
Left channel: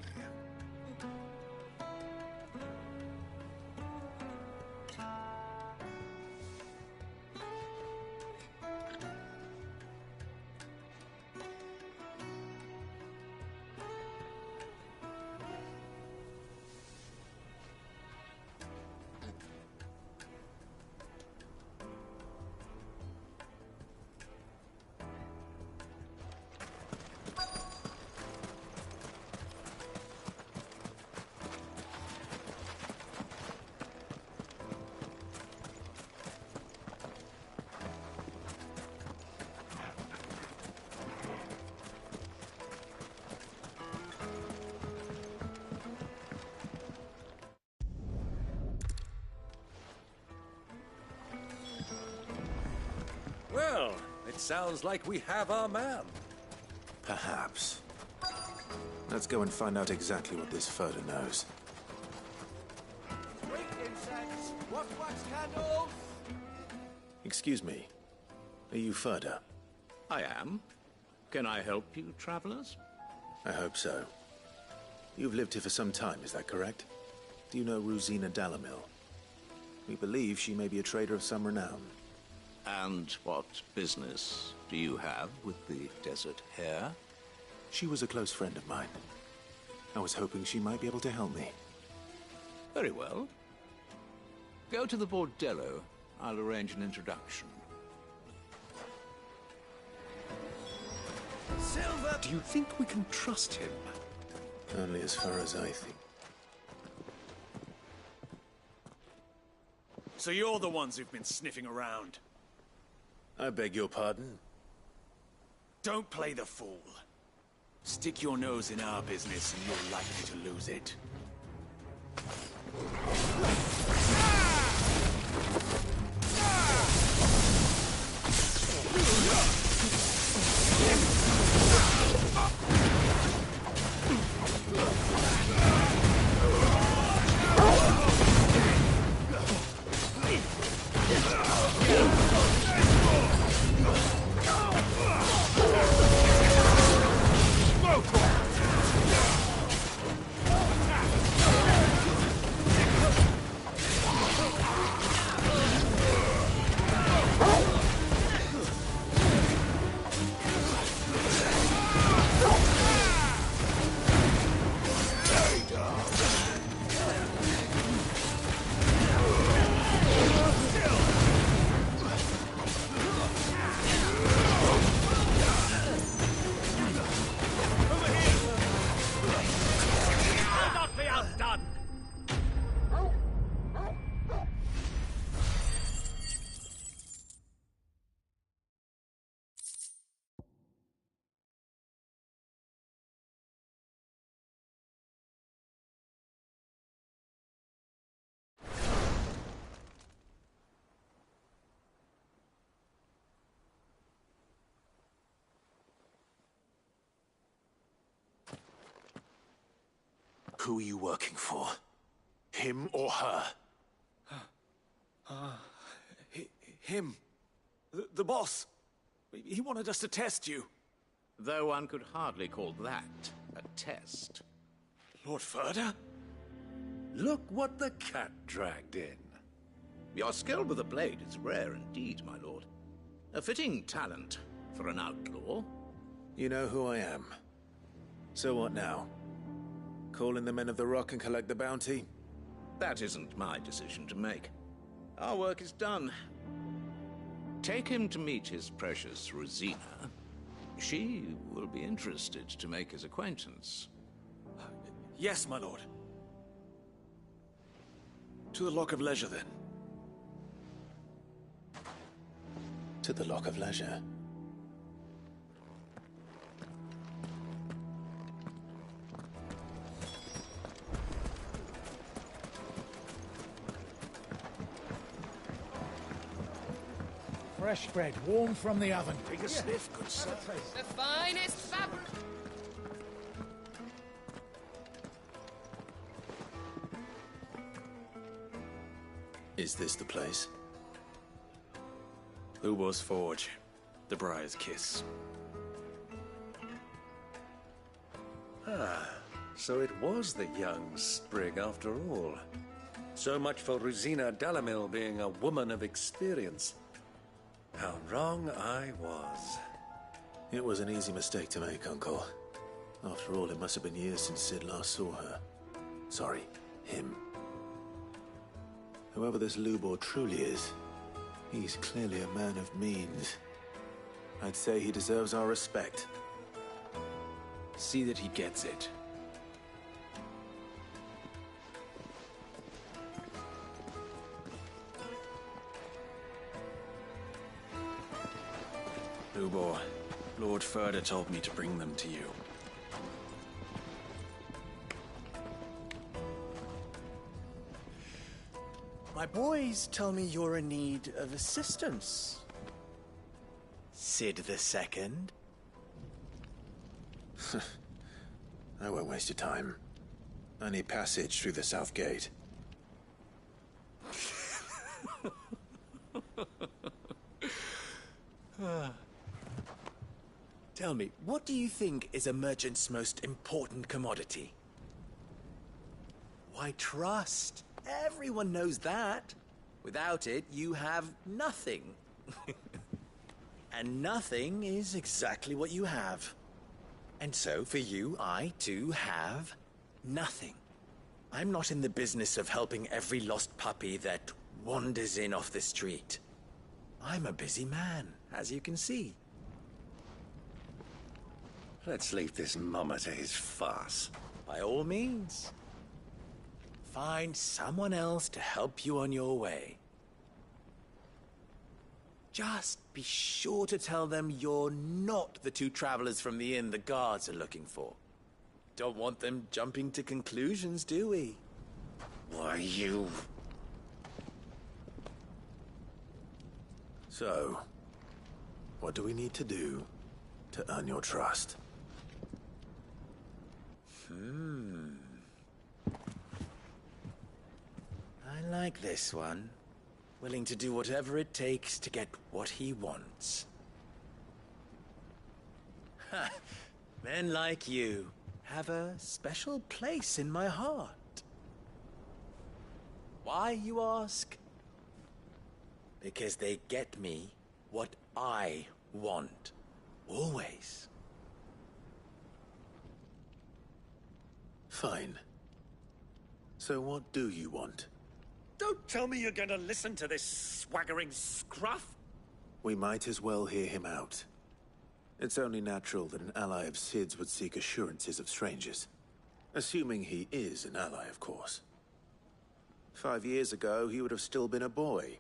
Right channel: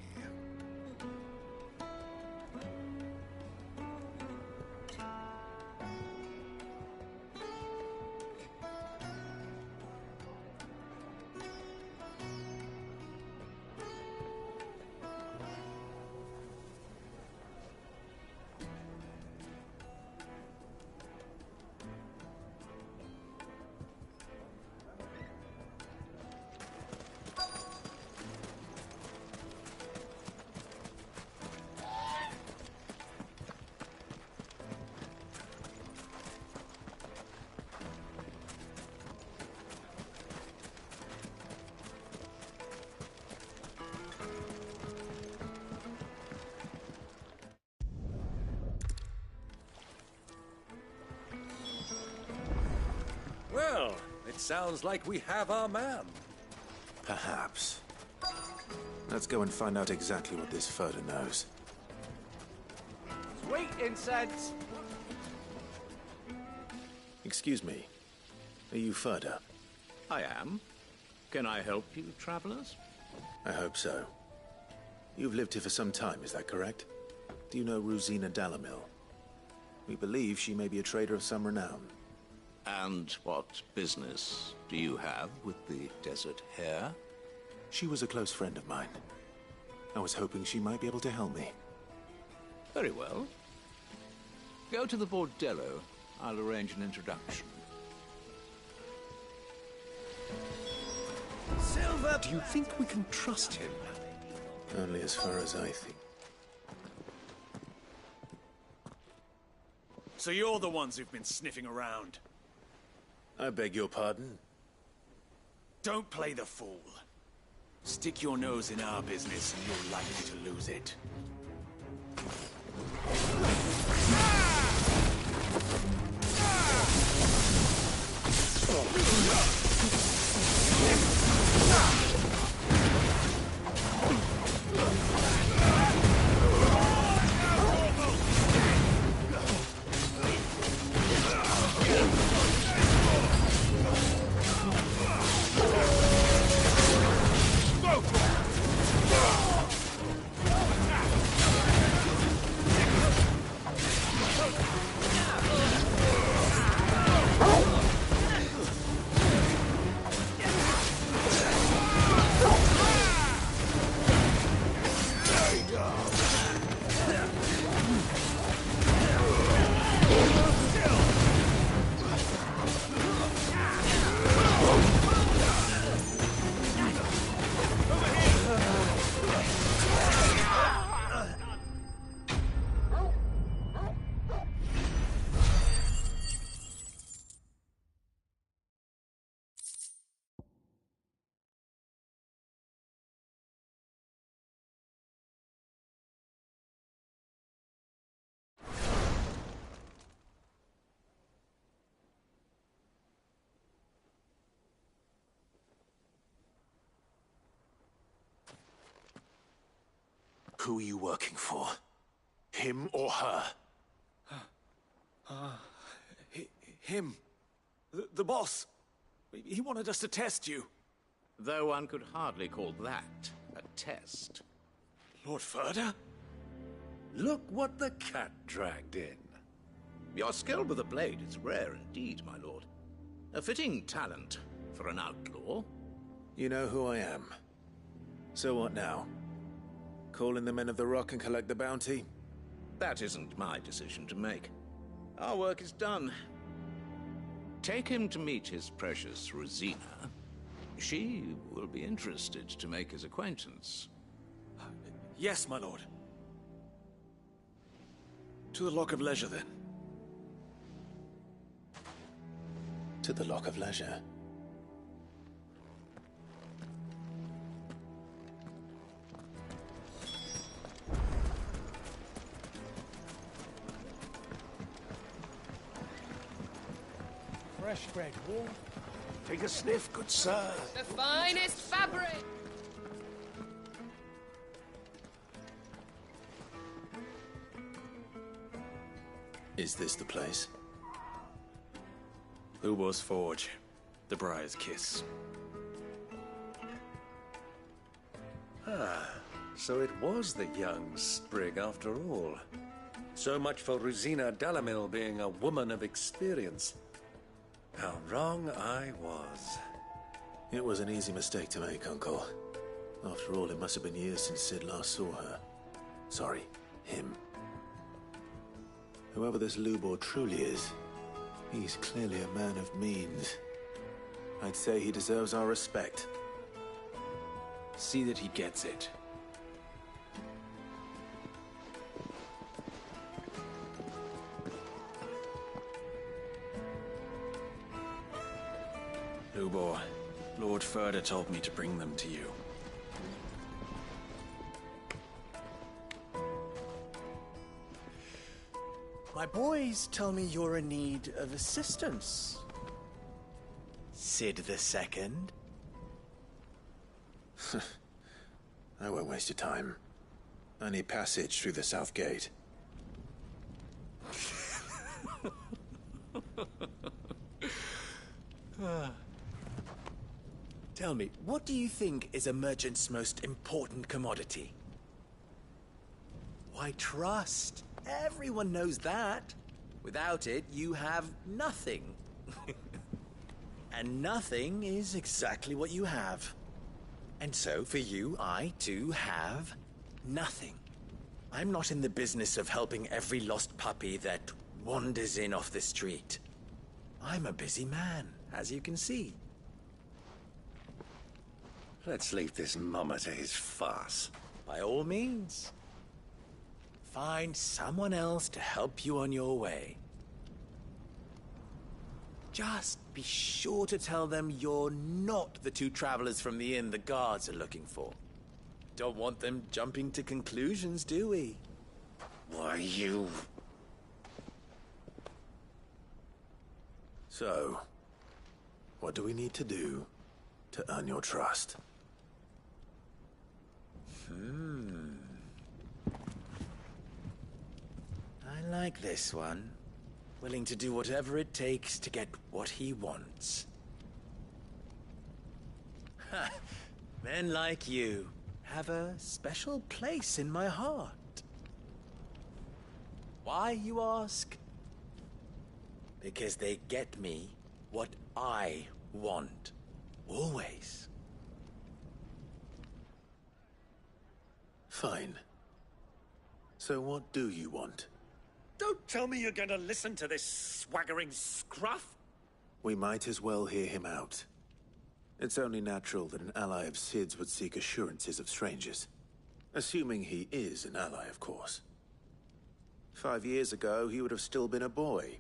Well, it sounds like we have our man. Perhaps. Let's go and find out exactly what this Furter knows. Sweet incense! What candle? Excuse me. Are you Furter? I am. Can I help you, travelers? I hope so. You've lived here for some time, is that correct? Do you know Rosina Dalamil? We believe she may be a trader of some renown. And what business do you have with the Desert Hare? She was a close friend of mine. I was hoping she might be able to help me. Very well. Go to the Bordello. I'll arrange an introduction. Silver! Do you think we can trust him? Only as far as I think. So you're the ones who've been sniffing around? I beg your pardon? Don't play the fool. Stick your nose in our business and you're likely to lose it. Who are you working for? Him or her? Him. The boss. He wanted us to test you. Though one could hardly call that a test. Lord Furter? Look what the cat dragged in. Your skill with the blade is rare indeed, my lord. A fitting talent for an outlaw. You know who I am. So what now? Call in the Men of the Rock and collect the bounty? That isn't my decision to make. Our work is done. Take him to meet his precious Rosina. She will be interested to make his acquaintance. Yes, my lord. To the Lock of Leisure, then. To the Lock of Leisure. Fresh bread, warm from the oven. Take a sniff, good sir. The finest fabric! Is this the place? Ubo's Forge. The Briar's Kiss. Ah, so it was the young sprig after all. So much for Rosina Dalamil being a woman of experience. How wrong I was. It was an easy mistake to make, Uncle. After all, it must have been years since Sid last saw her. Sorry, him. Whoever this Lubor truly is, he's clearly a man of means. I'd say he deserves our respect. See that he gets it. Lubor, Lord Furder told me to bring them to you. My boys tell me you're in need of assistance. Sid the Second? I won't waste your time. I need passage through the south gate. Tell me, what do you think is a merchant's most important commodity? Why, trust. Everyone knows that. Without it, you have nothing. And nothing is exactly what you have. And so, for you, I, too, have nothing. I'm not in the business of helping every lost puppy that wanders in off the street. I'm a busy man, as you can see. Let's leave this mummer to his farce. By all means. Find someone else to help you on your way. Just be sure to tell them you're not the two travelers from the inn the guards are looking for. Don't want them jumping to conclusions, do we? Why, you... So, what do we need to do to earn your trust? I like this one. Willing to do whatever it takes to get what he wants. Ha! Men like you have a special place in my heart. Why, you ask? Because they get me what I want. Always. Fine. So what do you want? Don't tell me you're going to listen to this swaggering scruff! We might as well hear him out. It's only natural that an ally of Sid's would seek assurances of strangers. Assuming he is an ally, of course. 5 years ago, he would have still been a boy.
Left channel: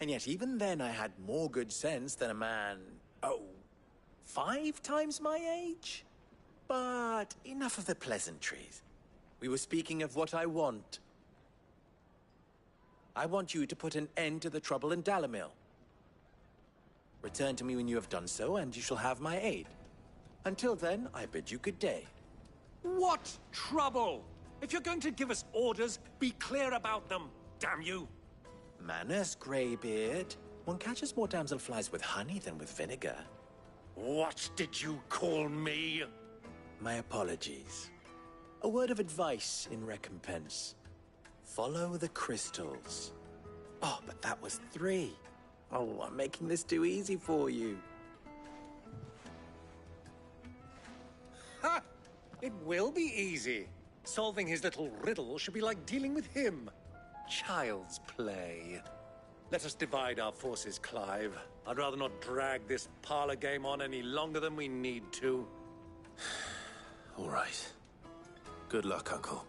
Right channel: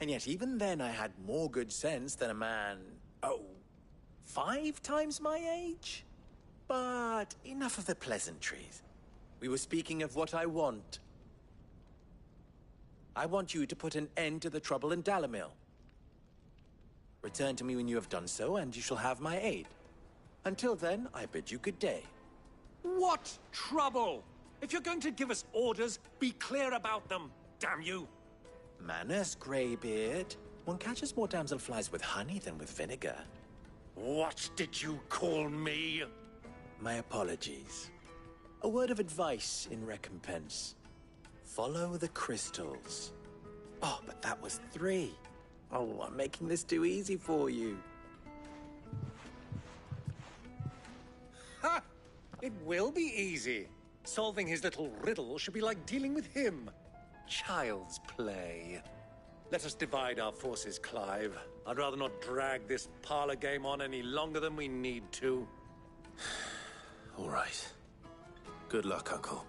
And yet even then I had more good sense than a man... 5 times my age? But enough of the pleasantries. We were speaking of what I want. I want you to put an end to the trouble in Dalamil. Return to me when you have done so, and you shall have my aid. Until then, I bid you good day. What trouble? If you're going to give us orders, be clear about them, damn you! Manners, Greybeard. One catches more damselflies with honey than with vinegar. What did you call me? My apologies. A word of advice in recompense. Follow the crystals. Oh, but that was 3. Oh, I'm making this too easy for you. Ha! It will be easy. Solving his little riddle should be like dealing with him. Child's play. Let us divide our forces, Clive. I'd rather not drag this parlor game on any longer than we need to. All right. Good luck, Uncle.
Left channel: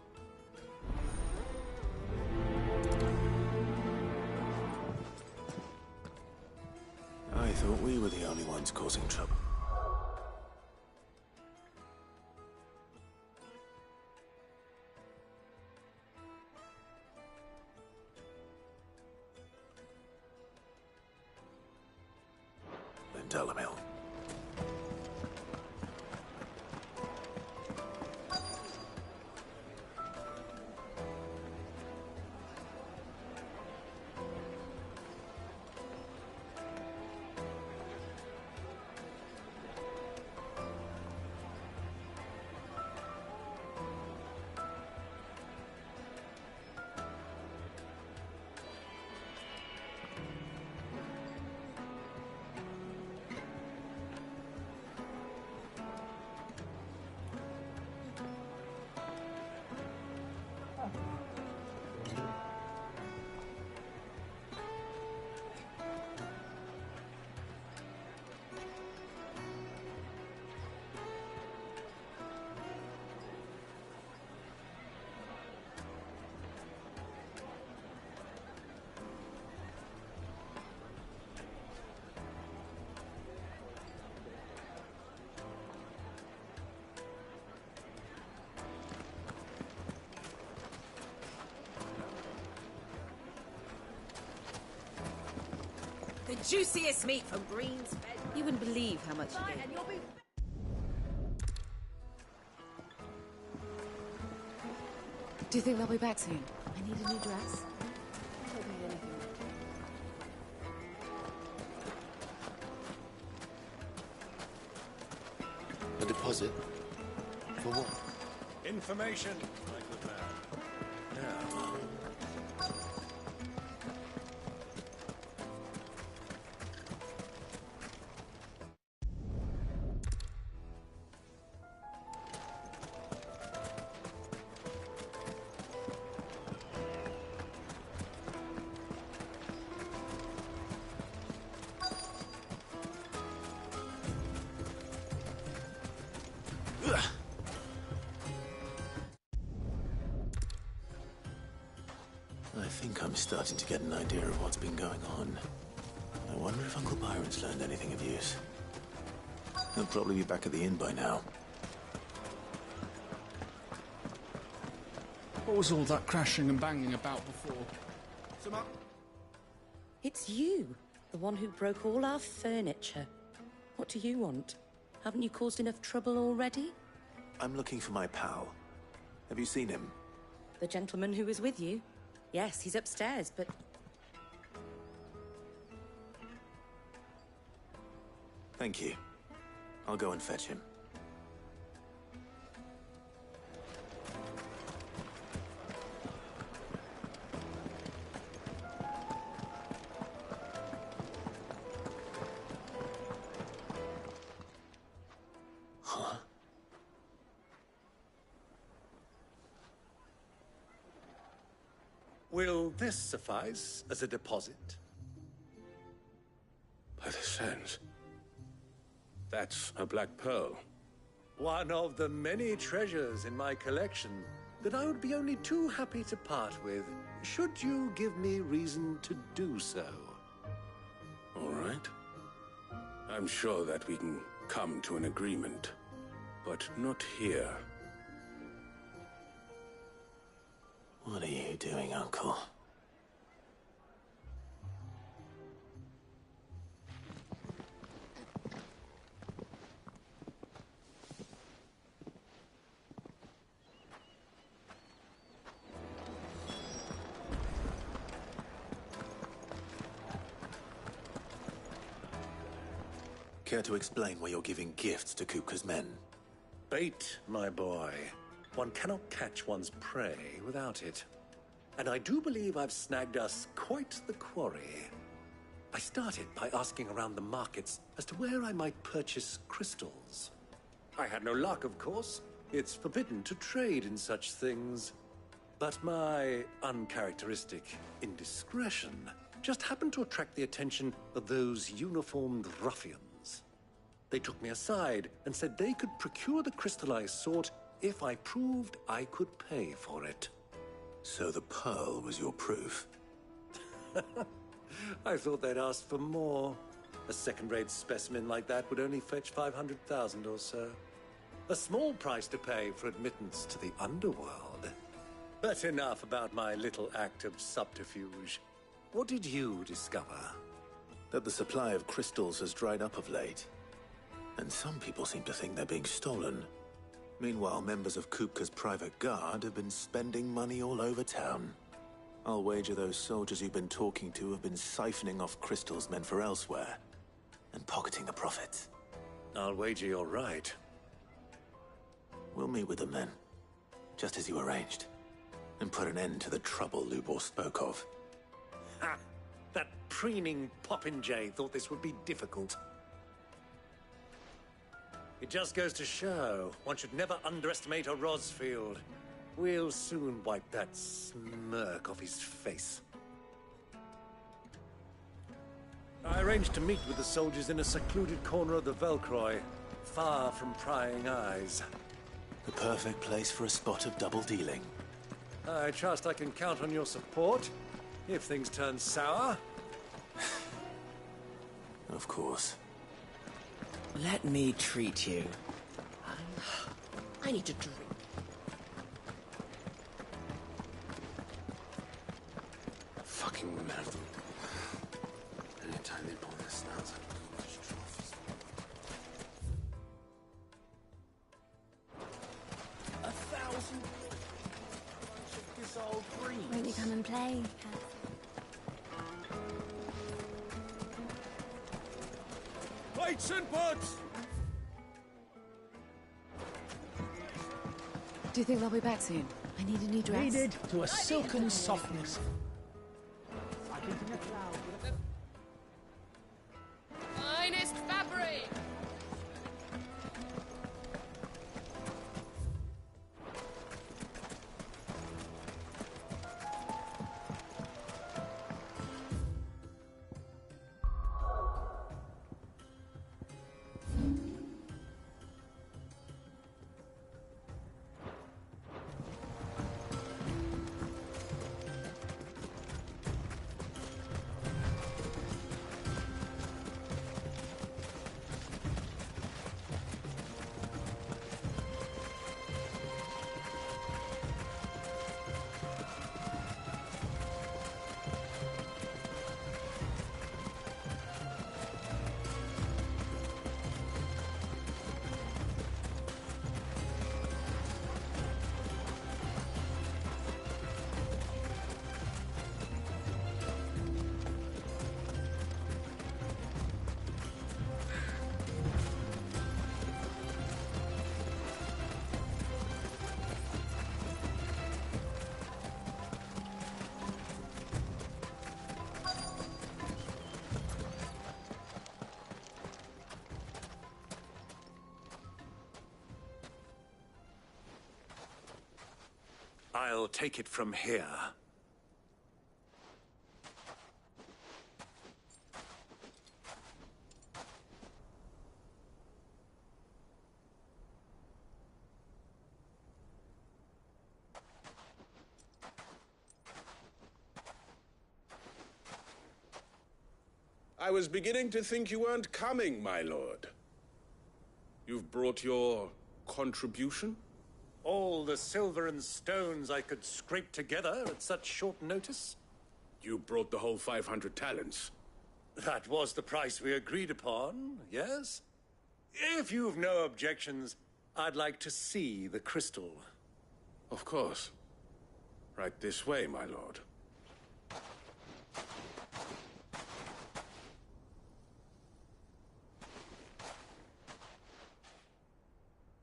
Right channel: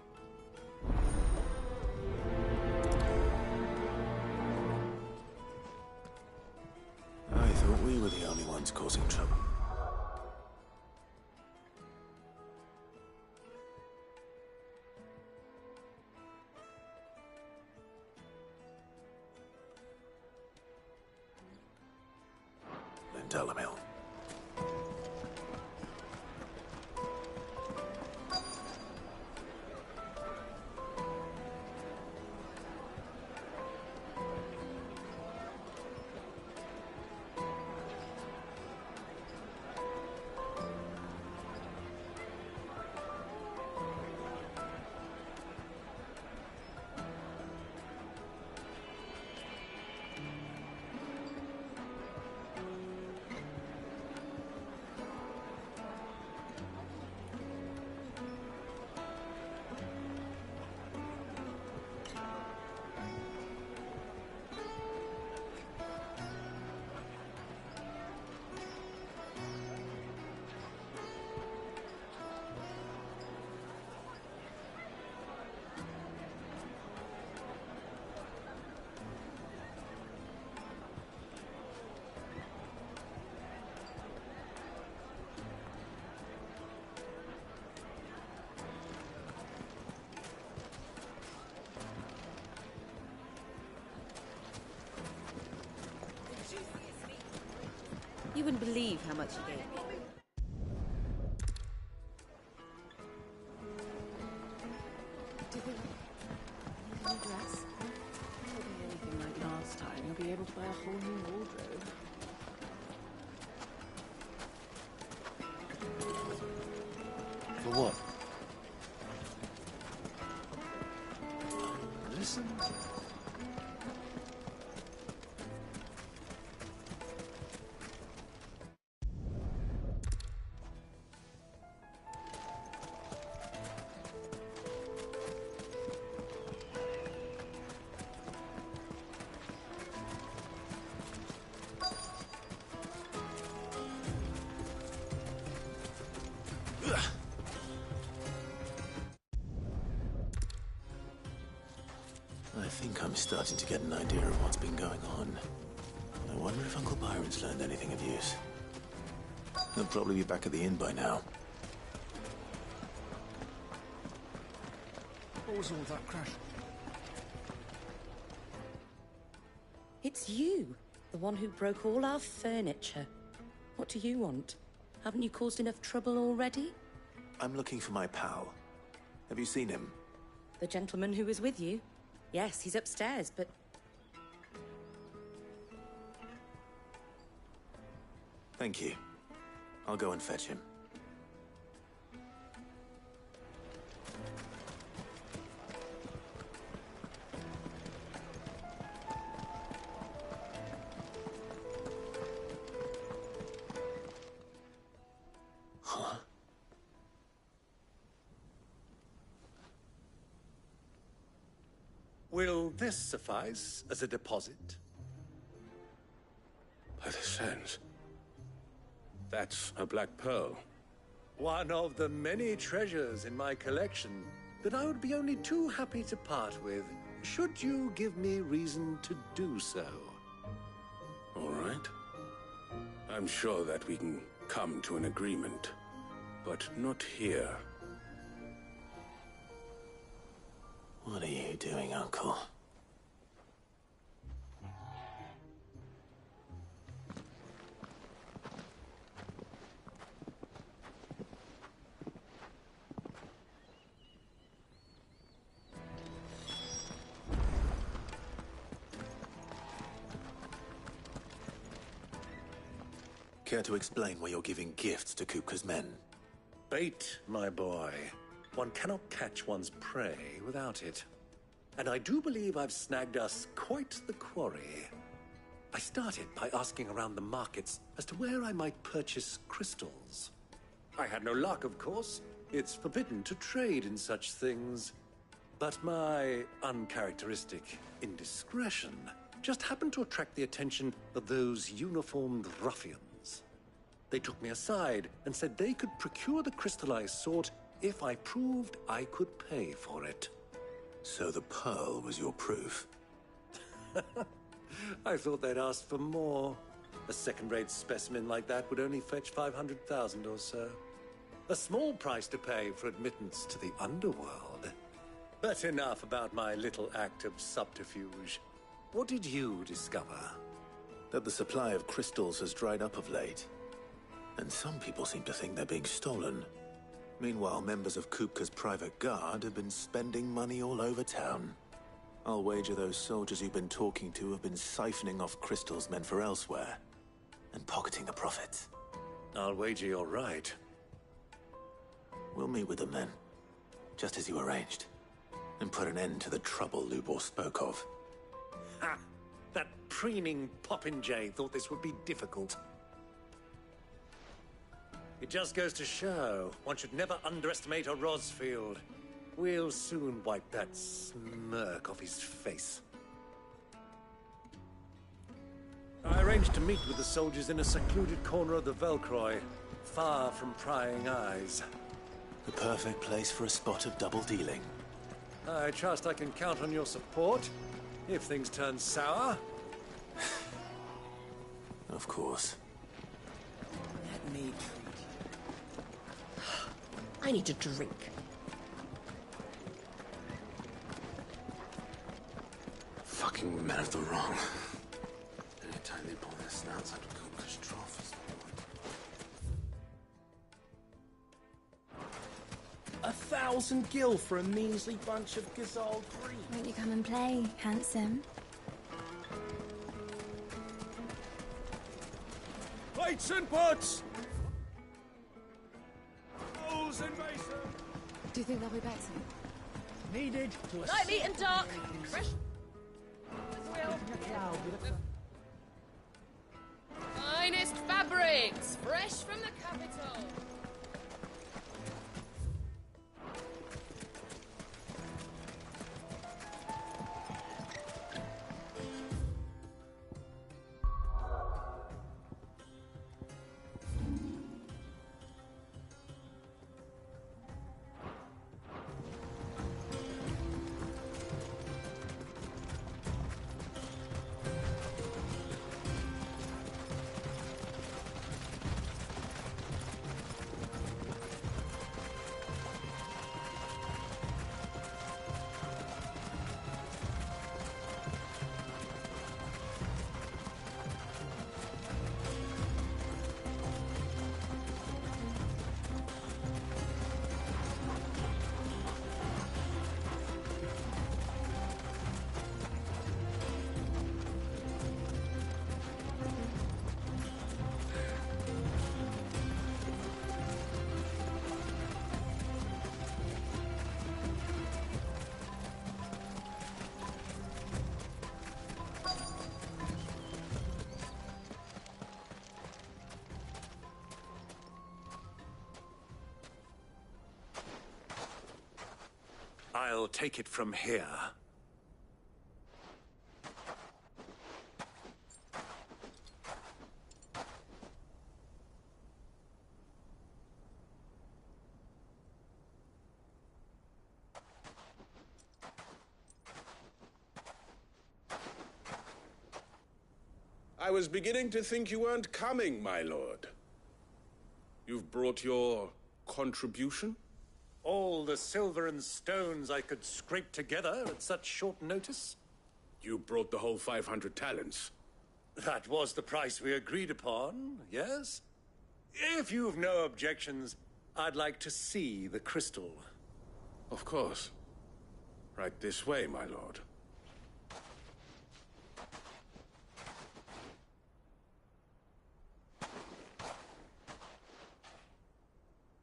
I thought we were the only ones causing trouble. Dalamil. juiciest meat from Green's. You wouldn't believe how much he gave me. Do you think they'll be back soon? I need a new dress. It won't be anything like last time. You'll be able to buy a whole new wardrobe. A deposit? For what? Information. Listen. I think I'm starting to get an idea of what's been going on. I wonder if Uncle Byron's learned anything of use. He'll probably be back at the inn by now. What was all that crashing and banging about before? It's you, the one who broke all our furniture. What do you want? Haven't you caused enough trouble already? I'm looking for my pal. Have you seen him? The gentleman who was with you? Yes, he's upstairs, but... Thank you. I'll go and fetch him. Huh? Will this suffice as a deposit? By the sands. That's a black pearl. One of the many treasures in my collection that I would be only too happy to part with, should you give me reason to do so. All right. I'm sure that we can come to an agreement, but not here. What are you doing, Uncle? Care to explain why you're giving gifts to Kupka's men? Bait, my boy. One cannot catch one's prey without it. And I do believe I've snagged us quite the quarry. I started by asking around the markets as to where I might purchase crystals. I had no luck, of course. It's forbidden to trade in such things. But my uncharacteristic indiscretion just happened to attract the attention of those uniformed ruffians. They took me aside and said they could procure the crystal I sought if I proved I could pay for it. So the pearl was your proof? I thought they'd asked for more. A second-rate specimen like that would only fetch 500,000 or so. A small price to pay for admittance to the underworld. But enough about my little act of subterfuge. What did you discover? That the supply of crystals has dried up of late. And some people seem to think they're being stolen. Meanwhile, members of Kupka's private guard have been spending money all over town. I'll wager those soldiers you've been talking to have been siphoning off crystals meant for elsewhere, and pocketing the profits. I'll wager you're right. We'll meet with them then, just as you arranged, and put an end to the trouble Lubor spoke of. Ha! That preening popinjay thought this would be difficult. It just goes to show, one should never underestimate a Rosfield. We'll soon wipe that smirk off his face. I arranged to meet with the soldiers in a secluded corner of the Velcroy, far from prying eyes. The perfect place for a spot of double dealing. I trust I can count on your support, if things turn sour. Of course. Let me treat you. I need a drink. Fucking men of the wrong. Anytime 1,000 gil for a measly bunch of Gazal greens. Won't you come and play, handsome? Plates and pots! Do you think they'll be back soon? I need a new dress. Needed to a Light me and silken dark. softness. Like in a cloud with a... Finest fabrics, fresh from the capital. I'll take it from here. I was beginning to think you weren't coming, my lord. You've brought your contribution? All the silver and stones I could scrape together at such short notice? You brought the whole 500 talents. That was the price we agreed upon, yes? If you've no objections, I'd like to see the crystal. Of course. Right this way, my lord.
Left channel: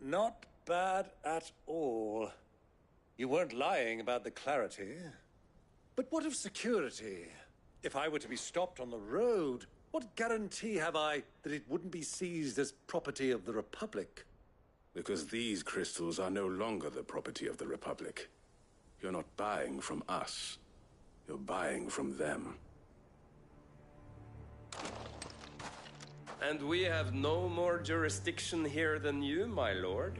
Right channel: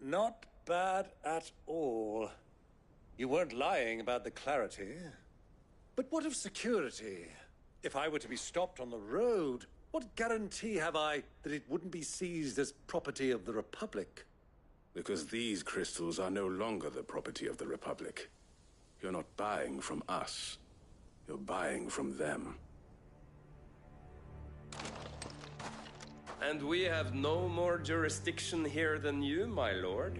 Not bad at all. You weren't lying about the clarity. But what of security? If I were to be stopped on the road, what guarantee have I that it wouldn't be seized as property of the Republic? Because these crystals are no longer the property of the Republic. You're not buying from us. You're buying from them. And we have no more jurisdiction here than you, my lord.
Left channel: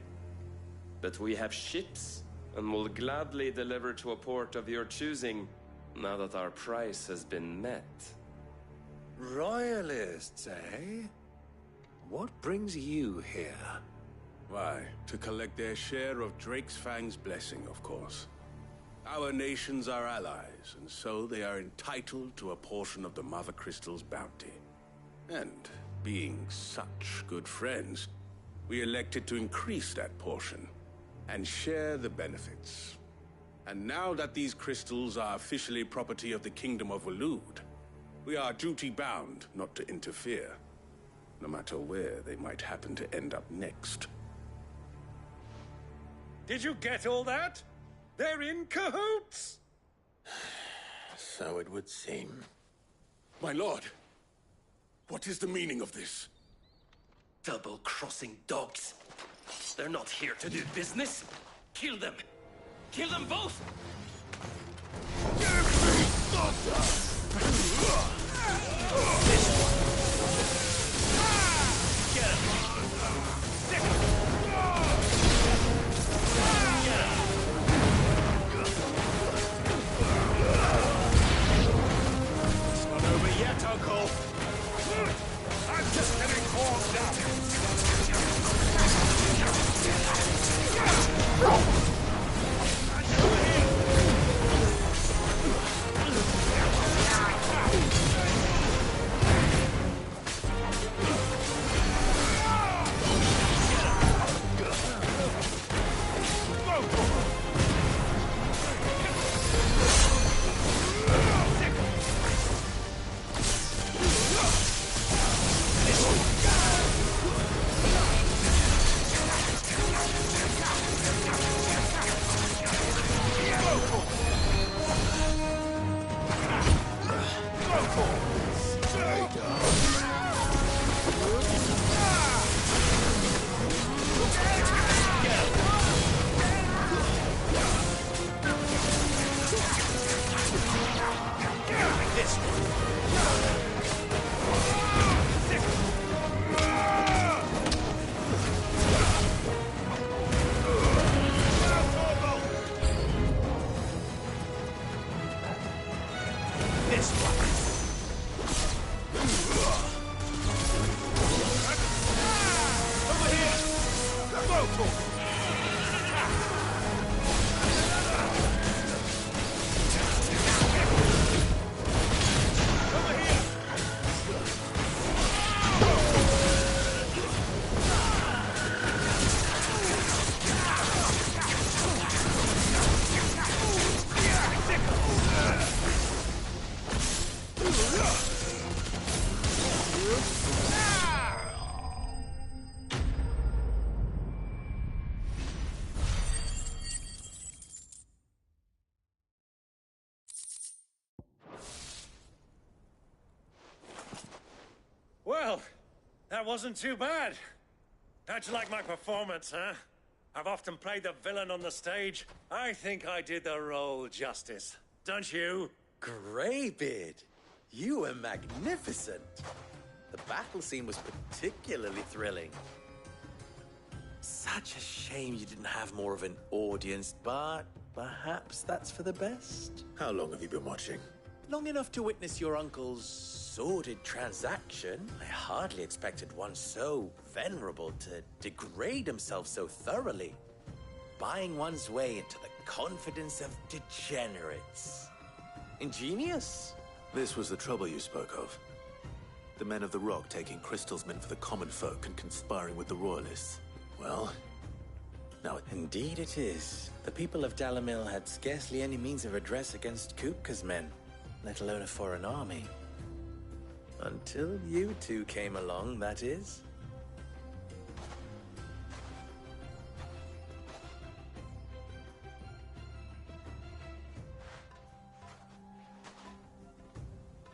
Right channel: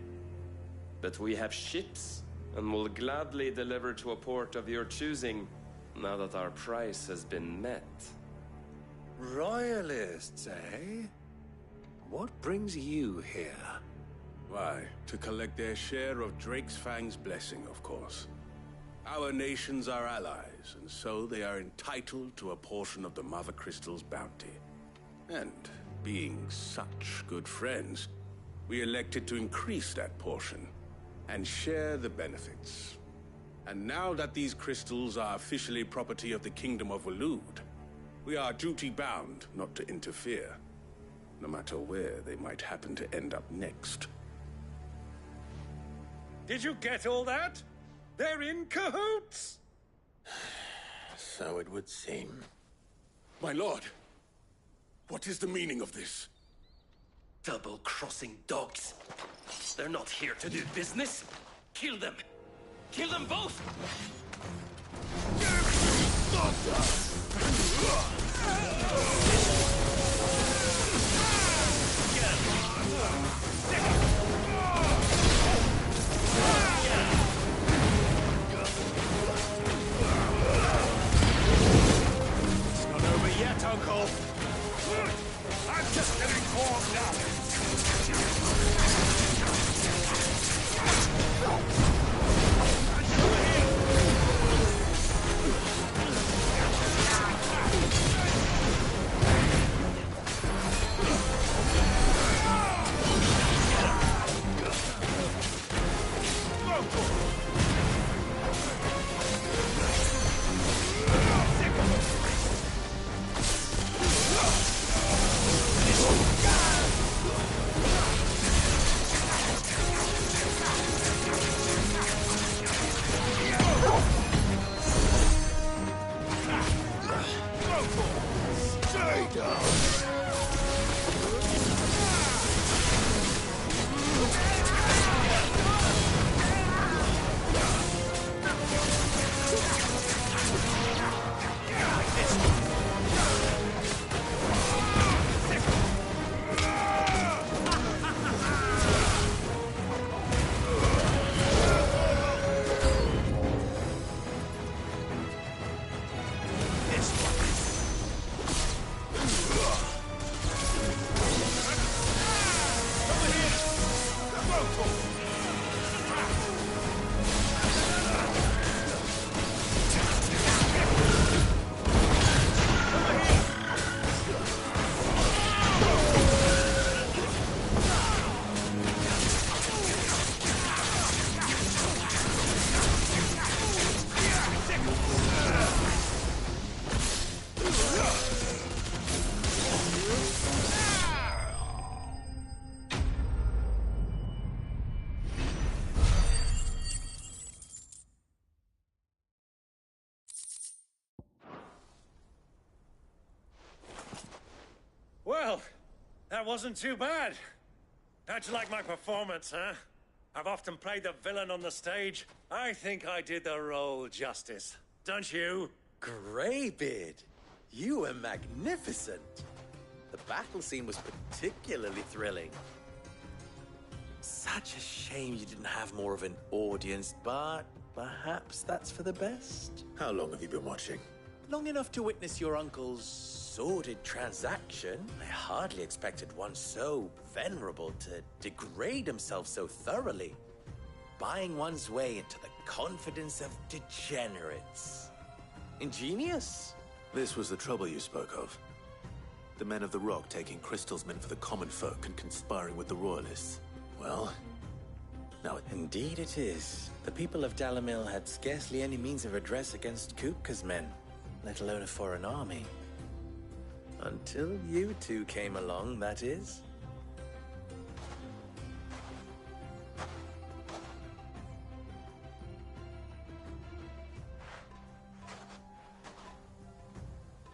But we have ships, and will gladly deliver to a port of your choosing, now that our price has been met. Royalists, eh? What brings you here? Why, to collect their share of Drake's Fang's blessing, of course. Our nations are allies, and so they are entitled to a portion of the Mother Crystal's bounty. And, being such good friends, we elected to increase that portion and share the benefits. And now that these crystals are officially property of the Kingdom of Waloed, we are duty-bound not to interfere, no matter where they might happen to end up next. Did you get all that? They're in cahoots! So it would seem. My lord, what is the meaning of this? Double-crossing dogs. They're not here to do business. Kill them. Kill them both! It's not over yet, Uncle. I'm just getting warmed up. Well, that wasn't too bad. How'd you like my performance, huh? I've often played the villain on the stage. I think I did the role justice. Don't you? Greybeard, you were magnificent. The battle scene was particularly thrilling. Such a shame you didn't have more of an audience, but perhaps that's for the best. How long have you been watching? Long enough to witness your uncle's sordid transaction. I hardly expected one so venerable to degrade himself so thoroughly. Buying one's way into the confidence of degenerates. Ingenious. This was the trouble you spoke of. The men of the Rock taking crystals meant for the common folk and conspiring with the royalists. Well, now indeed it is. The people of Dalamil had scarcely any means of redress against Kupka's men, let alone a foreign army. Until you two came along, that is.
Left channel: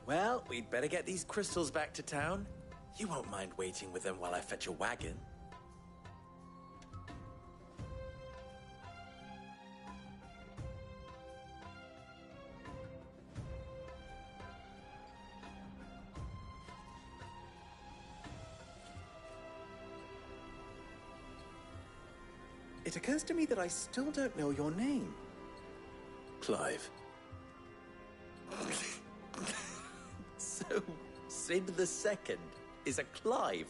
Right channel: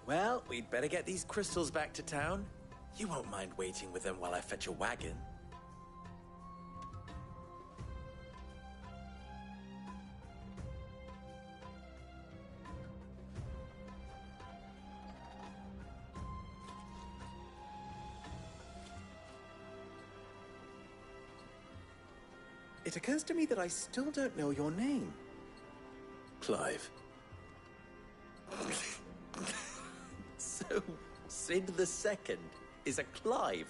Well, we'd better get these crystals back to town. You won't mind waiting with them while I fetch a wagon. It occurs to me that I still don't know your name. Clive. So, Sid the Second is a Clive.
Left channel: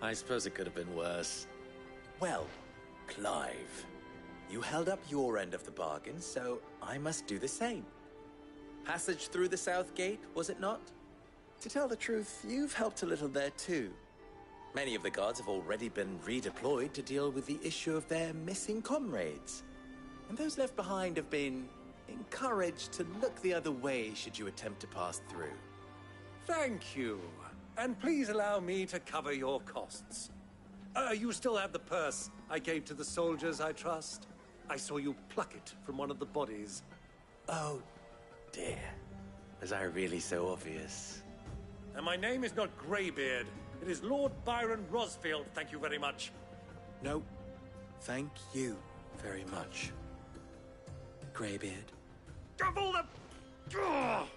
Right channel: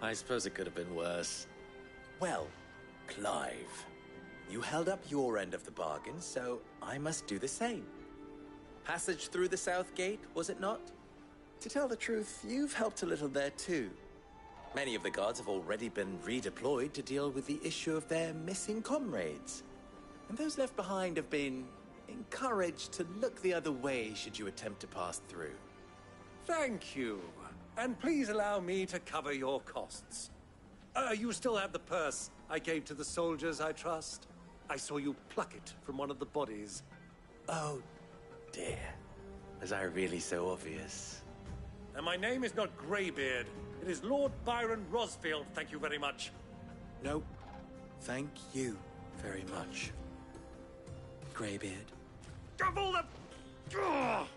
I suppose it could have been worse. Well, Clive, you held up your end of the bargain, so I must do the same. Passage through the South Gate, was it not? To tell the truth, you've helped a little there too. Many of the guards have already been redeployed to deal with the issue of their missing comrades. And those left behind have been encouraged to look the other way should you attempt to pass through. Thank you. And please allow me to cover your costs. You still have the purse I gave to the soldiers, I trust? I saw you pluck it from one of the bodies. Oh, dear. Was I really so obvious? And my name is not Greybeard. It is Lord Byron Rosfield, thank you very much. No, thank you very much, Greybeard. Of all the... Ugh!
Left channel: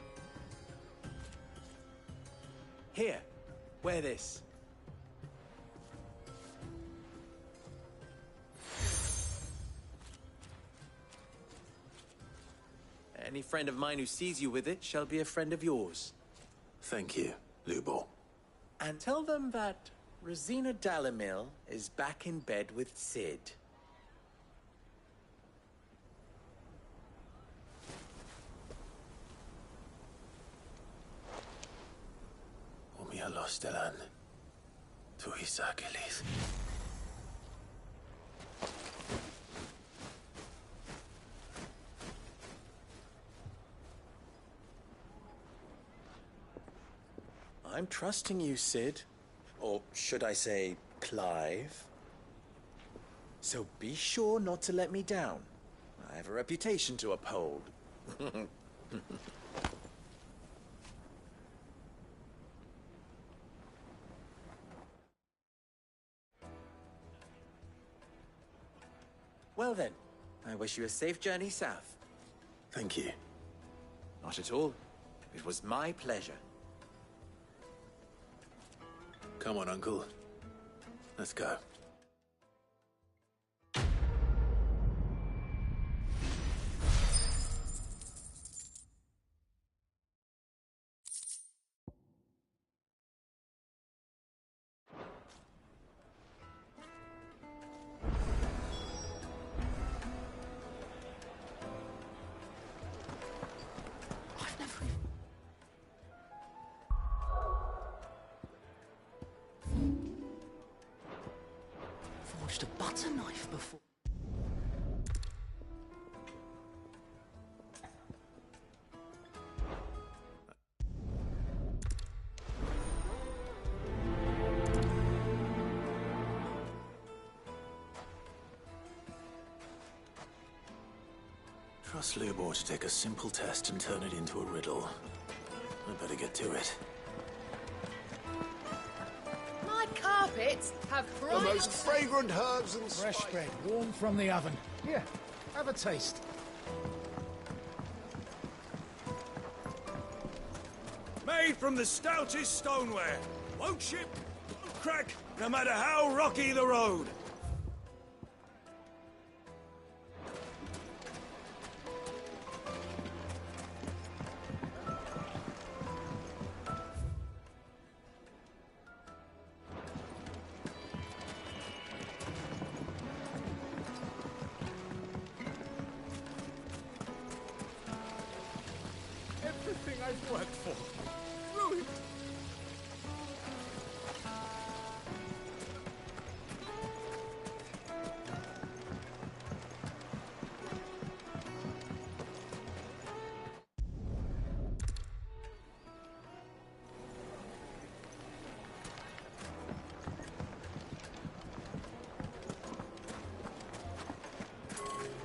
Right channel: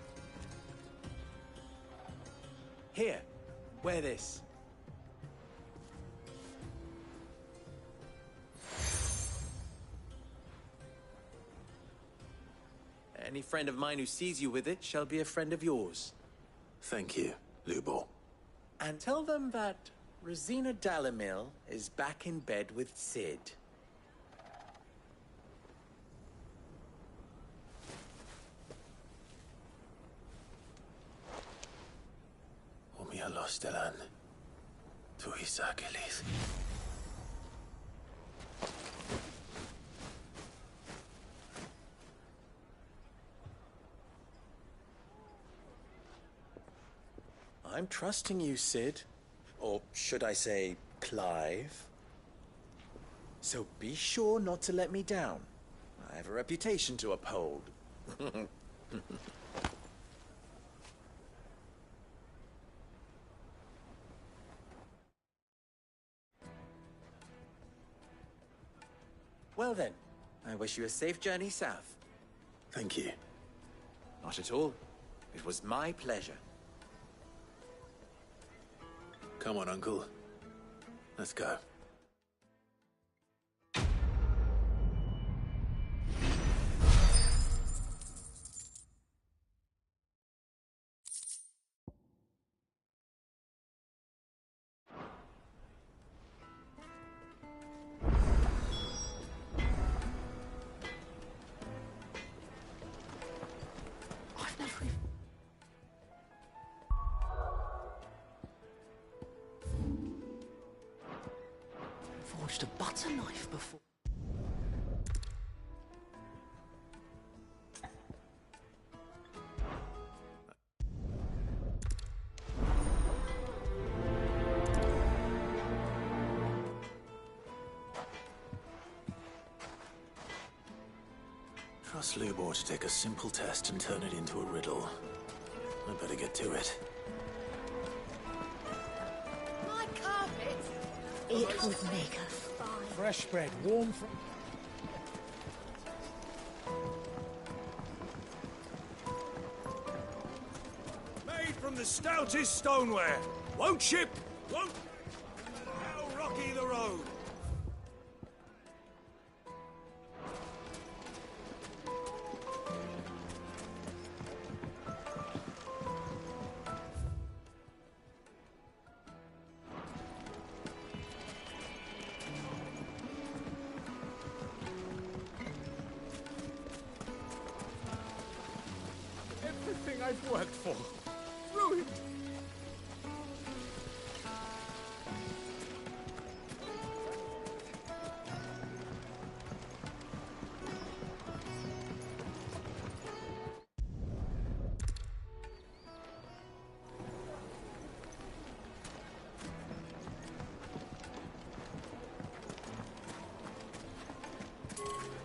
Here, wear this. Any friend of mine who sees you with it shall be a friend of yours. Thank you, Lubor. And tell them that Rosina Dalamil is back in bed with Sid. Omia Lostelan. Tuisakelis. I'm trusting you, Sid. Or should I say, Clive? So be sure not to let me down. I have a reputation to uphold. Well then, I wish you a safe journey south. Thank you. Not at all. It was my pleasure. Come on, Uncle. Let's go. forged a butter knife before. Trust Lubor to take a simple test and turn it into a riddle. I better get to it. My carpets have The brought most fragrant herbs and fresh bread, warm from the oven. Here, have a taste. Made from the stoutest stoneware. Won't chip, won't crack, no matter how rocky the road. Everything I've worked for, ruined.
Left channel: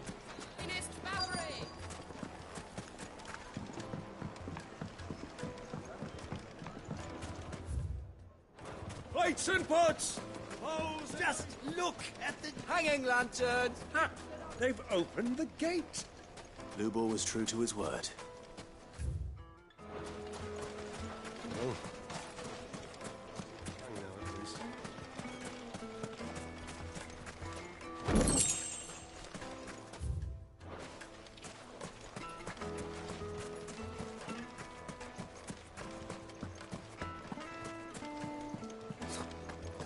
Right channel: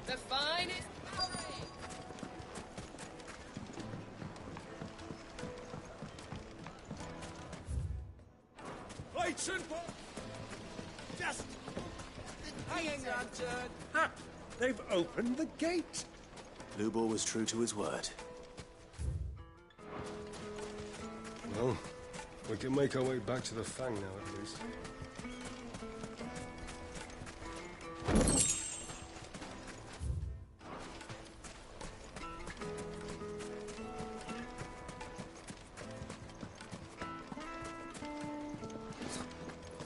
The finest fabric! Plates and pots! Just look at the hanging lantern. Ha! They've opened the gate. Lubor was true to his word. Well, we can make our way back to the Fang now, at least.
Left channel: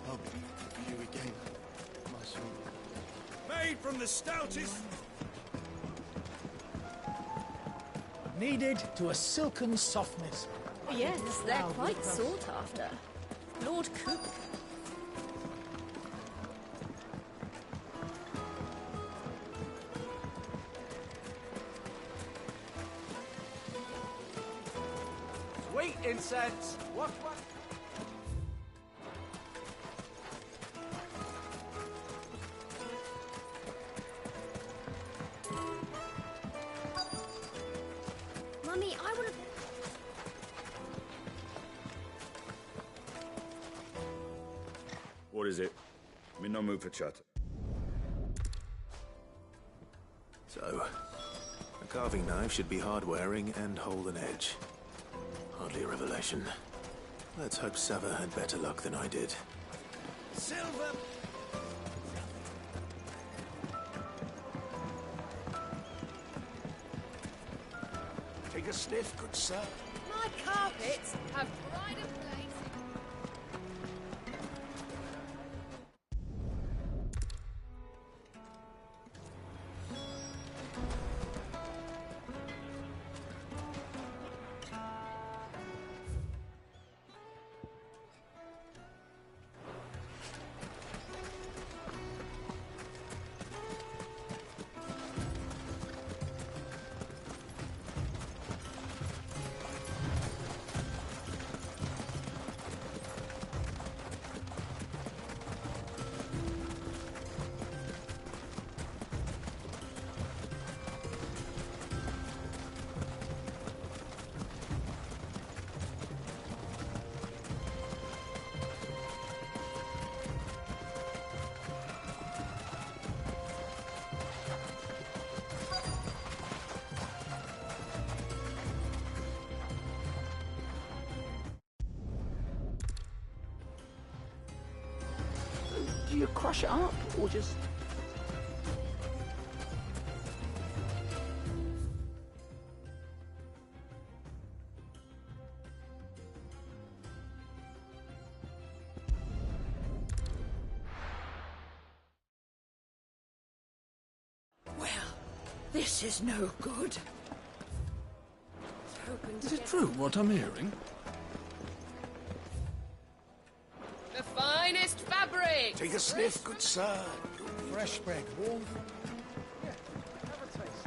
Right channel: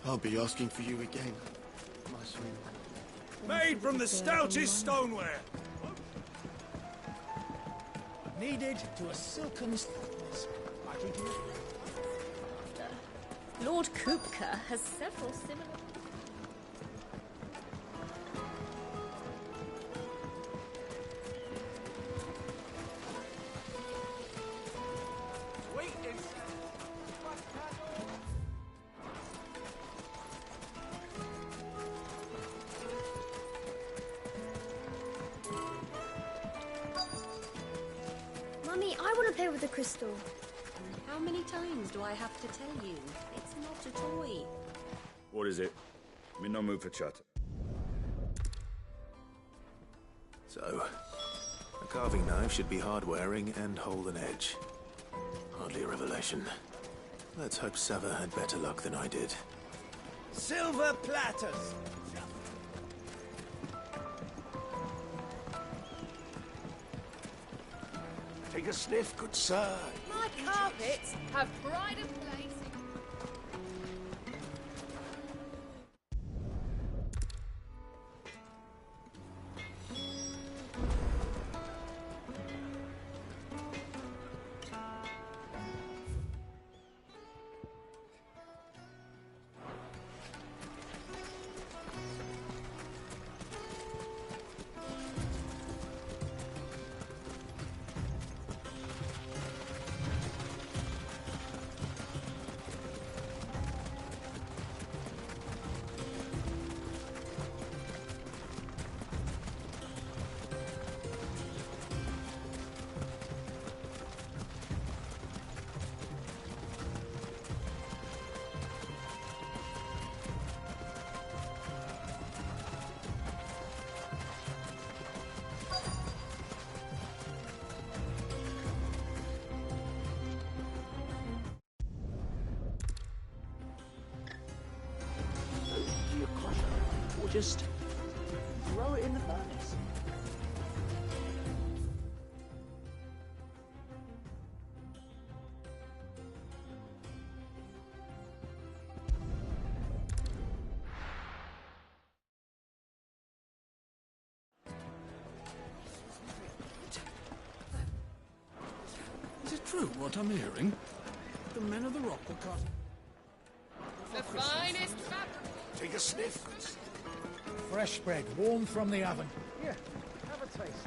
I'll be asking for you again, my sweet. Made from the stoutest stoneware. Kneaded to a silken softness. Yes, they're quite sought after. Lord Kupka has several Sweet incense. What? Mummy, I want to play with the crystal. How many times do I have to tell you? It's not a toy. What is it? I'm in no mood for chat. So, a carving knife should be hard-wearing and hold an edge. Hardly a revelation. Let's hope Sava had better luck than I did. Silver platters. Take a sniff, good sir. My carpets have pride of place. Do you crush it up, or just throw it in the furnace? Well, this is no good. Is it true what I'm hearing? The men of the rock become... The finest fabric! Take a sniff, good sir. Fresh bread, warm from the oven. Here, have a taste.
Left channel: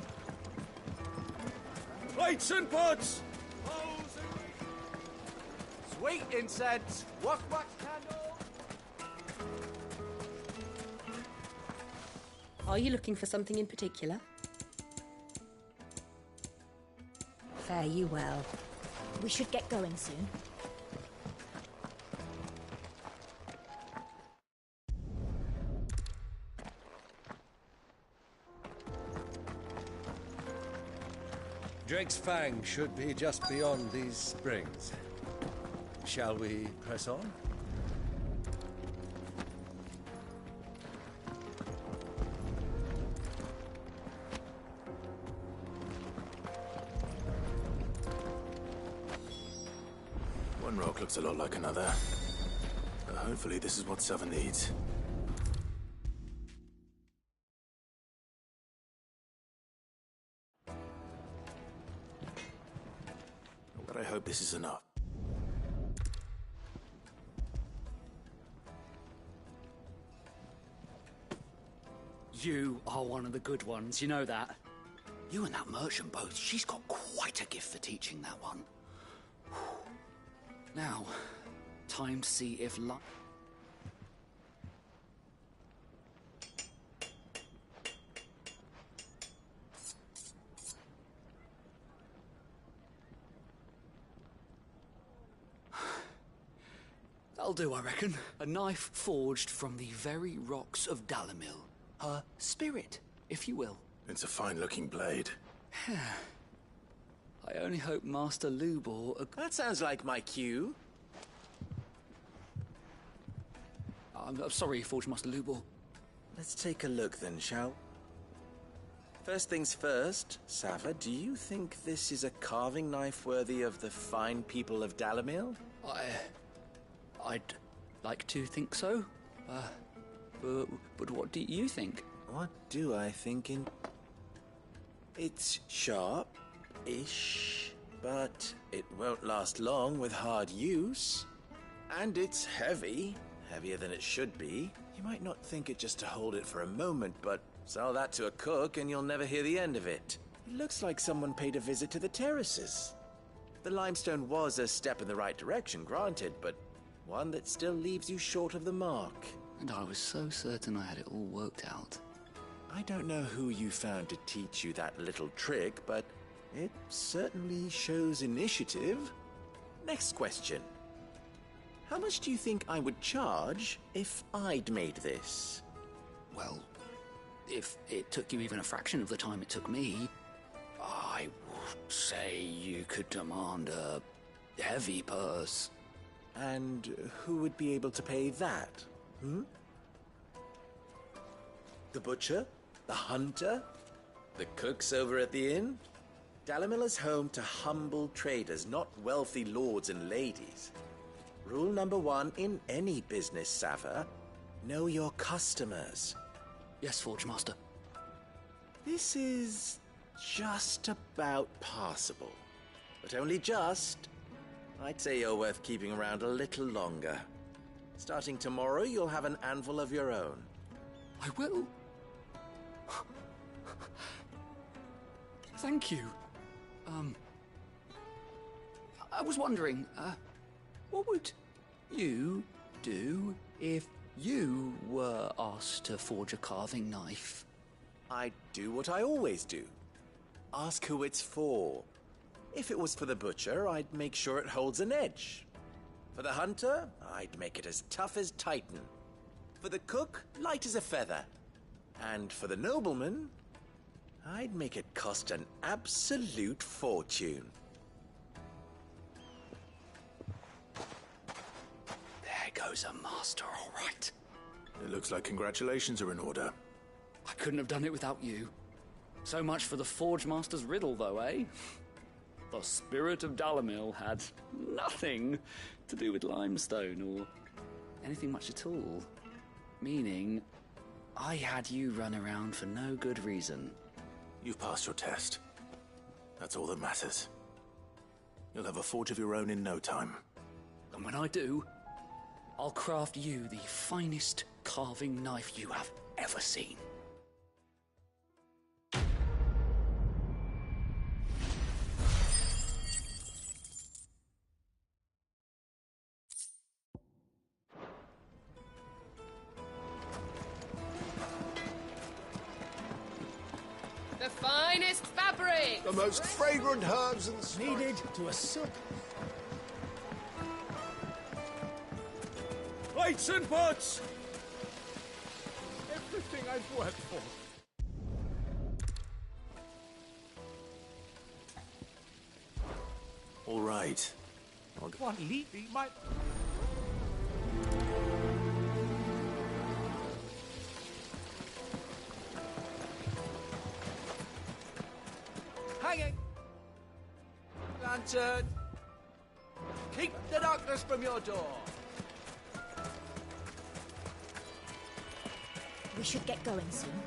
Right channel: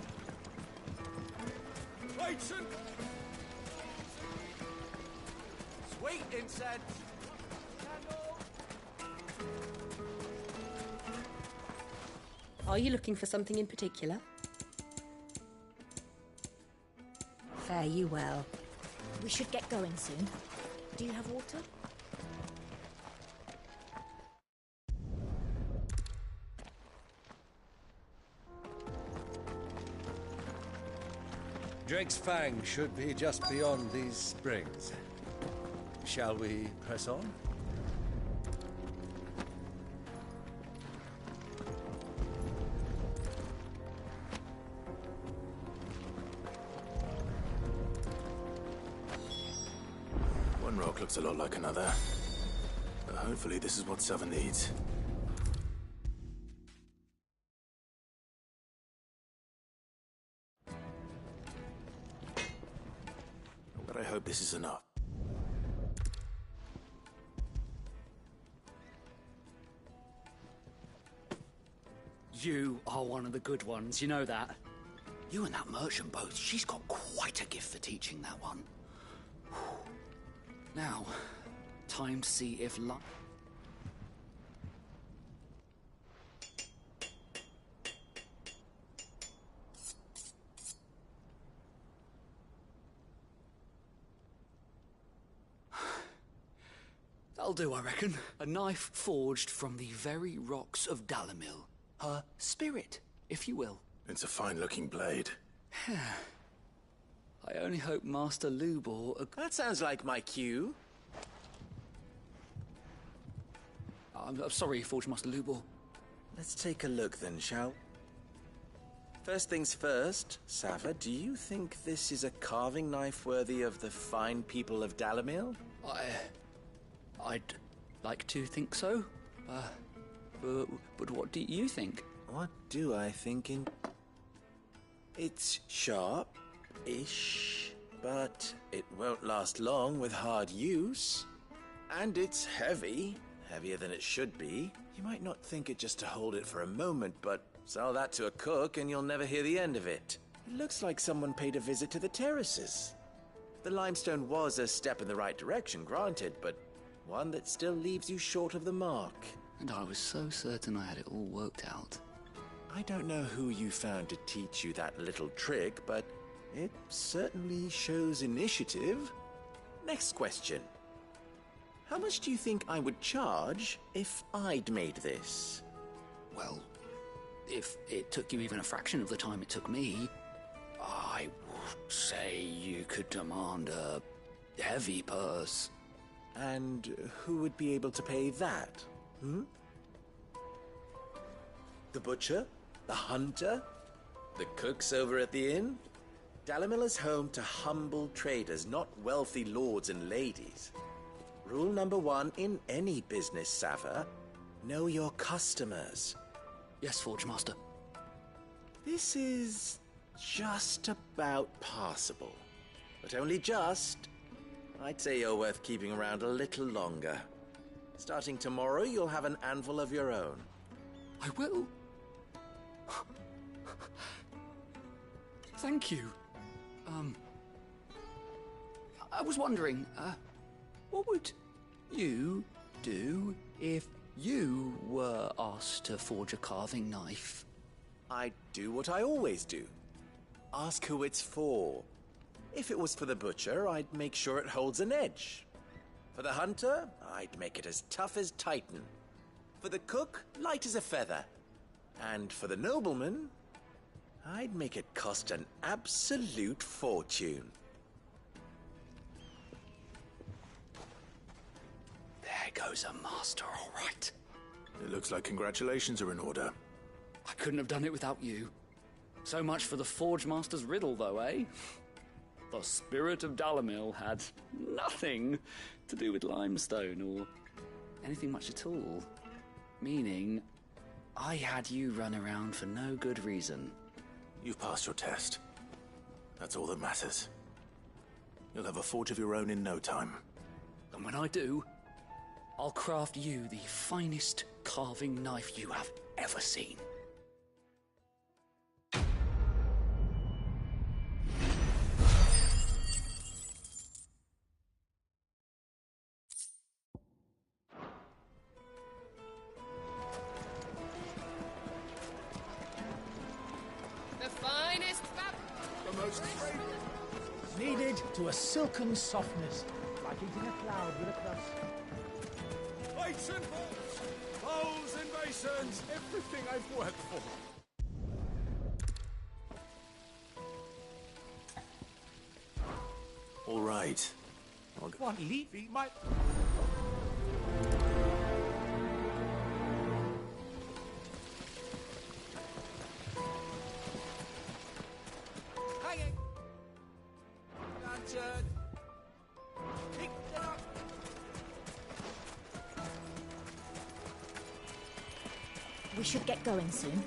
Plates and pots! Sweet incense! Wax candle! Are you looking for something in particular? Fare you well. We should get going soon. Do you have water? Drake's Fang should be just beyond these springs. Shall we press on? One rock looks a lot like another. But hopefully this is what Sava needs. But I hope this is enough. You are one of the good ones, you know that? You and that merchant both, she's got quite a gift for teaching that one. Now, time to see if luck... That'll do, I reckon. A knife forged from the very rocks of Dalamil. Her spirit, if you will. It's a fine-looking blade. I only hope Master Lubor... That sounds like my cue. I'm sorry, Forge Master Lubor. Let's take a look then, shall we? First things first, Sava, do you think this is a carving knife worthy of the fine people of Dalamil? I'd like to think so. But what do you think? What do I think It's sharp-ish, but it won't last long with hard use. And it's heavy, heavier than it should be. You might not think it just to hold it for a moment, but sell that to a cook and you'll never hear the end of it. It looks like someone paid a visit to the terraces. The limestone was a step in the right direction, granted, but one that still leaves you short of the mark. And I was so certain I had it all worked out. I don't know who you found to teach you that little trick, but it certainly shows initiative. Next question. How much do you think I would charge if I'd made this? Well, if it took you even a fraction of the time it took me, I would say you could demand a heavy purse. And who would be able to pay that? The butcher? The hunter? The cooks over at the inn? Dalamil is home to humble traders, not wealthy lords and ladies. Rule number 1 in any business, Sava: know your customers. Yes, Forge Master. This is just about passable. But only just. I'd say you're worth keeping around a little longer. Starting tomorrow, you'll have an anvil of your own. I will. Thank you. I was wondering, what would you do if you were asked to forge a carving knife? I'd do what I always do. Ask who it's for. If it was for the butcher, I'd make sure it holds an edge. For the hunter, I'd make it as tough as Titan. For the cook, light as a feather. And for the nobleman, I'd make it cost an absolute fortune. There goes a master, all right. It looks like congratulations are in order. I couldn't have done it without you. So much for the Forge Master's riddle, though, eh? The spirit of Dalamil had nothing to do with limestone or anything much at all. Meaning, I had you run around for no good reason. You've passed your test. That's all that matters. You'll have a forge of your own in no time. And when I do, I'll craft you the finest carving knife you have ever seen. The finest fabric! The most fragrant herbs and spices. Kneaded to a silken softness. Like it's in a cloud with a crust. Plates and pots! Bowls and basins! Everything I've worked for. All right. I'll go. What, Levy? My... Hanging! Lantern! Keep the darkness from your door! We should get going soon.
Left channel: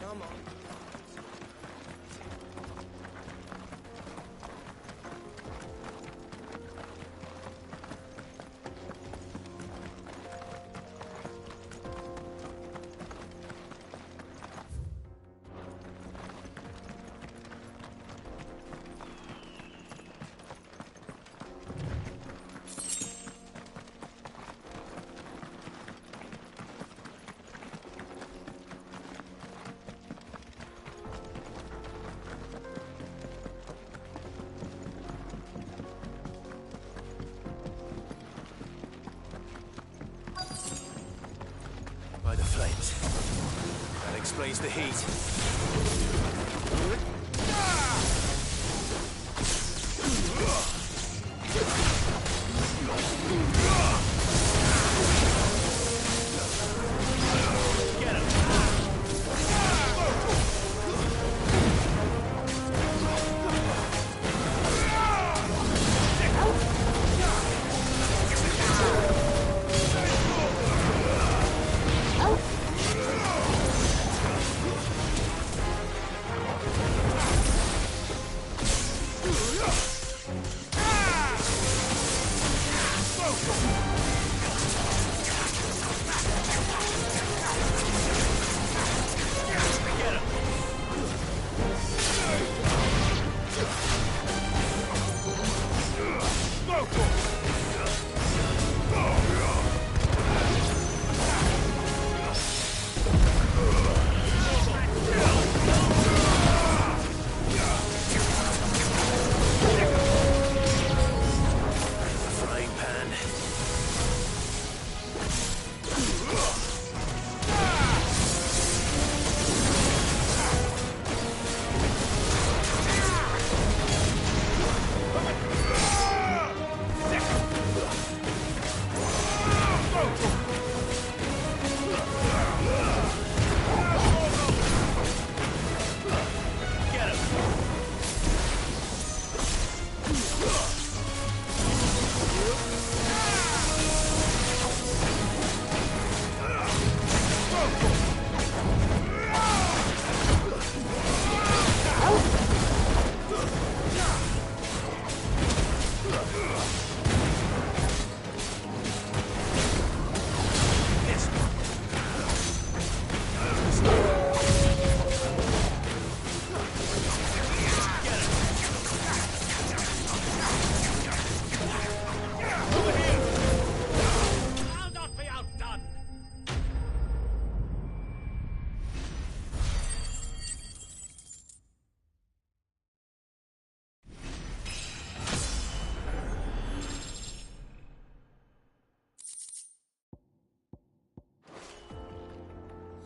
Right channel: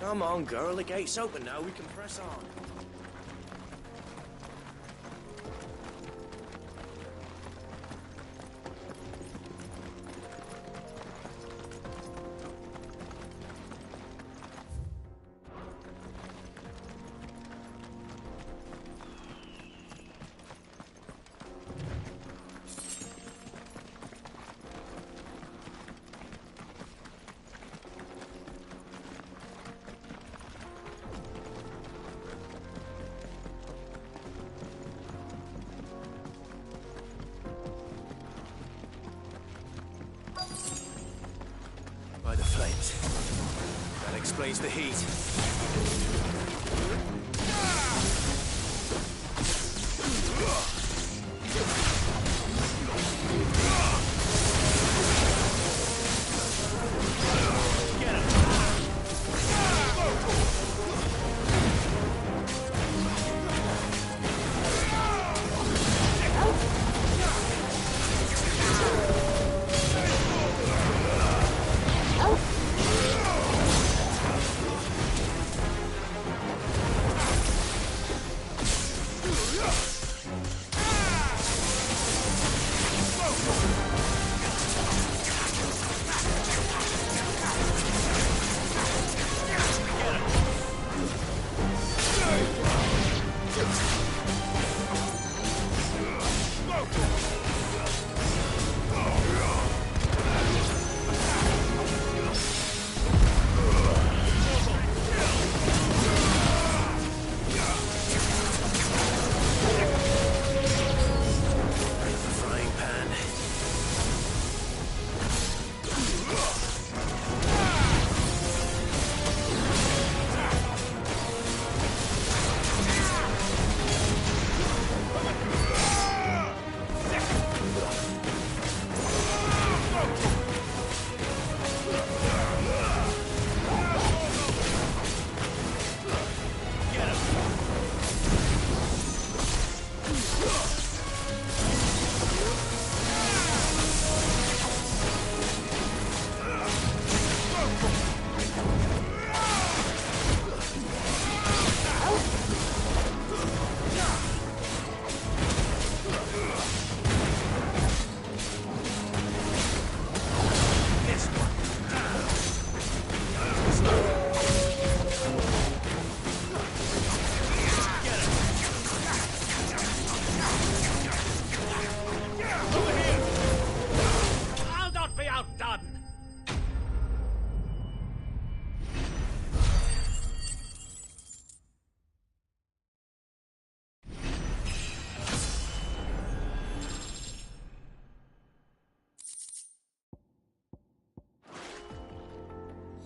Come on, girl. The gate's open now. We can press on. By the flames. That explains the heat. Get him!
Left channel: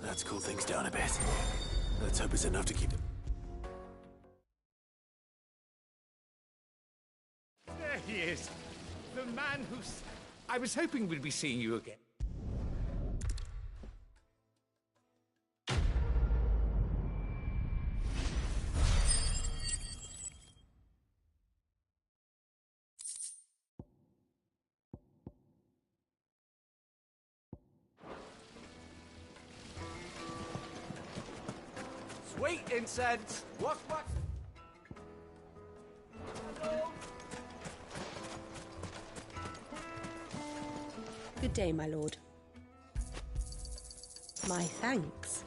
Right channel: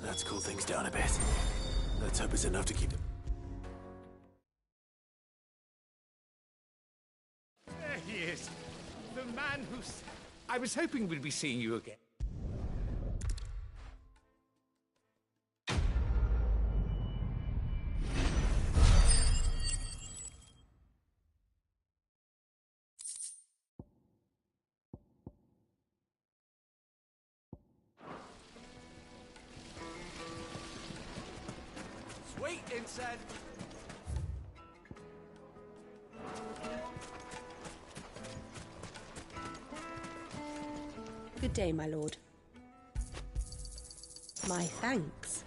Let's cool things down a bit. Let's hope it's enough to keep them. There he is. The man who's... I was hoping we'd be seeing you again. Sweet incense! What? Good day, my lord. My thanks.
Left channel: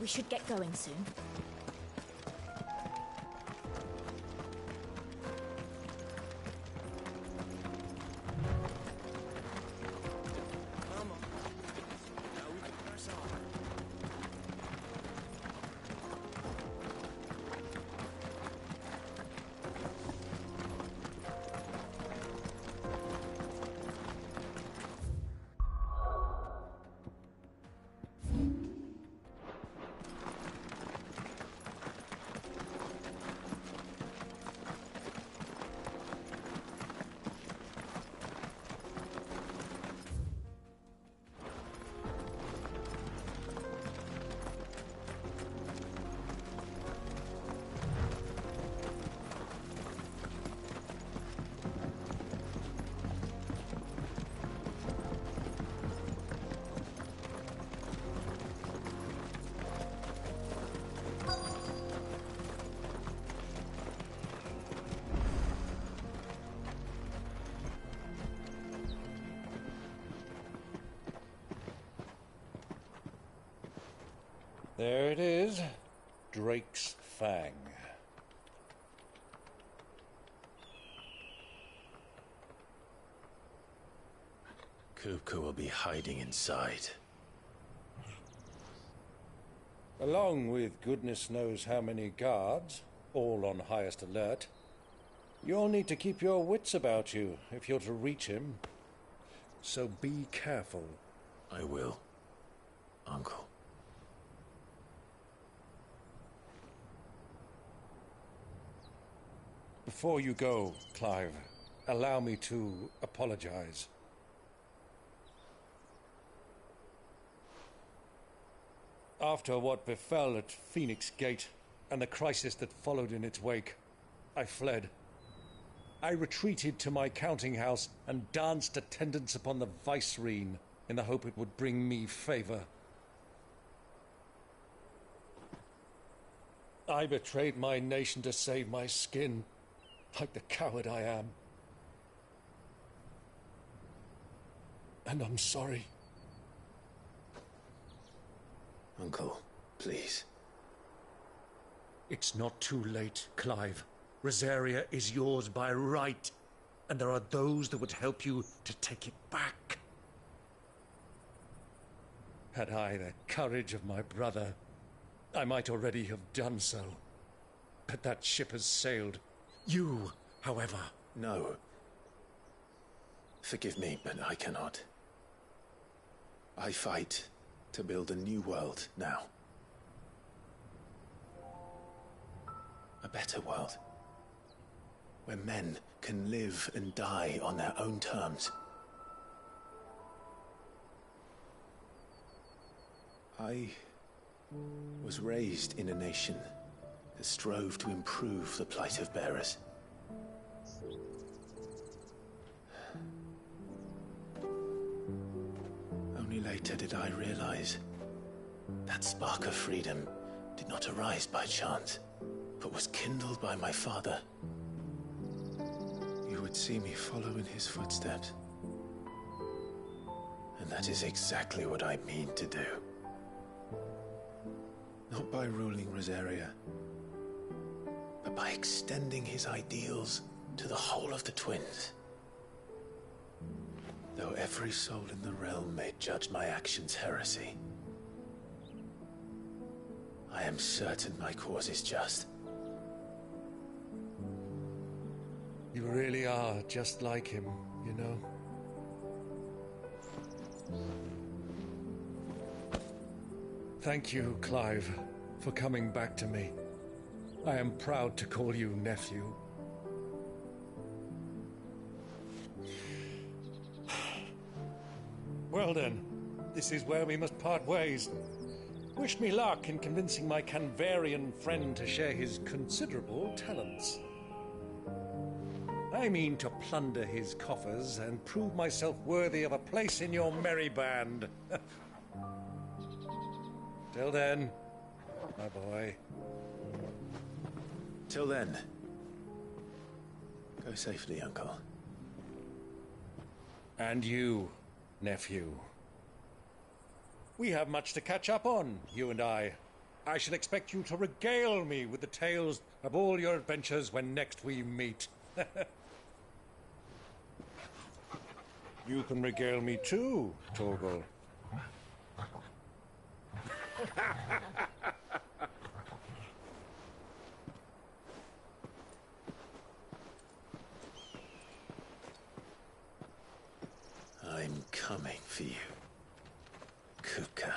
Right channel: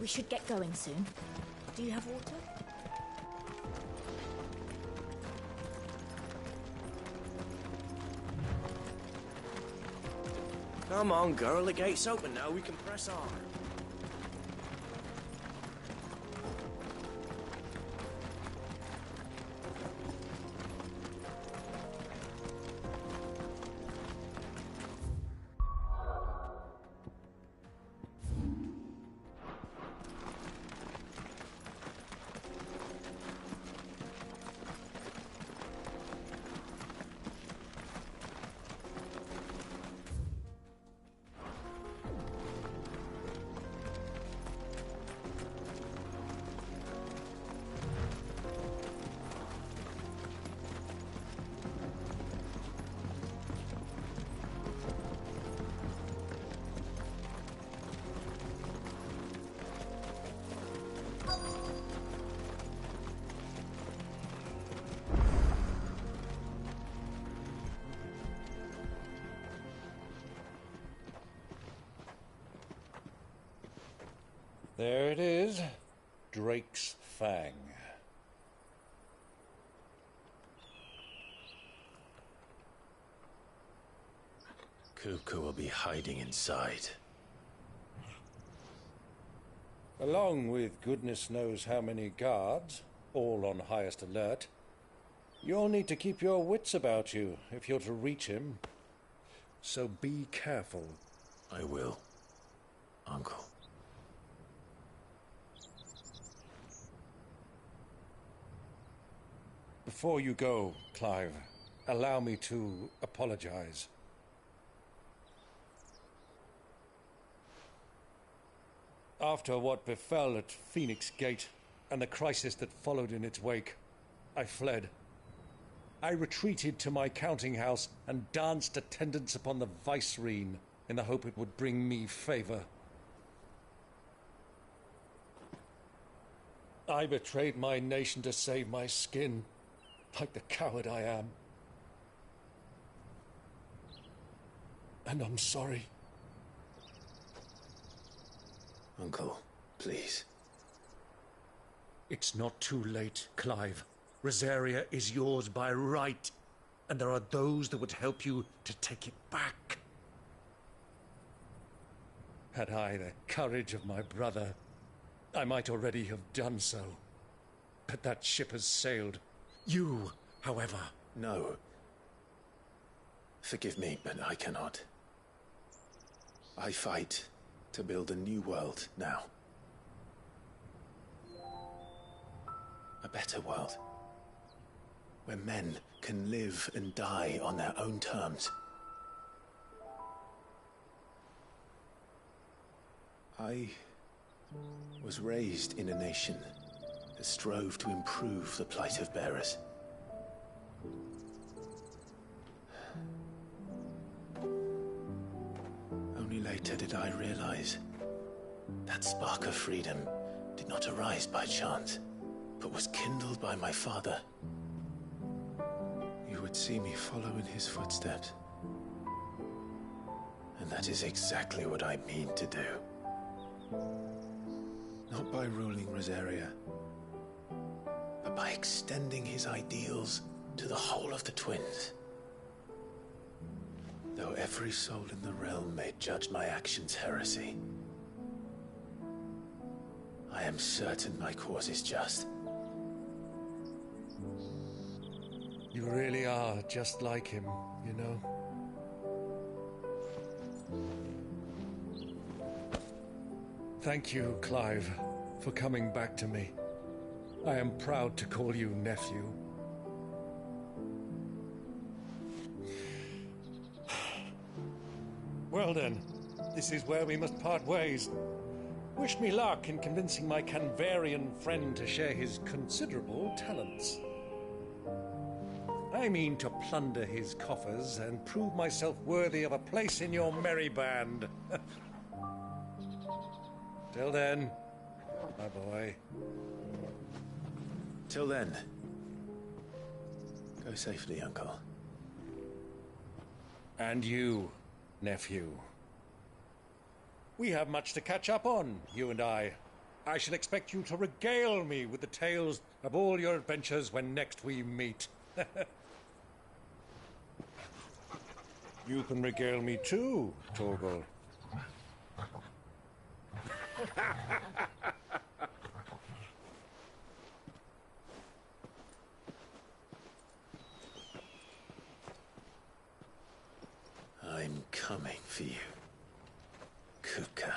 We should get going soon. Do you have water? Come on, girl. The gate's open now. We can press on. There it is. Drake's Fang. Kupka will be hiding inside. Along with goodness knows how many guards, all on highest alert. You'll need to keep your wits about you if you're to reach him. So be careful. I will, Uncle. Before you go, Clive, allow me to apologize. After what befell at Phoenix Gate and the crisis that followed in its wake, I fled. I retreated to my counting house and danced attendance upon the vicereine in the hope it would bring me favor. I betrayed my nation to save my skin, like the coward I am. And I'm sorry. Uncle, please. It's not too late, Clive. Rosaria is yours by right, and there are those that would help you to take it back. Had I the courage of my brother, I might already have done so. But that ship has sailed. You, however... No. Forgive me, but I cannot. I fight to build a new world now. A better world. Where men can live and die on their own terms. I was raised in a nation that strove to improve the plight of bearers. Only later did I realize that spark of freedom did not arise by chance, but was kindled by my father. You would see me follow in his footsteps. And that is exactly what I mean to do. Not by ruling Rosaria, but by extending his ideals to the whole of the twins. Though every soul in the realm may judge my actions heresy, I am certain my cause is just. You really are just like him, you know? Thank you, Clive, for coming back to me. I am proud to call you nephew. Well then, this is where we must part ways. Wish me luck in convincing my Canvarian friend to share his considerable talents. I mean to plunder his coffers and prove myself worthy of a place in your merry band. Till then, my boy. Till then, go safely, Uncle. And you, nephew. We have much to catch up on, you and I. I shall expect you to regale me with the tales of all your adventures when next we meet. You can regale me too, Torgal. I'm coming for you, Kuka.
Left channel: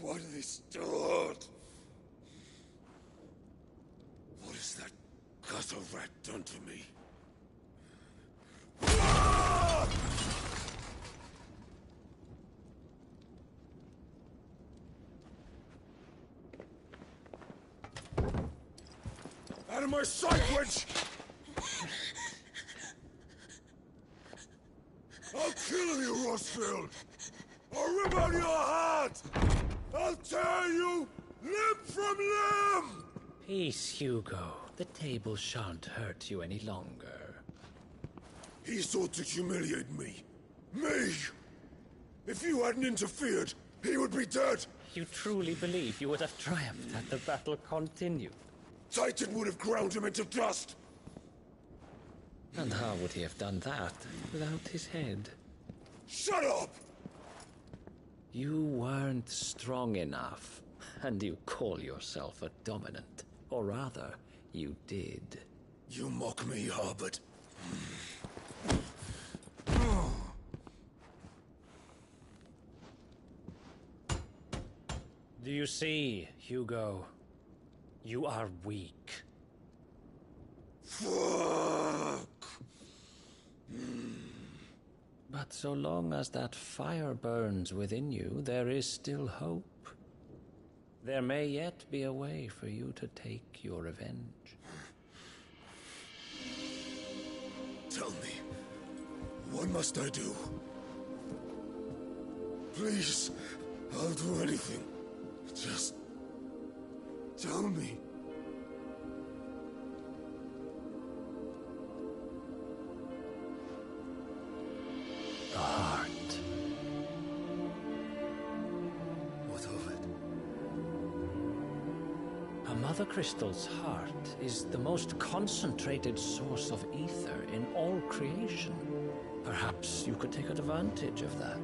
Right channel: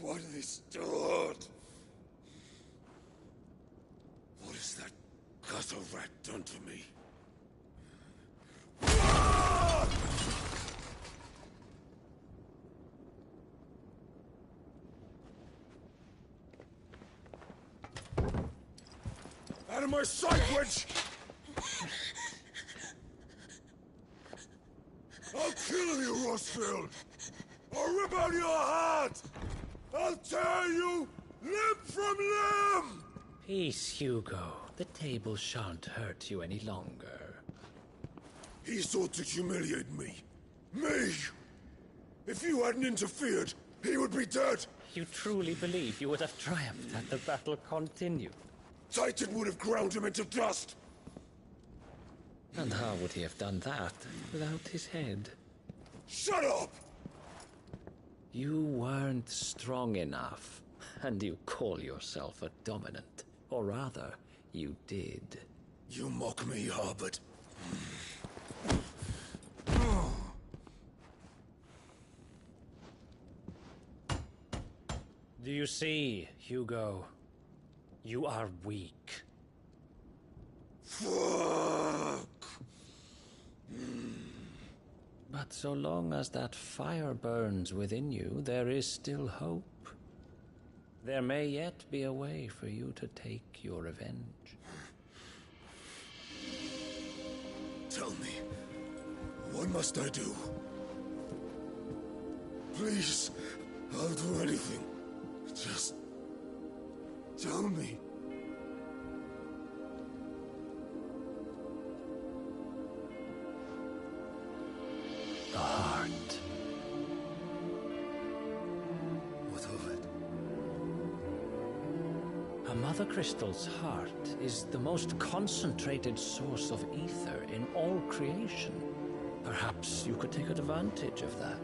What have they stored? What has that gutter rat done to me? Out of my sight, witch! I'll kill you, Rossfield! I'll rip out your heart! I'll tear you limb from limb! Peace, Hugo. The table shan't hurt you any longer. He sought to humiliate me. Me! If you hadn't interfered, he would be dead! You truly believe you would have triumphed had the battle continued? Titan would have ground him into dust! And how would he have done that without his head? Shut up! You weren't strong enough, and you call yourself a dominant. Or rather, you did. You mock me, Harbert. Do you see, Hugo? You are weak. Fuck! But so long as that fire burns within you, there is still hope. There may yet be a way for you to take your revenge. Tell me, what must I do? Please, I'll do anything. Just tell me. The heart. What of it? A Mother Crystal's heart is the most concentrated source of ether in all creation. Perhaps you could take advantage of that.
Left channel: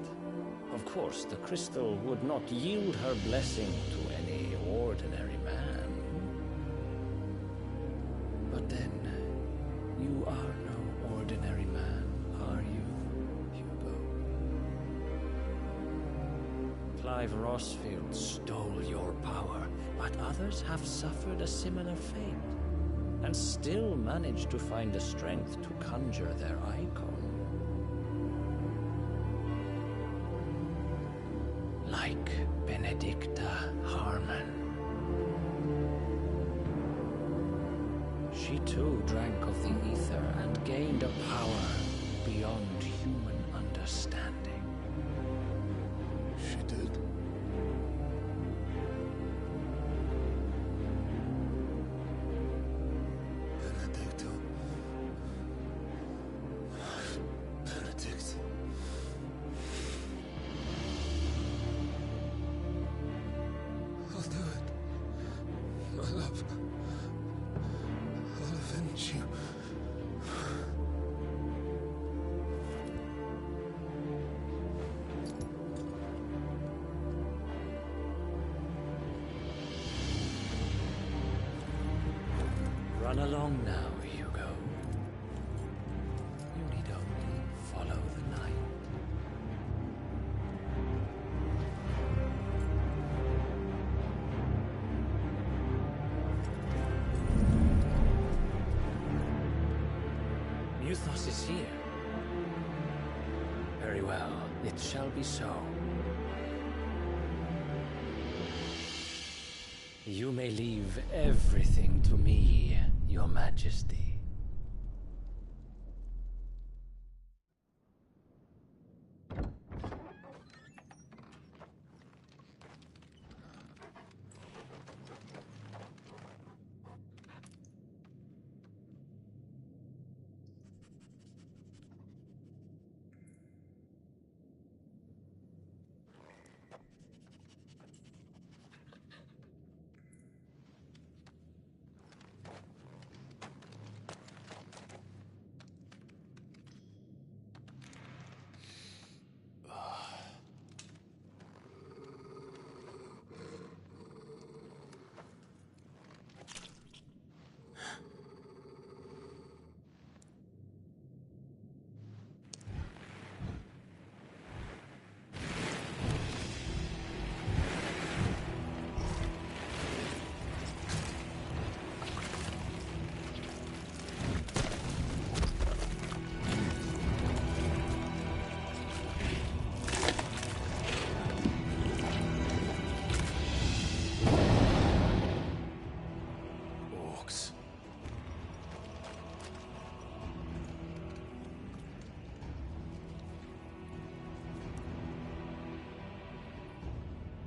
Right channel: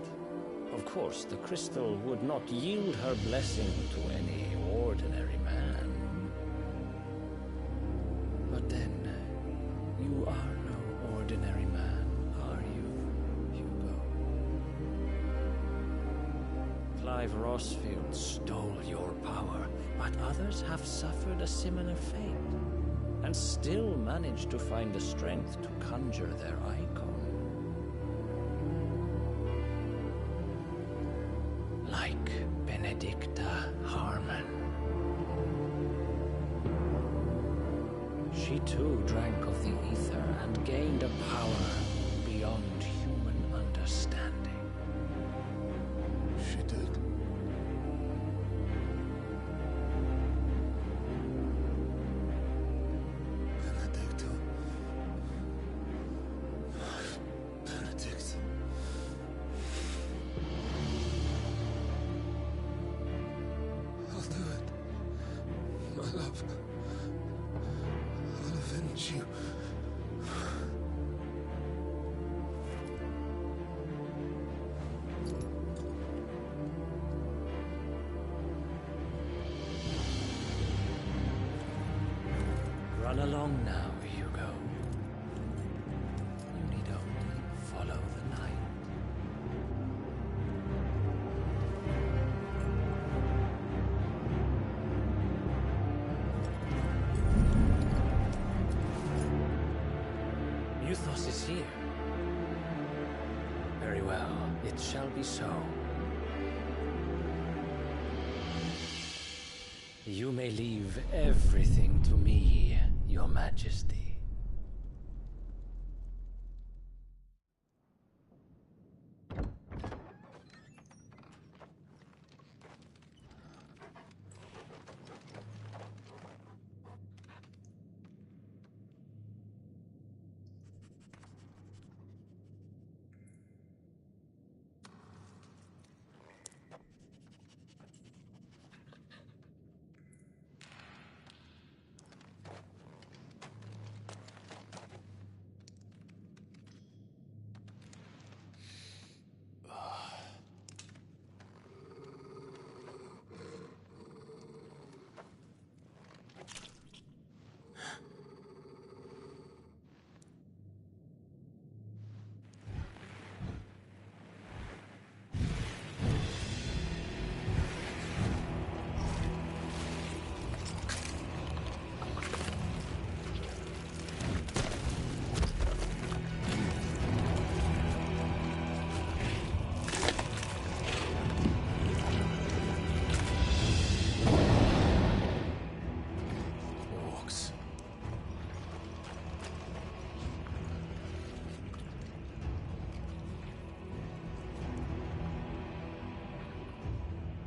Of course, the crystal would not yield her blessing to any ordinary man. But then, you are no ordinary man, are you, Hugo? Clive Rossfield stole your power, but others have suffered a similar fate, and still managed to find the strength to conjure their icon. Like Benedicta Harmon. She too drank of the ether and gained a power beyond human understanding. She did. Benedicta. Benedict. I'll do it. My love. I'll avenge you. Run along now, Hugo. You need only follow Nuthos is here. Very well, it shall be so. You may leave everything to me, Your Majesty.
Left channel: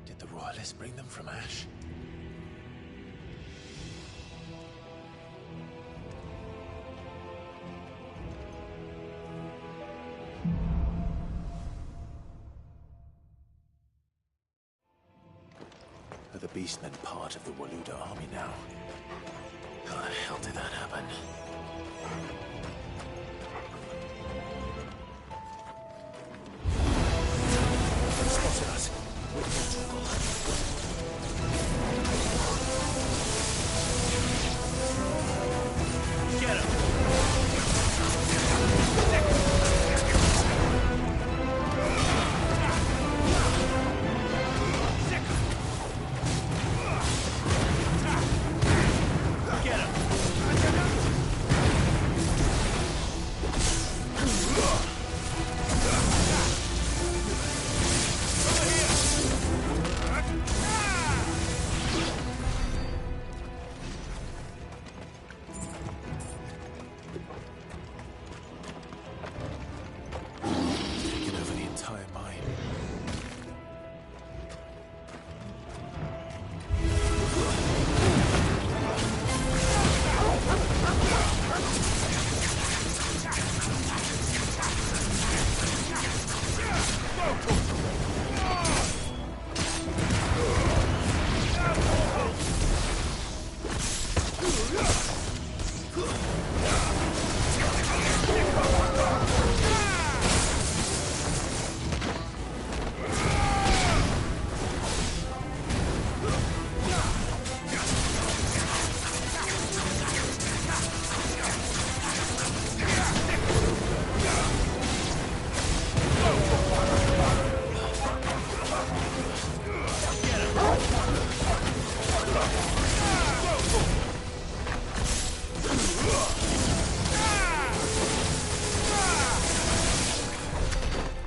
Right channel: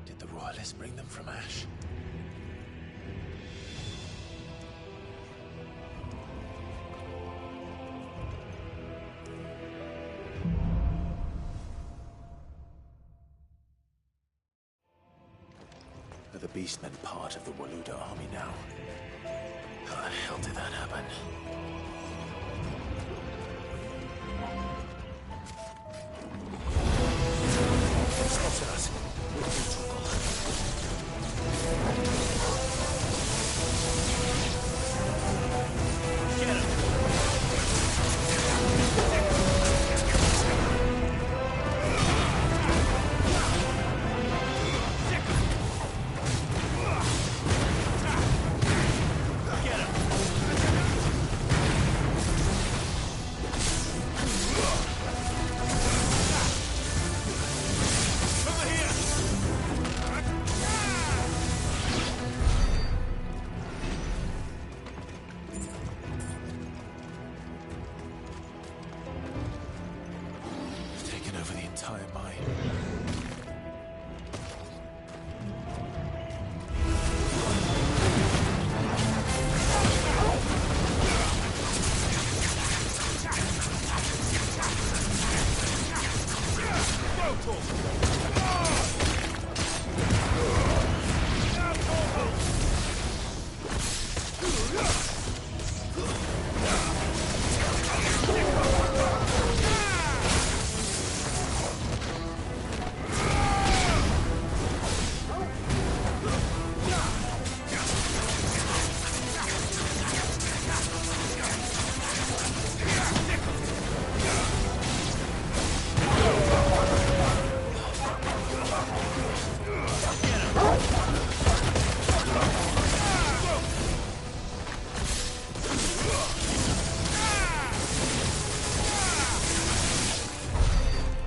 Did the royalists bring them from Ash? Are the Beastmen part of the Waluda army now? How the hell did that happen? They spotted us. We're in trouble. Get him!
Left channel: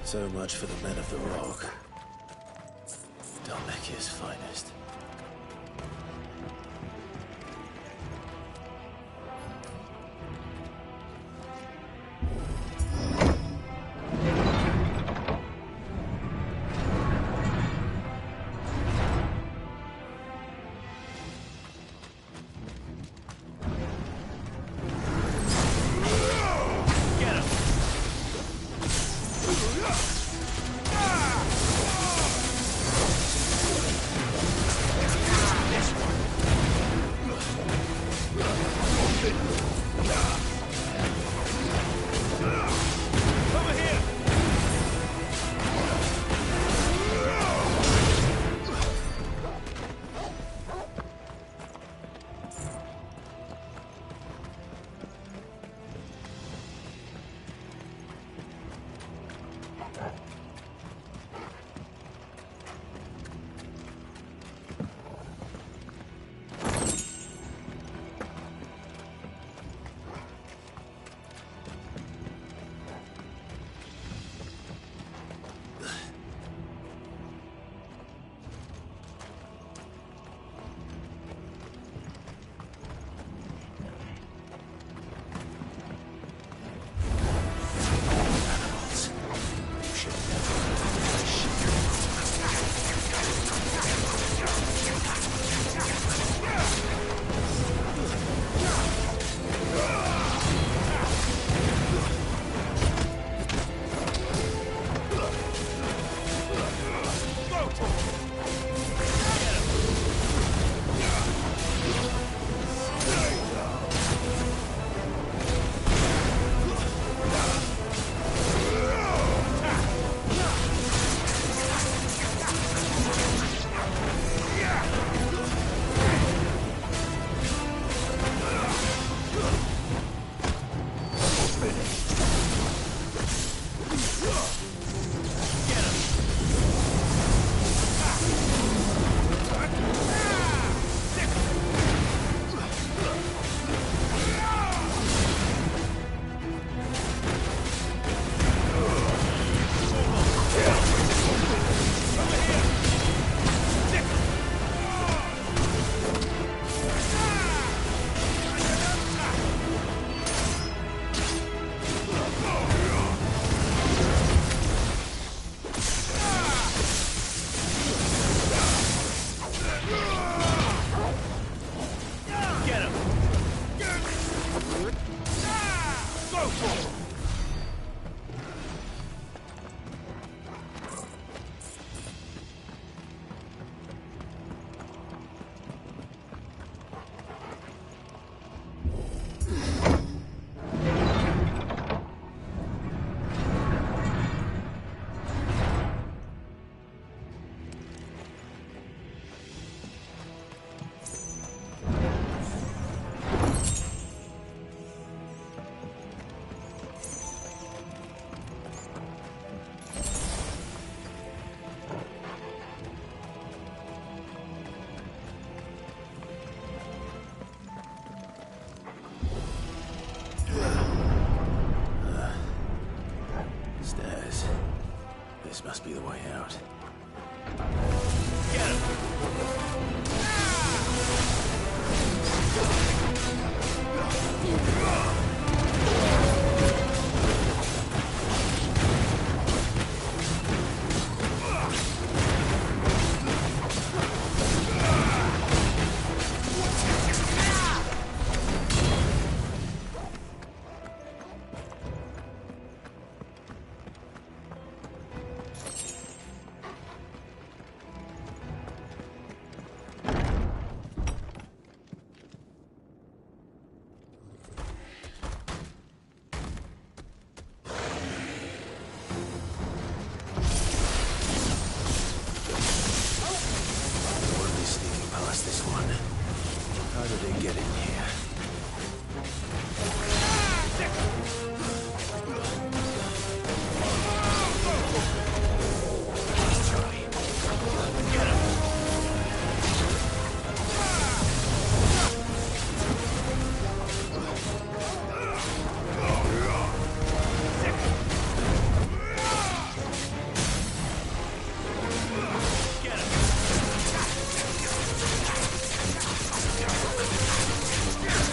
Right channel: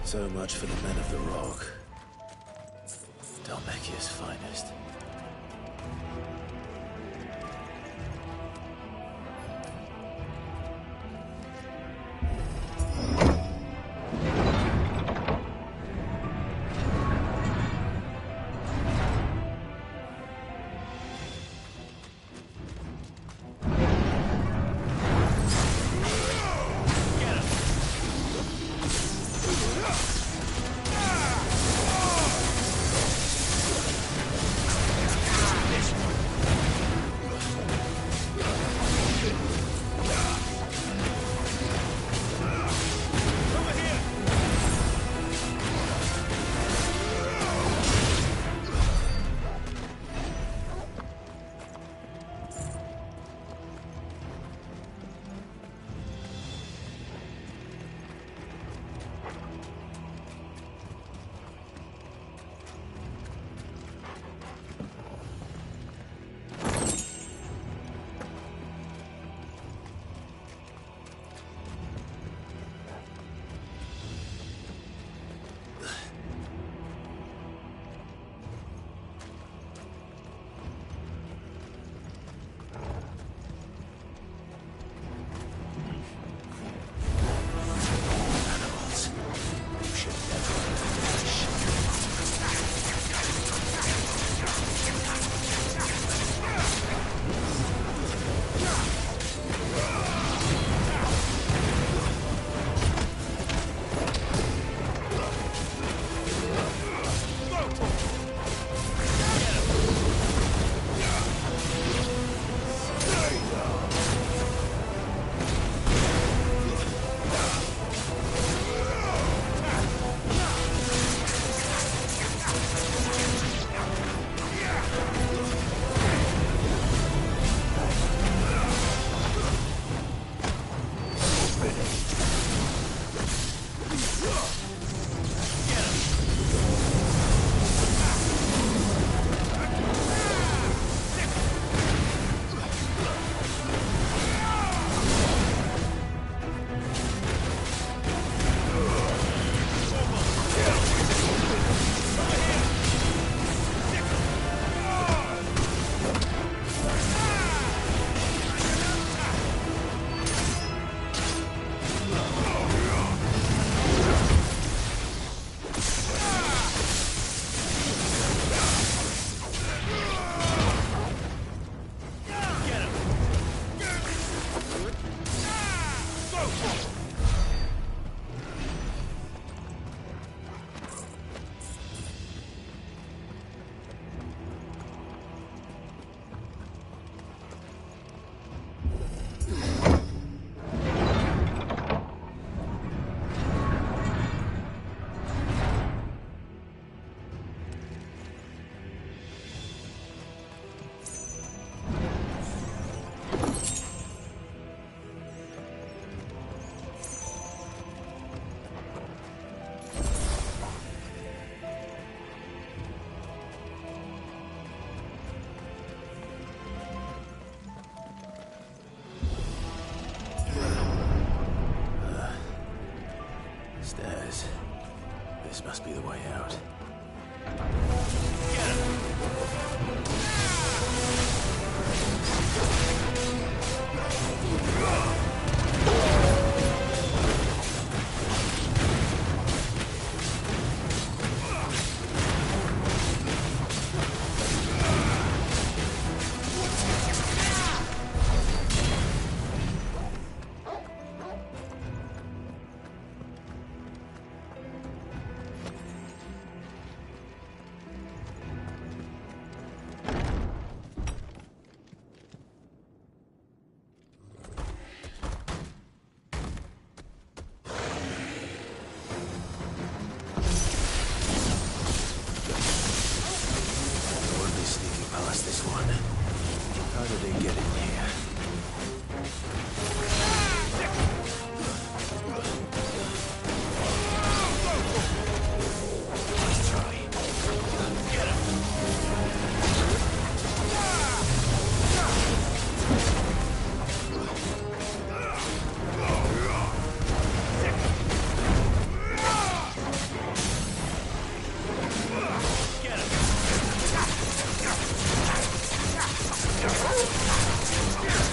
So much for the men of the Rock. Dalmekia's finest. Go for it! Stairs. This must be the way out. This one. How did they get in here? Let's try. Get him! Get him!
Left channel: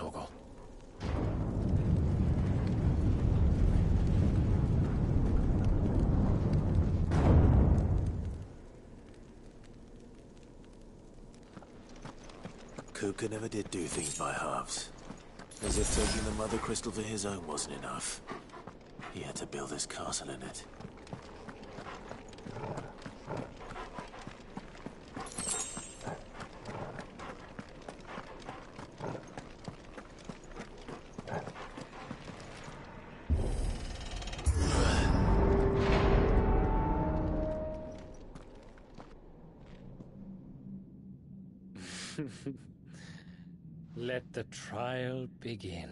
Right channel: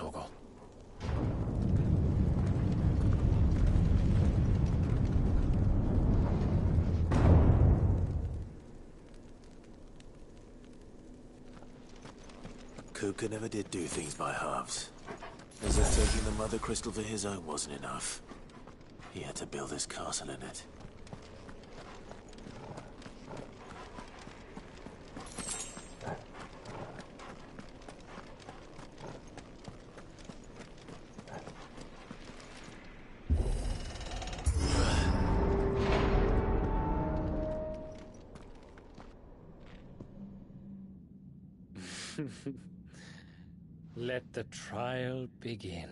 on, Torgal. Kuka never did do things by halves. As if taking the Mother Crystal for his own wasn't enough. He had to build his castle in it. Let the trial begin.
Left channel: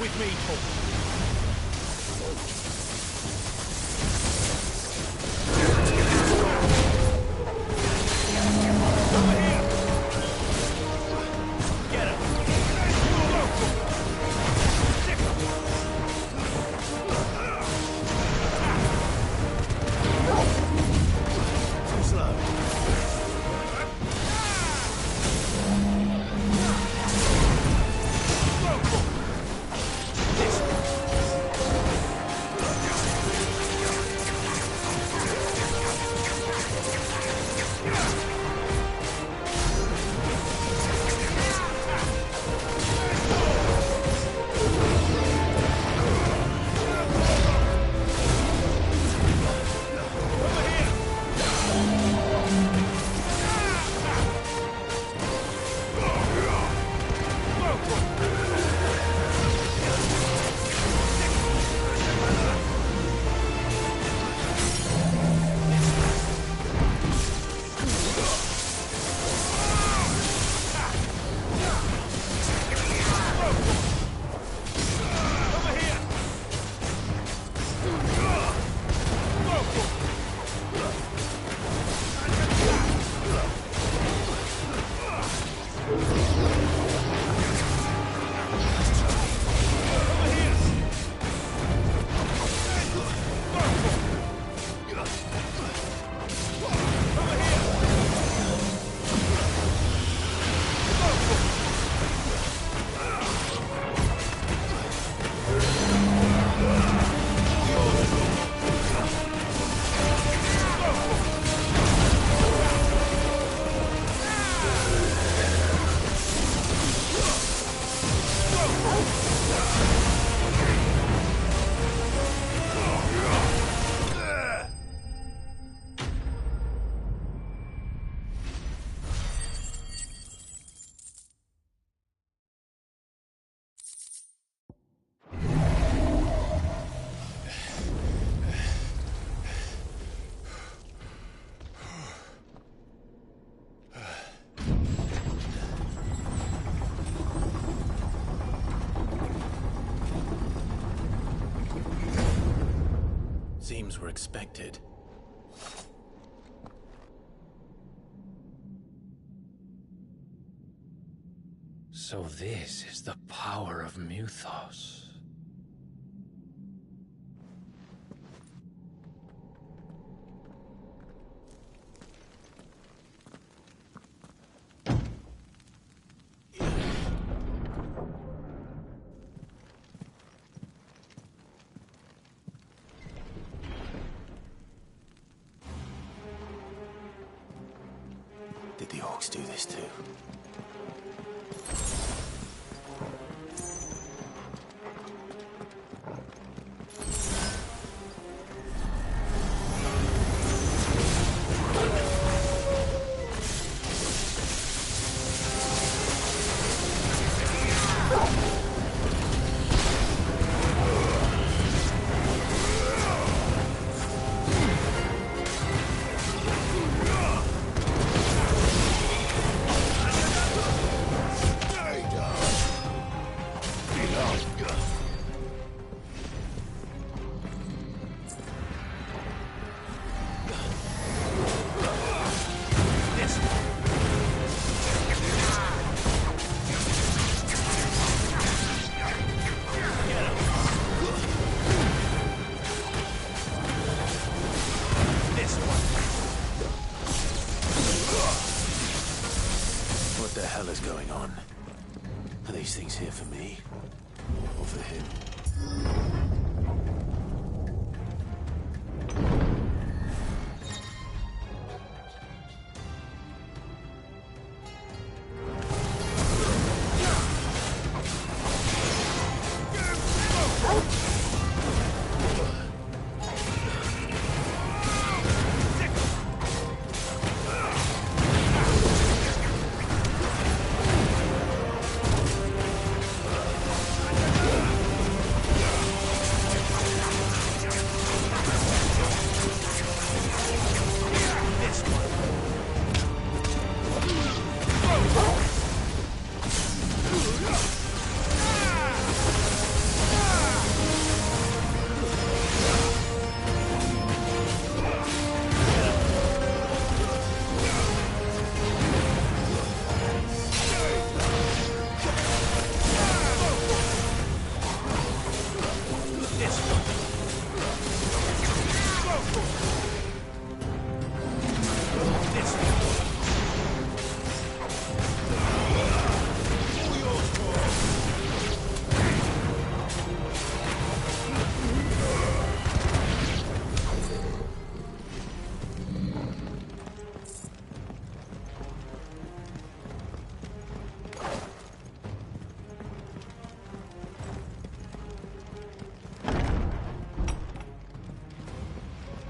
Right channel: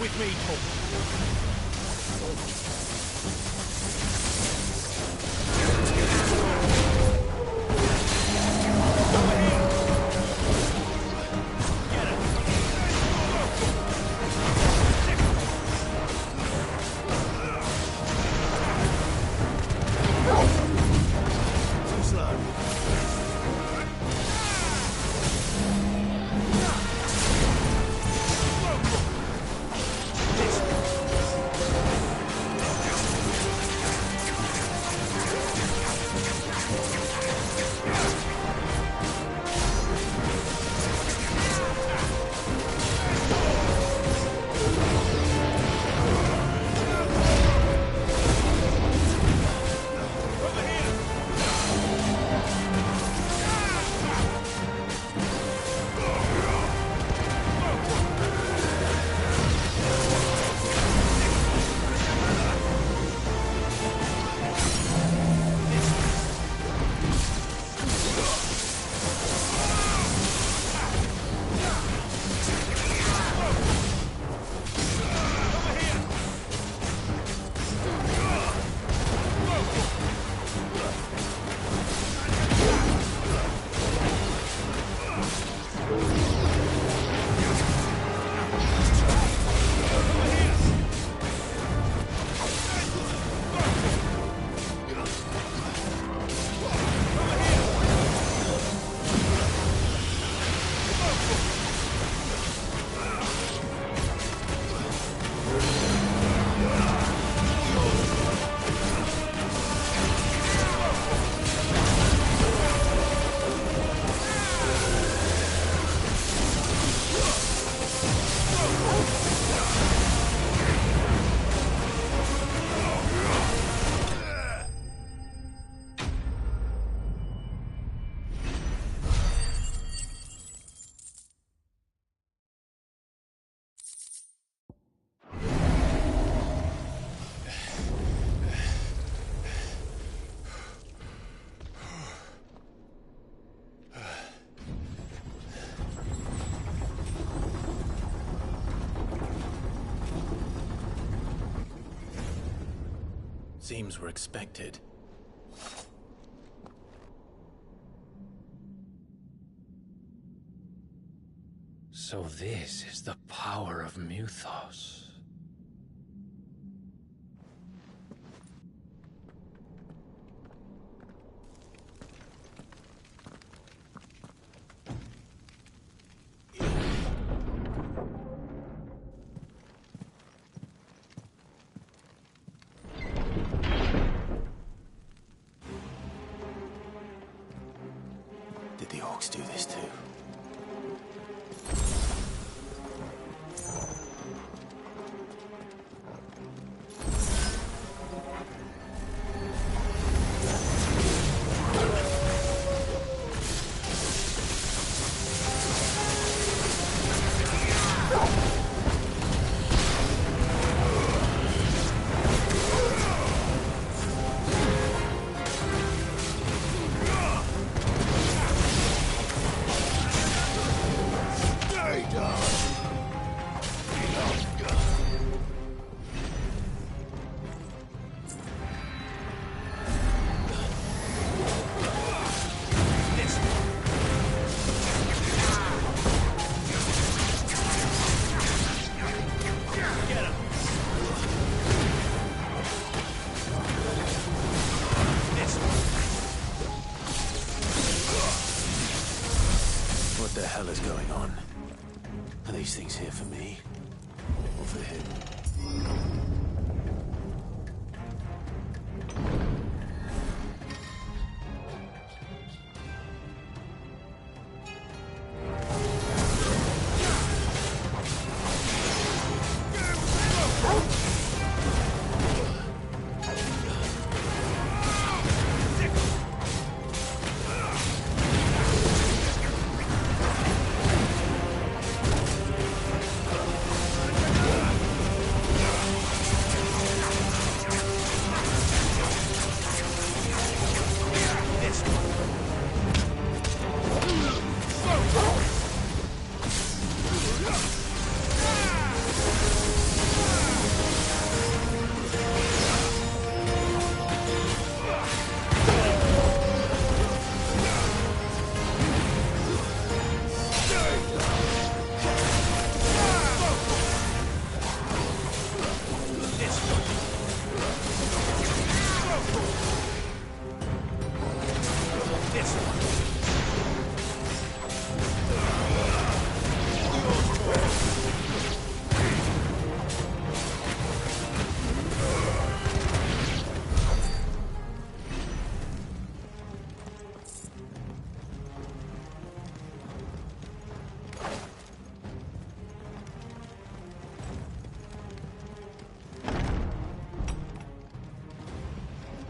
With me, Torgal. Seems we're expected. So this is the power of Muthos. Did the orcs do this too? going on? Are these things here for me? Or for him?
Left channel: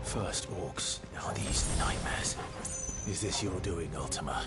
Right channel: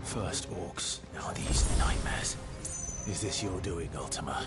First orcs, now these nightmares. Is this your doing, Ultima?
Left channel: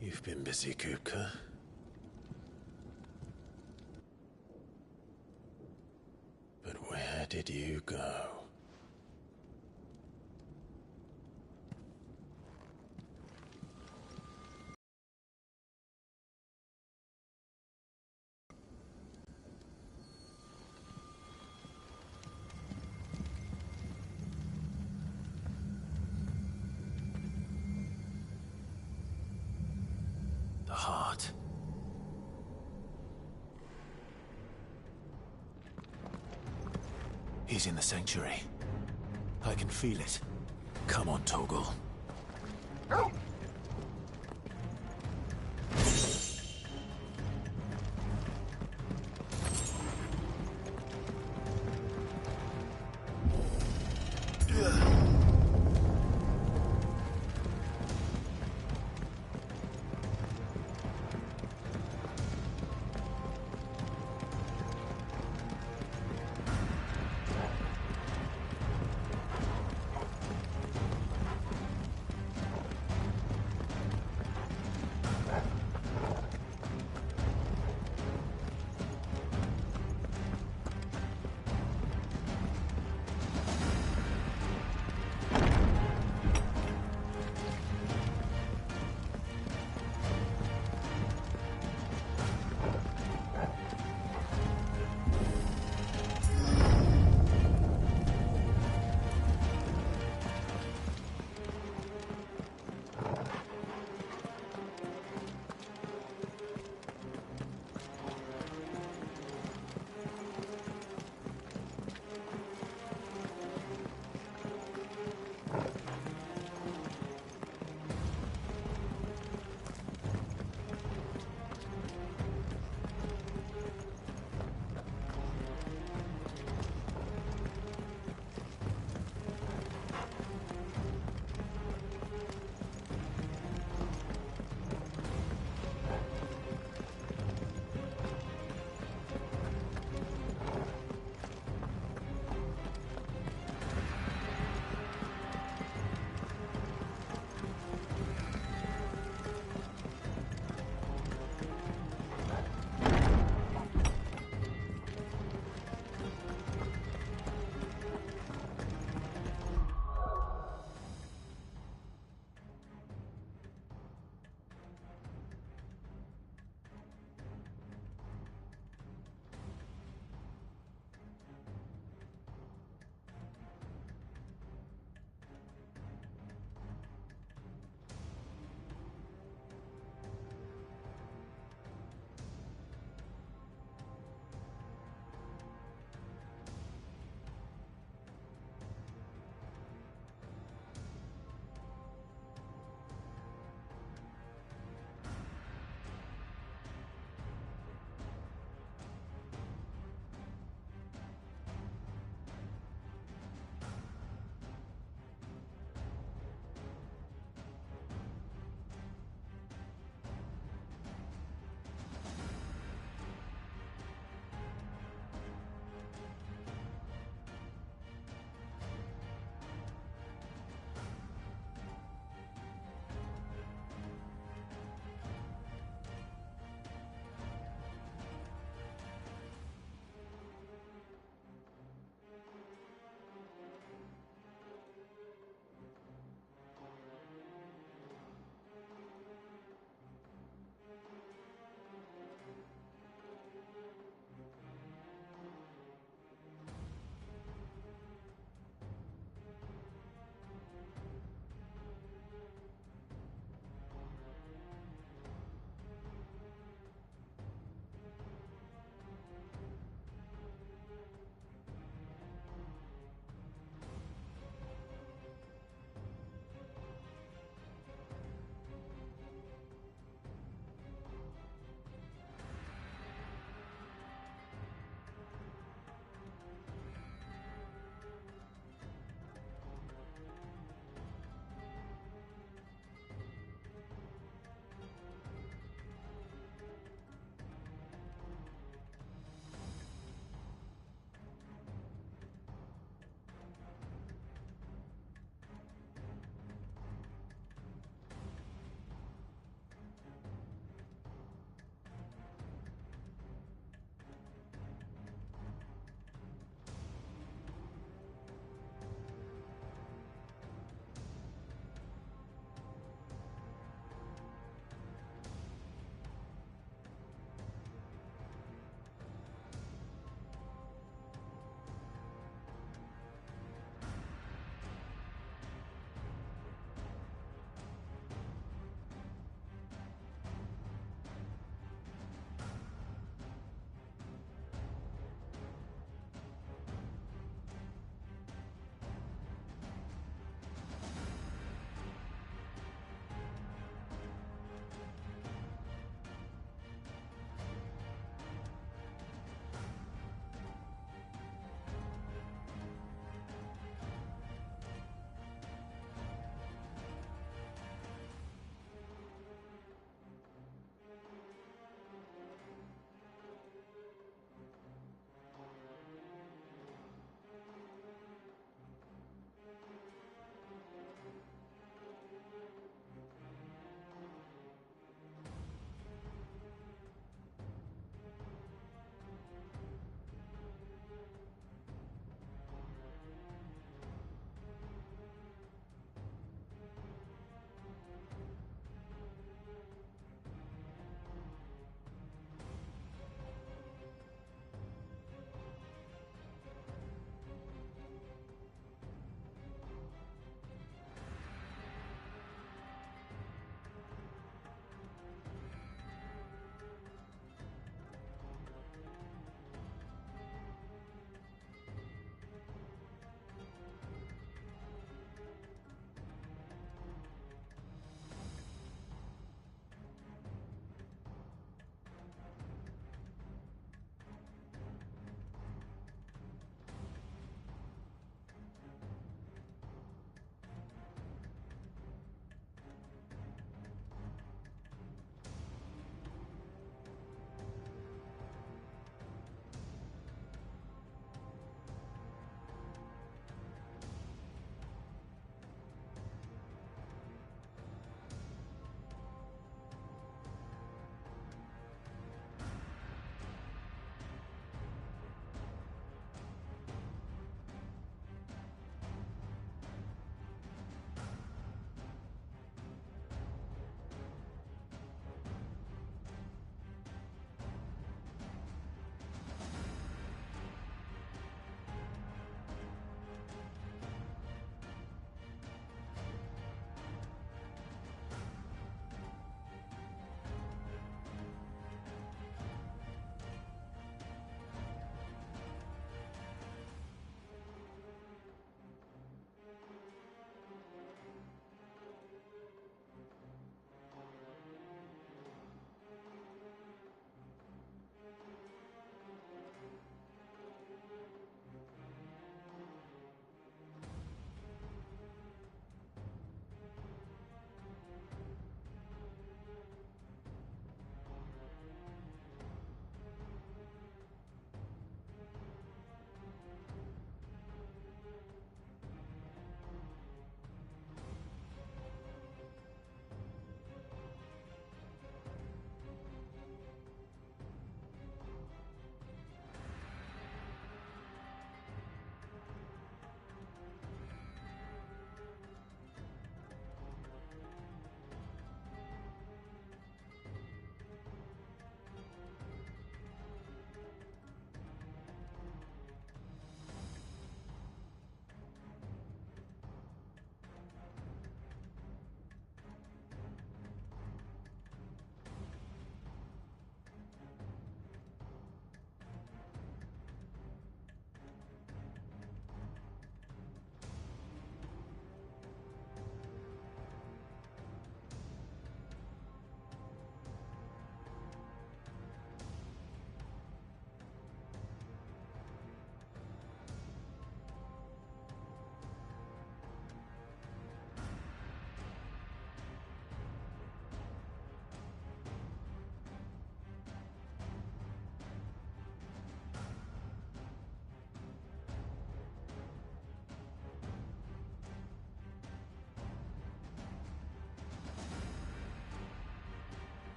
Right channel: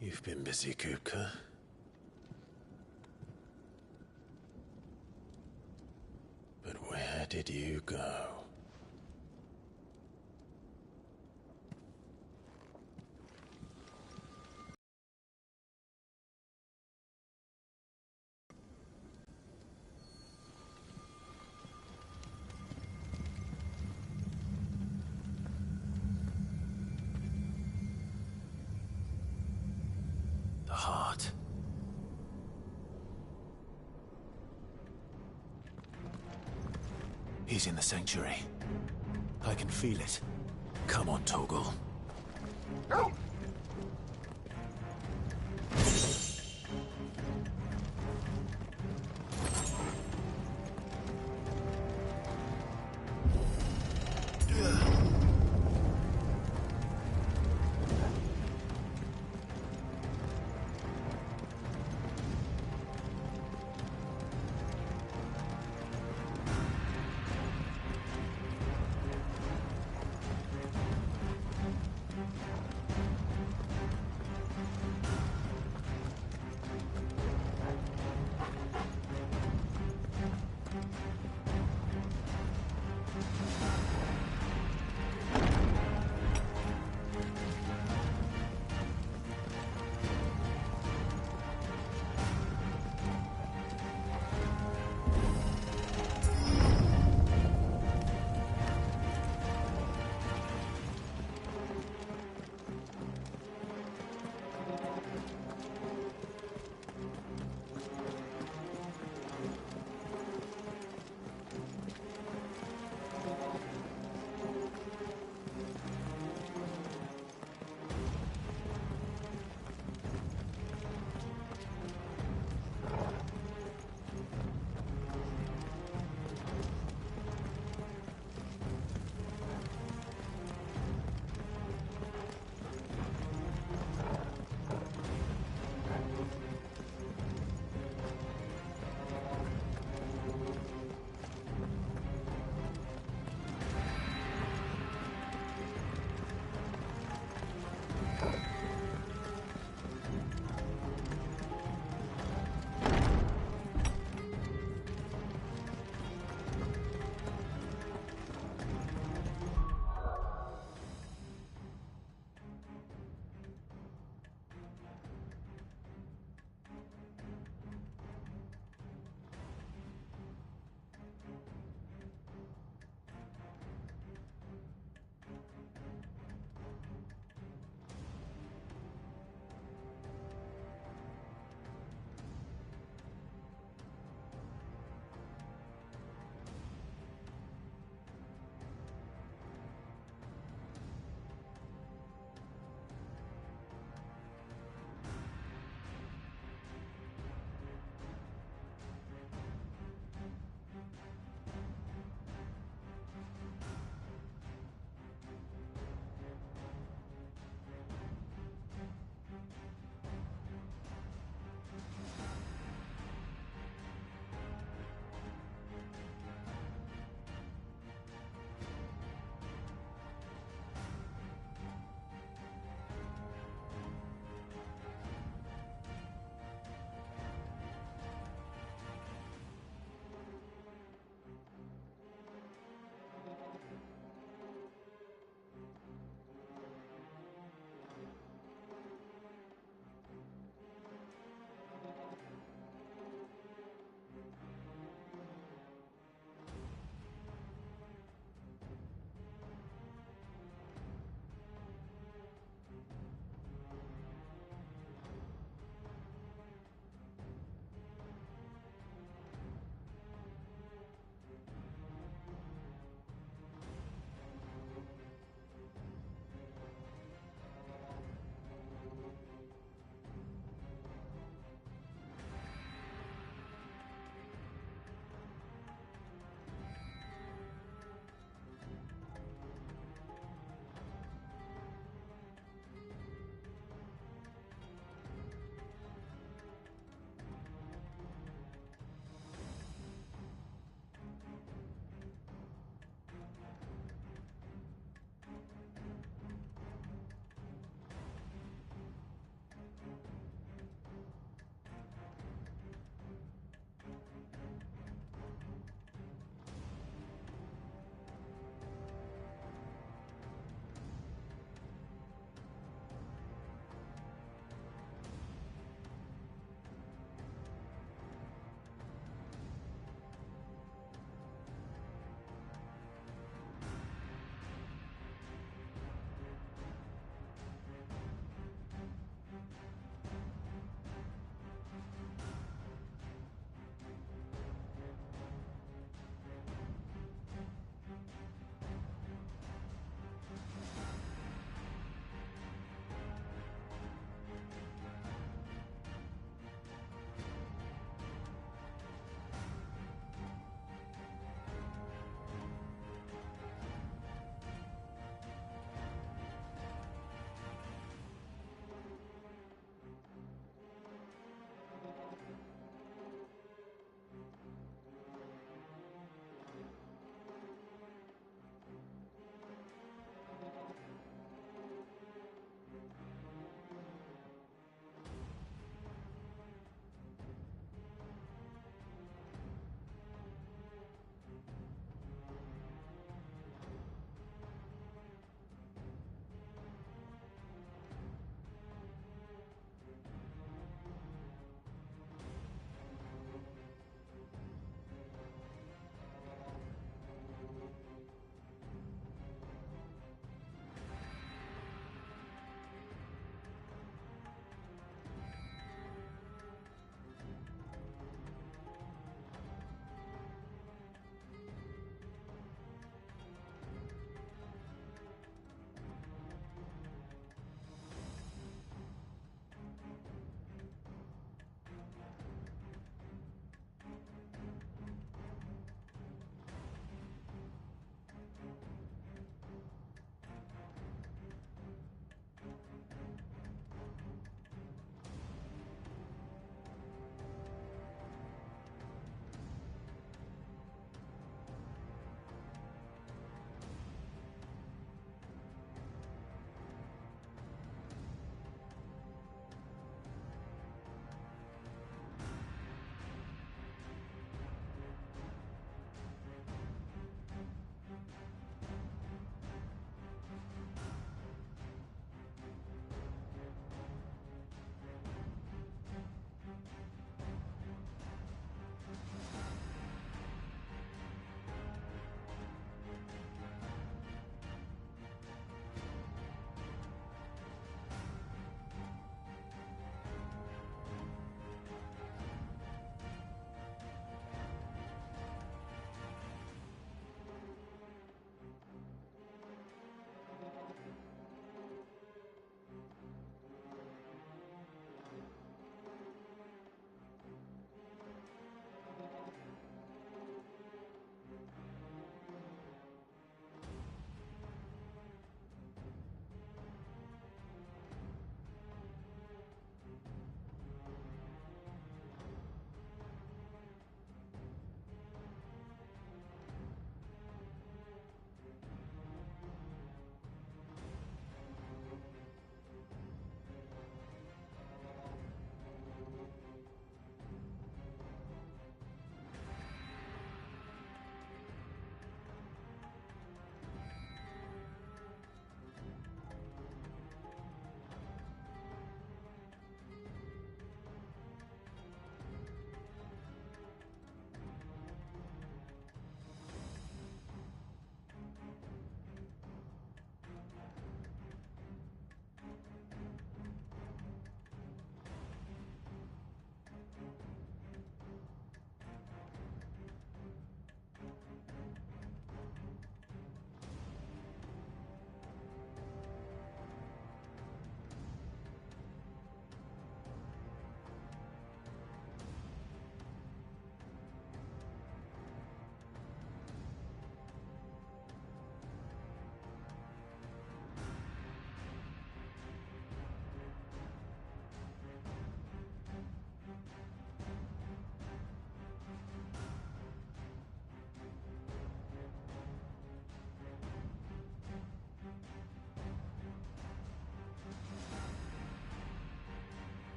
You've been busy, Kupka. But where did you go? The heart. He's in the sanctuary. I can feel it. Come on, Toggle.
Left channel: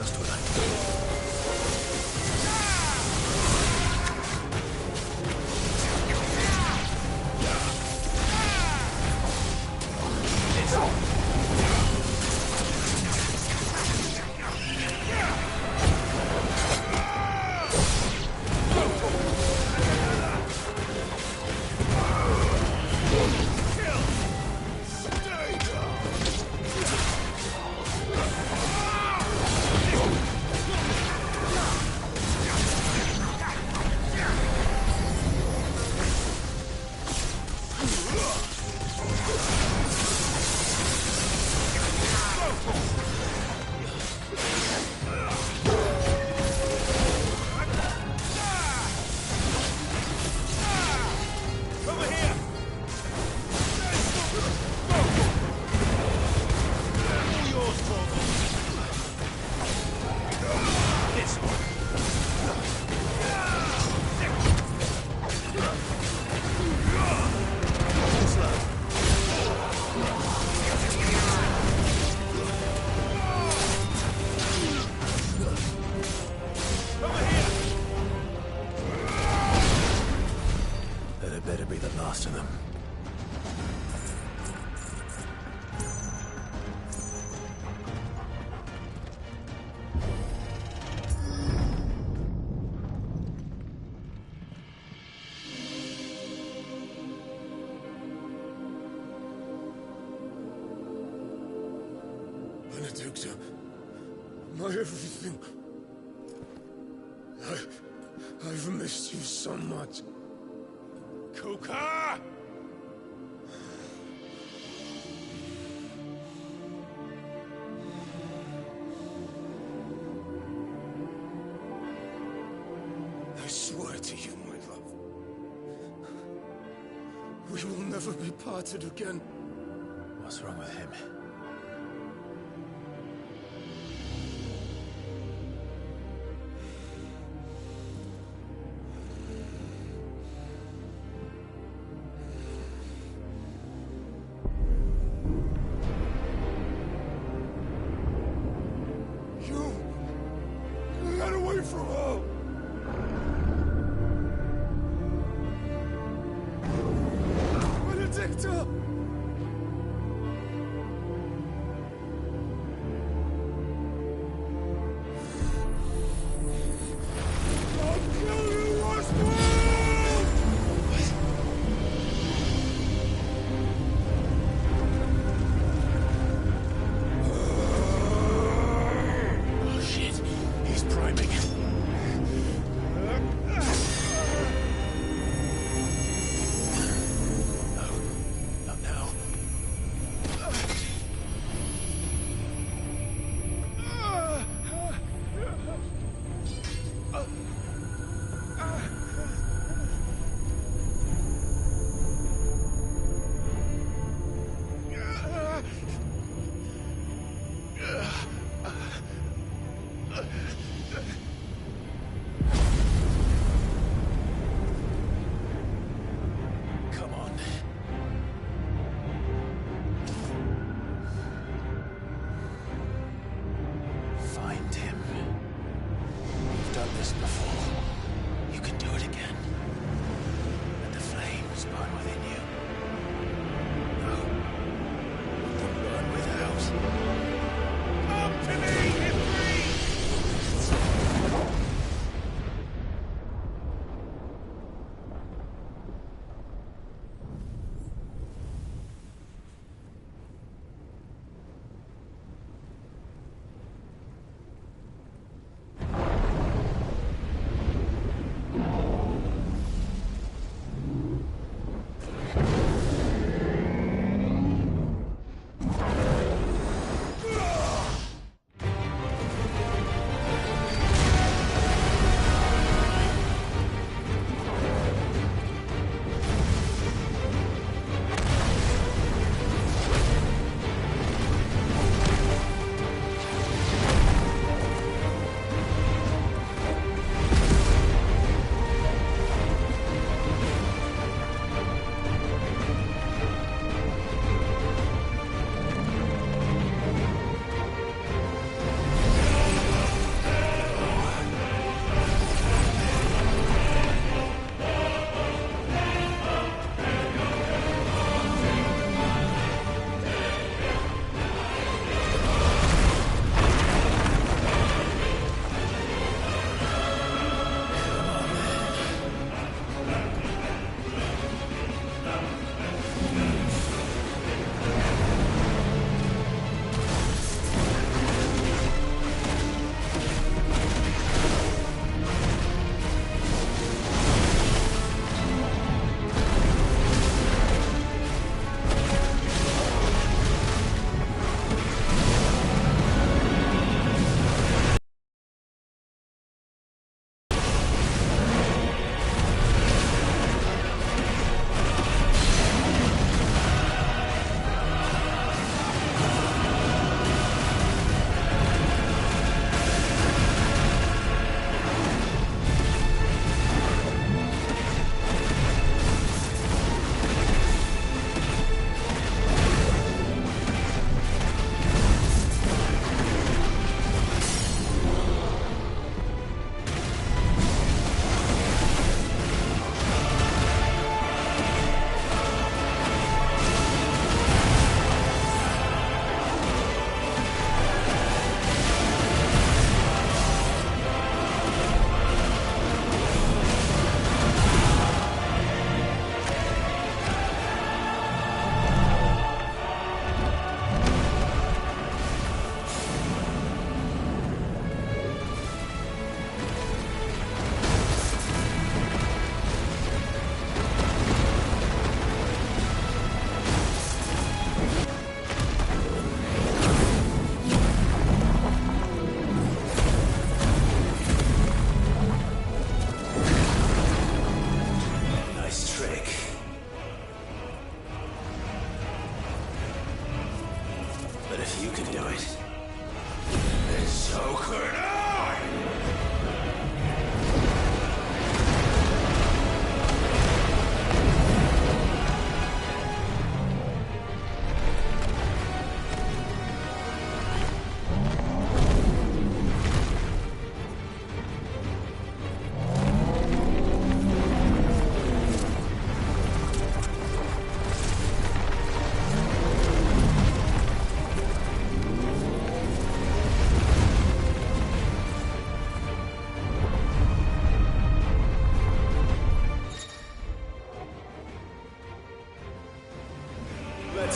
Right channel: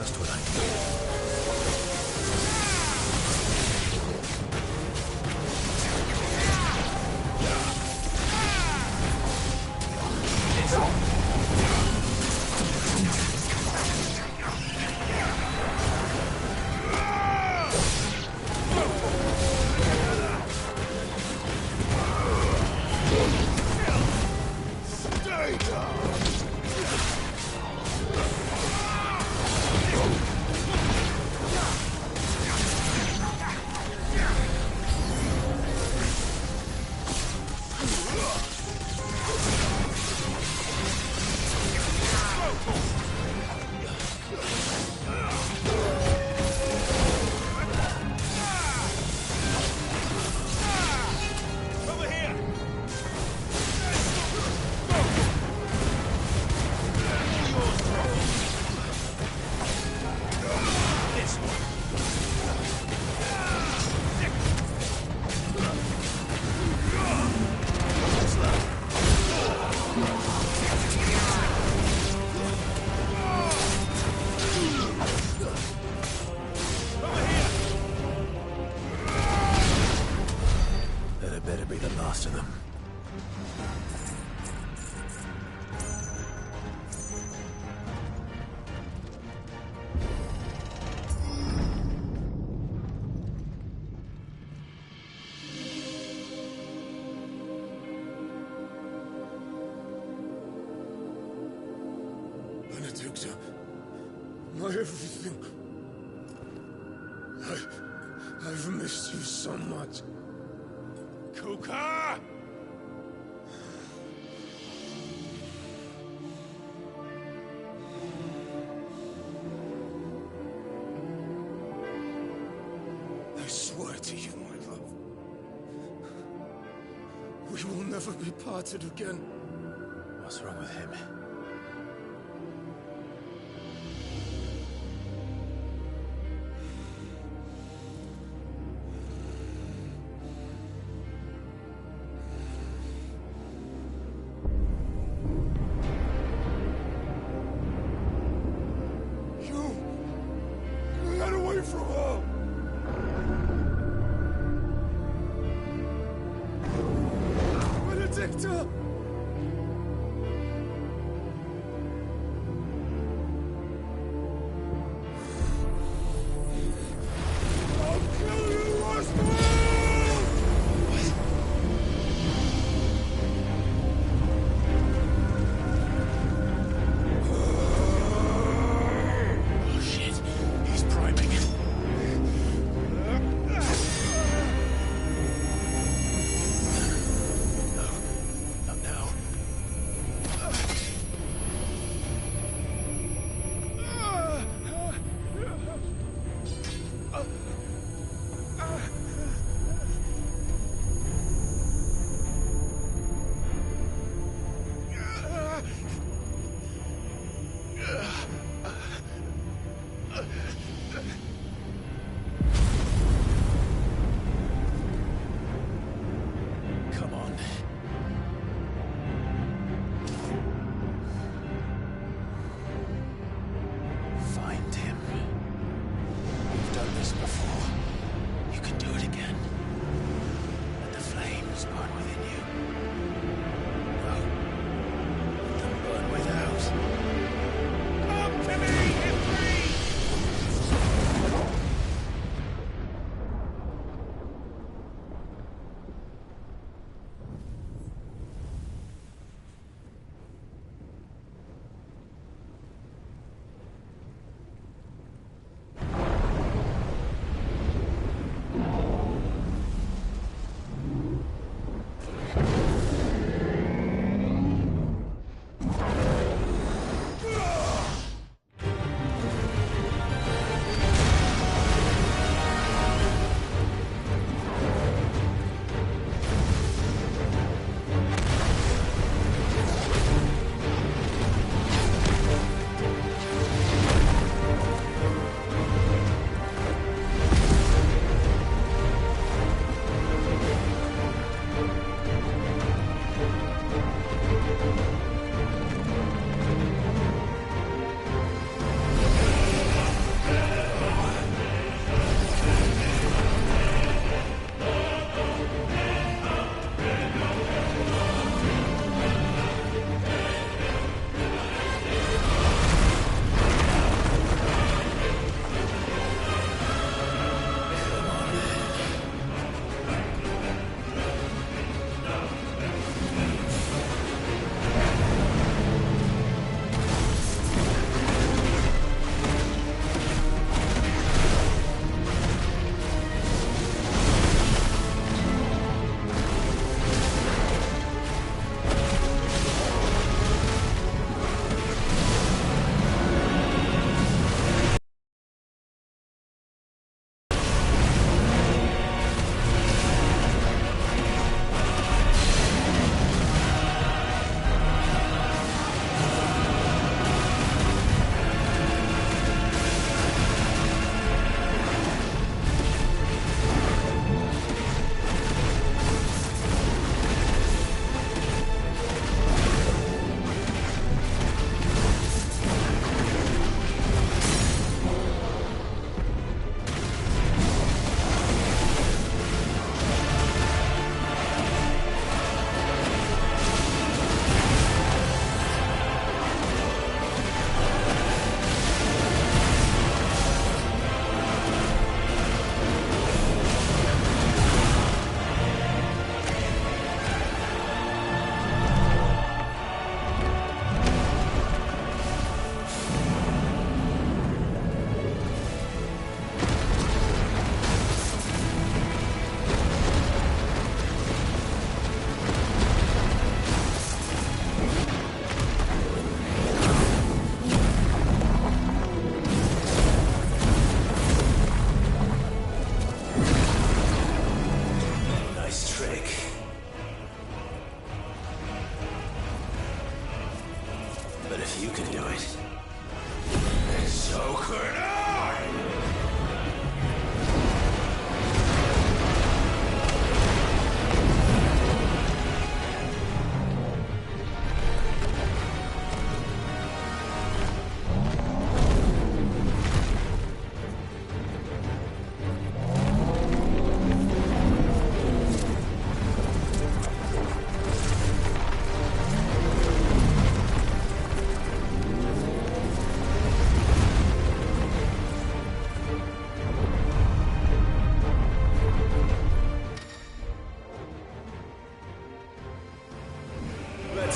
just what I need. That better be the last of them. Benedicta, my everything. I've missed you so much. Kuka! I swear to you, my love, we will never be parted again. What's wrong with him? Get away from her! Benedicta! I'll kill you, Roswell! Oh shit, he's priming. No,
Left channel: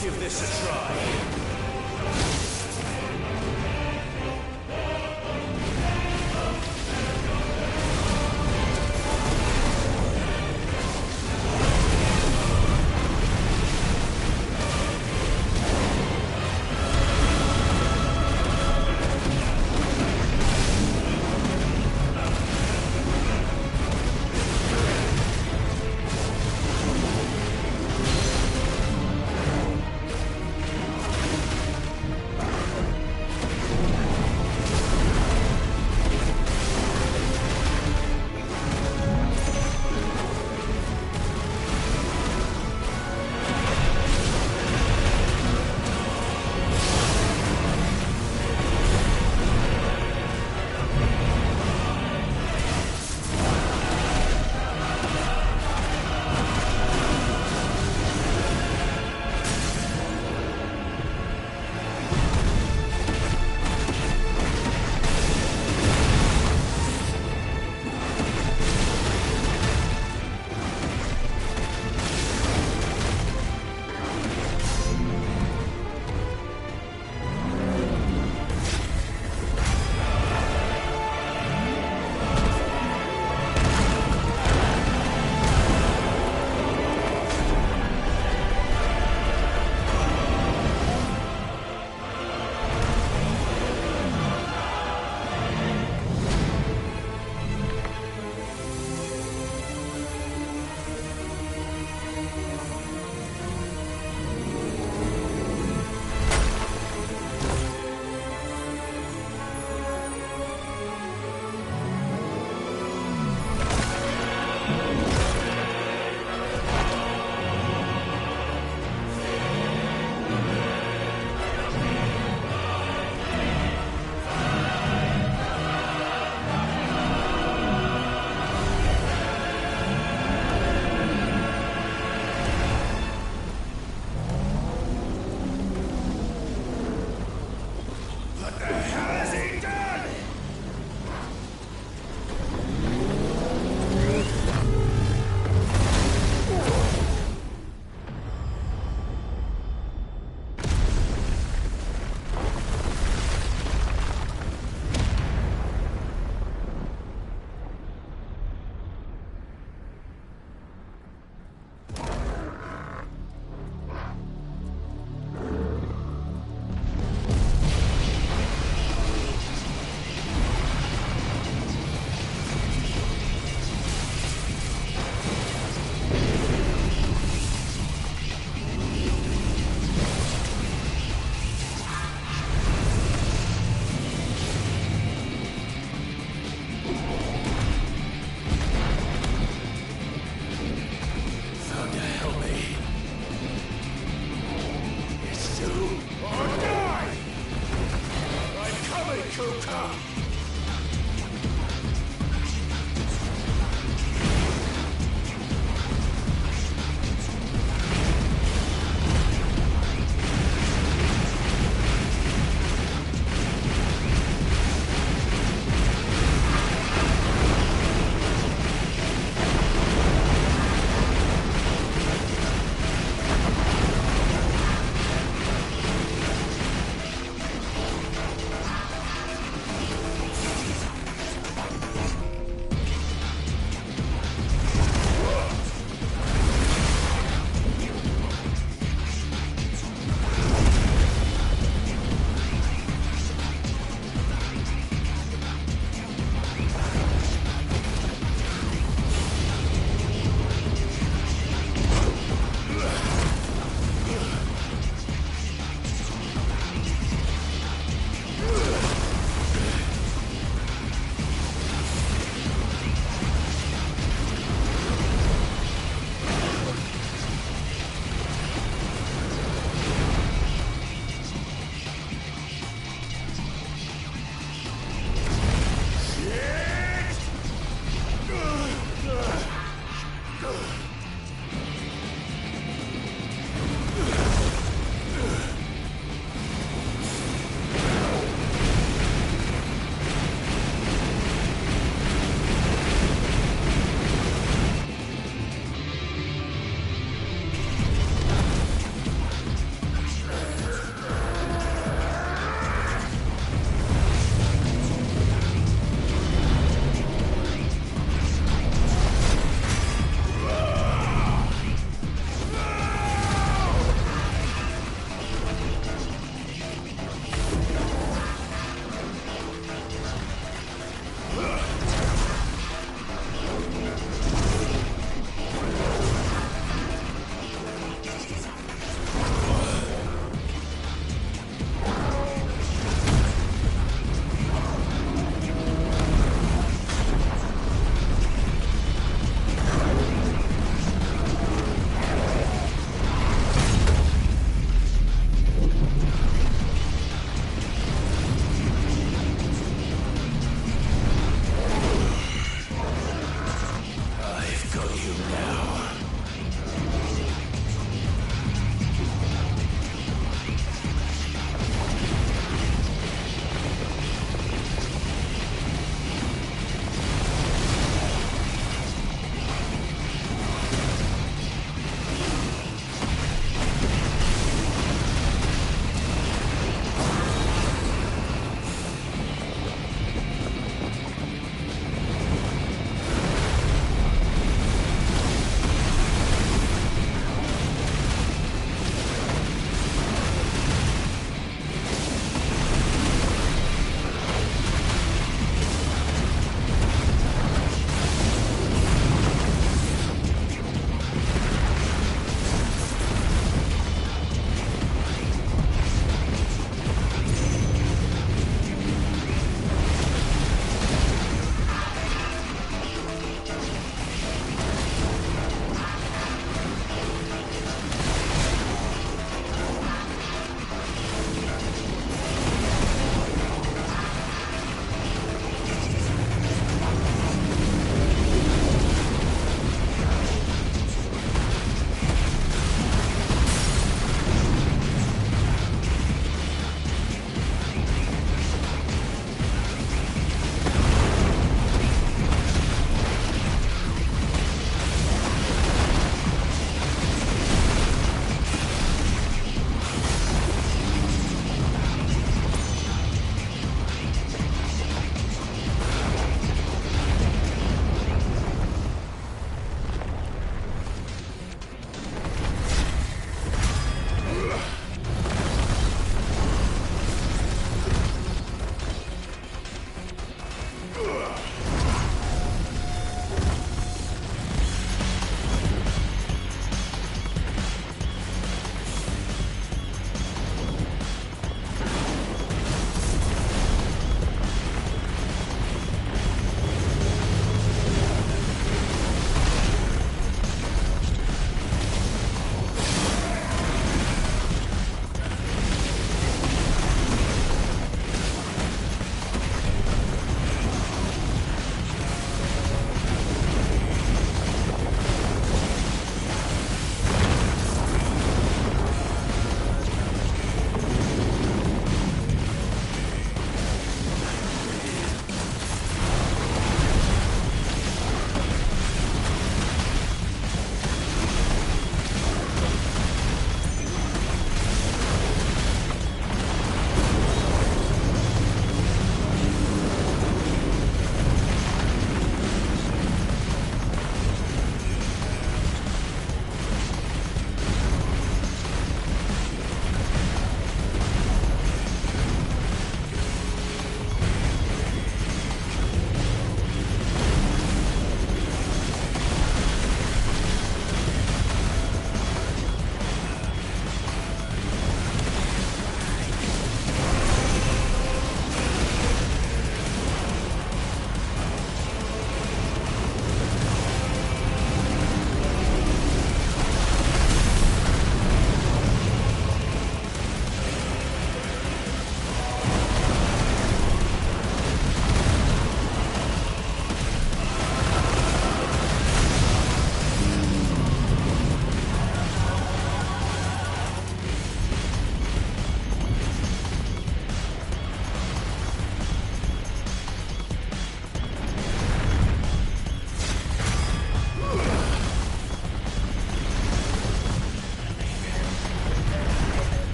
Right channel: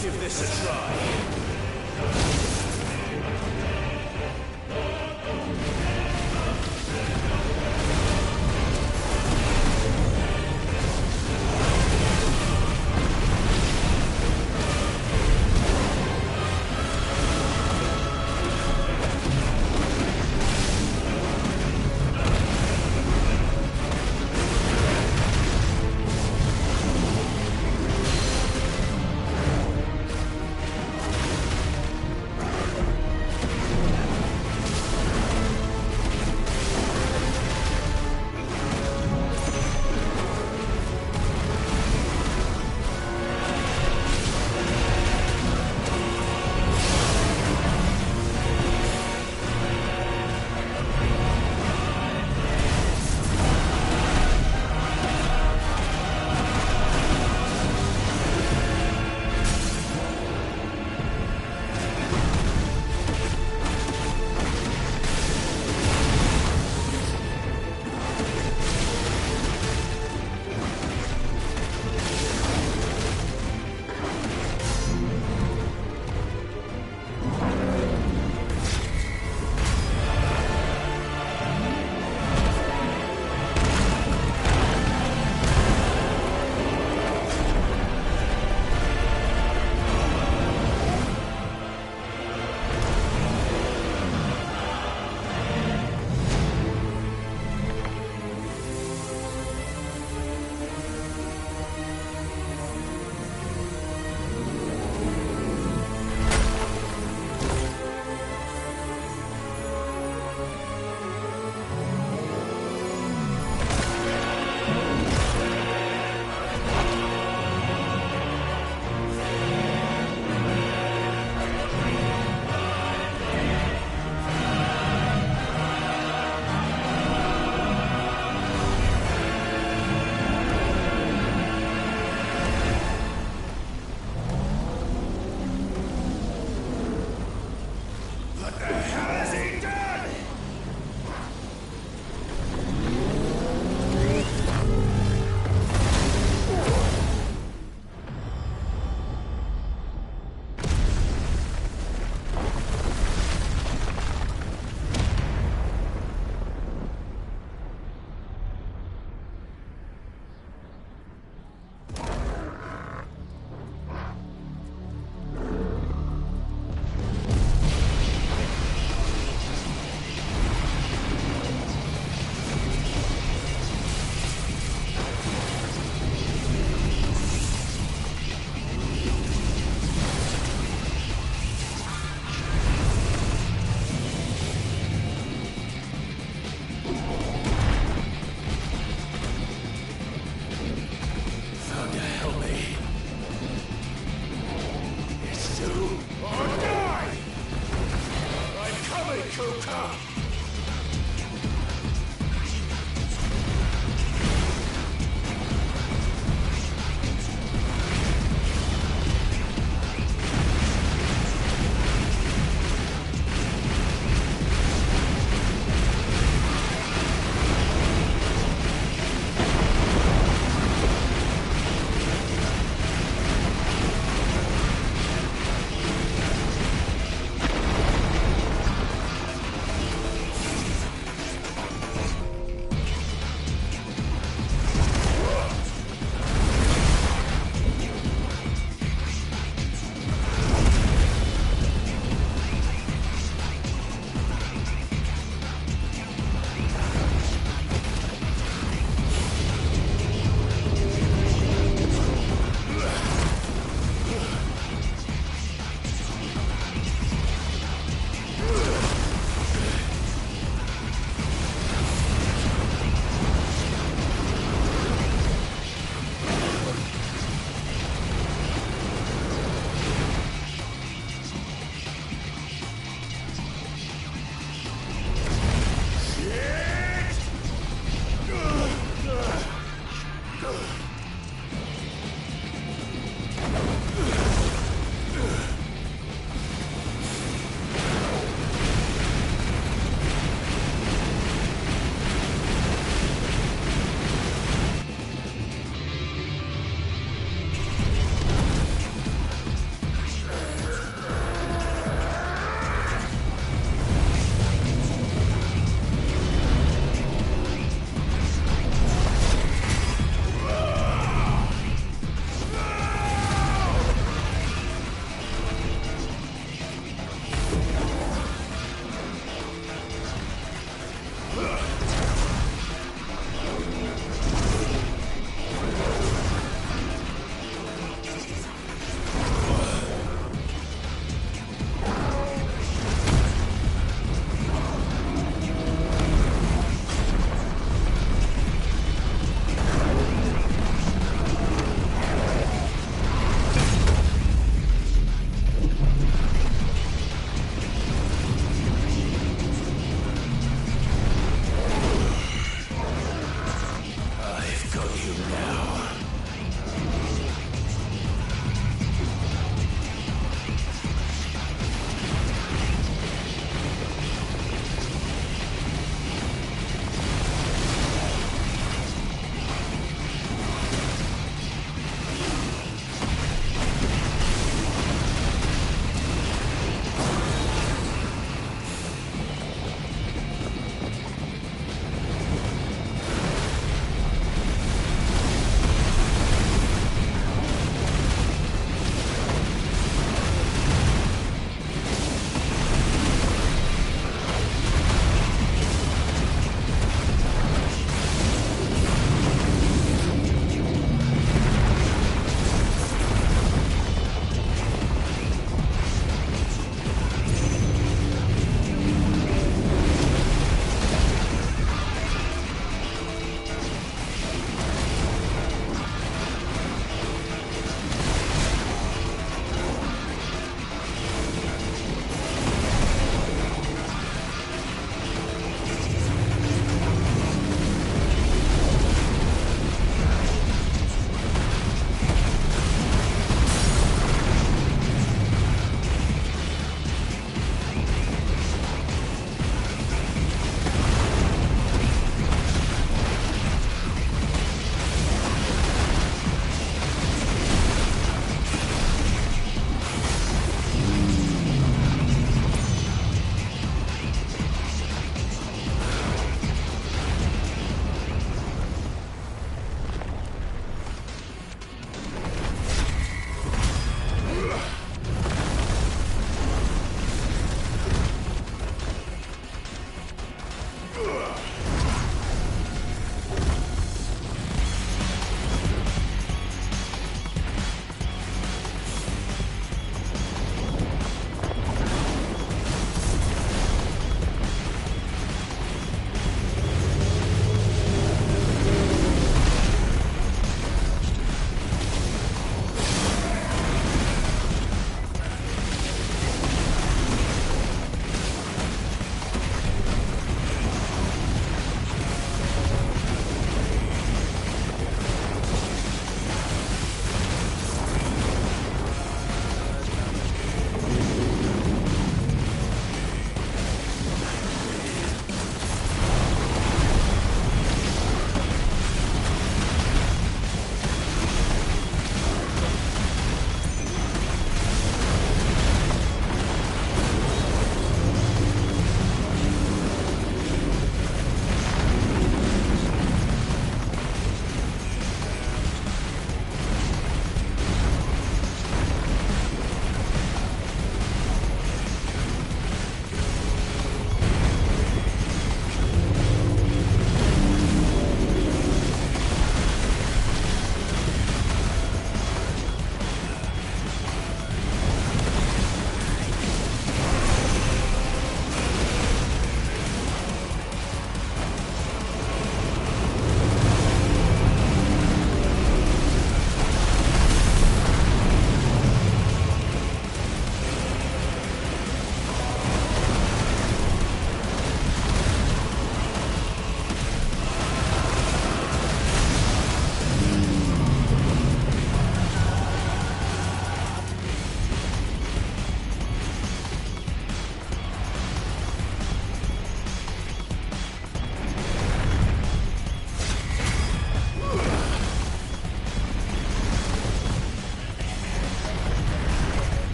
Let's give this a try.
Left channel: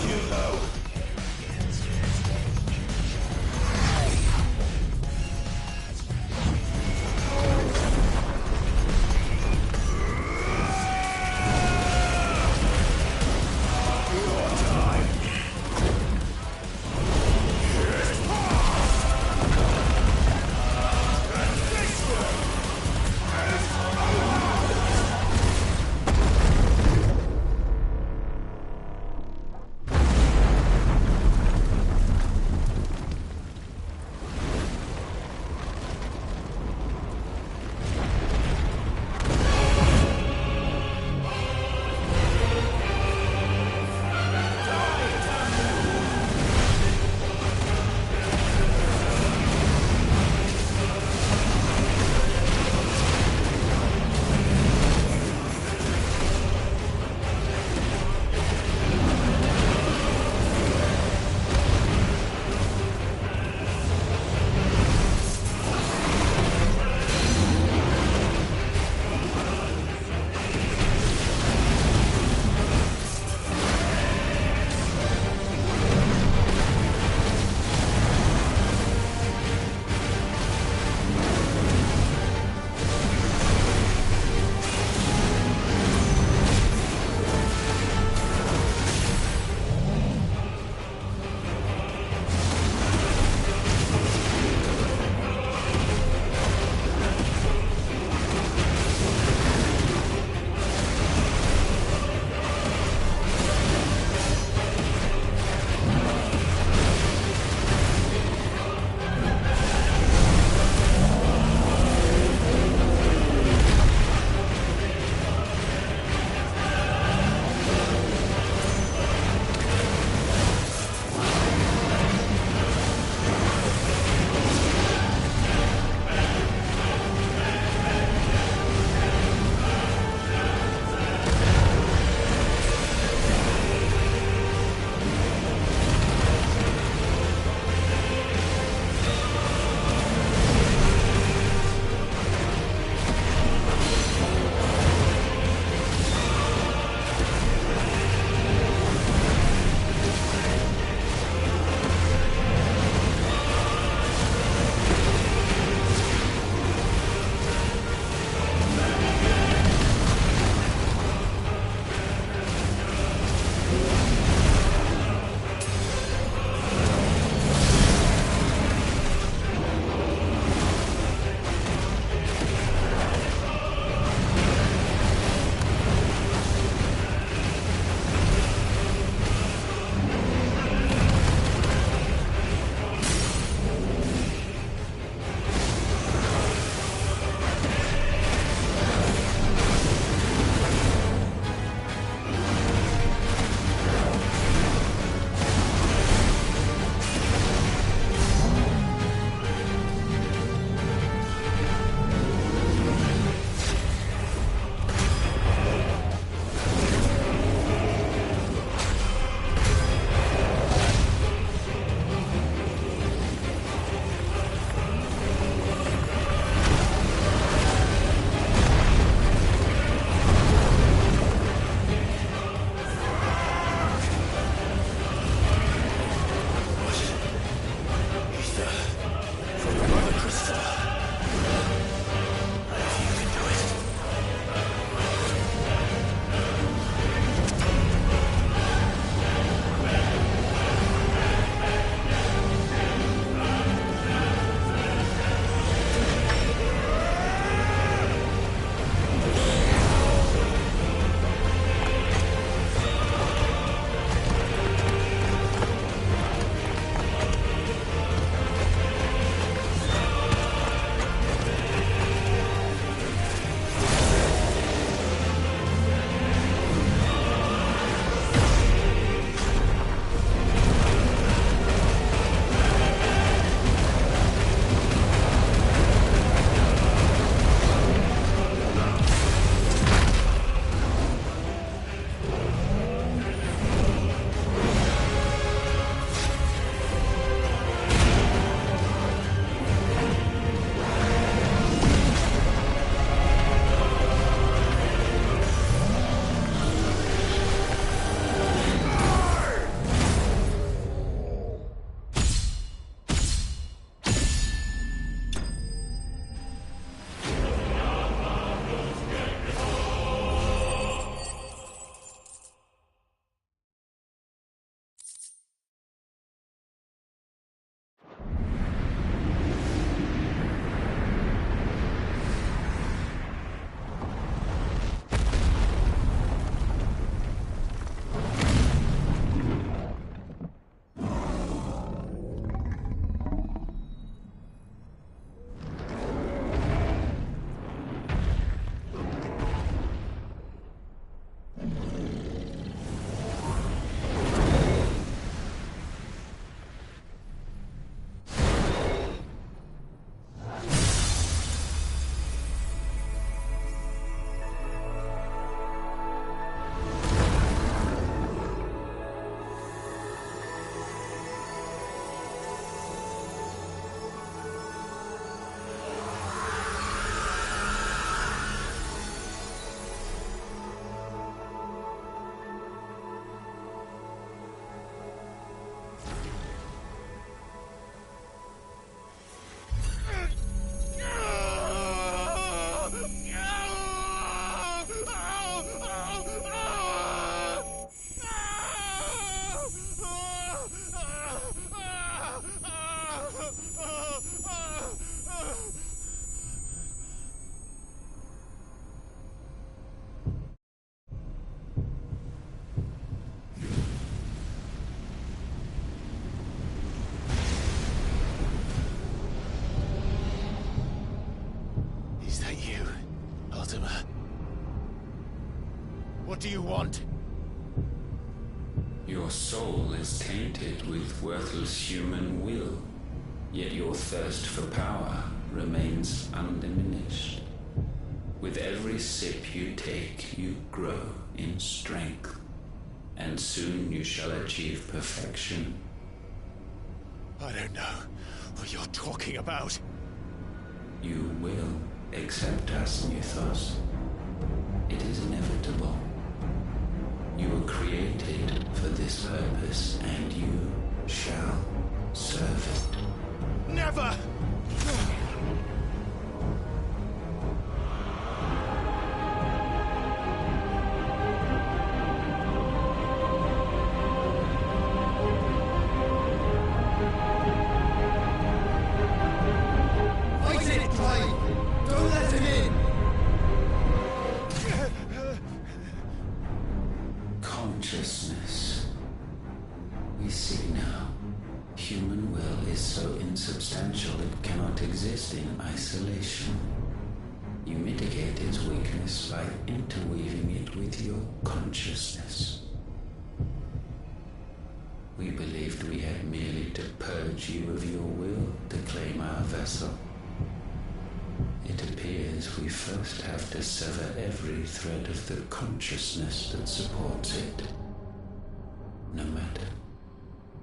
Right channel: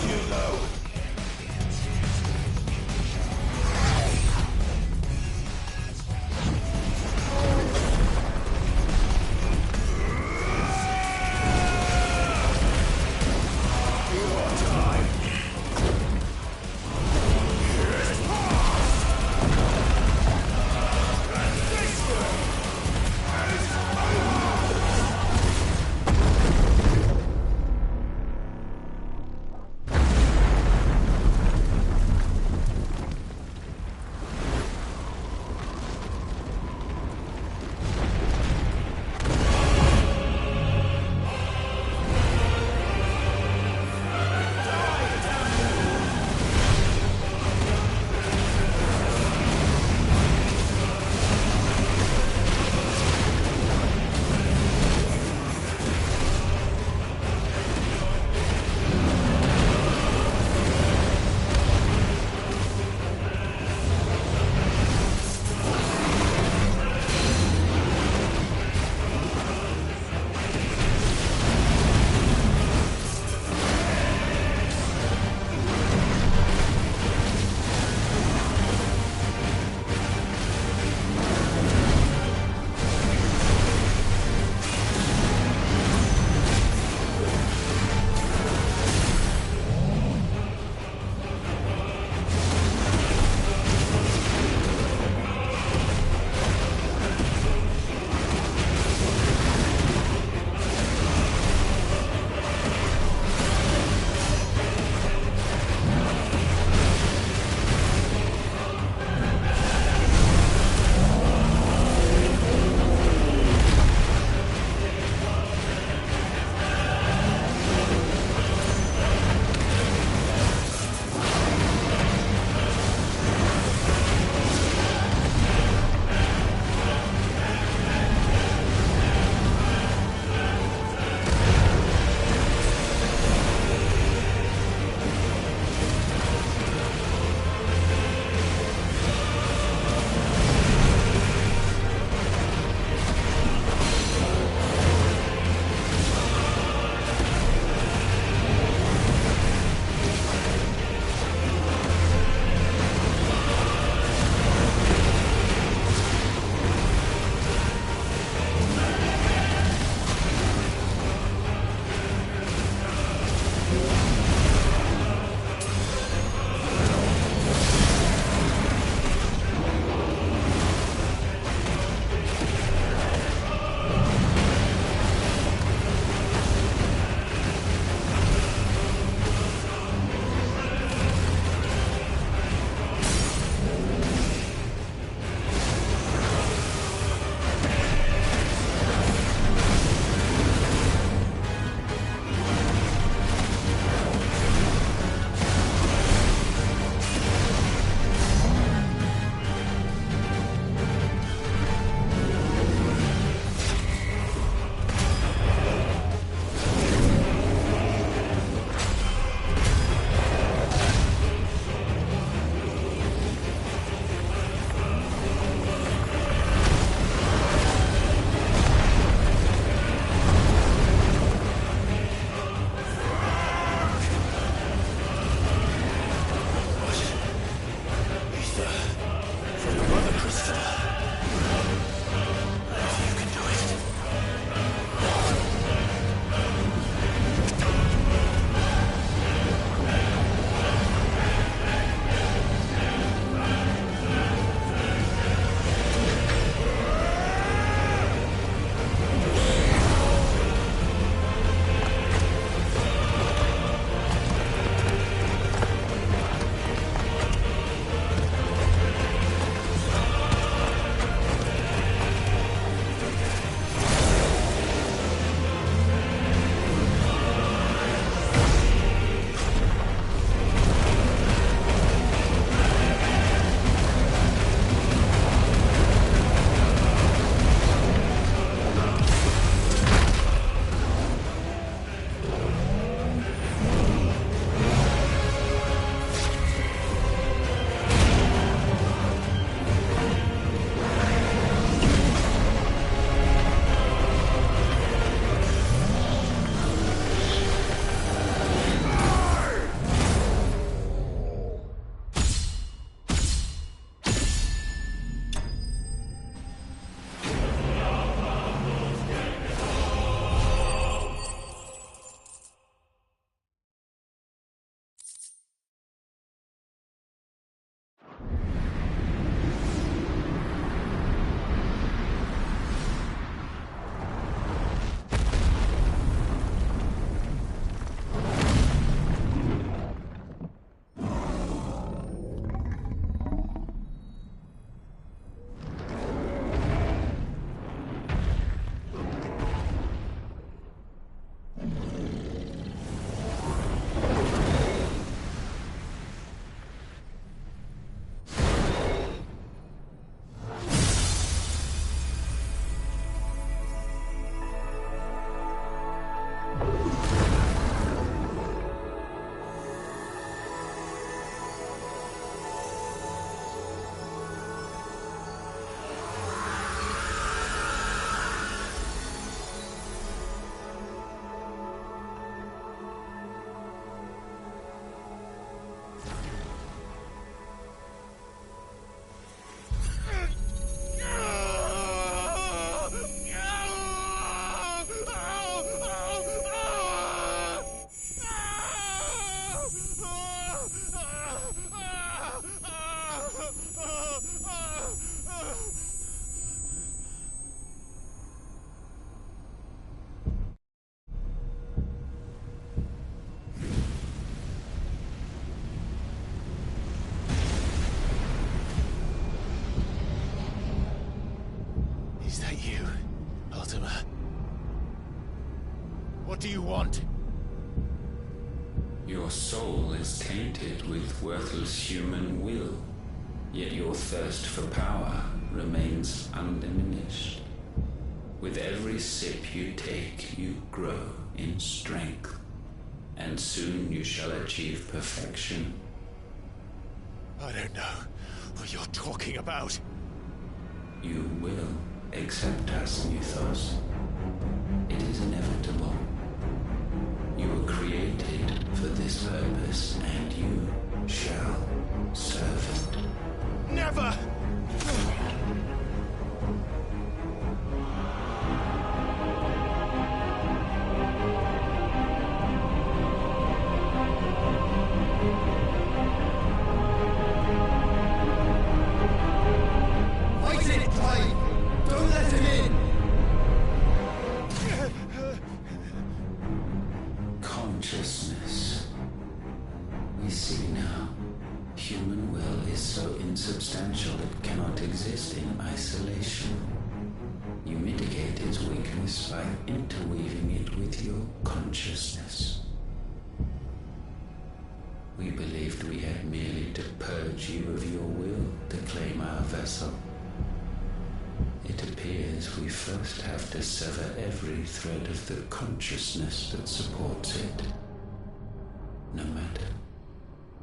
Hugo! What do you want? Your soul is tainted with worthless human will, yet your thirst for power remains undiminished. With every sip you take, you grow in strength, and soon you shall achieve perfection. I don't know what you're talking about. You will accept us, Mythos. It is inevitable. You were created for this purpose, and you shall serve it. Never! Fight it, Clive! Don't let him in! Consciousness. We see now. Human will is so insubstantial it cannot exist in isolation. You mitigate its weakness by interweaving it with your consciousness. We believed we had merely to purge you of your will to claim our vessel. It appears we first have to sever every thread of the consciousness that supports it. No matter.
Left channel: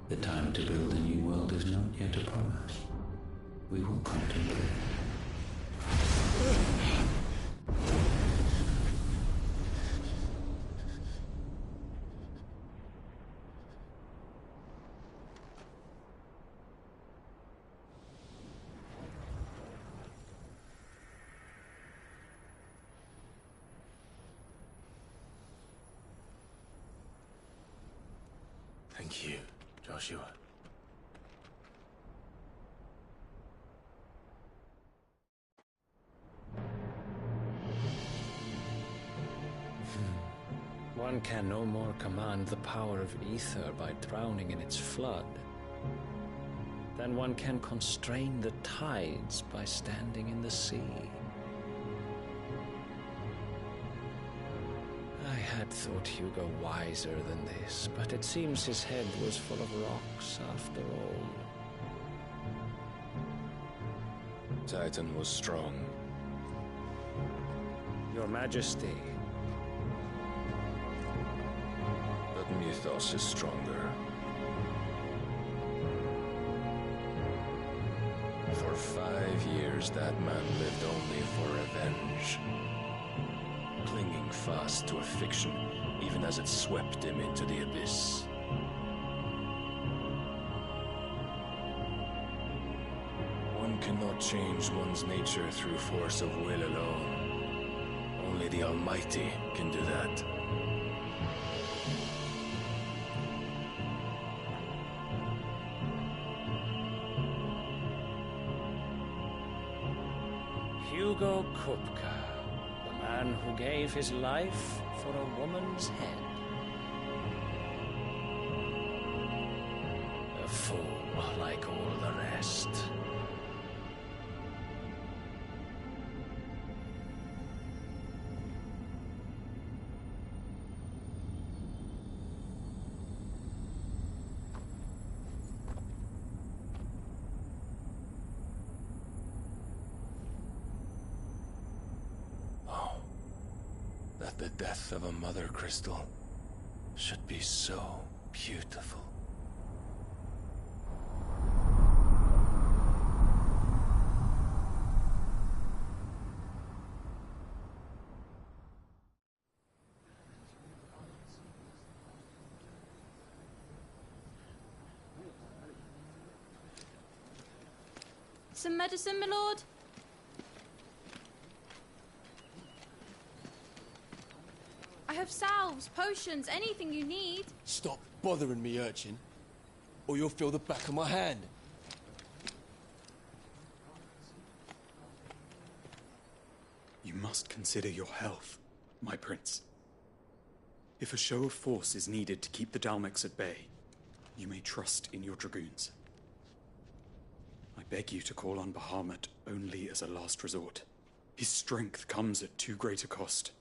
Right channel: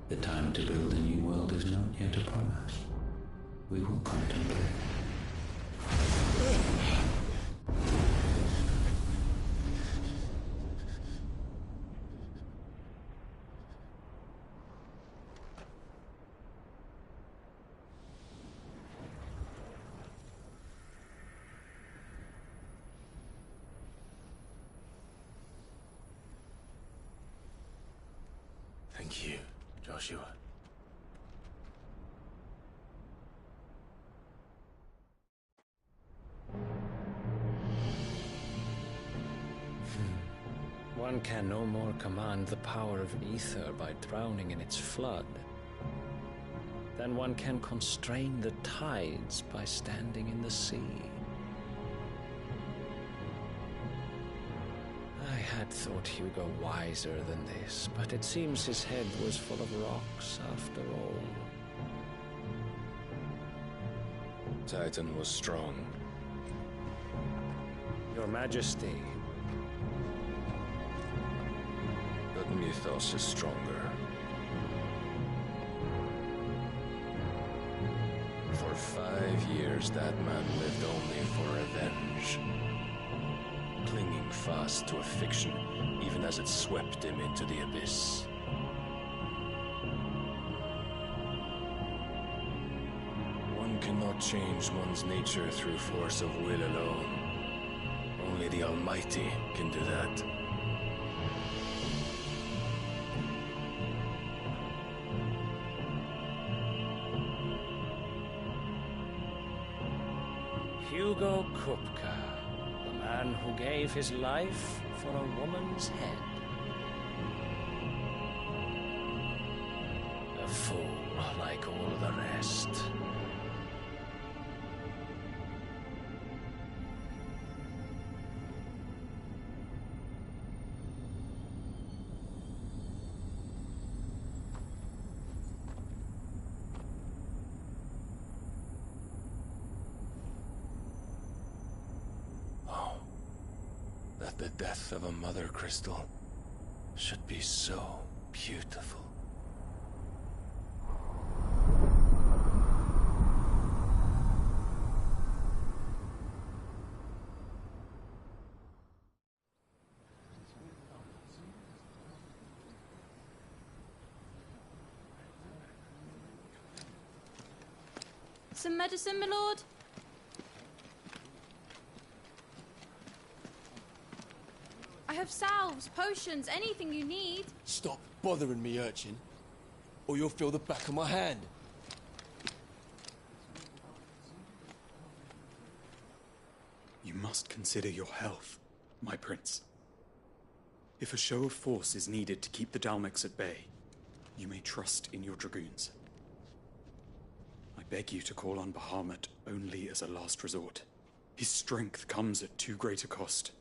The time to build a new world is not yet upon us. We will contemplate. Thank you, Joshua. One can no more command the power of ether by drowning in its flood than one can constrain the tides by standing in the sea. I had thought Hugo wiser than this, but it seems his head was full of rocks after all. Titan was strong. Your Majesty. But Mythos is stronger. For 5 years, that man lived only for revenge. Clinging fast to a fiction, even as it swept him into the abyss. One cannot change one's nature through force of will alone. Only the Almighty can do that. Hugo Kupka, the man who gave his life for a woman's head. A fool like all the rest. That the death of a mother crystal should be so beautiful. Some medicine, my lord? I have salves, potions, anything you need. Stop bothering me, urchin, or you'll feel the back of my hand. You must consider your health, my prince. If a show of force is needed to keep the Dalmex at bay, you may trust in your dragoons. I beg you to call on Bahamut only as a last resort. His strength comes at too great a cost.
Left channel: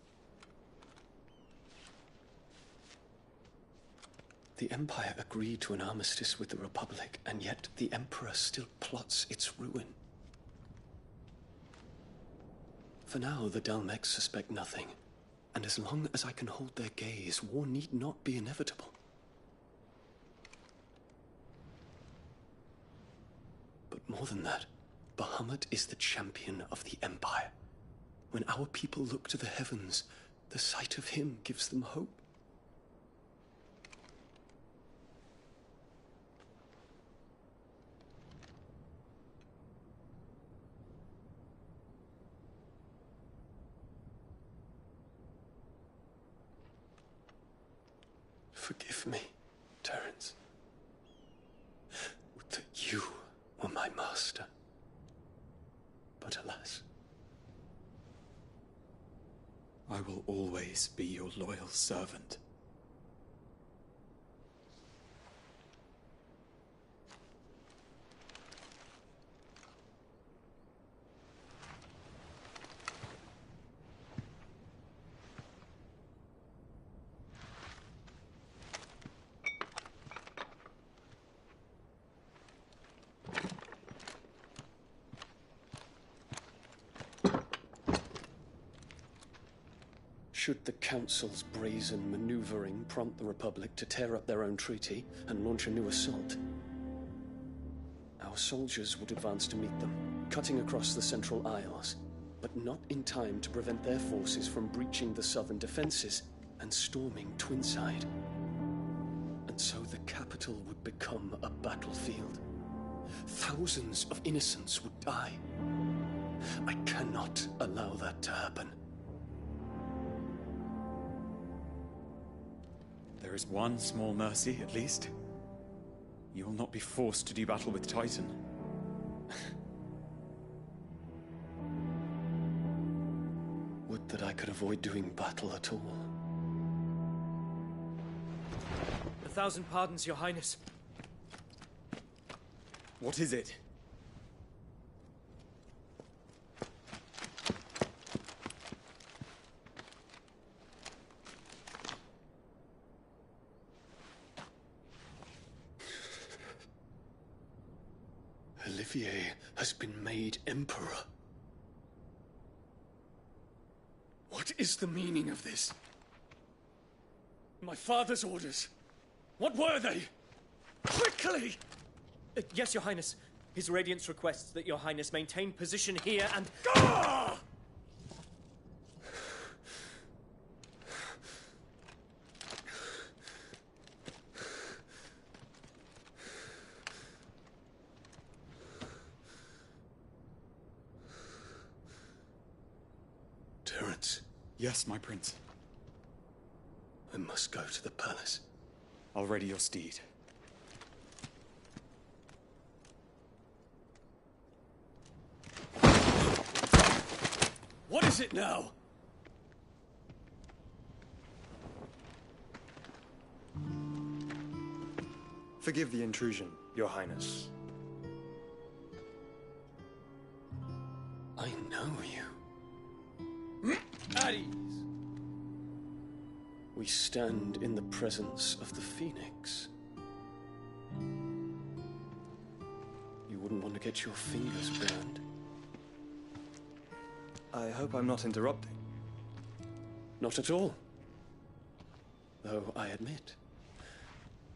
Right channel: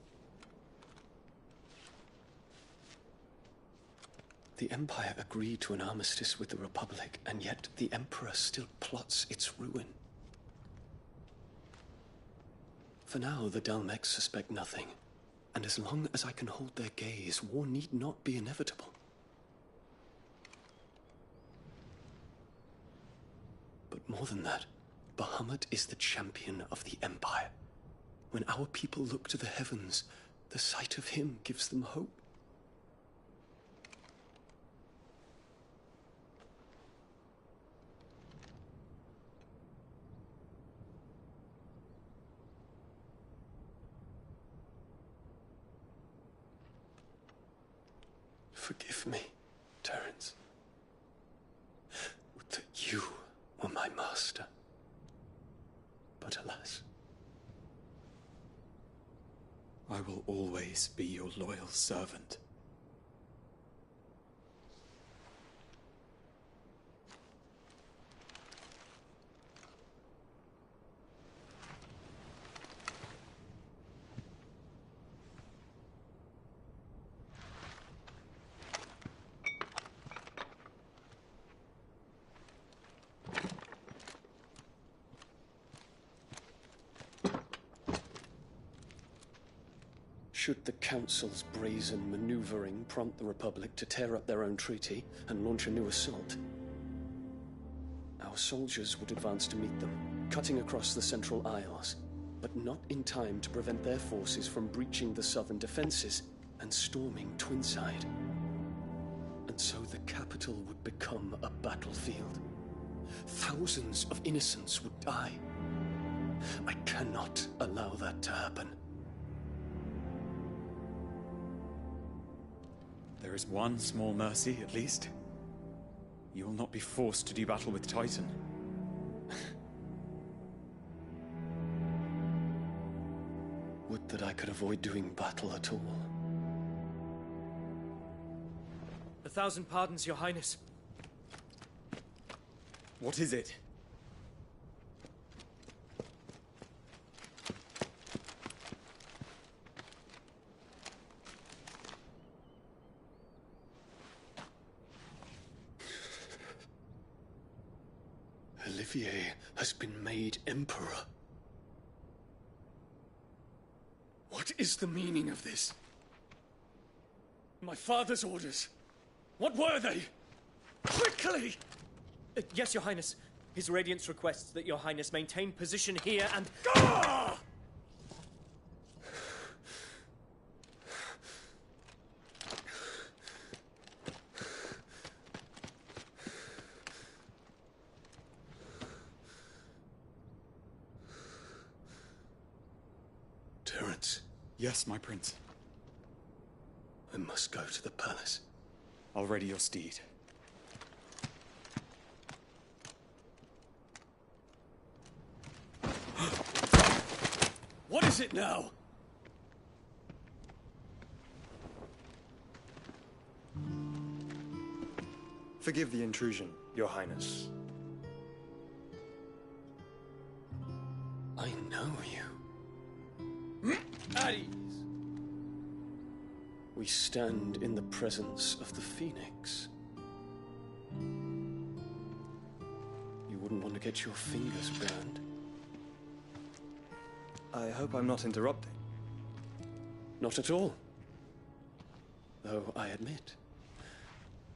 The Empire agreed to an armistice with the Republic, and yet the Emperor still plots its ruin. For now, the Dalmex suspect nothing, and as long as I can hold their gaze, war need not be inevitable. But more than that, Bahamut is the champion of the Empire. When our people look to the heavens, the sight of him gives them hope. Forgive me, Terence. Would that you were my master. But alas. I will always be your loyal servant. Should the Council's brazen maneuvering prompt the Republic to tear up their own treaty and launch a new assault, our soldiers would advance to meet them, cutting across the Central Isles, but not in time to prevent their forces from breaching the southern defenses and storming Twinside. And so the capital would become a battlefield. Thousands of innocents would die. I cannot allow that to happen. There is one small mercy, at least. You will not be forced to do battle with Titan. Would that I could avoid doing battle at all. 1,000 pardons, Your Highness. What is it? Olivier has been made Emperor. What is the meaning of this? My father's orders. What were they? Quickly! Yes, Your Highness. His Radiance requests that Your Highness maintain position here and... Ah! Terence. Yes, my prince. I must go to the palace. I'll ready your steed. What is it now? Forgive the intrusion, Your Highness. I know you. At ease. We stand in the presence of the Phoenix. You wouldn't want to get your fingers burned. I hope I'm not interrupting. Not at all. Though I admit,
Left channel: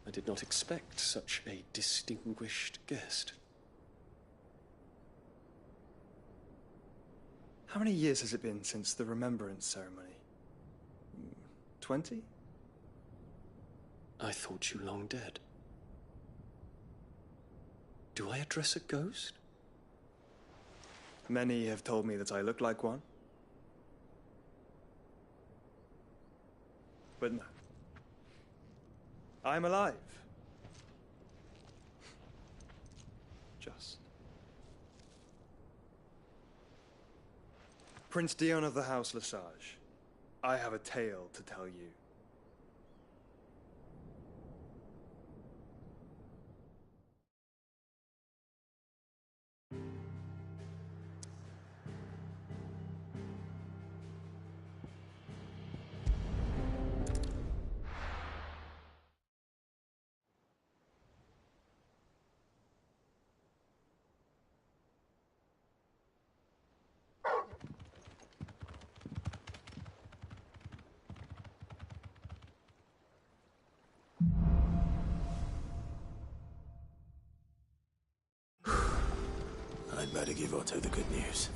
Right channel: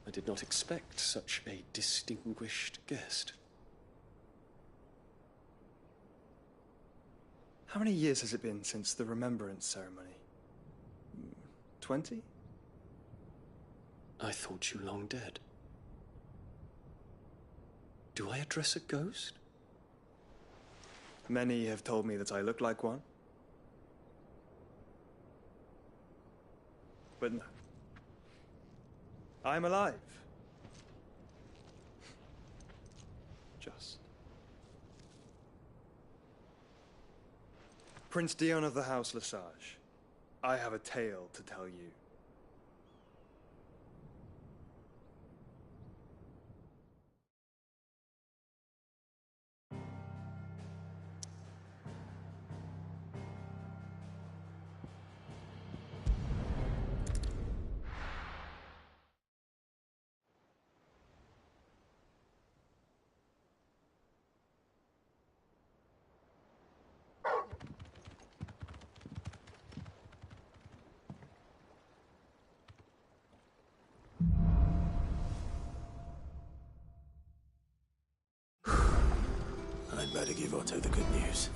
I did not expect such a distinguished guest. How many years has it been since the Remembrance ceremony? 20? I thought you long dead. Do I address a ghost? Many have told me that I look like one. But no. I'm alive. Just. Prince Dion of the House Lesage, I have a tale to tell you. I'd better give Otto the good news.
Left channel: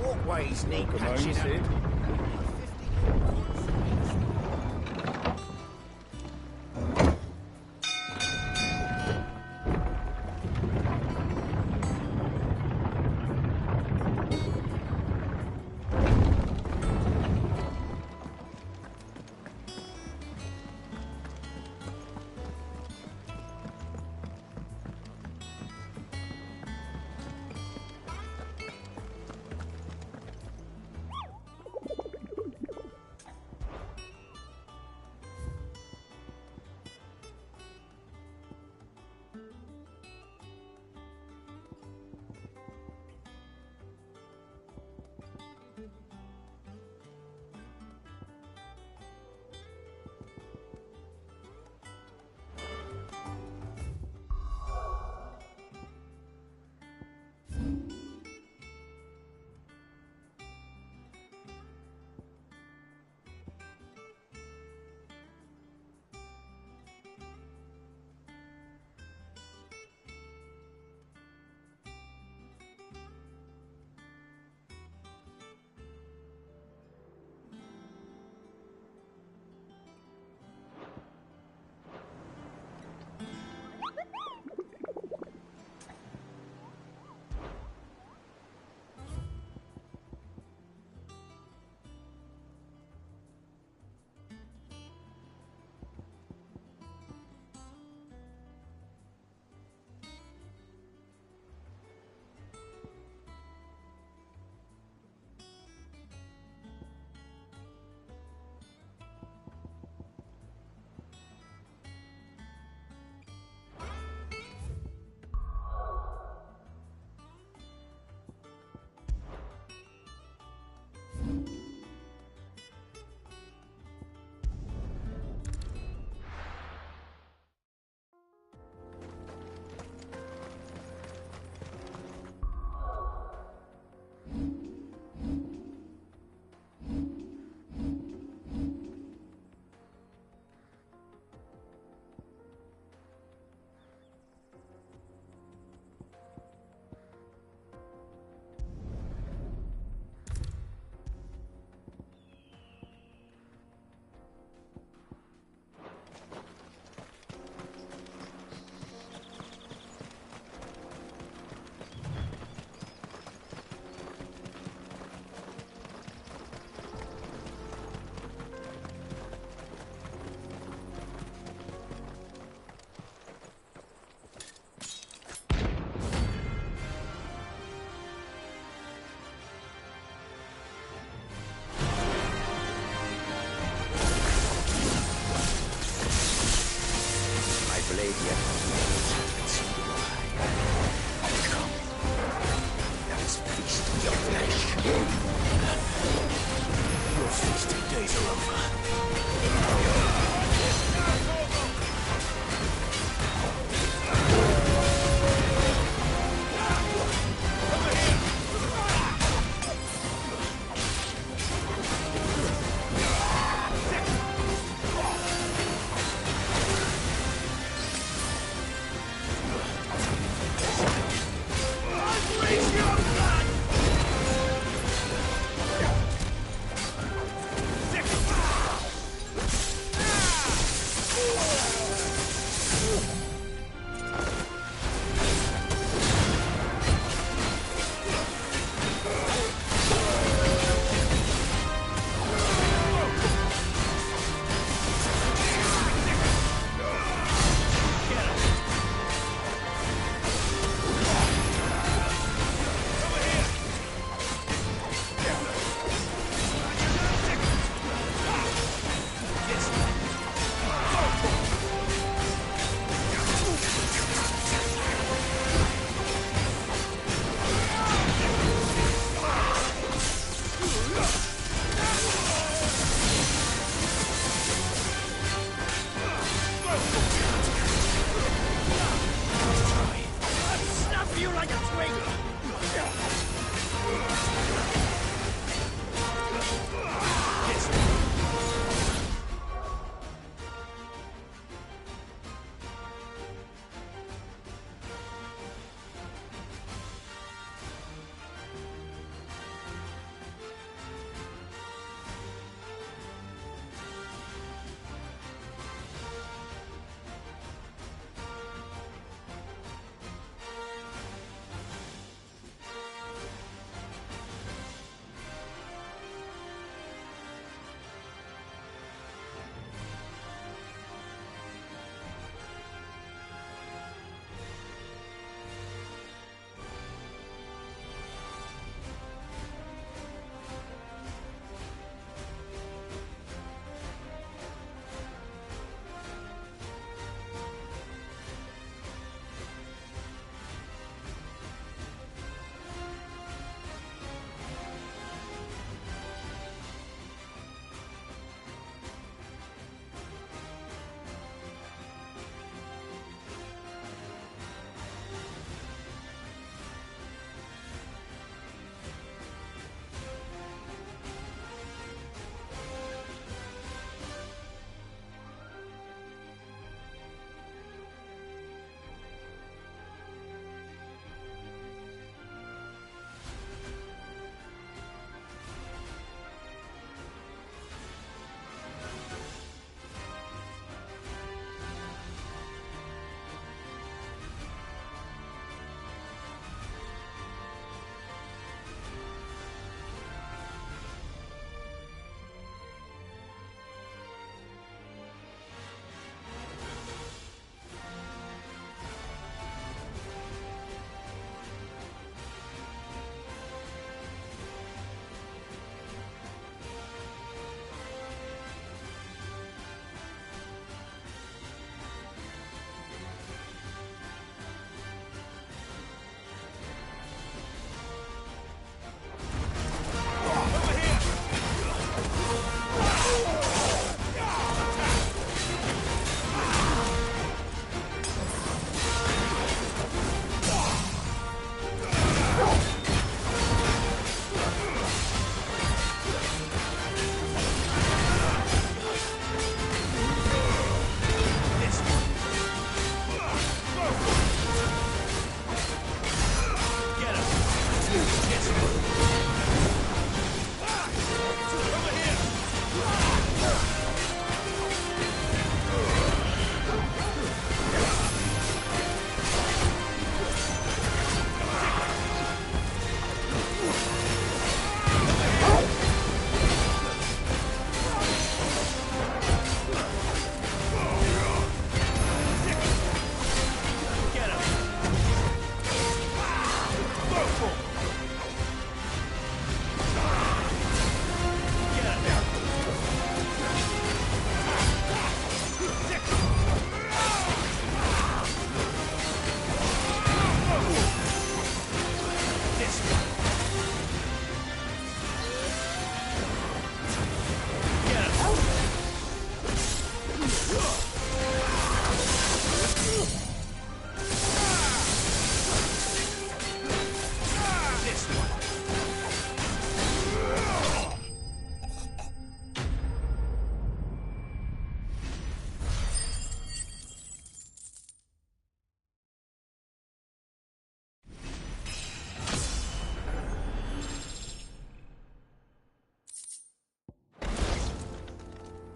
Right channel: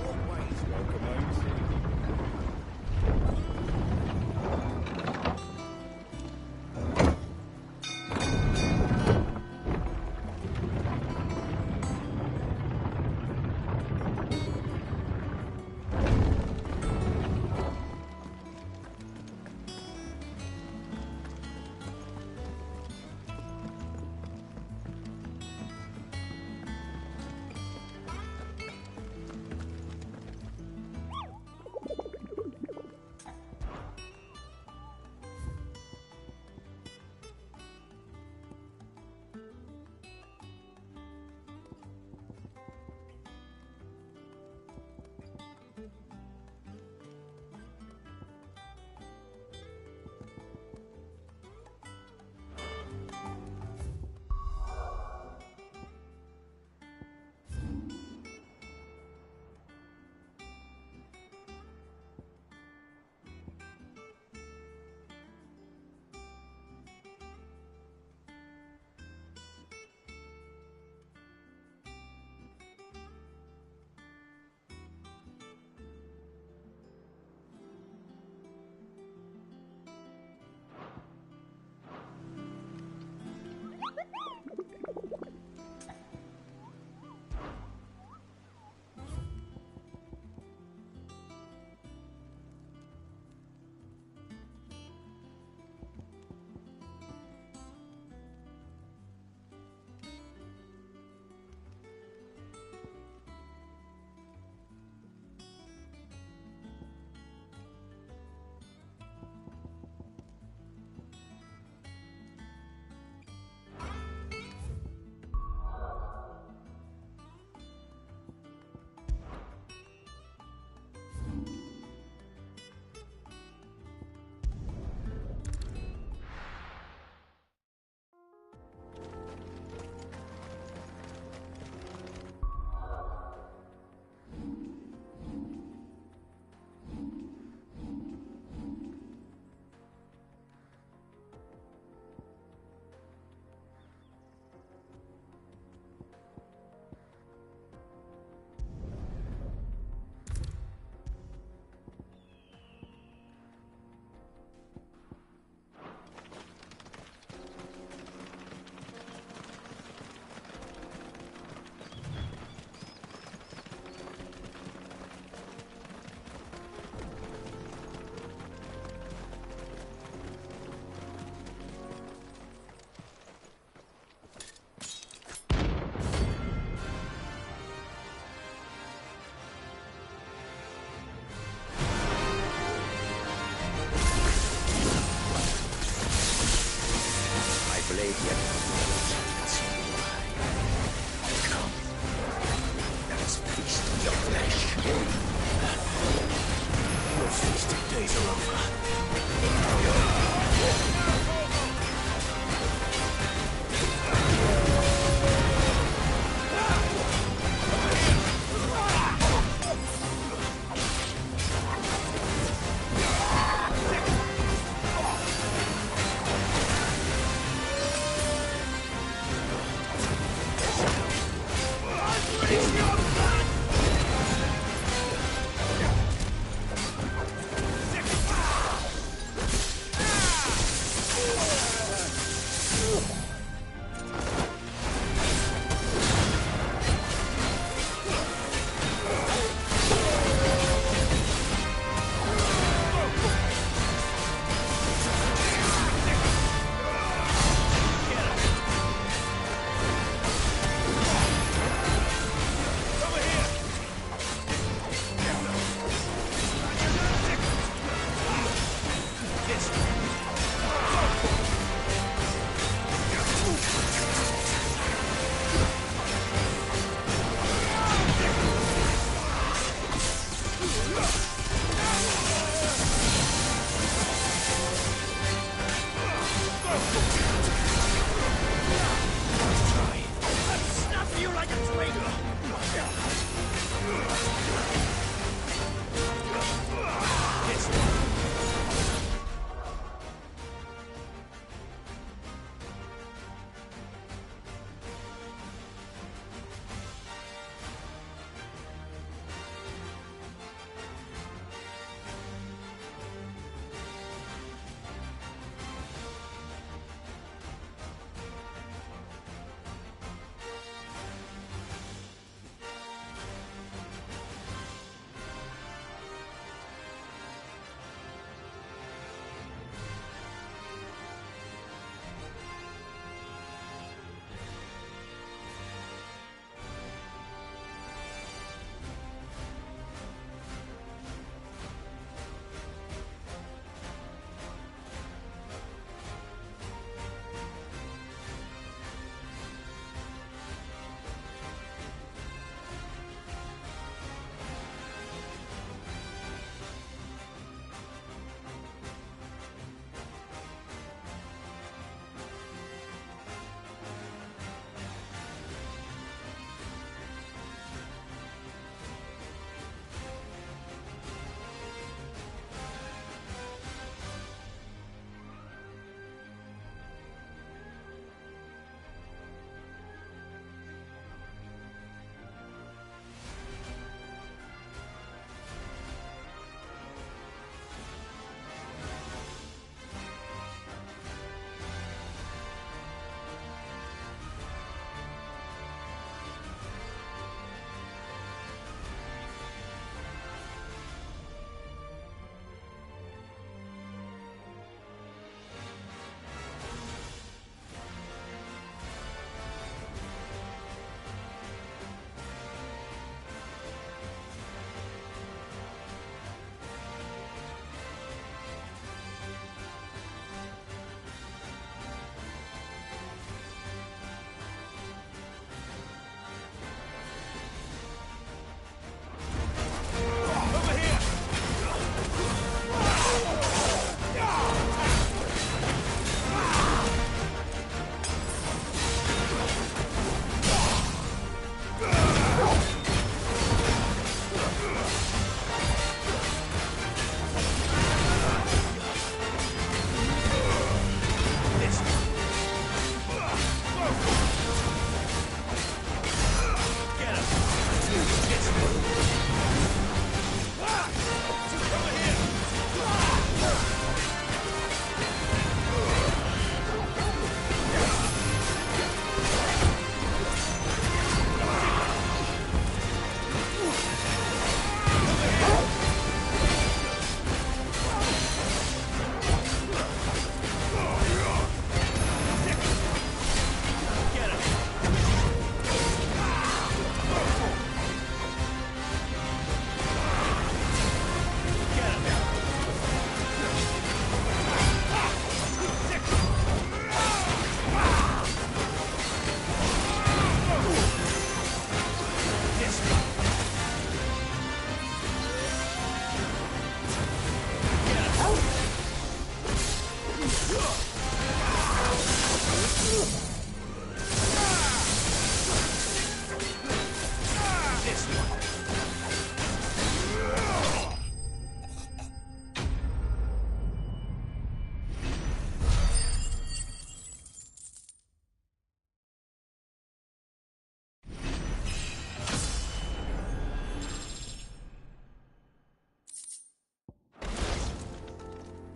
What way, Snake? Come on, Sid.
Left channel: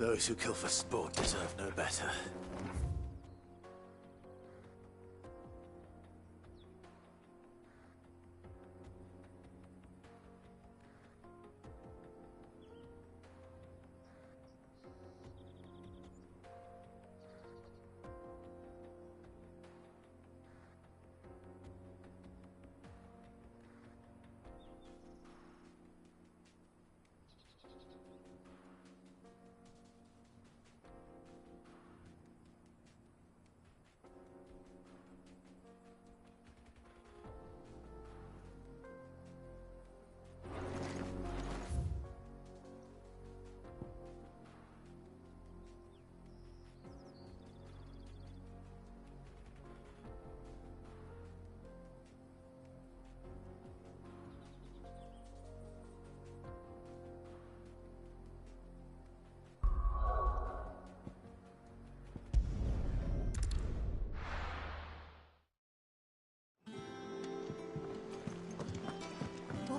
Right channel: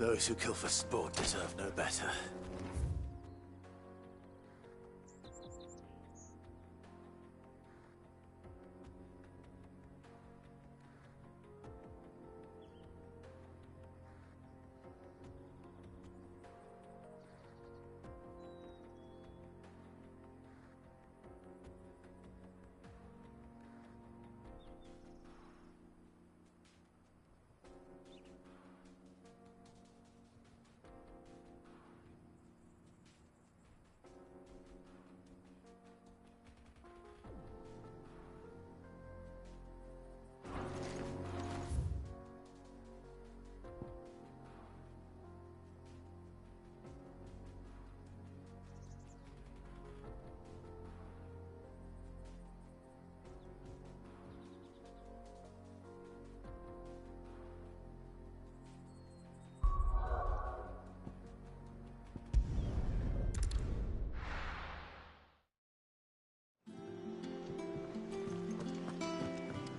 Those who kill for sport deserve no better.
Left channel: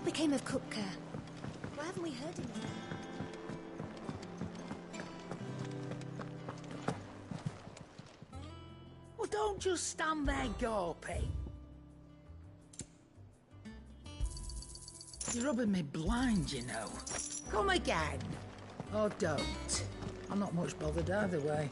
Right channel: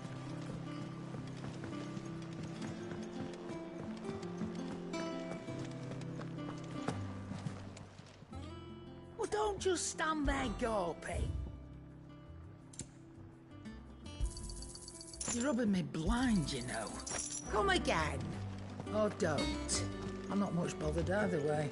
What became of Cook? Why haven't we heard of him? Well, don't just stand there gawping. You're rubbing me blind, you know. Come again. Or don't. I'm not much bothered either way.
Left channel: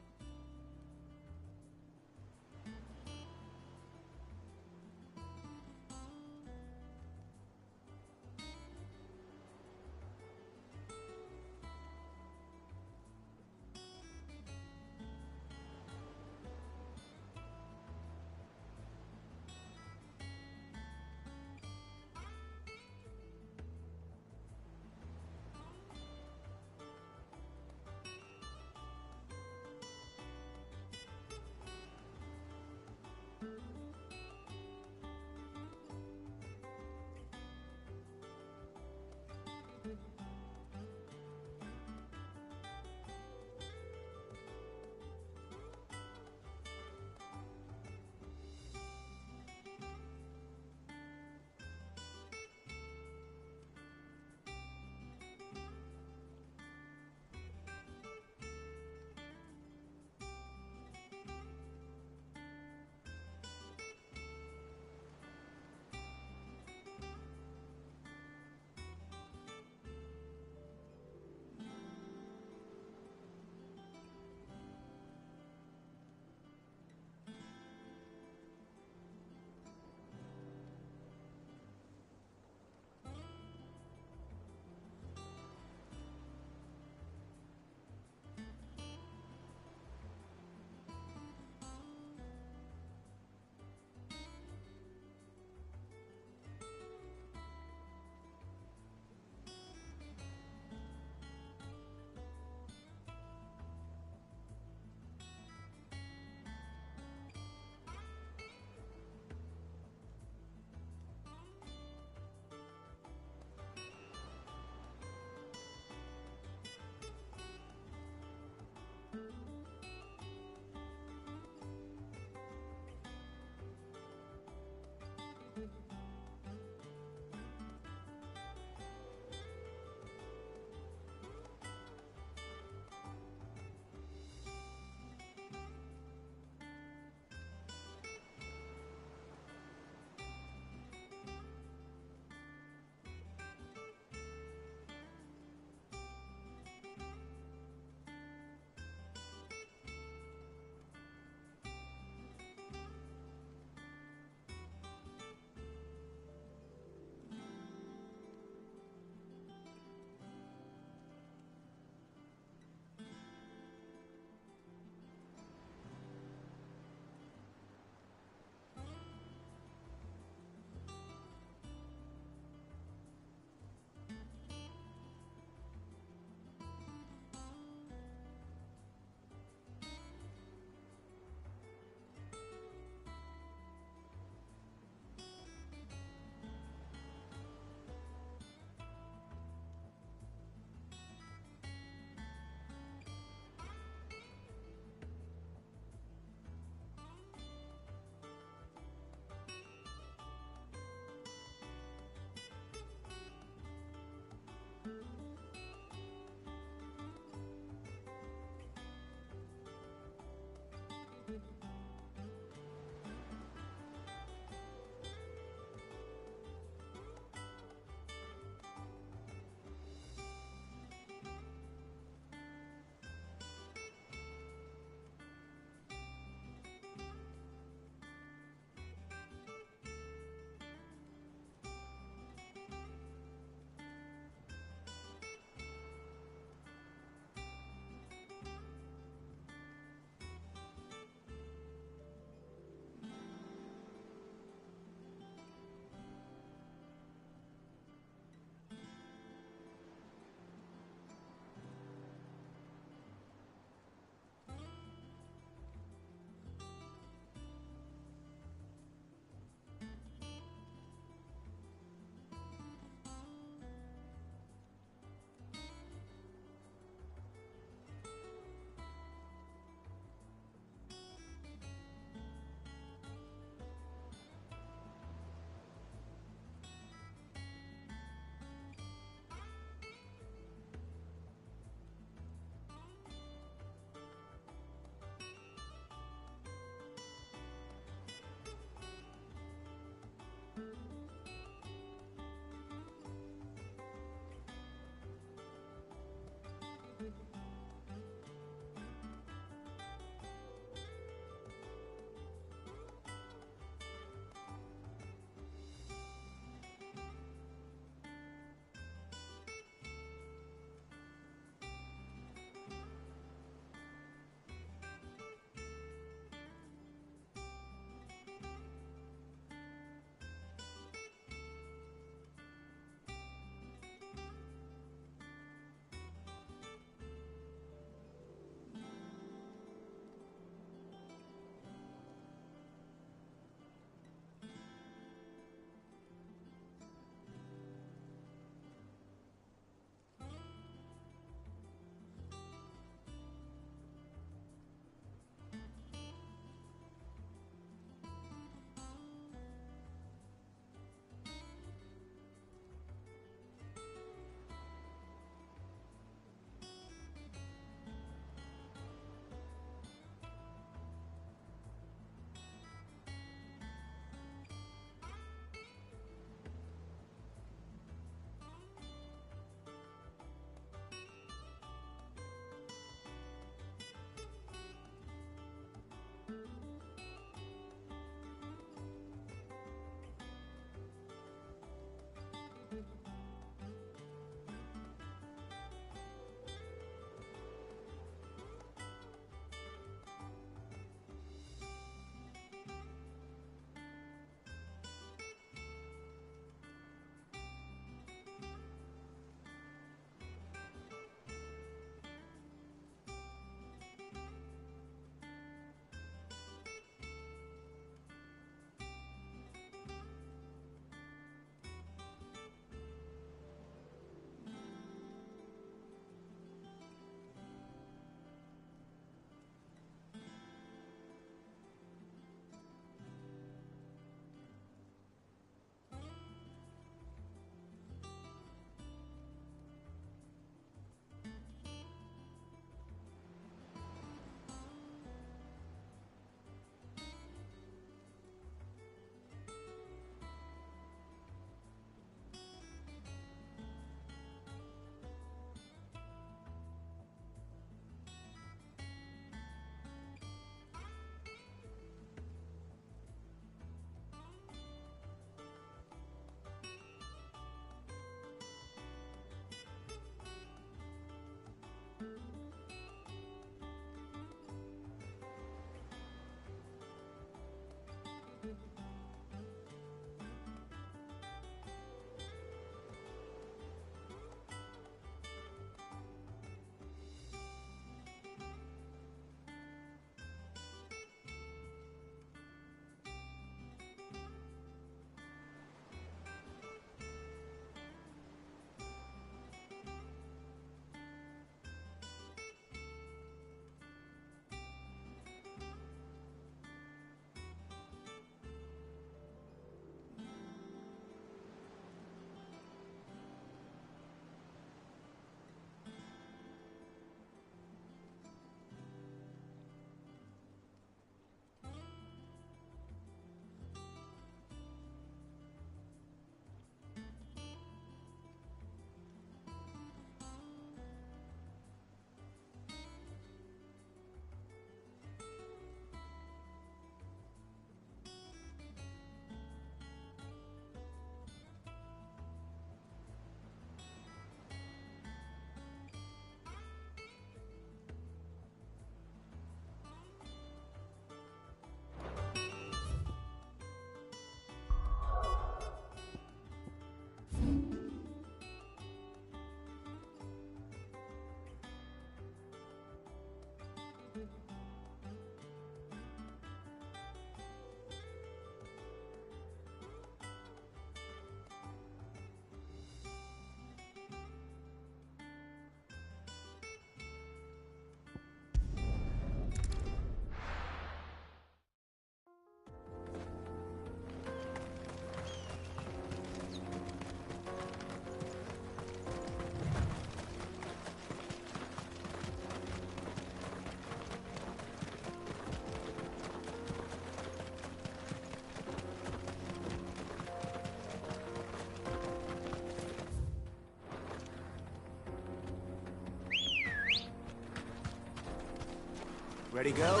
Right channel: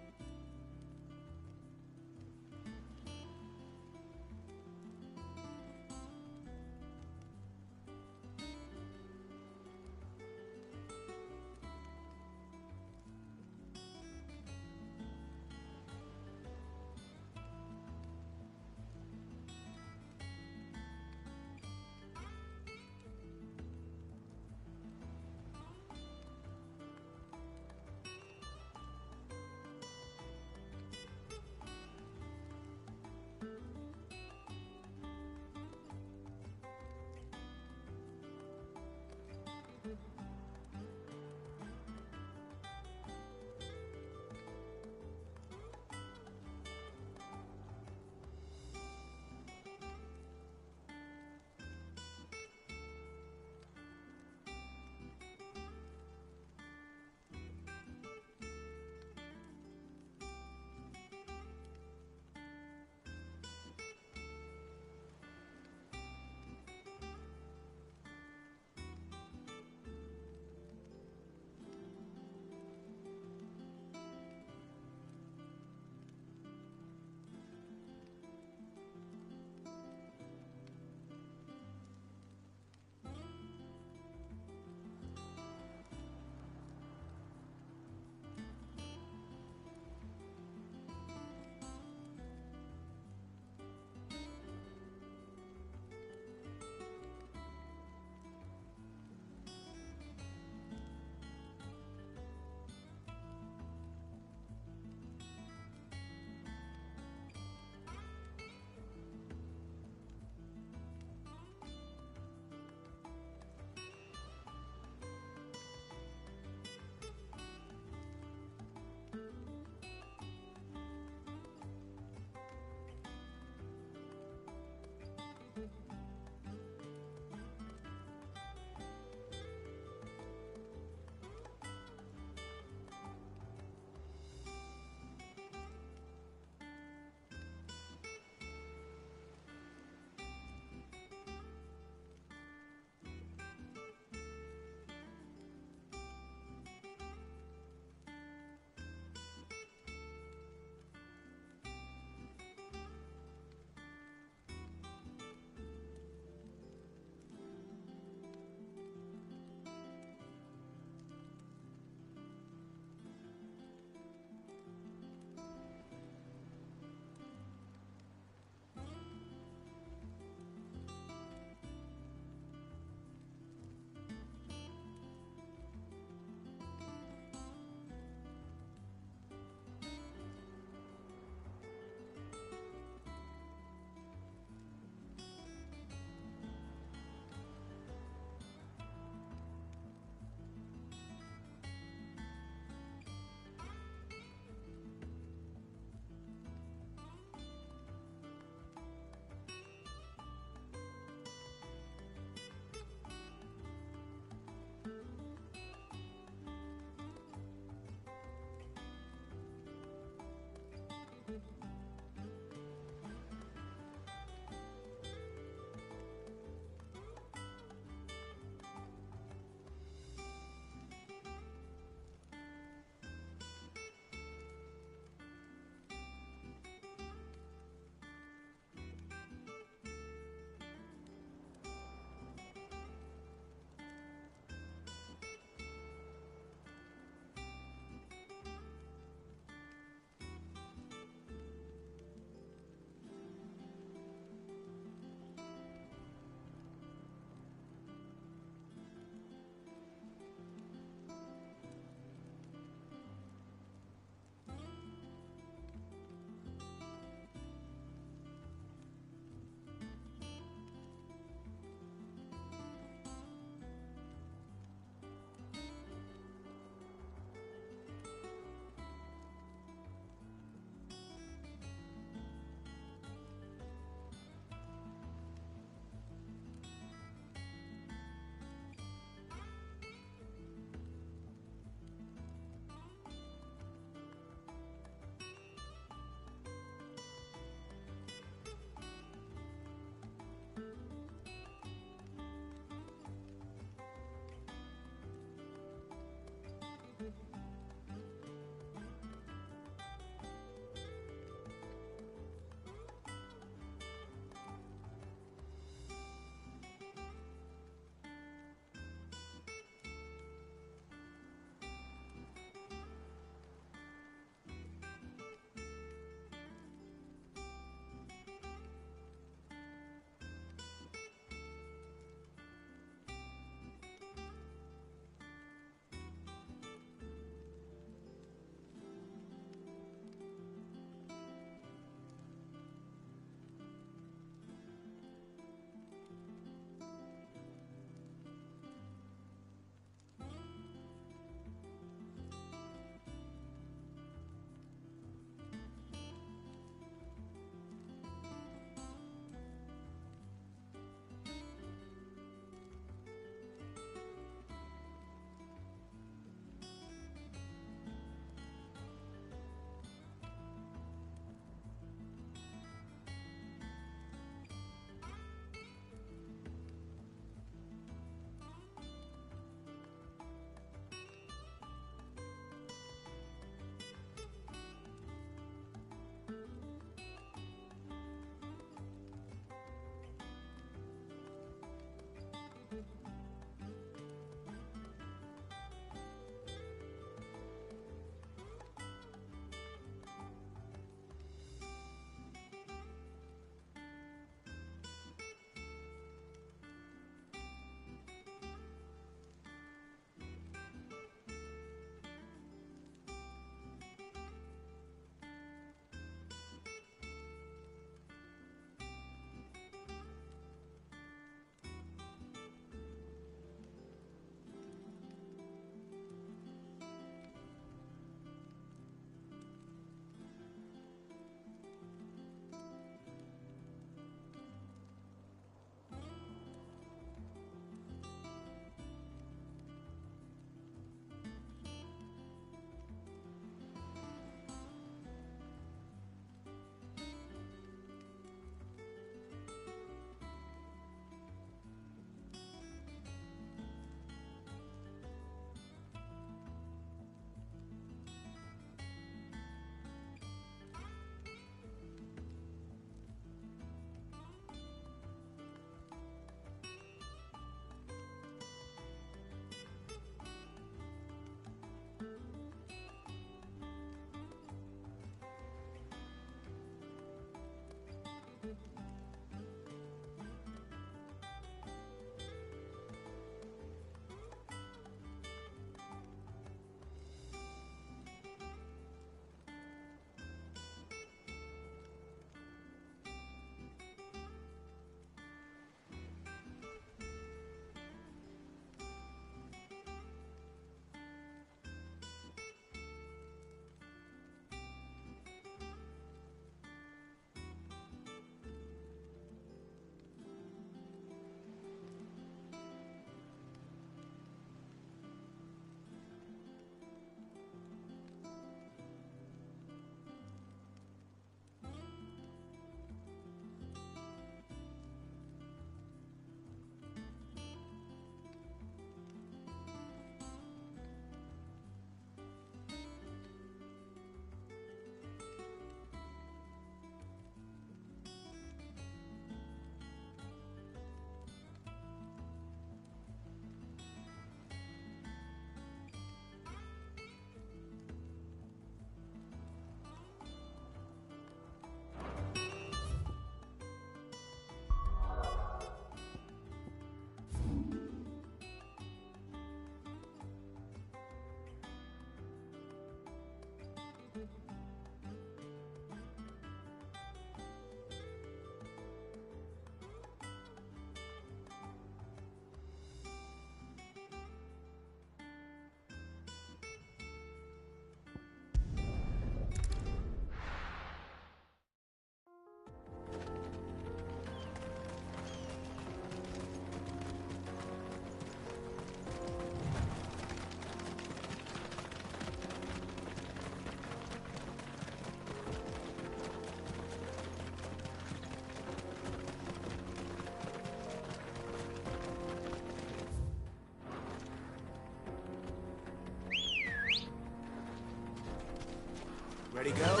Ready, go?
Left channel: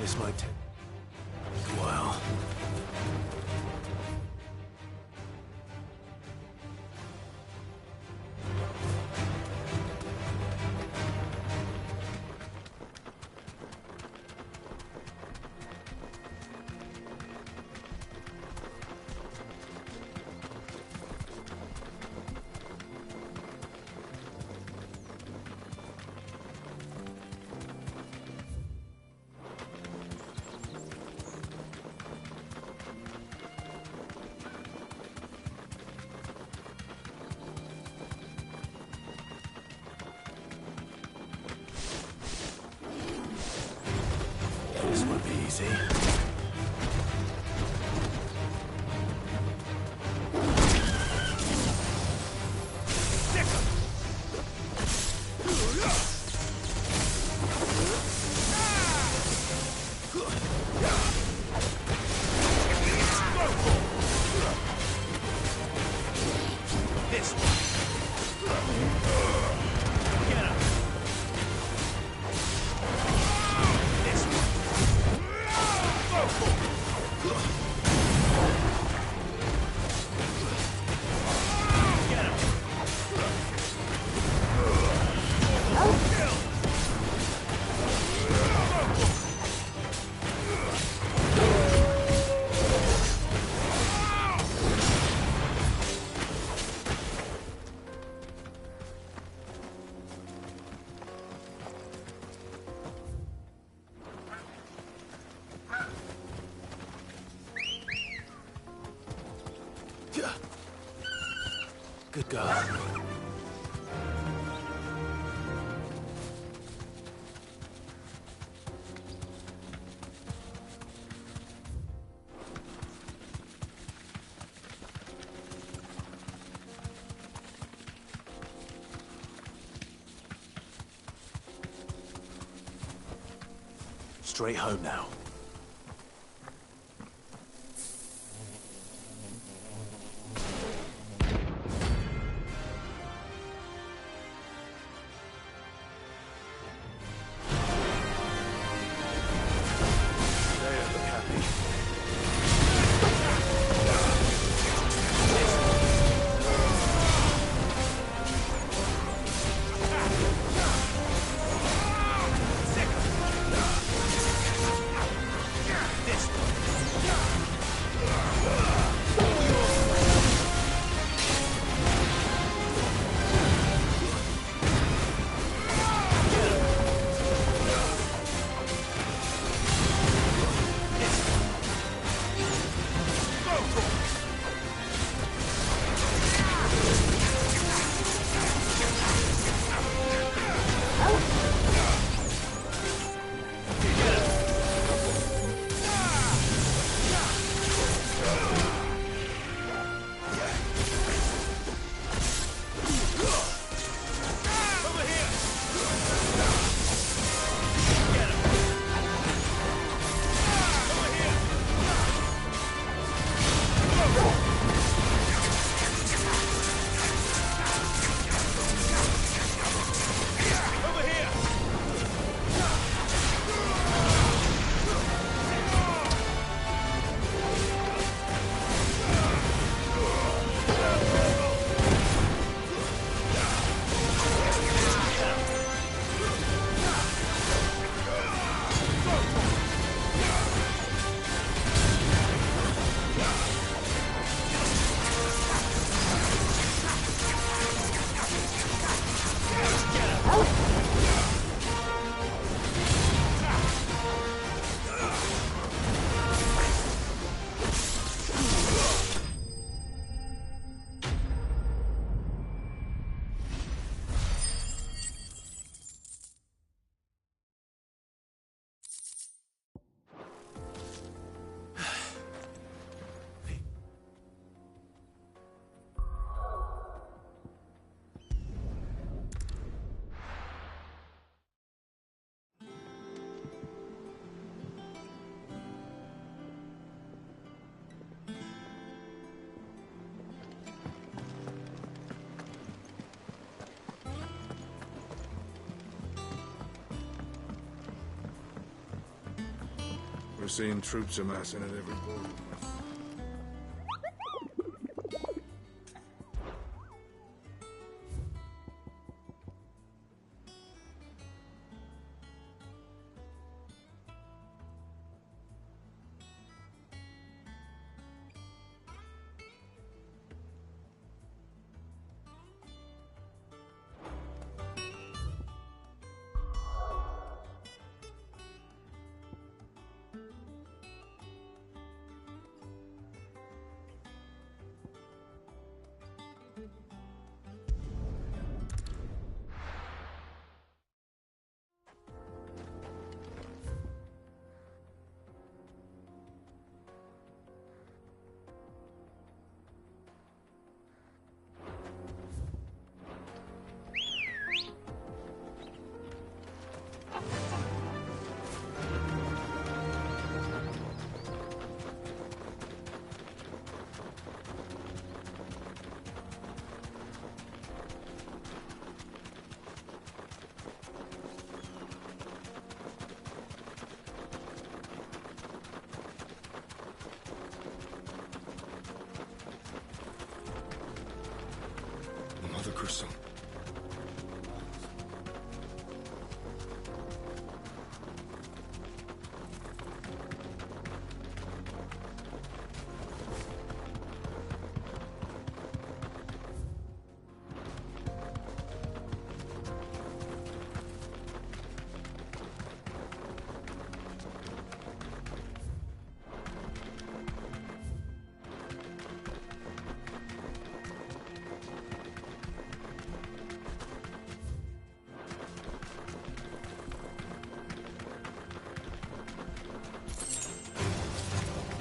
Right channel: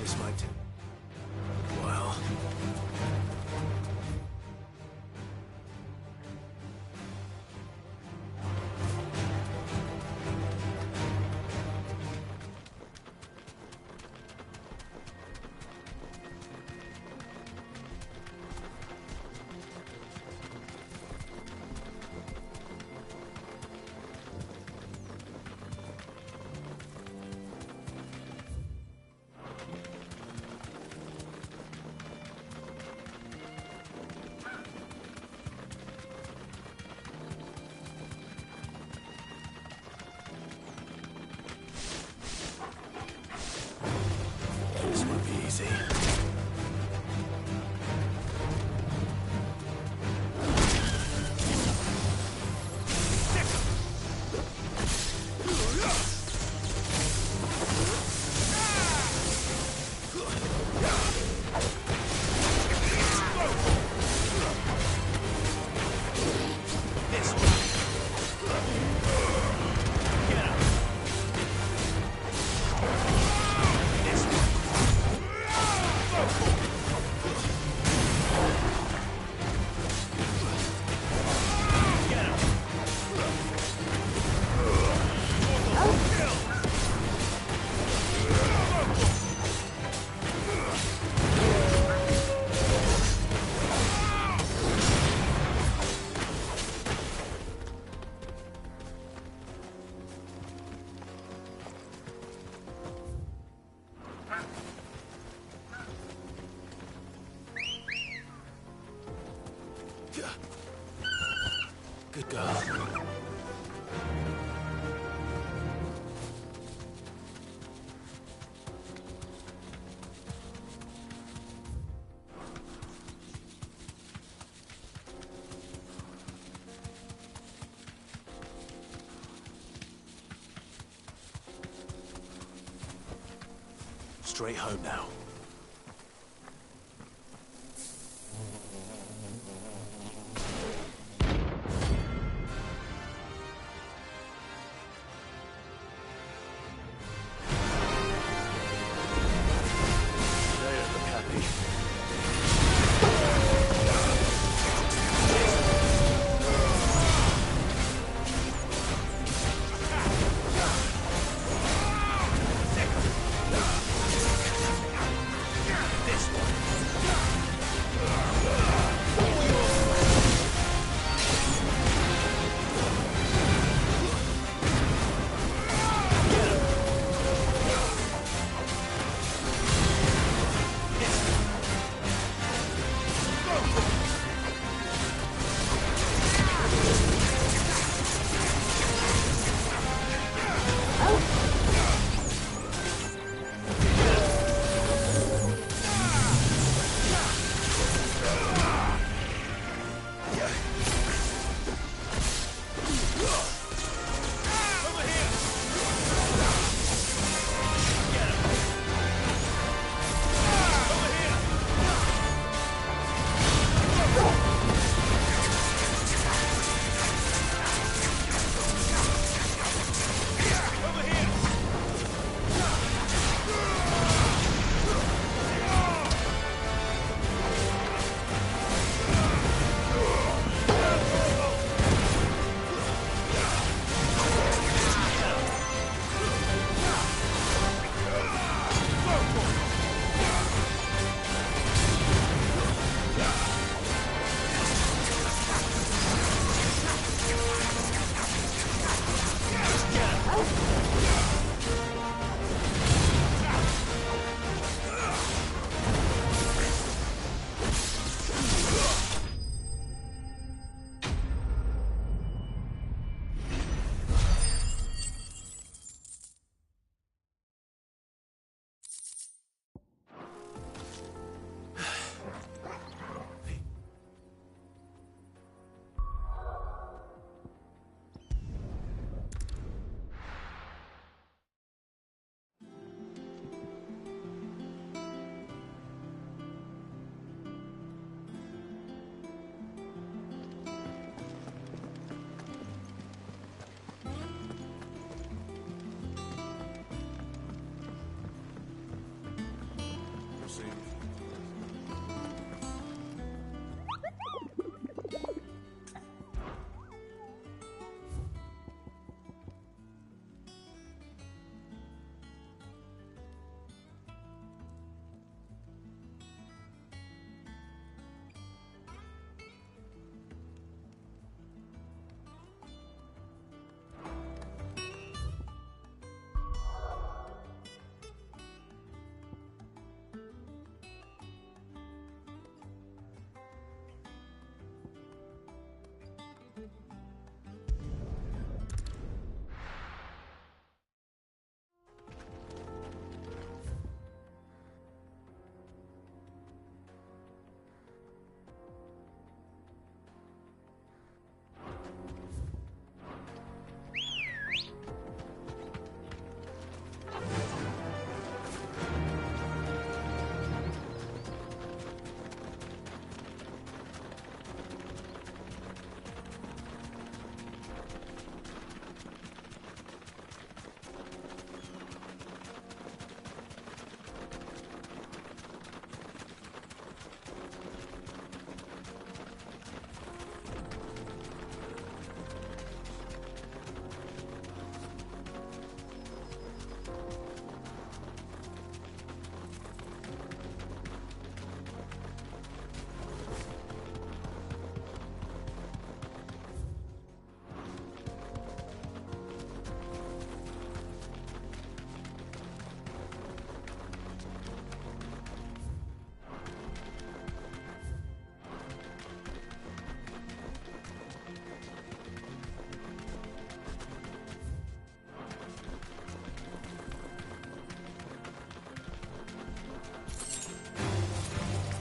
This might take a while. This won't be easy. Good girl. Straight home now. seeing troops amassing at every corner.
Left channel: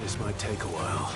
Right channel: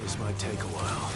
This might take a while.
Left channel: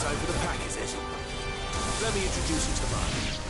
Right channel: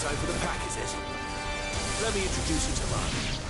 Time for the pack, is it? Let me introduce you to mine.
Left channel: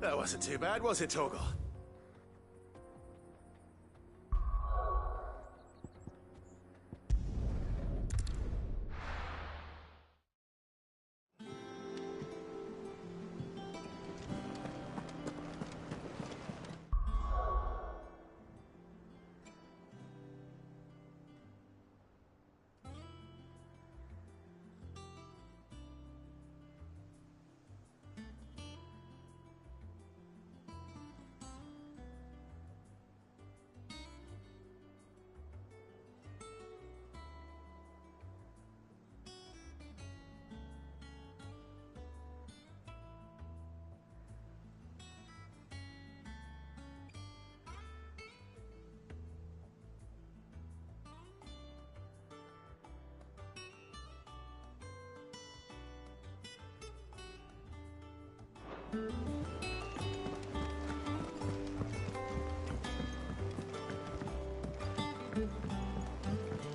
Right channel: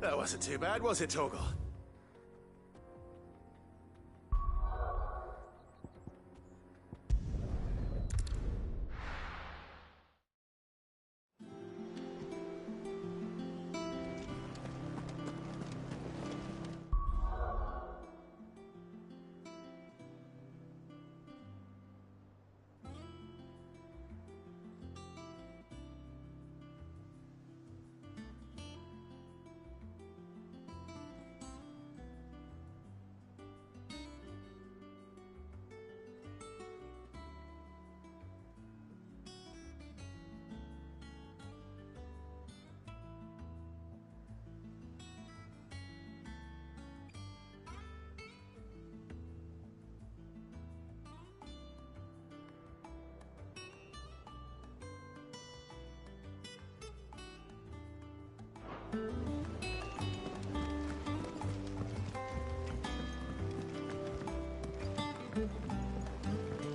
That wasn't too bad, was it, Torgal?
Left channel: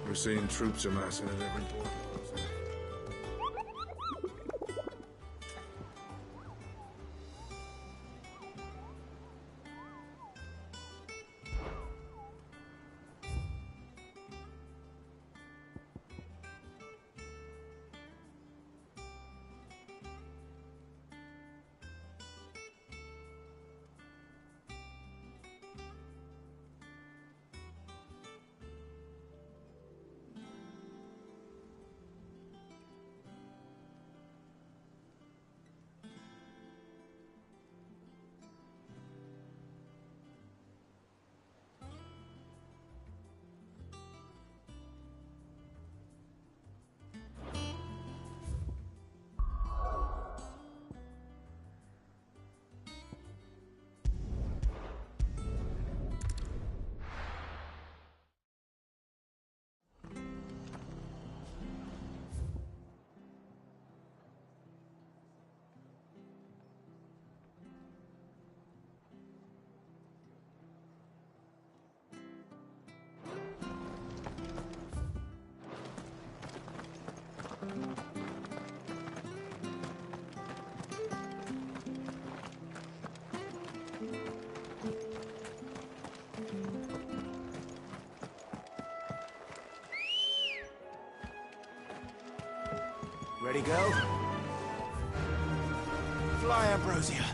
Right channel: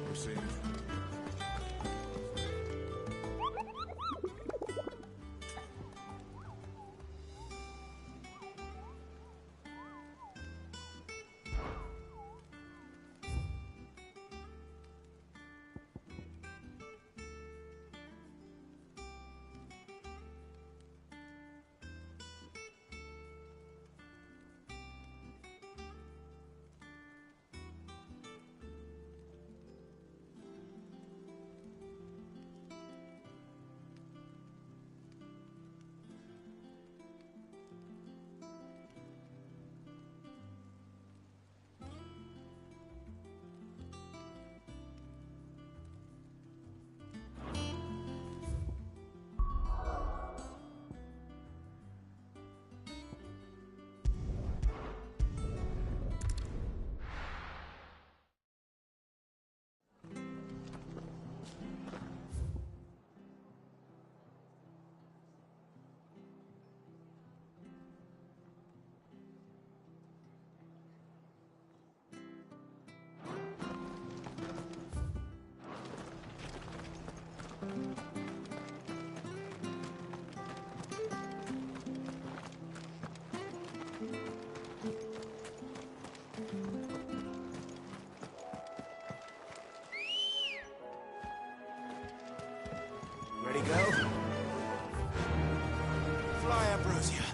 We're seeing troops amassing in different places. Ready, girl? Fly, Ambrosia.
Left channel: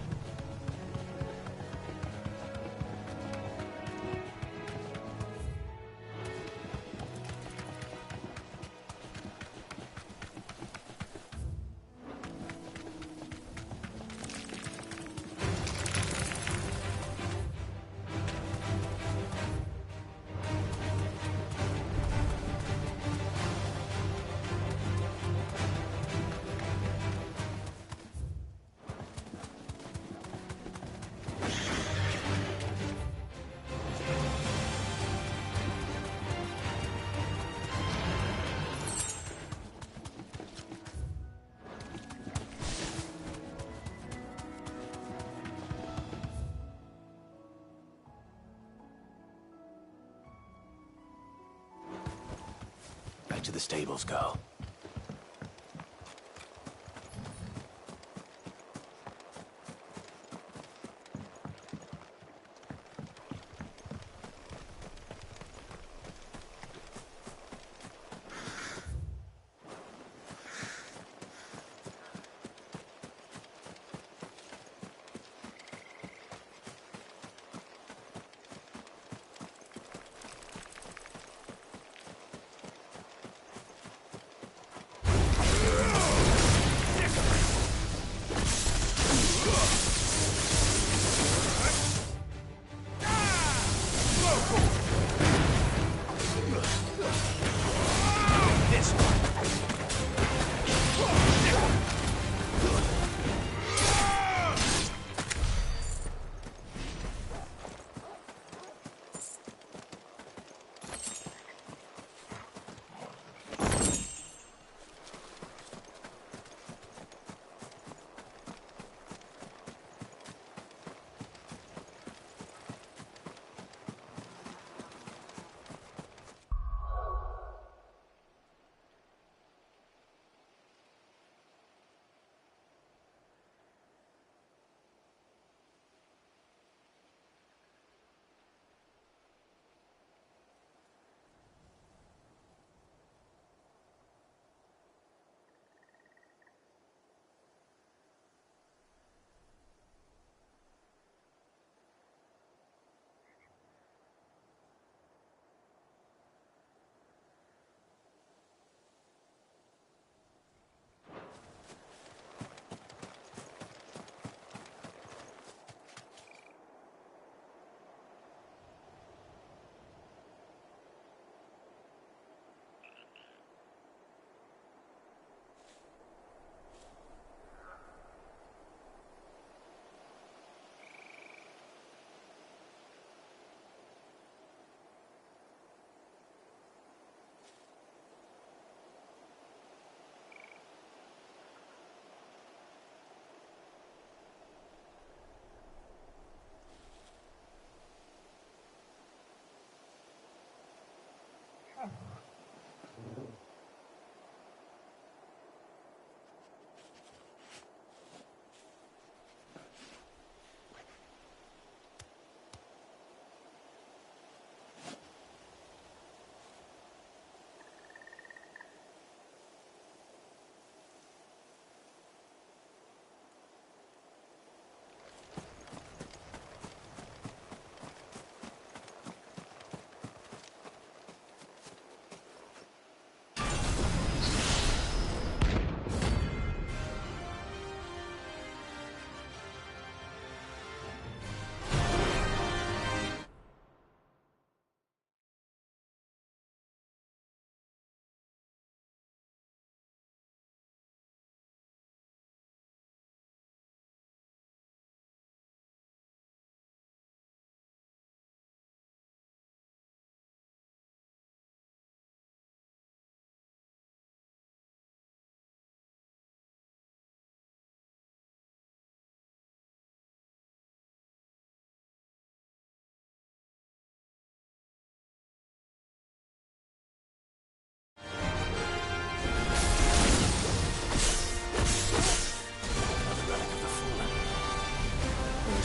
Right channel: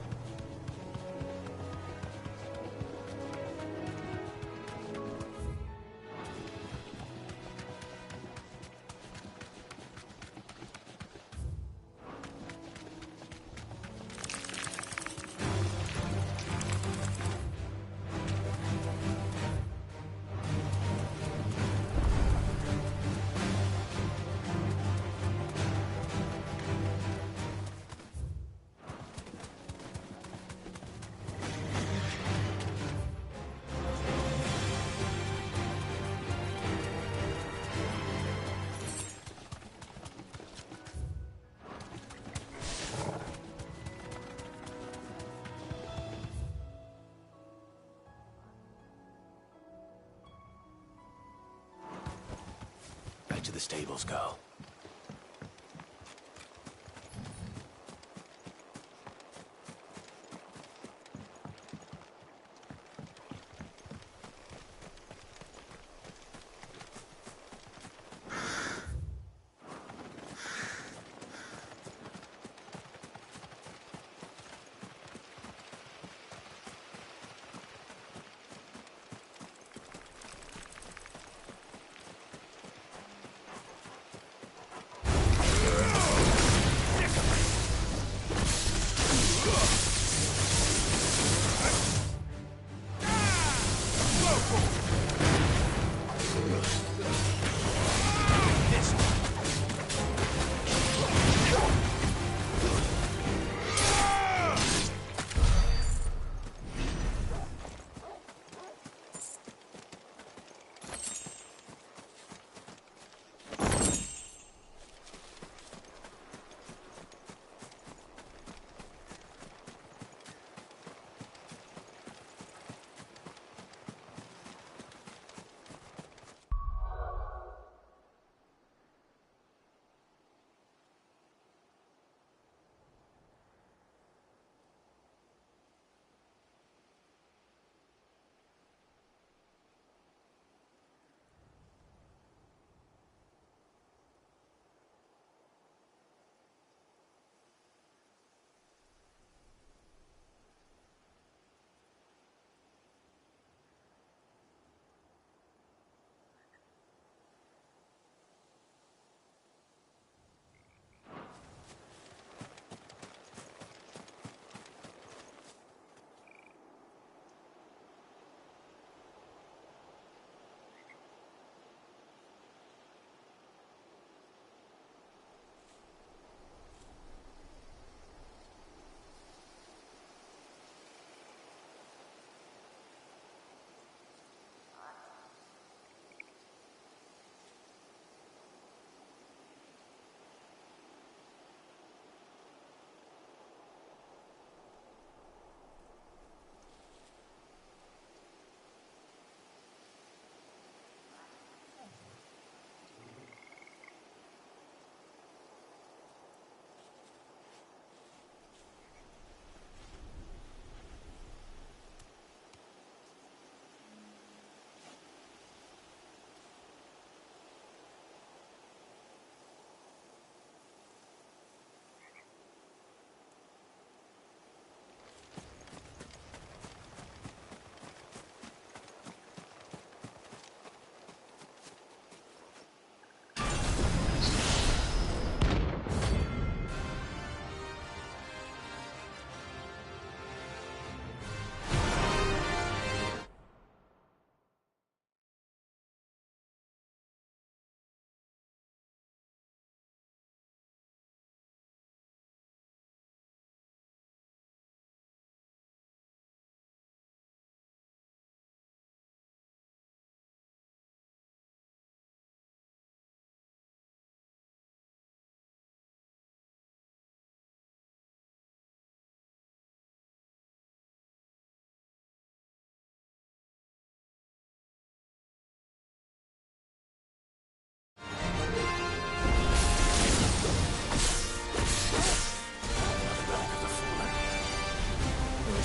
Back to the stables, girl.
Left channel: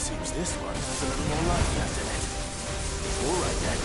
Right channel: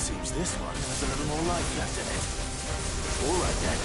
Seems this one has a little more life left in it. All right, then.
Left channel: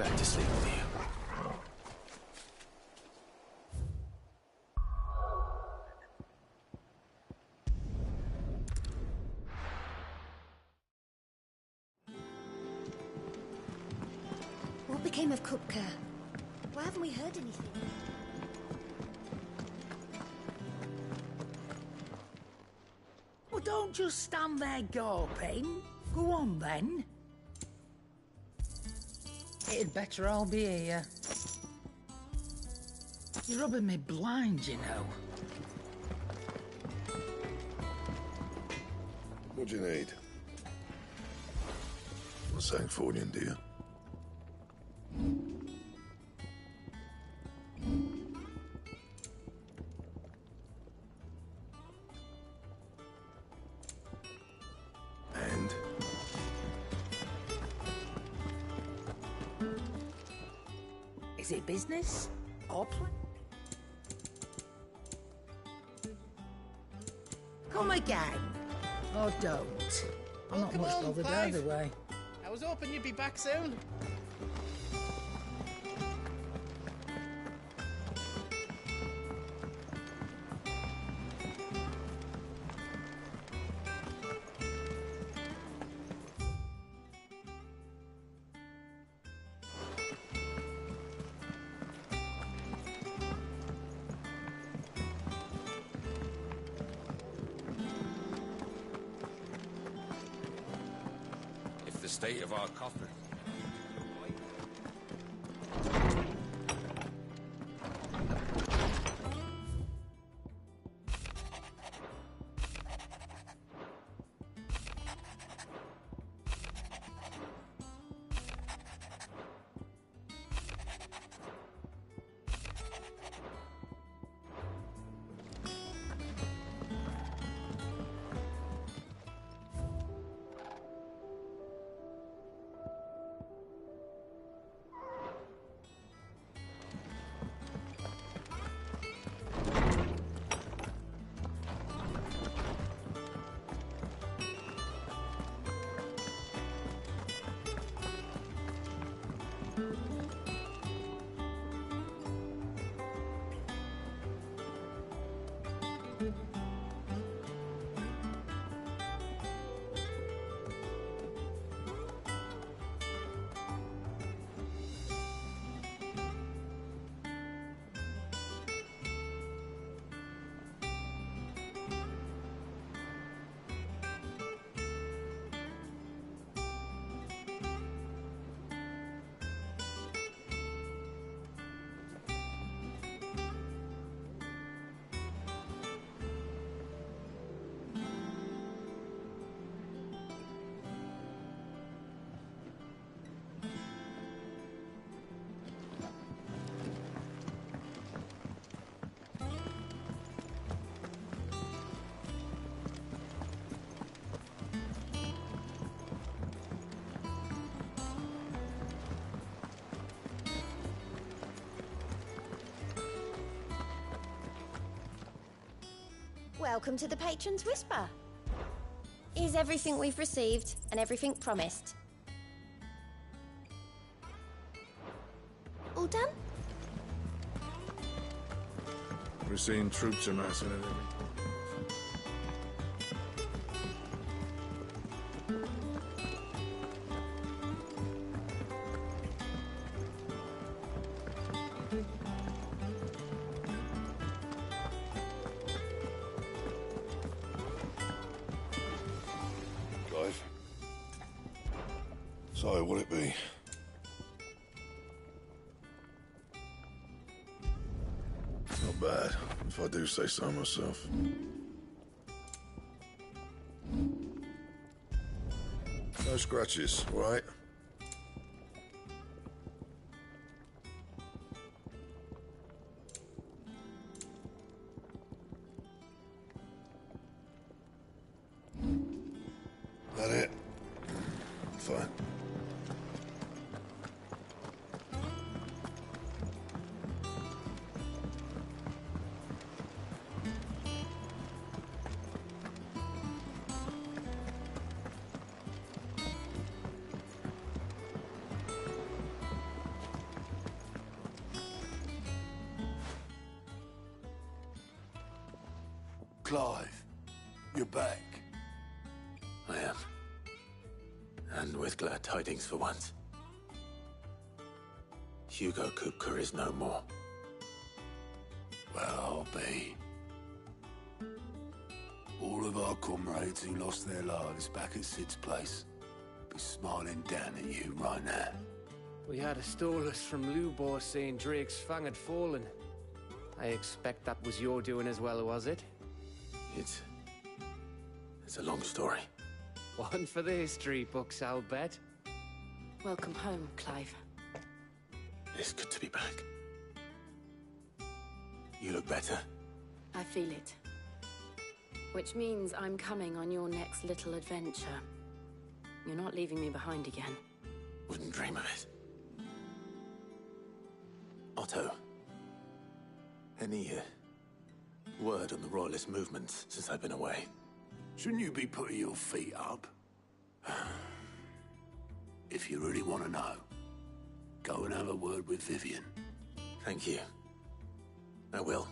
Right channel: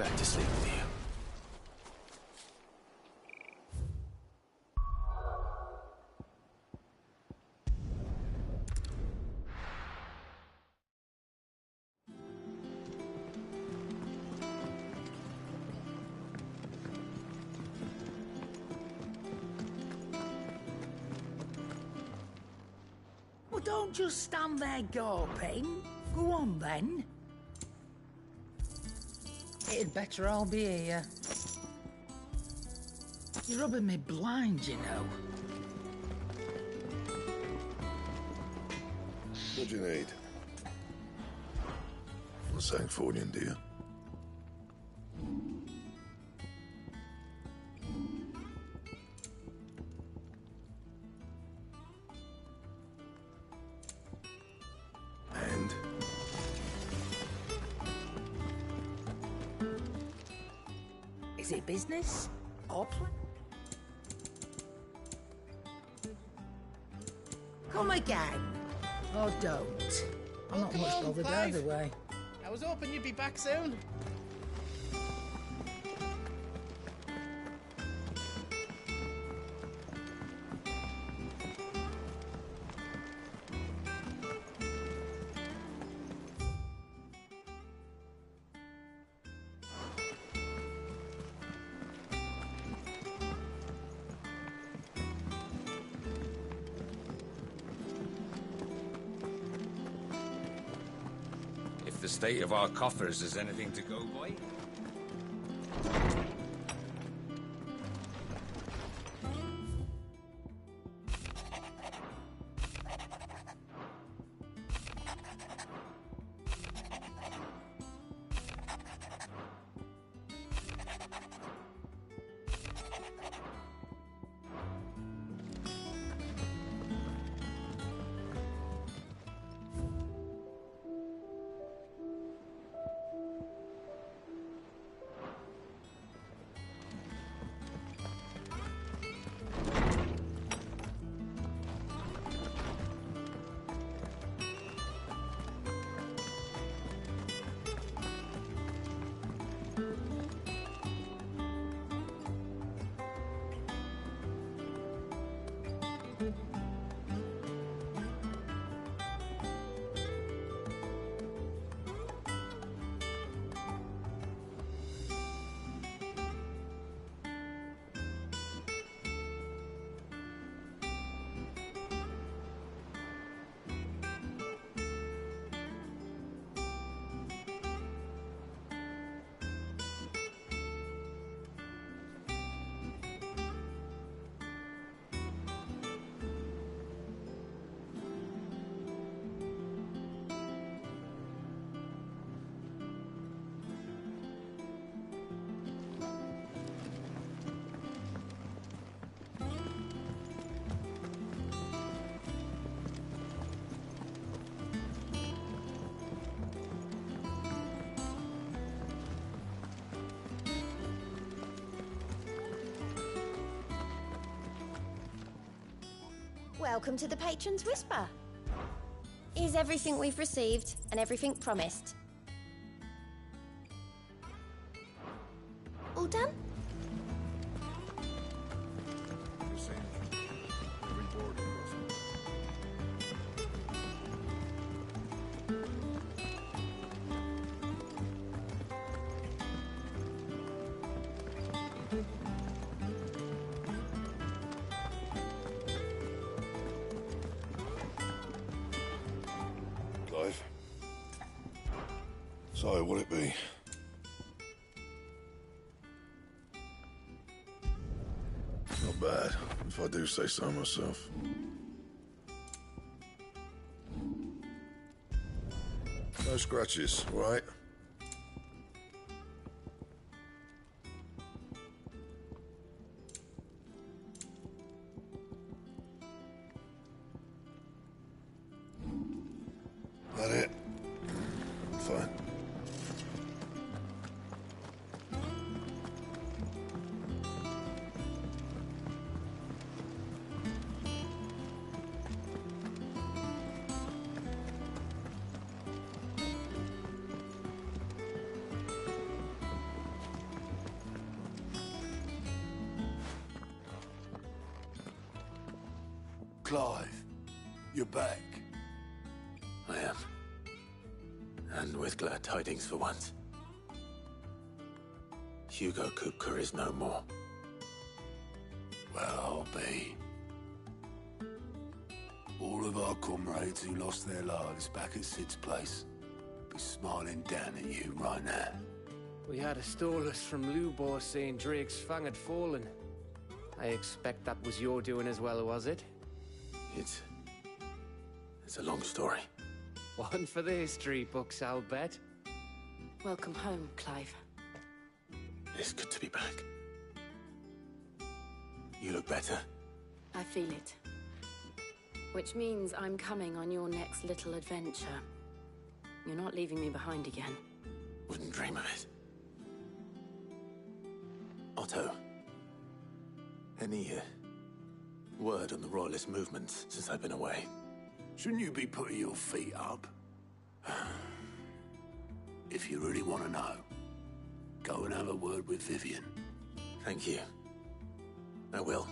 Back to sleep with you. What became of Kupka? Why haven't we heard anything? Well, don't just stand there gawping. Go on, then. It'd better all be here. You're rubbing me blind, you know. What do you need? Not Sancfordian, do you? And? Is it business? Or play? Come again. Oh, don't. I'm not Come much on, bothered Clive. either way. I was hoping you'd be back soon. If the state of our coffers is anything to go by. Welcome to the Patron's Whisper. Is everything we've received and everything promised? All done? We're seeing troops amassing at every border. Clive? So, what'd it be? Not bad, if I do say so myself. No scratches, all right? That it? Fine. Clive, you're back. I am. And with glad tidings for once. Hugo Kupka is no more. Well, I'll be. All of our comrades who lost their lives back at Sid's place be smiling down at you right now. We had a stolus from Lubor saying Drake's fang had fallen. I expect that was your doing as well, was it? It's a long story. One for the history books, I'll bet. Welcome home, Clive. It's good to be back. You look better. I feel it. Which means I'm coming on your next little adventure. You're not leaving me behind again. Wouldn't dream of it. Otto. Any word on the Royalist movements since I've been away? Shouldn't you be putting your feet up? If you really want to know, go and have a word with Vivian. Thank you. I will.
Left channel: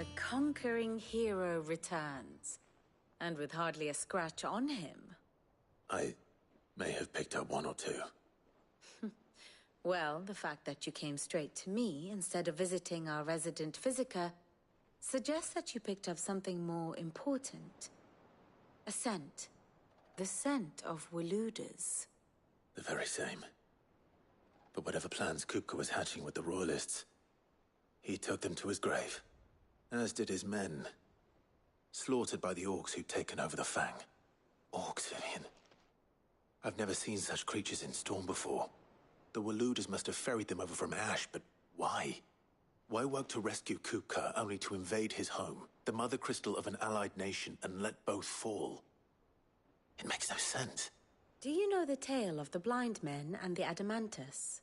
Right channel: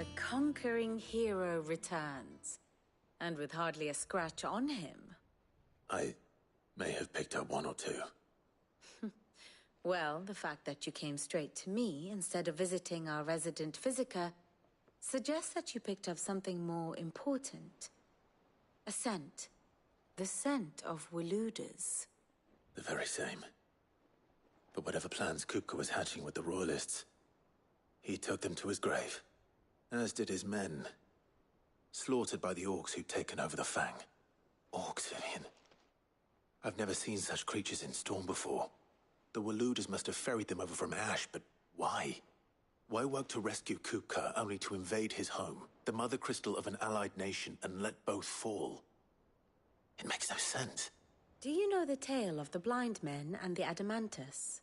The conquering hero returns. And with hardly a scratch on him. I may have picked up one or two. Well, the fact that you came straight to me instead of visiting our resident physiker suggests that you picked up something more important. A scent. The scent of Waludas. The very same. But whatever plans Kupka was hatching with the Royalists, he took them to his grave. As did his men. Slaughtered by the orcs who'd taken over the Fang. Orcs, Vivian. I've never seen such creatures in Storm before. The Waludas must have ferried them over from Ash, but why? Why work to rescue Kupka only to invade his home, the mother crystal of an allied nation, and let both fall? It makes no sense. Do you know the tale of the blind men and the Adamantus?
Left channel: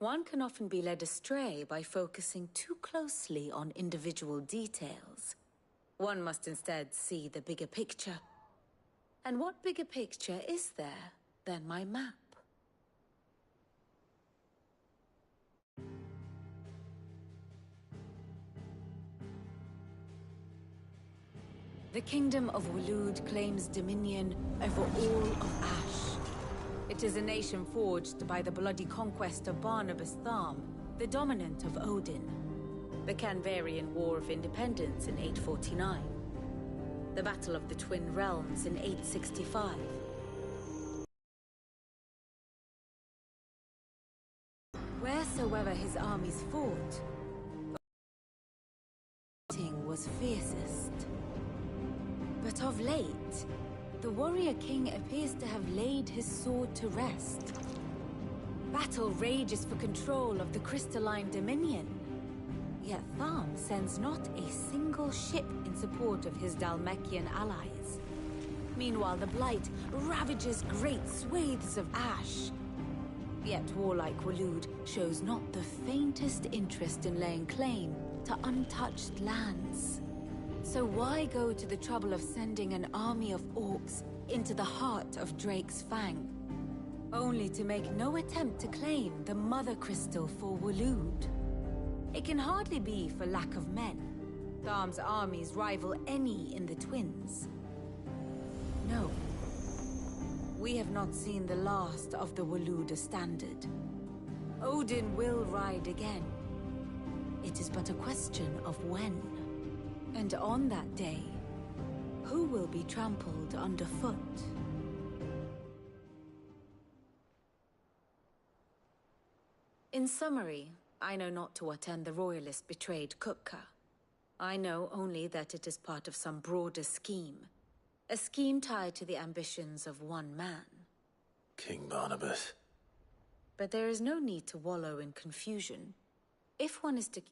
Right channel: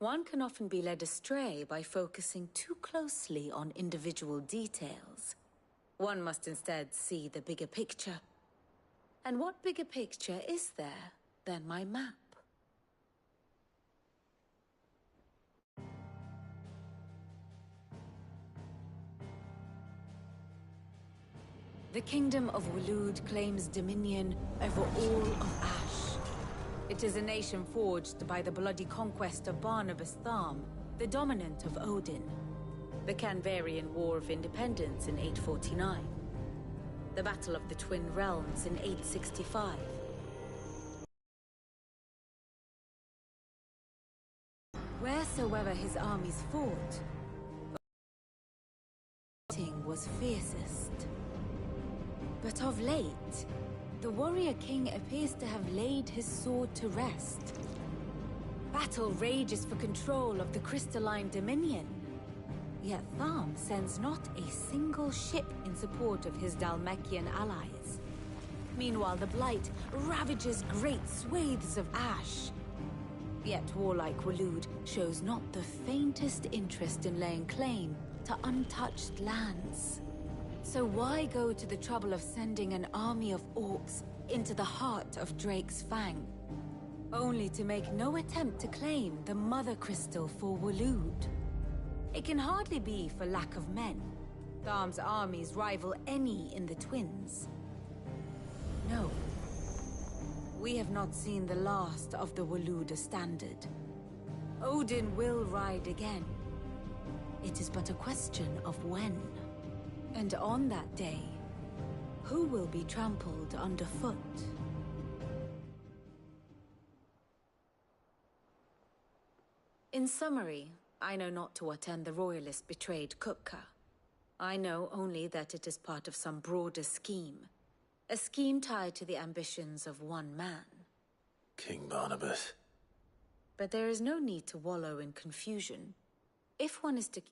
One can often be led astray by focusing too closely on individual details. One must instead see the bigger picture. And what bigger picture is there than my map? The Kingdom of Waloed claims dominion over all of Ash. It is a nation forged by the bloody conquest of Barnabas Tharm, the dominant of Odin. The Canvarian War of Independence in 849. The Battle of the Twin Realms in 865. Wheresoever his armies fought, fighting was fiercest. But of late, the warrior king appears to have laid his sword to rest. Battle rages for control of the crystalline dominion. Yet Tharm sends not a single ship in support of his Dhalmekian allies. Meanwhile, the Blight ravages great swathes of Ash. Yet warlike Waloed shows not the faintest interest in laying claim to untouched lands. So why go to the trouble of sending an army of orcs into the heart of Drake's Fang, only to make no attempt to claim the Mother Crystal for Waloed? It can hardly be for lack of men. Tharm's armies rival any in the Twins. No. We have not seen the last of the Waluda standard. Odin will ride again. It is but a question of when. And on that day, who will be trampled underfoot? In summary, I know not to what end the Royalists betrayed Kupka. I know only that it is part of some broader scheme. A scheme tied to the ambitions of one man. King Barnabas. But there is no need to wallow in confusion. If one is to